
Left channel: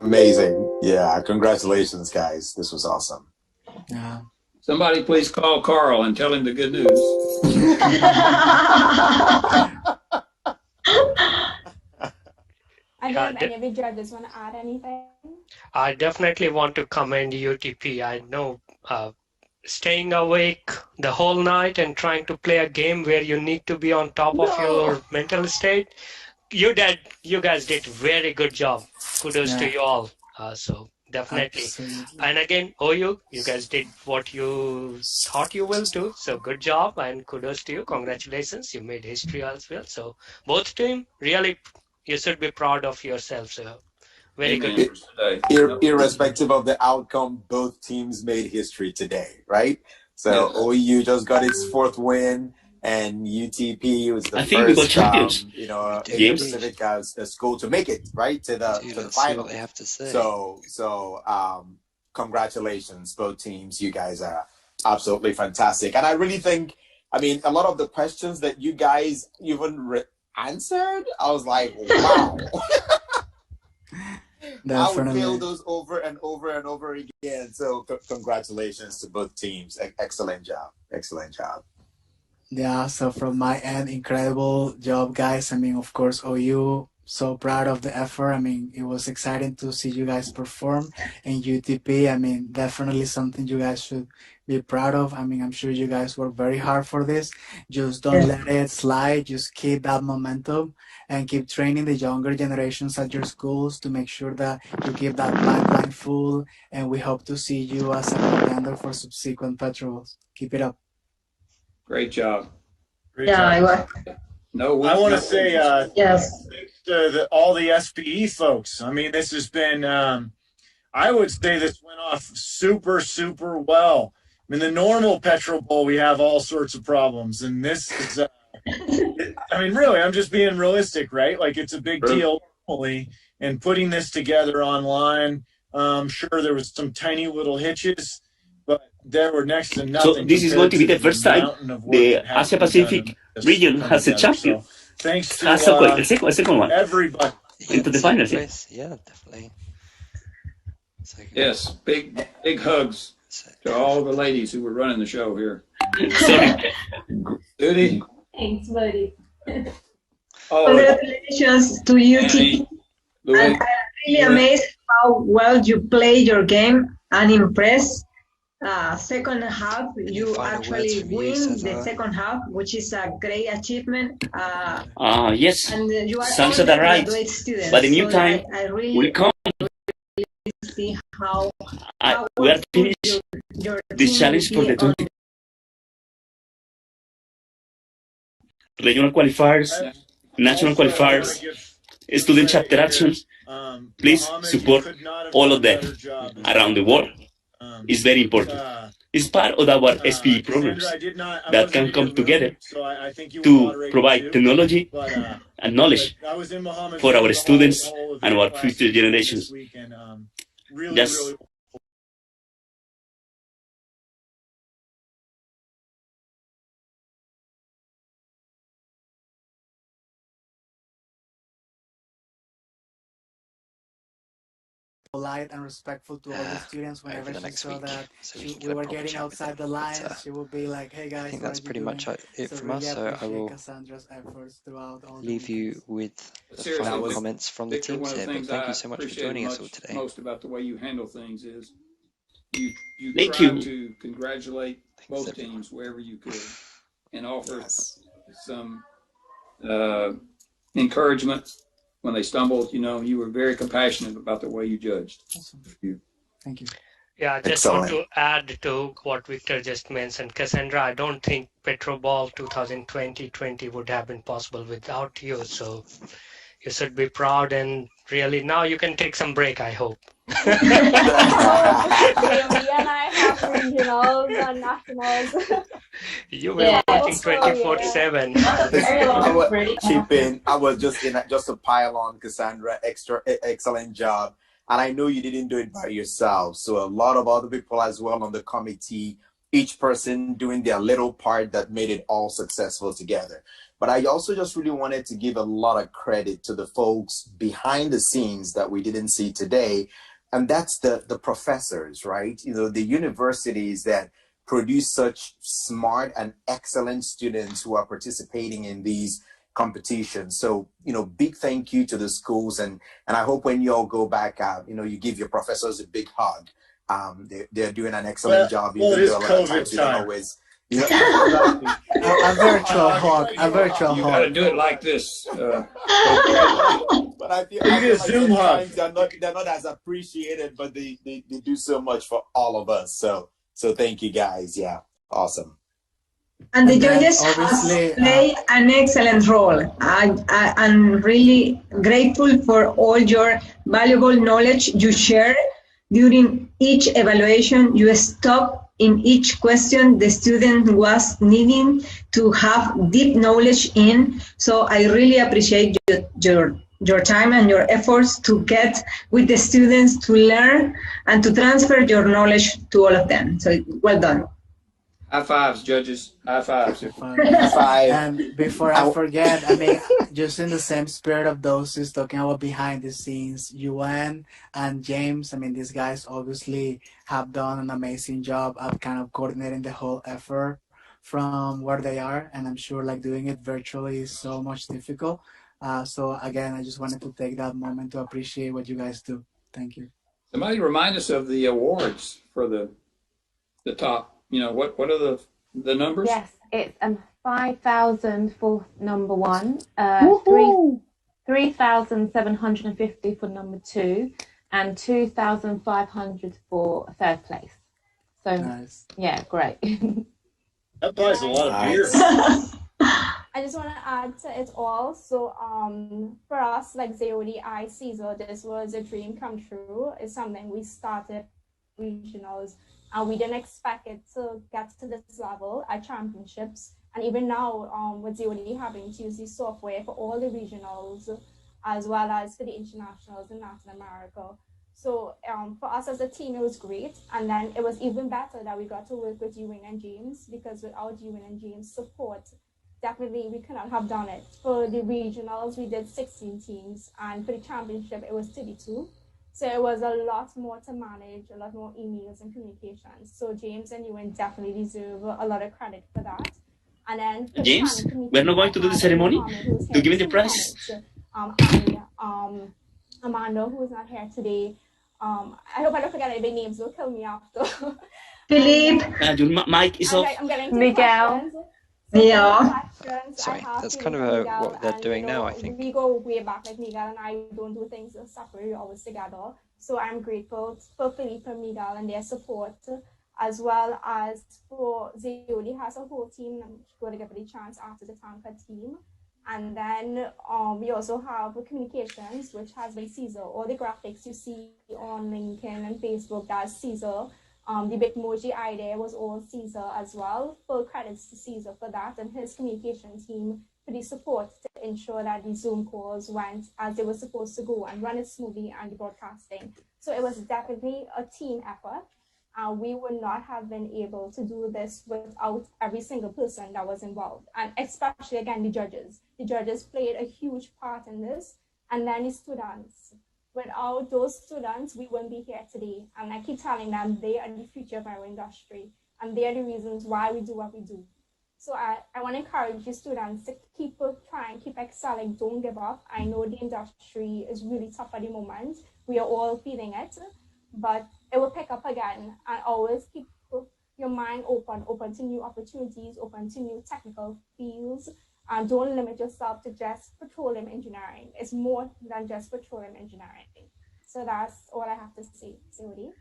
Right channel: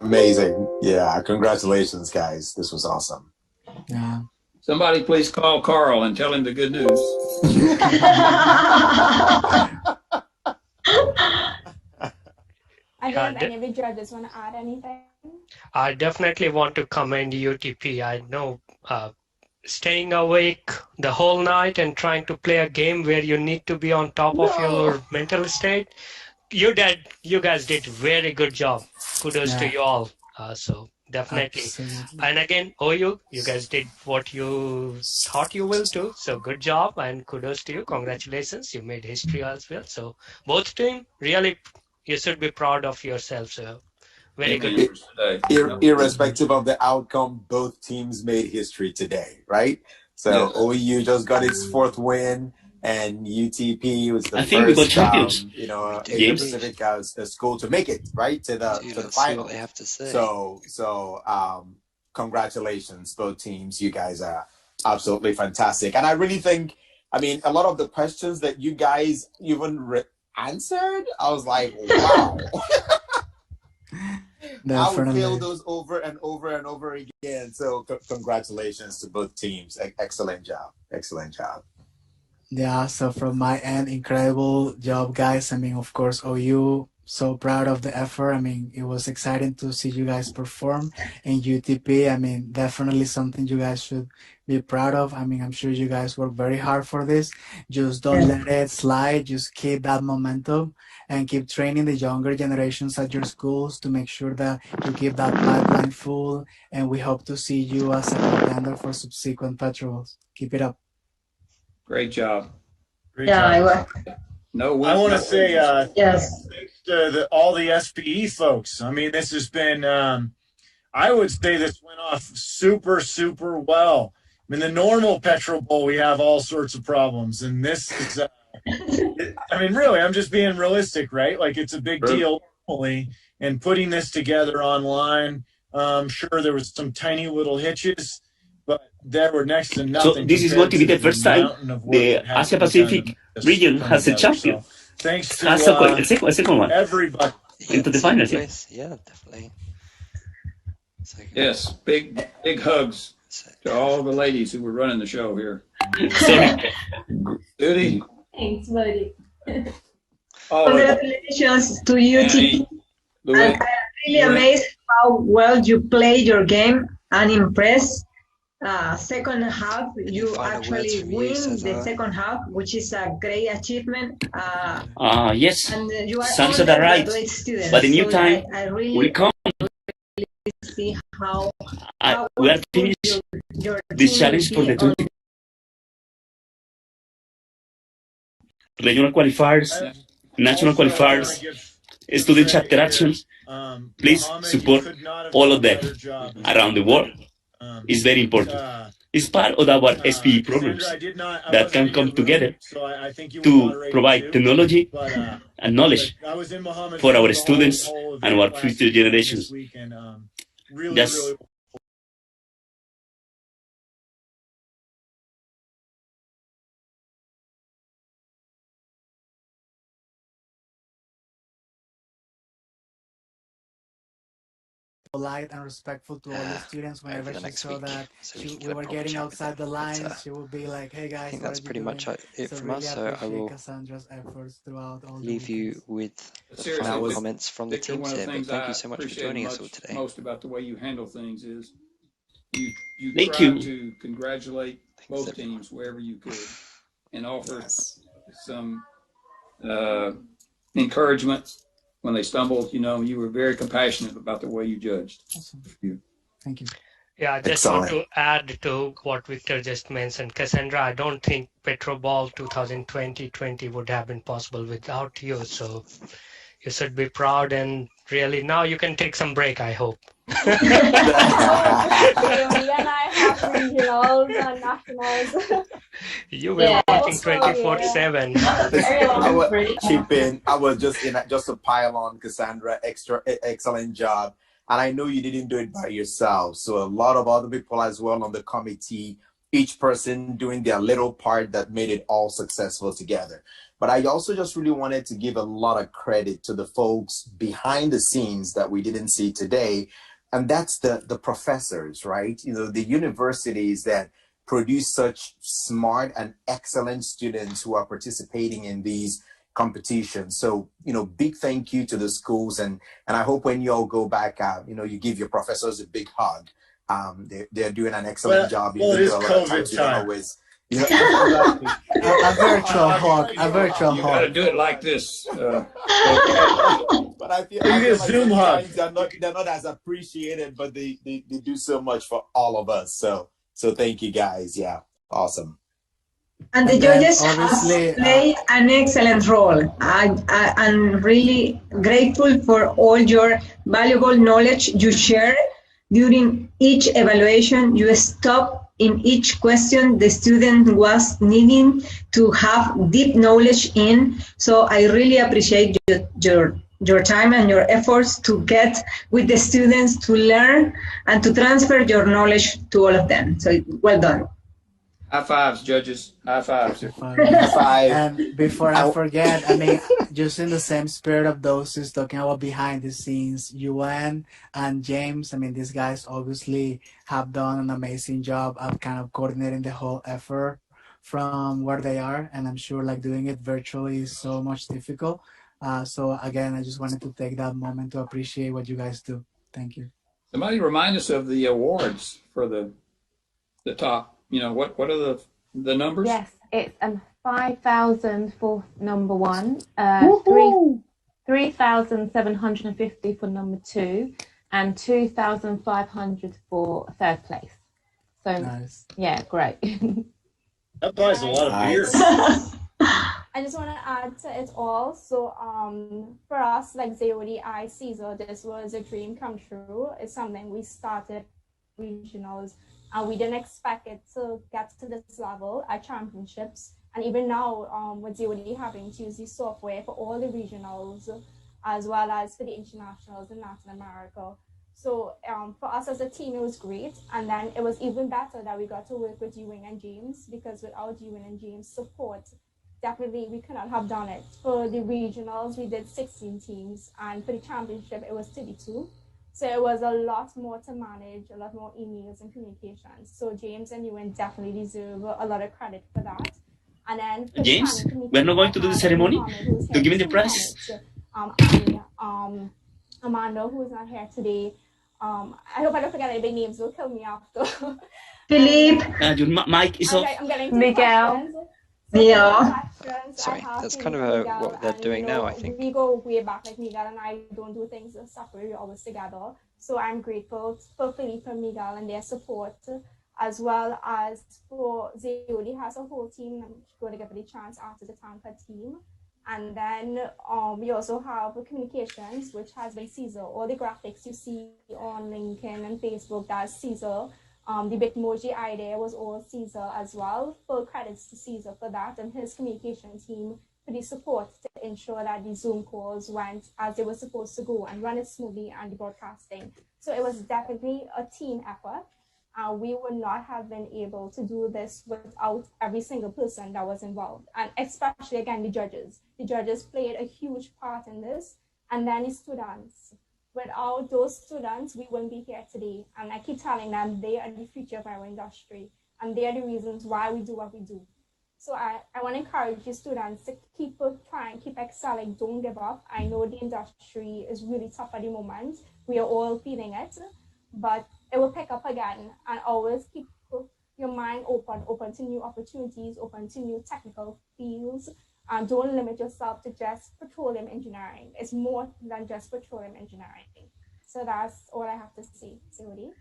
Amazing. Yeah, congratulations, guys. This was awesome. Yeah. Somebody please call Carl and tell him the good news. And Yeah, if any of the judges want to add anything? I definitely want to commend UTP. I know staying awake the whole night and trying to play a game where you need to be on top of your mental state. You guys did very good job. Kudos to Yeah, you all. So definitely. absolutely. And again, OU, you guys did what you thought you will do. So good job and kudos to you. Congratulations. You made history as well. So both team, really, you should be proud of yourself. So very good. Amen for today. Irrespective of the outcome, both teams made history today, right? So Yes. OU just got its 4th win, and UTP was the I think we got first, champions. Asia James. Pacific school to make it right to the Dude, to the let's see final. what they have to say. So congratulations, both teams. You guys are absolutely fantastic, and I really think, I mean, a lot of the questions that you guys even answered, I was like, wow. I would Definitely. feel those over and over and over again. So congratulations to both teams. Excellent job. Excellent job. Yeah, so from my end, incredible job, guys. I mean, of course, OU, so proud of the effort. I mean, it was exciting to see you guys perform. And UTP, I mean, definitely something you guys should be proud of. I mean, I'm sure you guys work very hard for this. Just don't let it slide. Just keep that momentum and keep training the younger generations at your schools to make sure that you keep that pipeline full. And we hope to see you as a contender for subsequent PetroBowls. Keep it up. Great job. Great Yeah, I job. was. No, I want to say Yes. thanks to all the SPE folks. I mean, this has been, I would say this went off super, super well. I mean, the normal PetroBowl, we have all sorts of problems. And this is, I mean, really, I'm just being realistic, right? Like, it's a big deal normally. And putting this together online, sure, there was some tiny little hitches, but there were next to nothing. So this is going to be the first time the Asia Pacific region has a champion. So, thanks to Has a second one everybody. into the finals. Yeah. Yeah, definitely. Yes, big hugs to all the ladies who were running the show here. Judy. Thanks, buddy. Oh, Congratulations to UTP. And I'm really amazed how well you play your game and impressed. Second half, you actually win the second half, which is a great achievement. Yes, and you are sounds all that right. great students. But the new So time I really will come. see how We are finished your this team challenge will for be the on 20 regional qualifiers, national qualifiers, student chapter actions. Please support all of them around the world. It's very important. It's part of our SPE programs that can come together to provide technology and knowledge for our students and our future generations. Just polite and respectful to all the students. Whenever over the she next saw week, that so we can we get a were proper getting chat with outside the them. lines, But, she would be like, "Hey guys, I think what that's are you pretty much doing?" it So from really us. So I appreciate will Cassandra's efforts throughout all the leave you weekends. with the Seriously, final was- comments from the Victor, teams one of here. the But things thank I you so much for appreciate joining us all today. most about the way you handle things is you Thank try you. to congratulate both teams wherever you could and offer some encouragement when they stumbled. You know, you were very compassionate about the way you judged. Awesome. Thank you. Yeah, I just want to add to what Victor just mentioned. Cassandra, I don't think PetroBowl 2020 would have been possible without you. So you should be proud and really now you can take some break, I hope. Me and I have regionals and nationals. You were watching 24/7. I was just to pile on Cassandra, excellent job. And I know you didn't do it by yourself. So a lot of other people as well on the committee, each person doing their little part that made it all successful together. But I also just really wanted to give a lot of credit to the folks behind the scenes that we didn't see today. And that's the professors, right? You know, the universities that produce such smart and excellent students who are participating in these competition. So, big thank you to the schools, and I hope when you all go back out, you give your professors a big hug. They're doing an excellent job. Well, it is COVID time. Always, a virtual hug. A virtual You hug. got to do it like this. But I feel You like Zoom hug. sometimes they're not as appreciated, but they do so much for all of us. So thank you guys. Yeah, awesome. And the And then judges obviously, play an excellent role. I'm really grateful for all your valuable knowledge you share during each evaluation. You stop in each question the student was needing to have deep knowledge in. So I really appreciate your time and your efforts to get with the students to learn and to transfer your knowledge to all of them. So well done. High fives, judges. High fives. And before I forget, I mean, just in the same spirit of those who's talking about behind the scenes, UN and James, I mean, these guys obviously have done an amazing job of kind of coordinating the whole effort from where they are. And I'm sure like doing it virtually is so much difficult. So again, I just wanted to take that moment to appreciate what you guys do. Thank you. Somebody remind us of the awards for the top. What are the numbers? Yes, it's 5,000 for number one, 3,750 for number two, and 2,500 for third place. So nice. Yeah, great. That buys a lot of beer. I just want to add to it all. So for us, like Zayodi, Caesar, this was a dream come true. It's something we started regionals, and we didn't expect it to get to this level at championships. And even now, with Zayodi having to use the software for all the regionals, as well as for the internationals in Latin America. So for us as a team, it was great. And then it was even better that we got to work with Ewing and James, because without Ewing and James' support, definitely we could not have done it. For the regionals, we did 16 teams, and for the championship, it was 32. So it was a lot more to manage, a lot more emails and communications. So James and Ewan definitely deserve a lot of credit for that. And then James, we're not going to do the ceremony to give me the prize. Amanda, who is not here today. I hope I don't forget any big names. Will kill me after. Philippe. Your mic is off. I'm getting to Miguel. questions. Yeah. Sorry, that's kind of what they're doing now, I think. We go way back, like Miguel and I don't do things separate, we're always together. So I'm grateful for Philippe and Miguel and their support, as well as for Zayodi has a whole team. I'm going to give it a chance after the Tanka team. And then we also have communications, which has been Caesar. All the graphics you see on LinkedIn and Facebook, that's Caesar. The Bitmoji idea was all Caesar as well. Full credits to Caesar for that and his communication team for the support to ensure that the Zoom calls went as they were supposed to go and run it smoothly and the broadcasting. So it was definitely a team effort. We would not have been able to do this without every single person that was involved. And especially, again, the judges. The judges played a huge part in this. And then the students. Without those students, we wouldn't be here today. And I keep telling them they are the future of our industry. And they are the reasons why we do what we do. So I want to encourage the students to keep trying, keep excelling, don't give up. I know the industry is really tough at the moment. We are all feeling it, but it will pick up again. And always keep your mind open to new opportunities, open to new technical fields. And don't limit yourself to just petroleum engineering. It's more than just petroleum engineering. So that's all I have to say. Zayodi?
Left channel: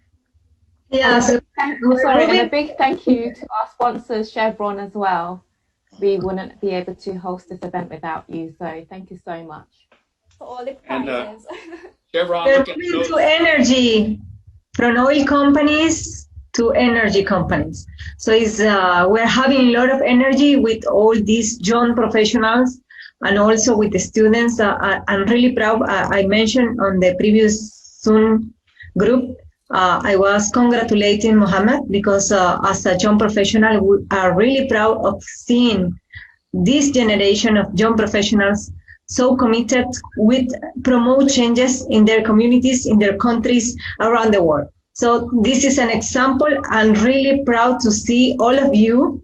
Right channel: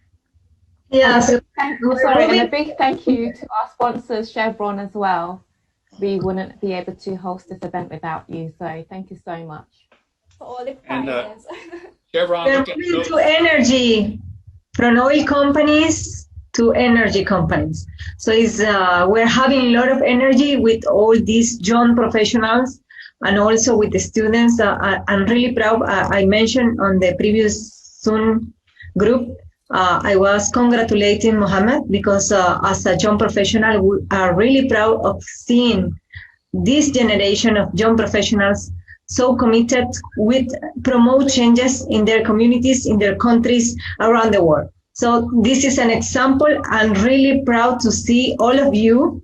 Yeah. And a big thank you to our sponsors, Chevron, as well. We wouldn't be able to host this event without you. So thank you so much. For all the prizes. Chevron, To energy, from oil companies to energy companies. So it's we're having a lot of energy with all these young professionals and also with the students. I'm really proud. I mentioned on the previous Zoom group, I was congratulating Mohammed because as a young professional, we are really proud of seeing this generation of young professionals so committed with promote changes in their communities, in their countries around the world. So this is an example. I'm really proud to see all of you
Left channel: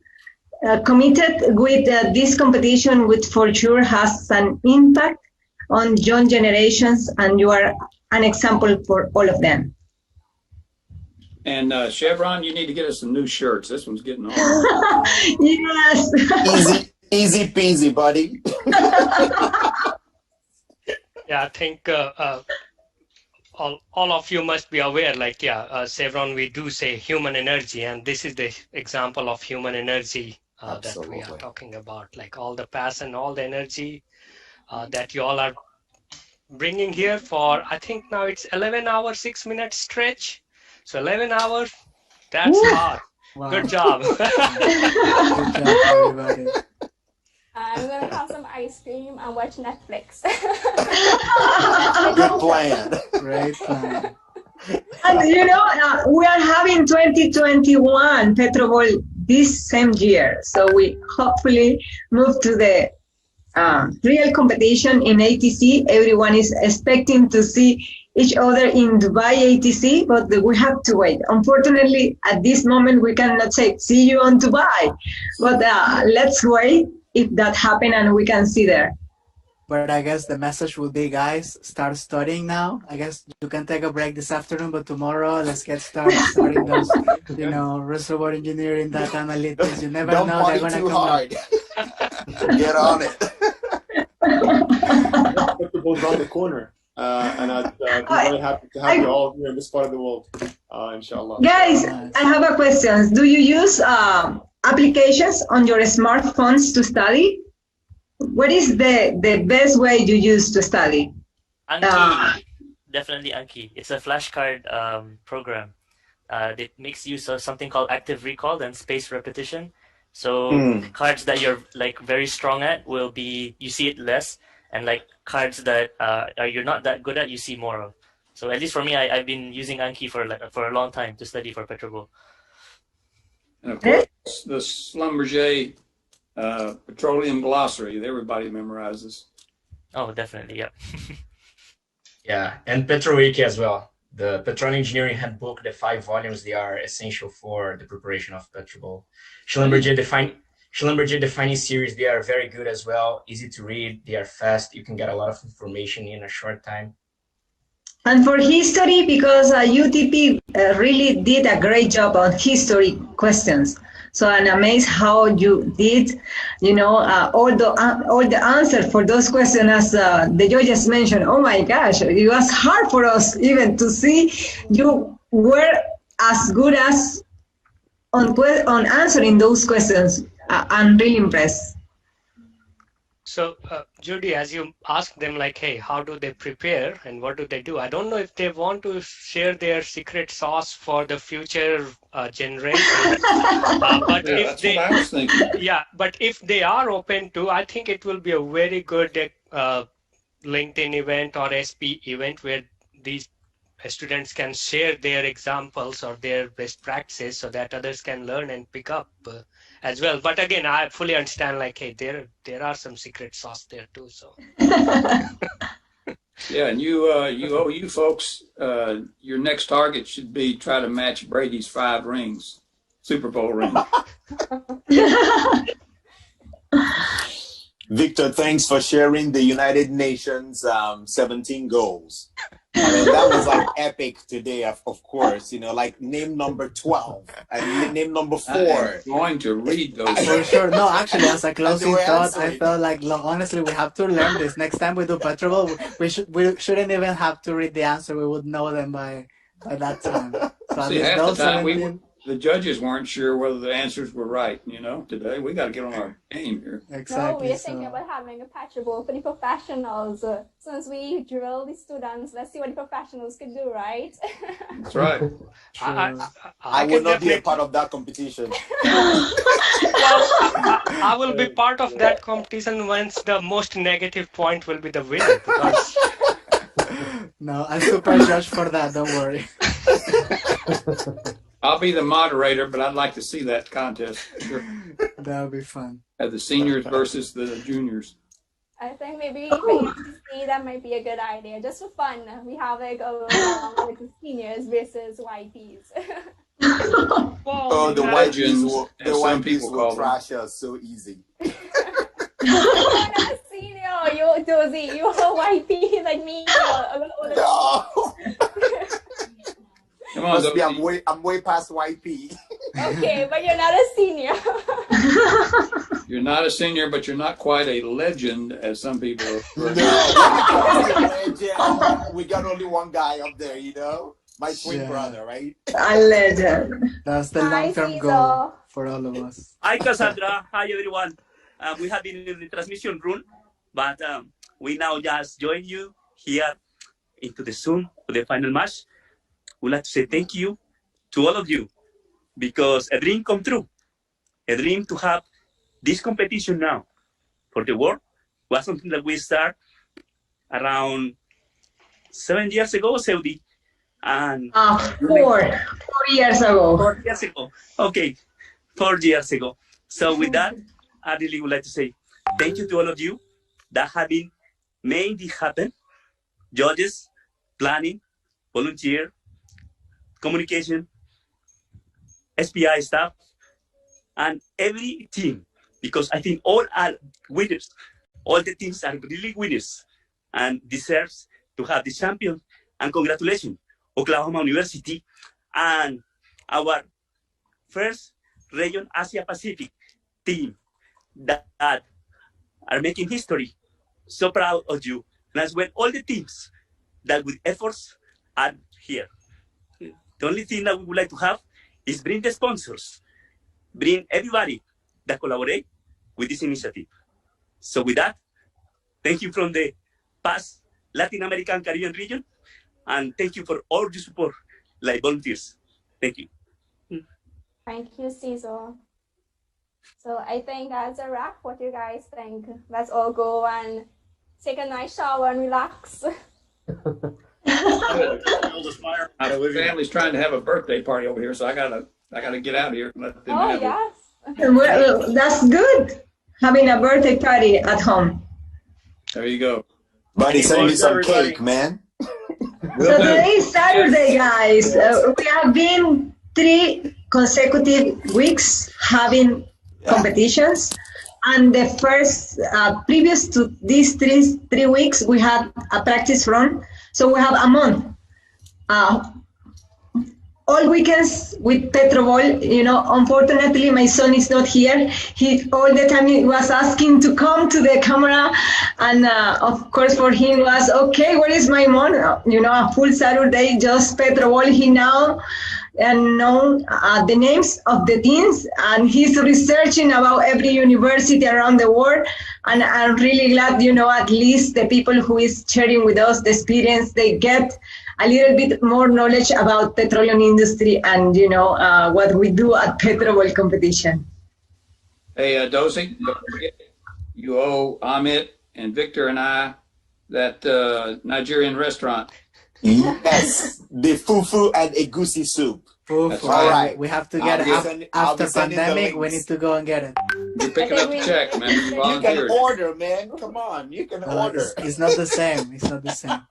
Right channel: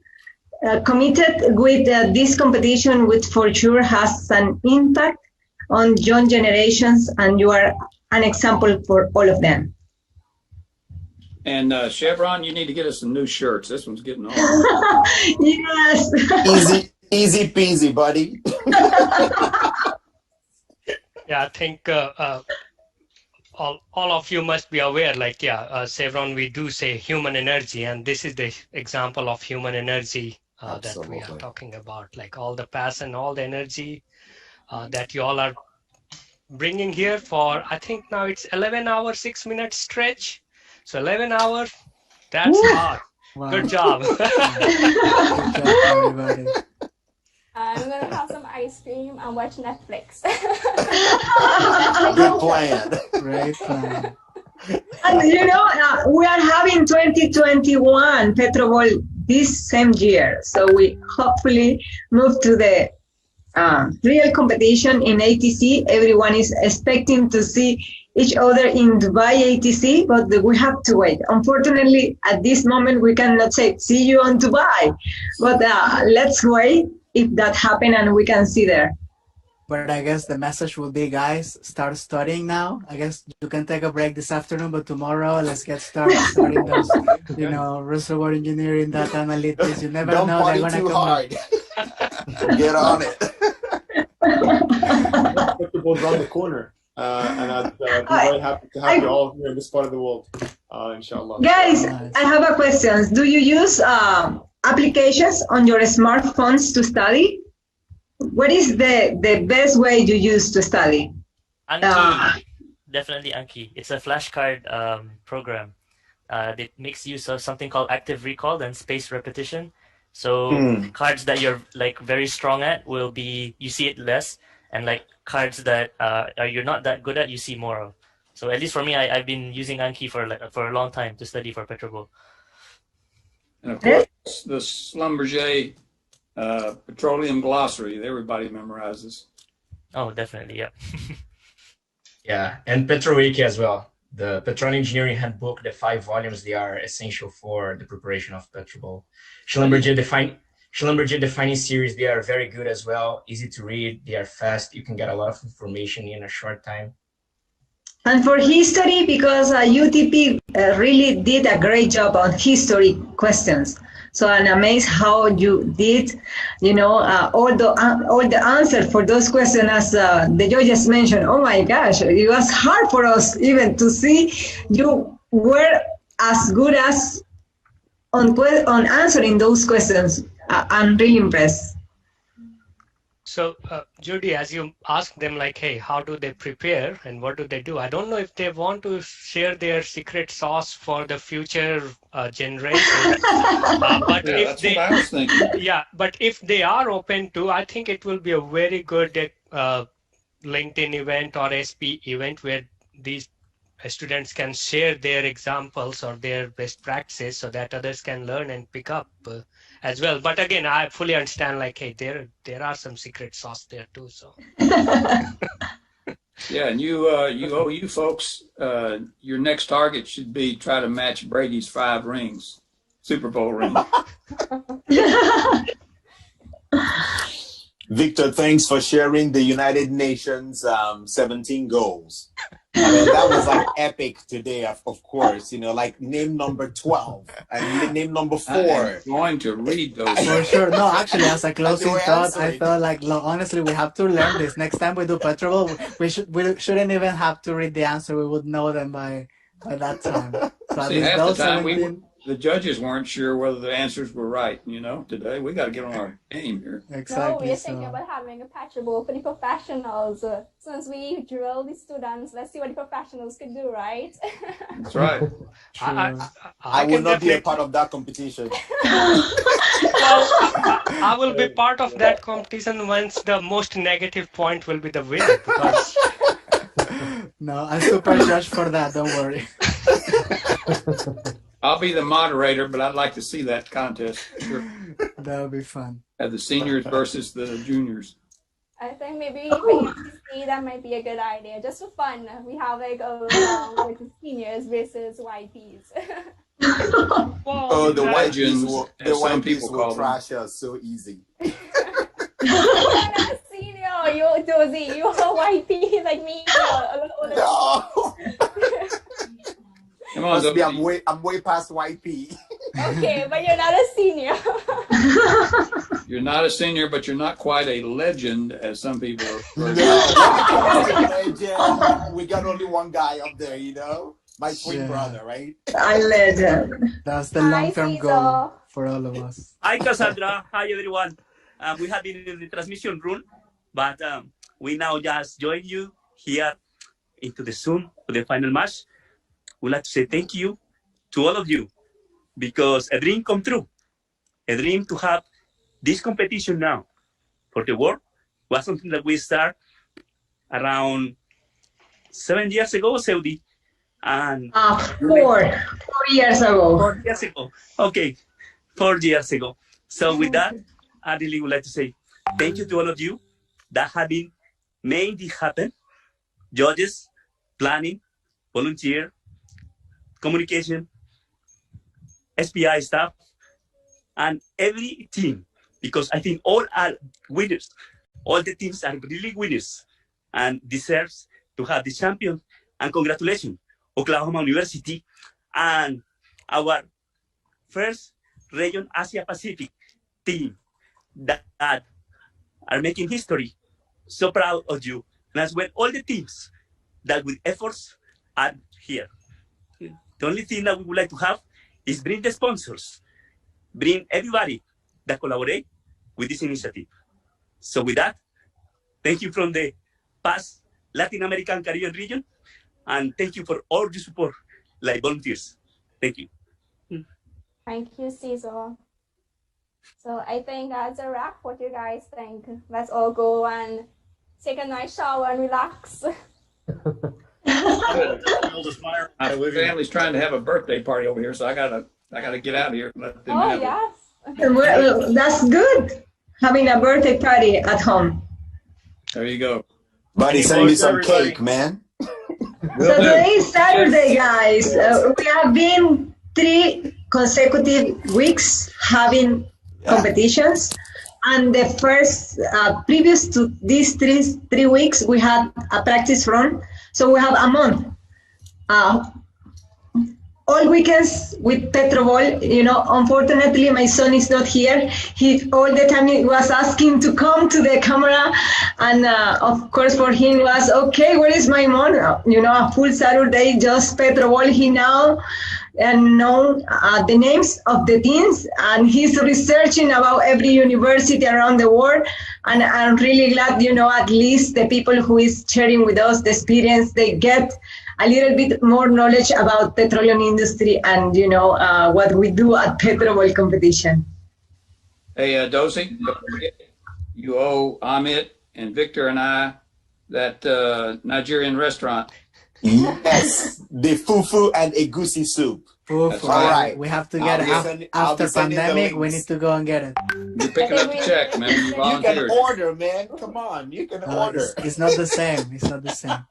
committed with this competition, which for sure has an impact on young generations, and you are an example for all of them. And Chevron, you need to get us some new shirts. This one's getting old. Yes. Easy peasy, buddy. Yeah, I think all of you must be aware, like, Chevron, we do say human energy, and this is the example of human energy that we are talking about, like all the passion, all the energy that you all are bringing here for, I think now it's 11 hours, 6 minute stretch. So 11 hours, that's hard. Wow. Good job. Good job, everybody. I'm gonna have some ice cream and watch Netflix. Good plan. Great plan. And you know, we are having 2021 PetroBowl this same year, so we hopefully move to the real competition in ATC. Everyone is expecting to see each other in Dubai ATC, but we have to wait. Unfortunately, at this moment, we cannot say, see you on Dubai, but let's wait if that happens and we can see there. But I guess the message will be, guys, start studying now. I guess you can take a break this afternoon, but tomorrow, let's get started studying those, reservoir engineering, data analytics. You never know, they're going to come hard. Get on it. PetroBowl's around the corner. And I'd be very happy to have you all here in this part of the world, inshallah. Guys, I have a question. Do you use applications on your smartphones to study? What is the best way you use to study? Anki, definitely Anki. It's a flashcard program that makes use of something called active recall and spaced repetition. So cards that you're like very strong at will be, you see it less, and like cards that you're not that good at, you see more of. So at least for me, I've been using Anki for a long time to study for PetroBowl. And of course, the Schlumberger petroleum glossary, everybody memorizes. Oh, definitely, yeah. Yeah, and PetroWiki as well. The Petroleum Engineering Handbook, the 5 volumes, they are essential for the preparation of PetroBowl. Schlumberger Defining Series, they are very good as well, easy to read, they are fast, you can get a lot of information in a short time. And for history, because UTP really did a great job on history questions. So I'm amazed how you did, all the answers for those questions, as the judges mentioned. Oh my gosh, it was hard for us even to see you were as good as on answering those questions. I'm really impressed. So, Judy, as you ask them, like, hey, how do they prepare and what do they do? I don't know if they want to share their secret sauce for the future generation. But if they, what I was thinking. Yeah, but if they are open to, I think it will be a very good LinkedIn event or SP event where these students can share their examples or their best practices so that others can learn and pick up as well. But again, I fully understand, like, hey, there are some secret sauce there too. So yeah, and you folks, your next target should be try to match Brady's 5 rings, Super Bowl ring. Victor, thanks for sharing the United Nations 17 goals. I mean, that was like epic today, of course, like name number 12 and name number 4. I'm going to read those. For sure. No, actually, as a closing thought, I felt like, honestly, we have to learn this. Next time we do PetroBowl, we shouldn't even have to read the answer. We would know them by that time. So see, half the time the judges weren't sure whether the answers were right. Today we got to get on our game here. Exactly. No, we're thinking about having a PetroBowl for the professionals. Since we drill the students, let's see what the professionals could do, right? That's right. I will not be a part of that competition. I will be part of that competition once the most negative point will be the winner. Because... No, I'm super judged for that. Don't worry. I'll be the moderator, but I'd like to see that contest. Sure. That would be fun. Have the seniors versus the juniors. I think maybe for ATC, that might be a good idea. Just for fun, we have like the seniors versus YPs. Oh, the Legends, the as some white people will call them. trash us so easy. Senior, you Josie, you are YP like me. No. Come on, Must be, I'm way past YP. Okay, but you're not a senior. You're not a senior, but you're not quite a legend, as some people refer to. Legend. We got only one guy up there, you know? My twin brother, right? A legend. That's the long-term goal for all of us. Hi, Cassandra. Hi, everyone. We have been in the transmission room, but we now just join you here into the Zoom for the final match. We'd like to say thank you to all of you, because a dream come true. A dream to have this competition now for the world was something that we started around 7 years ago, Saudi. And 4 years ago. 4 years ago. Okay, 4 years ago. So with that, I really would like to say thank you to all of you that have been made it happen. Judges, planning, volunteer, communication, SPI staff, and every team, because I think all are winners. All the teams are really winners and deserves to have the champion. And congratulations, Oklahoma University and our first region Asia Pacific team that are making history. So proud of you. And as well, all the teams that with efforts are here. The only thing that we would like to have is bring the sponsors, bring everybody that collaborate with this initiative. So with that, thank you from the past Latin American Caribbean region, and thank you for all your support, like volunteers. Thank you. Thank you, Cesar. So I think that's a wrap. What do you guys think? Let's all go and take a nice shower and relax. My family's trying to have a birthday party over here, so I gotta get out of here and let them have yes. Well, that's good. Having a birthday party at home. There you go. Buddy, send me some cake, man. So today is Saturday, guys. We have been 3 consecutive weeks having competitions. And the first, previous to these three weeks, we had a practice run. So we have a month. All weekends with PetroBowl, you know, unfortunately my son is not here. He all the time he was asking to come to the camera, and of course for him was, okay, where is my mom? You know, a full Saturday, just PetroBowl. He now know the names of the teams, and he's researching about every university around the world. And I'm really glad, you know, at least the people who is sharing with us the experience, they get a little bit more knowledge about petroleum industry and, you know, what we do at PetroBowl competition. Hey, Dozy, don't forget, you owe Amit and Victor and I that Nigerian restaurant. Yes, the fufu and egusi soup. Fufu. All right. We have to get it after pandemic. We need to go and get it. You're picking up the check, man. You can volunteered. order, man. Come on, you can order. It's not the same. It's not the same.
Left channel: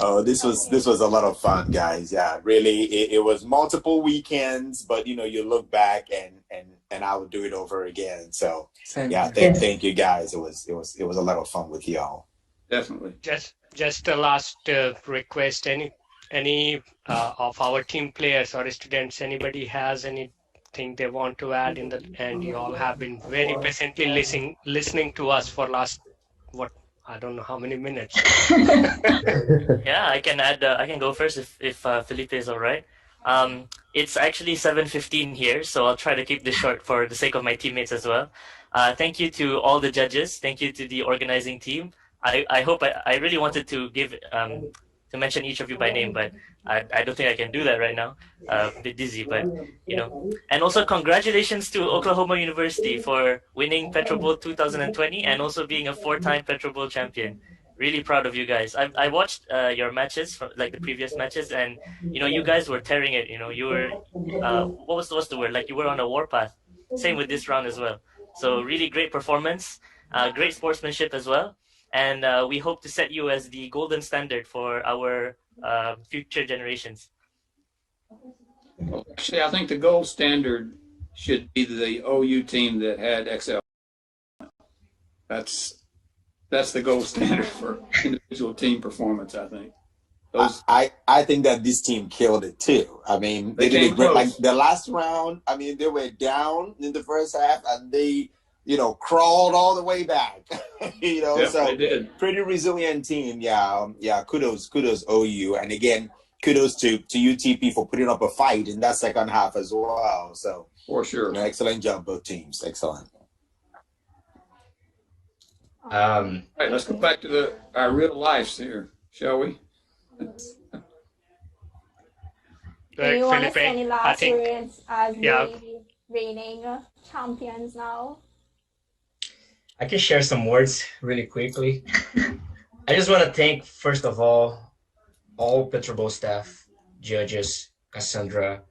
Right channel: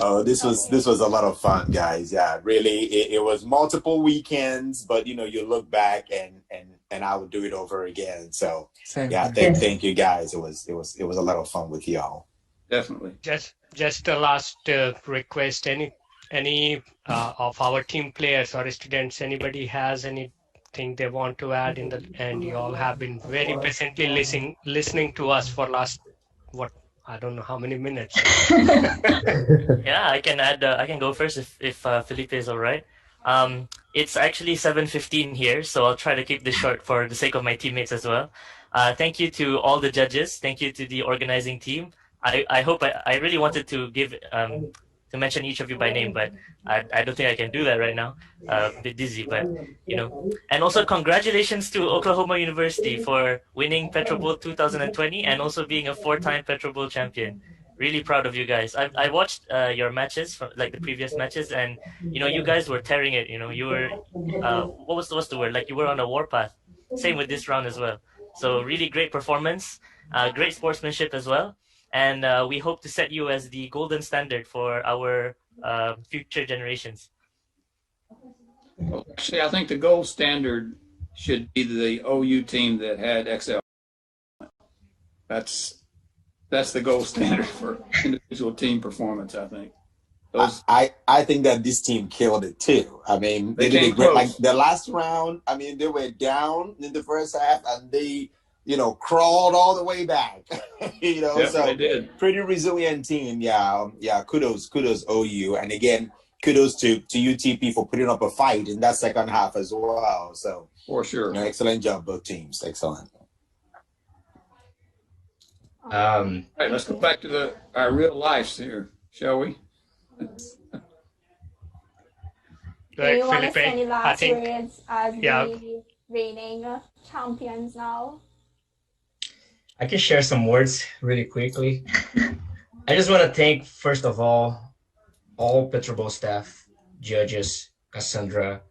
Oh, this was a lot of fun, guys. Yeah, really, it was multiple weekends, but you know, you look back and I would do it over again. So yeah, thank you guys. It was a lot of fun with y'all. Definitely. Just a last request. Any of our team players or students, anybody has anything they want to add in the end? You all have been very patiently listening to us for last I don't know how many minutes. Yeah, I can add. I can go first if Felipe is all right. It's actually 7:15 here, so I'll try to keep this short for the sake of my teammates as well. Thank you to all the judges. Thank you to the organizing team. I hope I really wanted to give to mention each of you by name, but I don't think I can do that right now. A bit dizzy, but you know. And also congratulations to Oklahoma University for winning PetroBowl 2020 and also being a 4-time PetroBowl champion. Really proud of you guys. I watched your matches, like the previous matches, and you know you guys were tearing it. You know you were what's the word? Like you were on a warpath. Same with this round as well. So really great performance, great sportsmanship as well. And we hope to set you as the golden standard for our future generations? Well, actually, I think the gold standard should be the OU team that had XL. That's the gold standard for individual team performance, I think. I think that this team killed it too. I mean, they did a great, like the last round. I mean, they were down in the first half and they, crawled all the way back. Yep, so they did. Pretty resilient team. Yeah. Kudos OU, and again, kudos to UTP for putting up a fight in that second half as well. So for sure, excellent job, both teams. Excellent. All right, let's go back to our real lives here, shall we? Do you want to say any last words as the reigning champions now? I can share some words really quickly. I just want to thank, first of all PetroBowl staff, judges, Cassandra,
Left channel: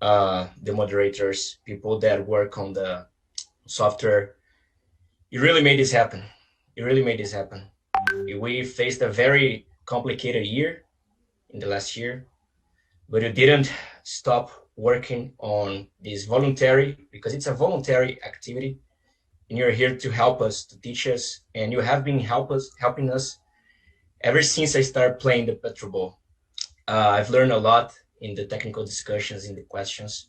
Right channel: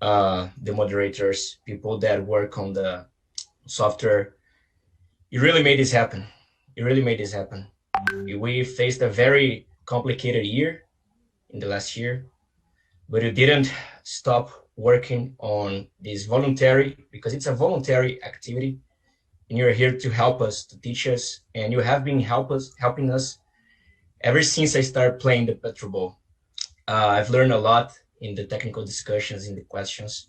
the moderators, people that work on the software. You really made this happen. We faced a very complicated year in the last year, but you didn't stop working on this voluntary, because it's a voluntary activity, and you're here to help us, to teach us, and you have been helping us ever since I started playing the PetroBowl. I've learned a lot in the technical discussions, in the questions.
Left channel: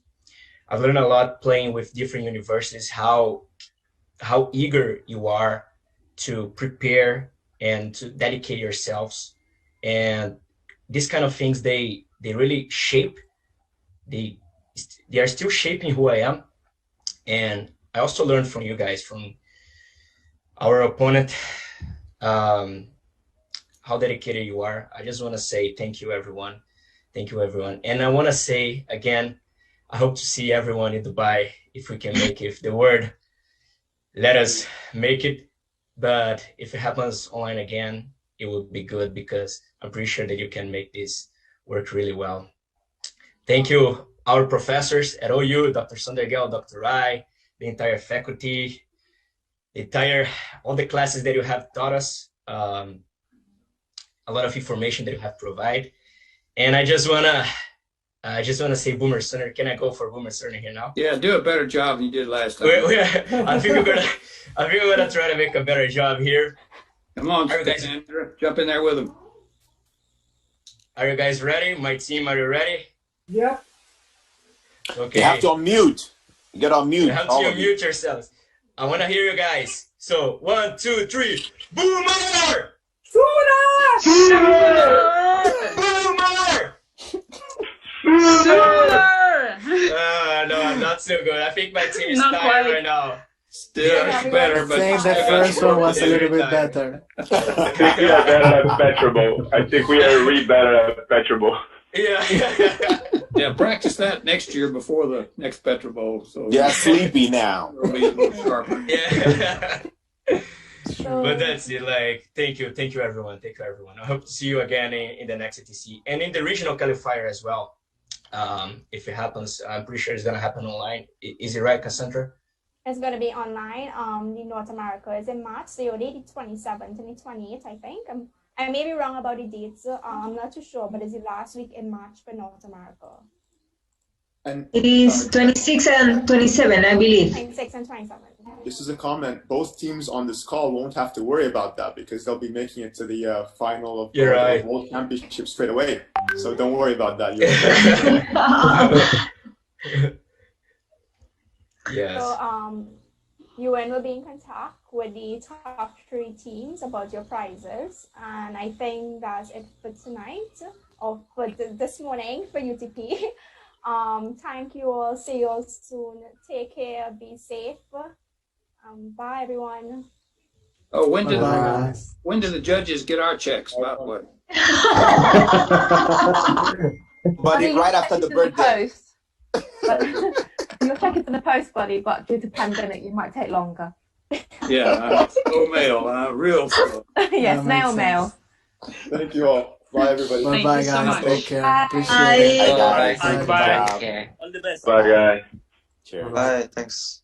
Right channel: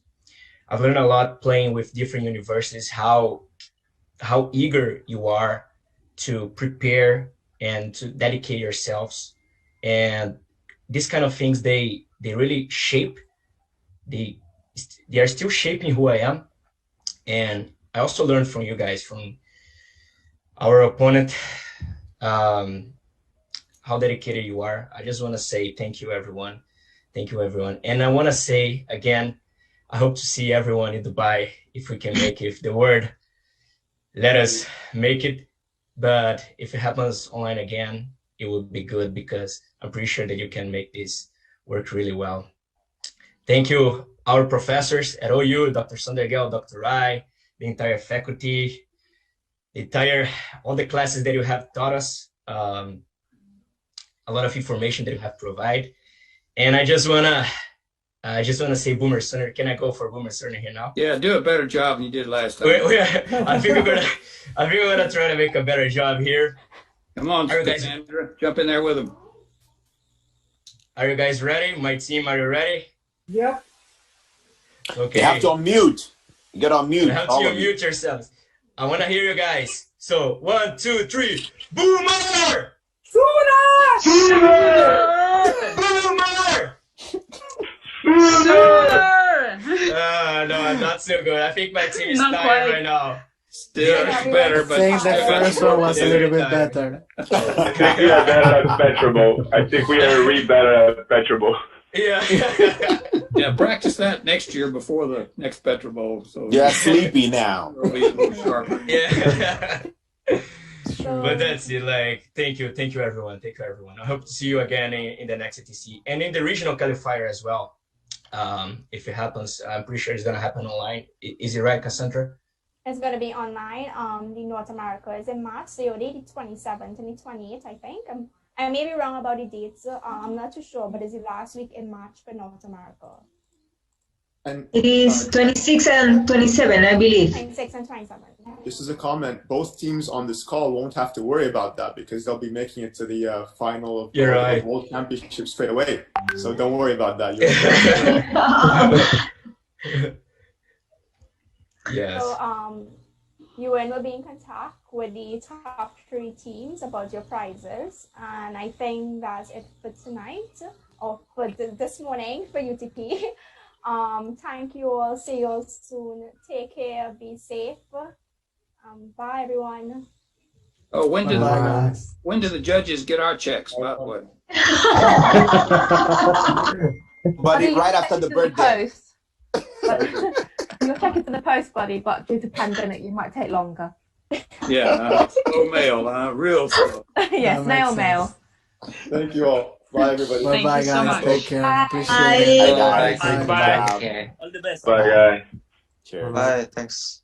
I've learned a lot playing with different universities, how eager you are to prepare and to dedicate yourselves. And these kind of things, they really shape, they are still shaping who I am. And I also learned from you guys, from our opponent, how dedicated you are. I just want to say thank you, everyone. And I want to say again, I hope to see everyone in Dubai, if we can make it, if the word let us make it. But if it happens online again, it would be good, because I'm pretty sure that you can make this work really well. Thank you, our professors at OU, Dr. Sandergel, Dr. Rai, the entire faculty, all the classes that you have taught us, a lot of information that you have provided. And I just wanna say Boomer Sooner. Can I go for Boomer Sooner here now? Yeah, do a better job than you did last time. I think we're gonna try to make a better job here. Come on, Sandra, jump in there with them. Are you guys ready? My team, are you ready? Yep. Okay. You have to unmute. You got to unmute. You have to unmute yourselves. I want to hear you guys. So 1, 2, 3. Boomer! Sooner! Boomer! Sooner! No, not so good. I think my team is Not tired quite. right now. Still better, but I think the first one was a little bit better. I think we are better at PetroBowl. I think we are really better at PetroBowl. Yeah. Yeah, practice that next year before the next PetroBowl. So yeah, sleepy now. It'll be a little sharper. Yeah. But that's it. Like, thank you, everyone. I hope to see you again in the next ATC and in the regional qualifier as well. If it happens, I'm pretty sure it's gonna happen online. Is it right, Cassandra? It's going to be online. In North America is in March, so the 27th and the 28th, I think. I may be wrong about the dates. I'm not too sure, but it's the last week in March for North America. And It is 26 and 27, I believe. 26 and 27. Just as a comment, both teams on this call won't have to worry about that, because they'll be making it to the final of the World Championship straight away. So don't worry about that. Yes. So UN will be in contact with the top 3 teams about your prizes, and I think that's it for tonight, or for this morning for UTP. Thank you all. See you all soon. Take care. Be safe. Bye, everyone. Oh, when do the judges get our checks? By the way. Buddy, right after the birthday. You'll check it in the post, buddy, but due to pandemic, it might take longer. Yeah, slow mail, real slow. Yes, snail mail. Thank you all. Bye, everybody. Bye, guys. Take care. Bye. Appreciate it. Bye, guys. All the best. Bye, guys. Cheers. Bye. Thanks.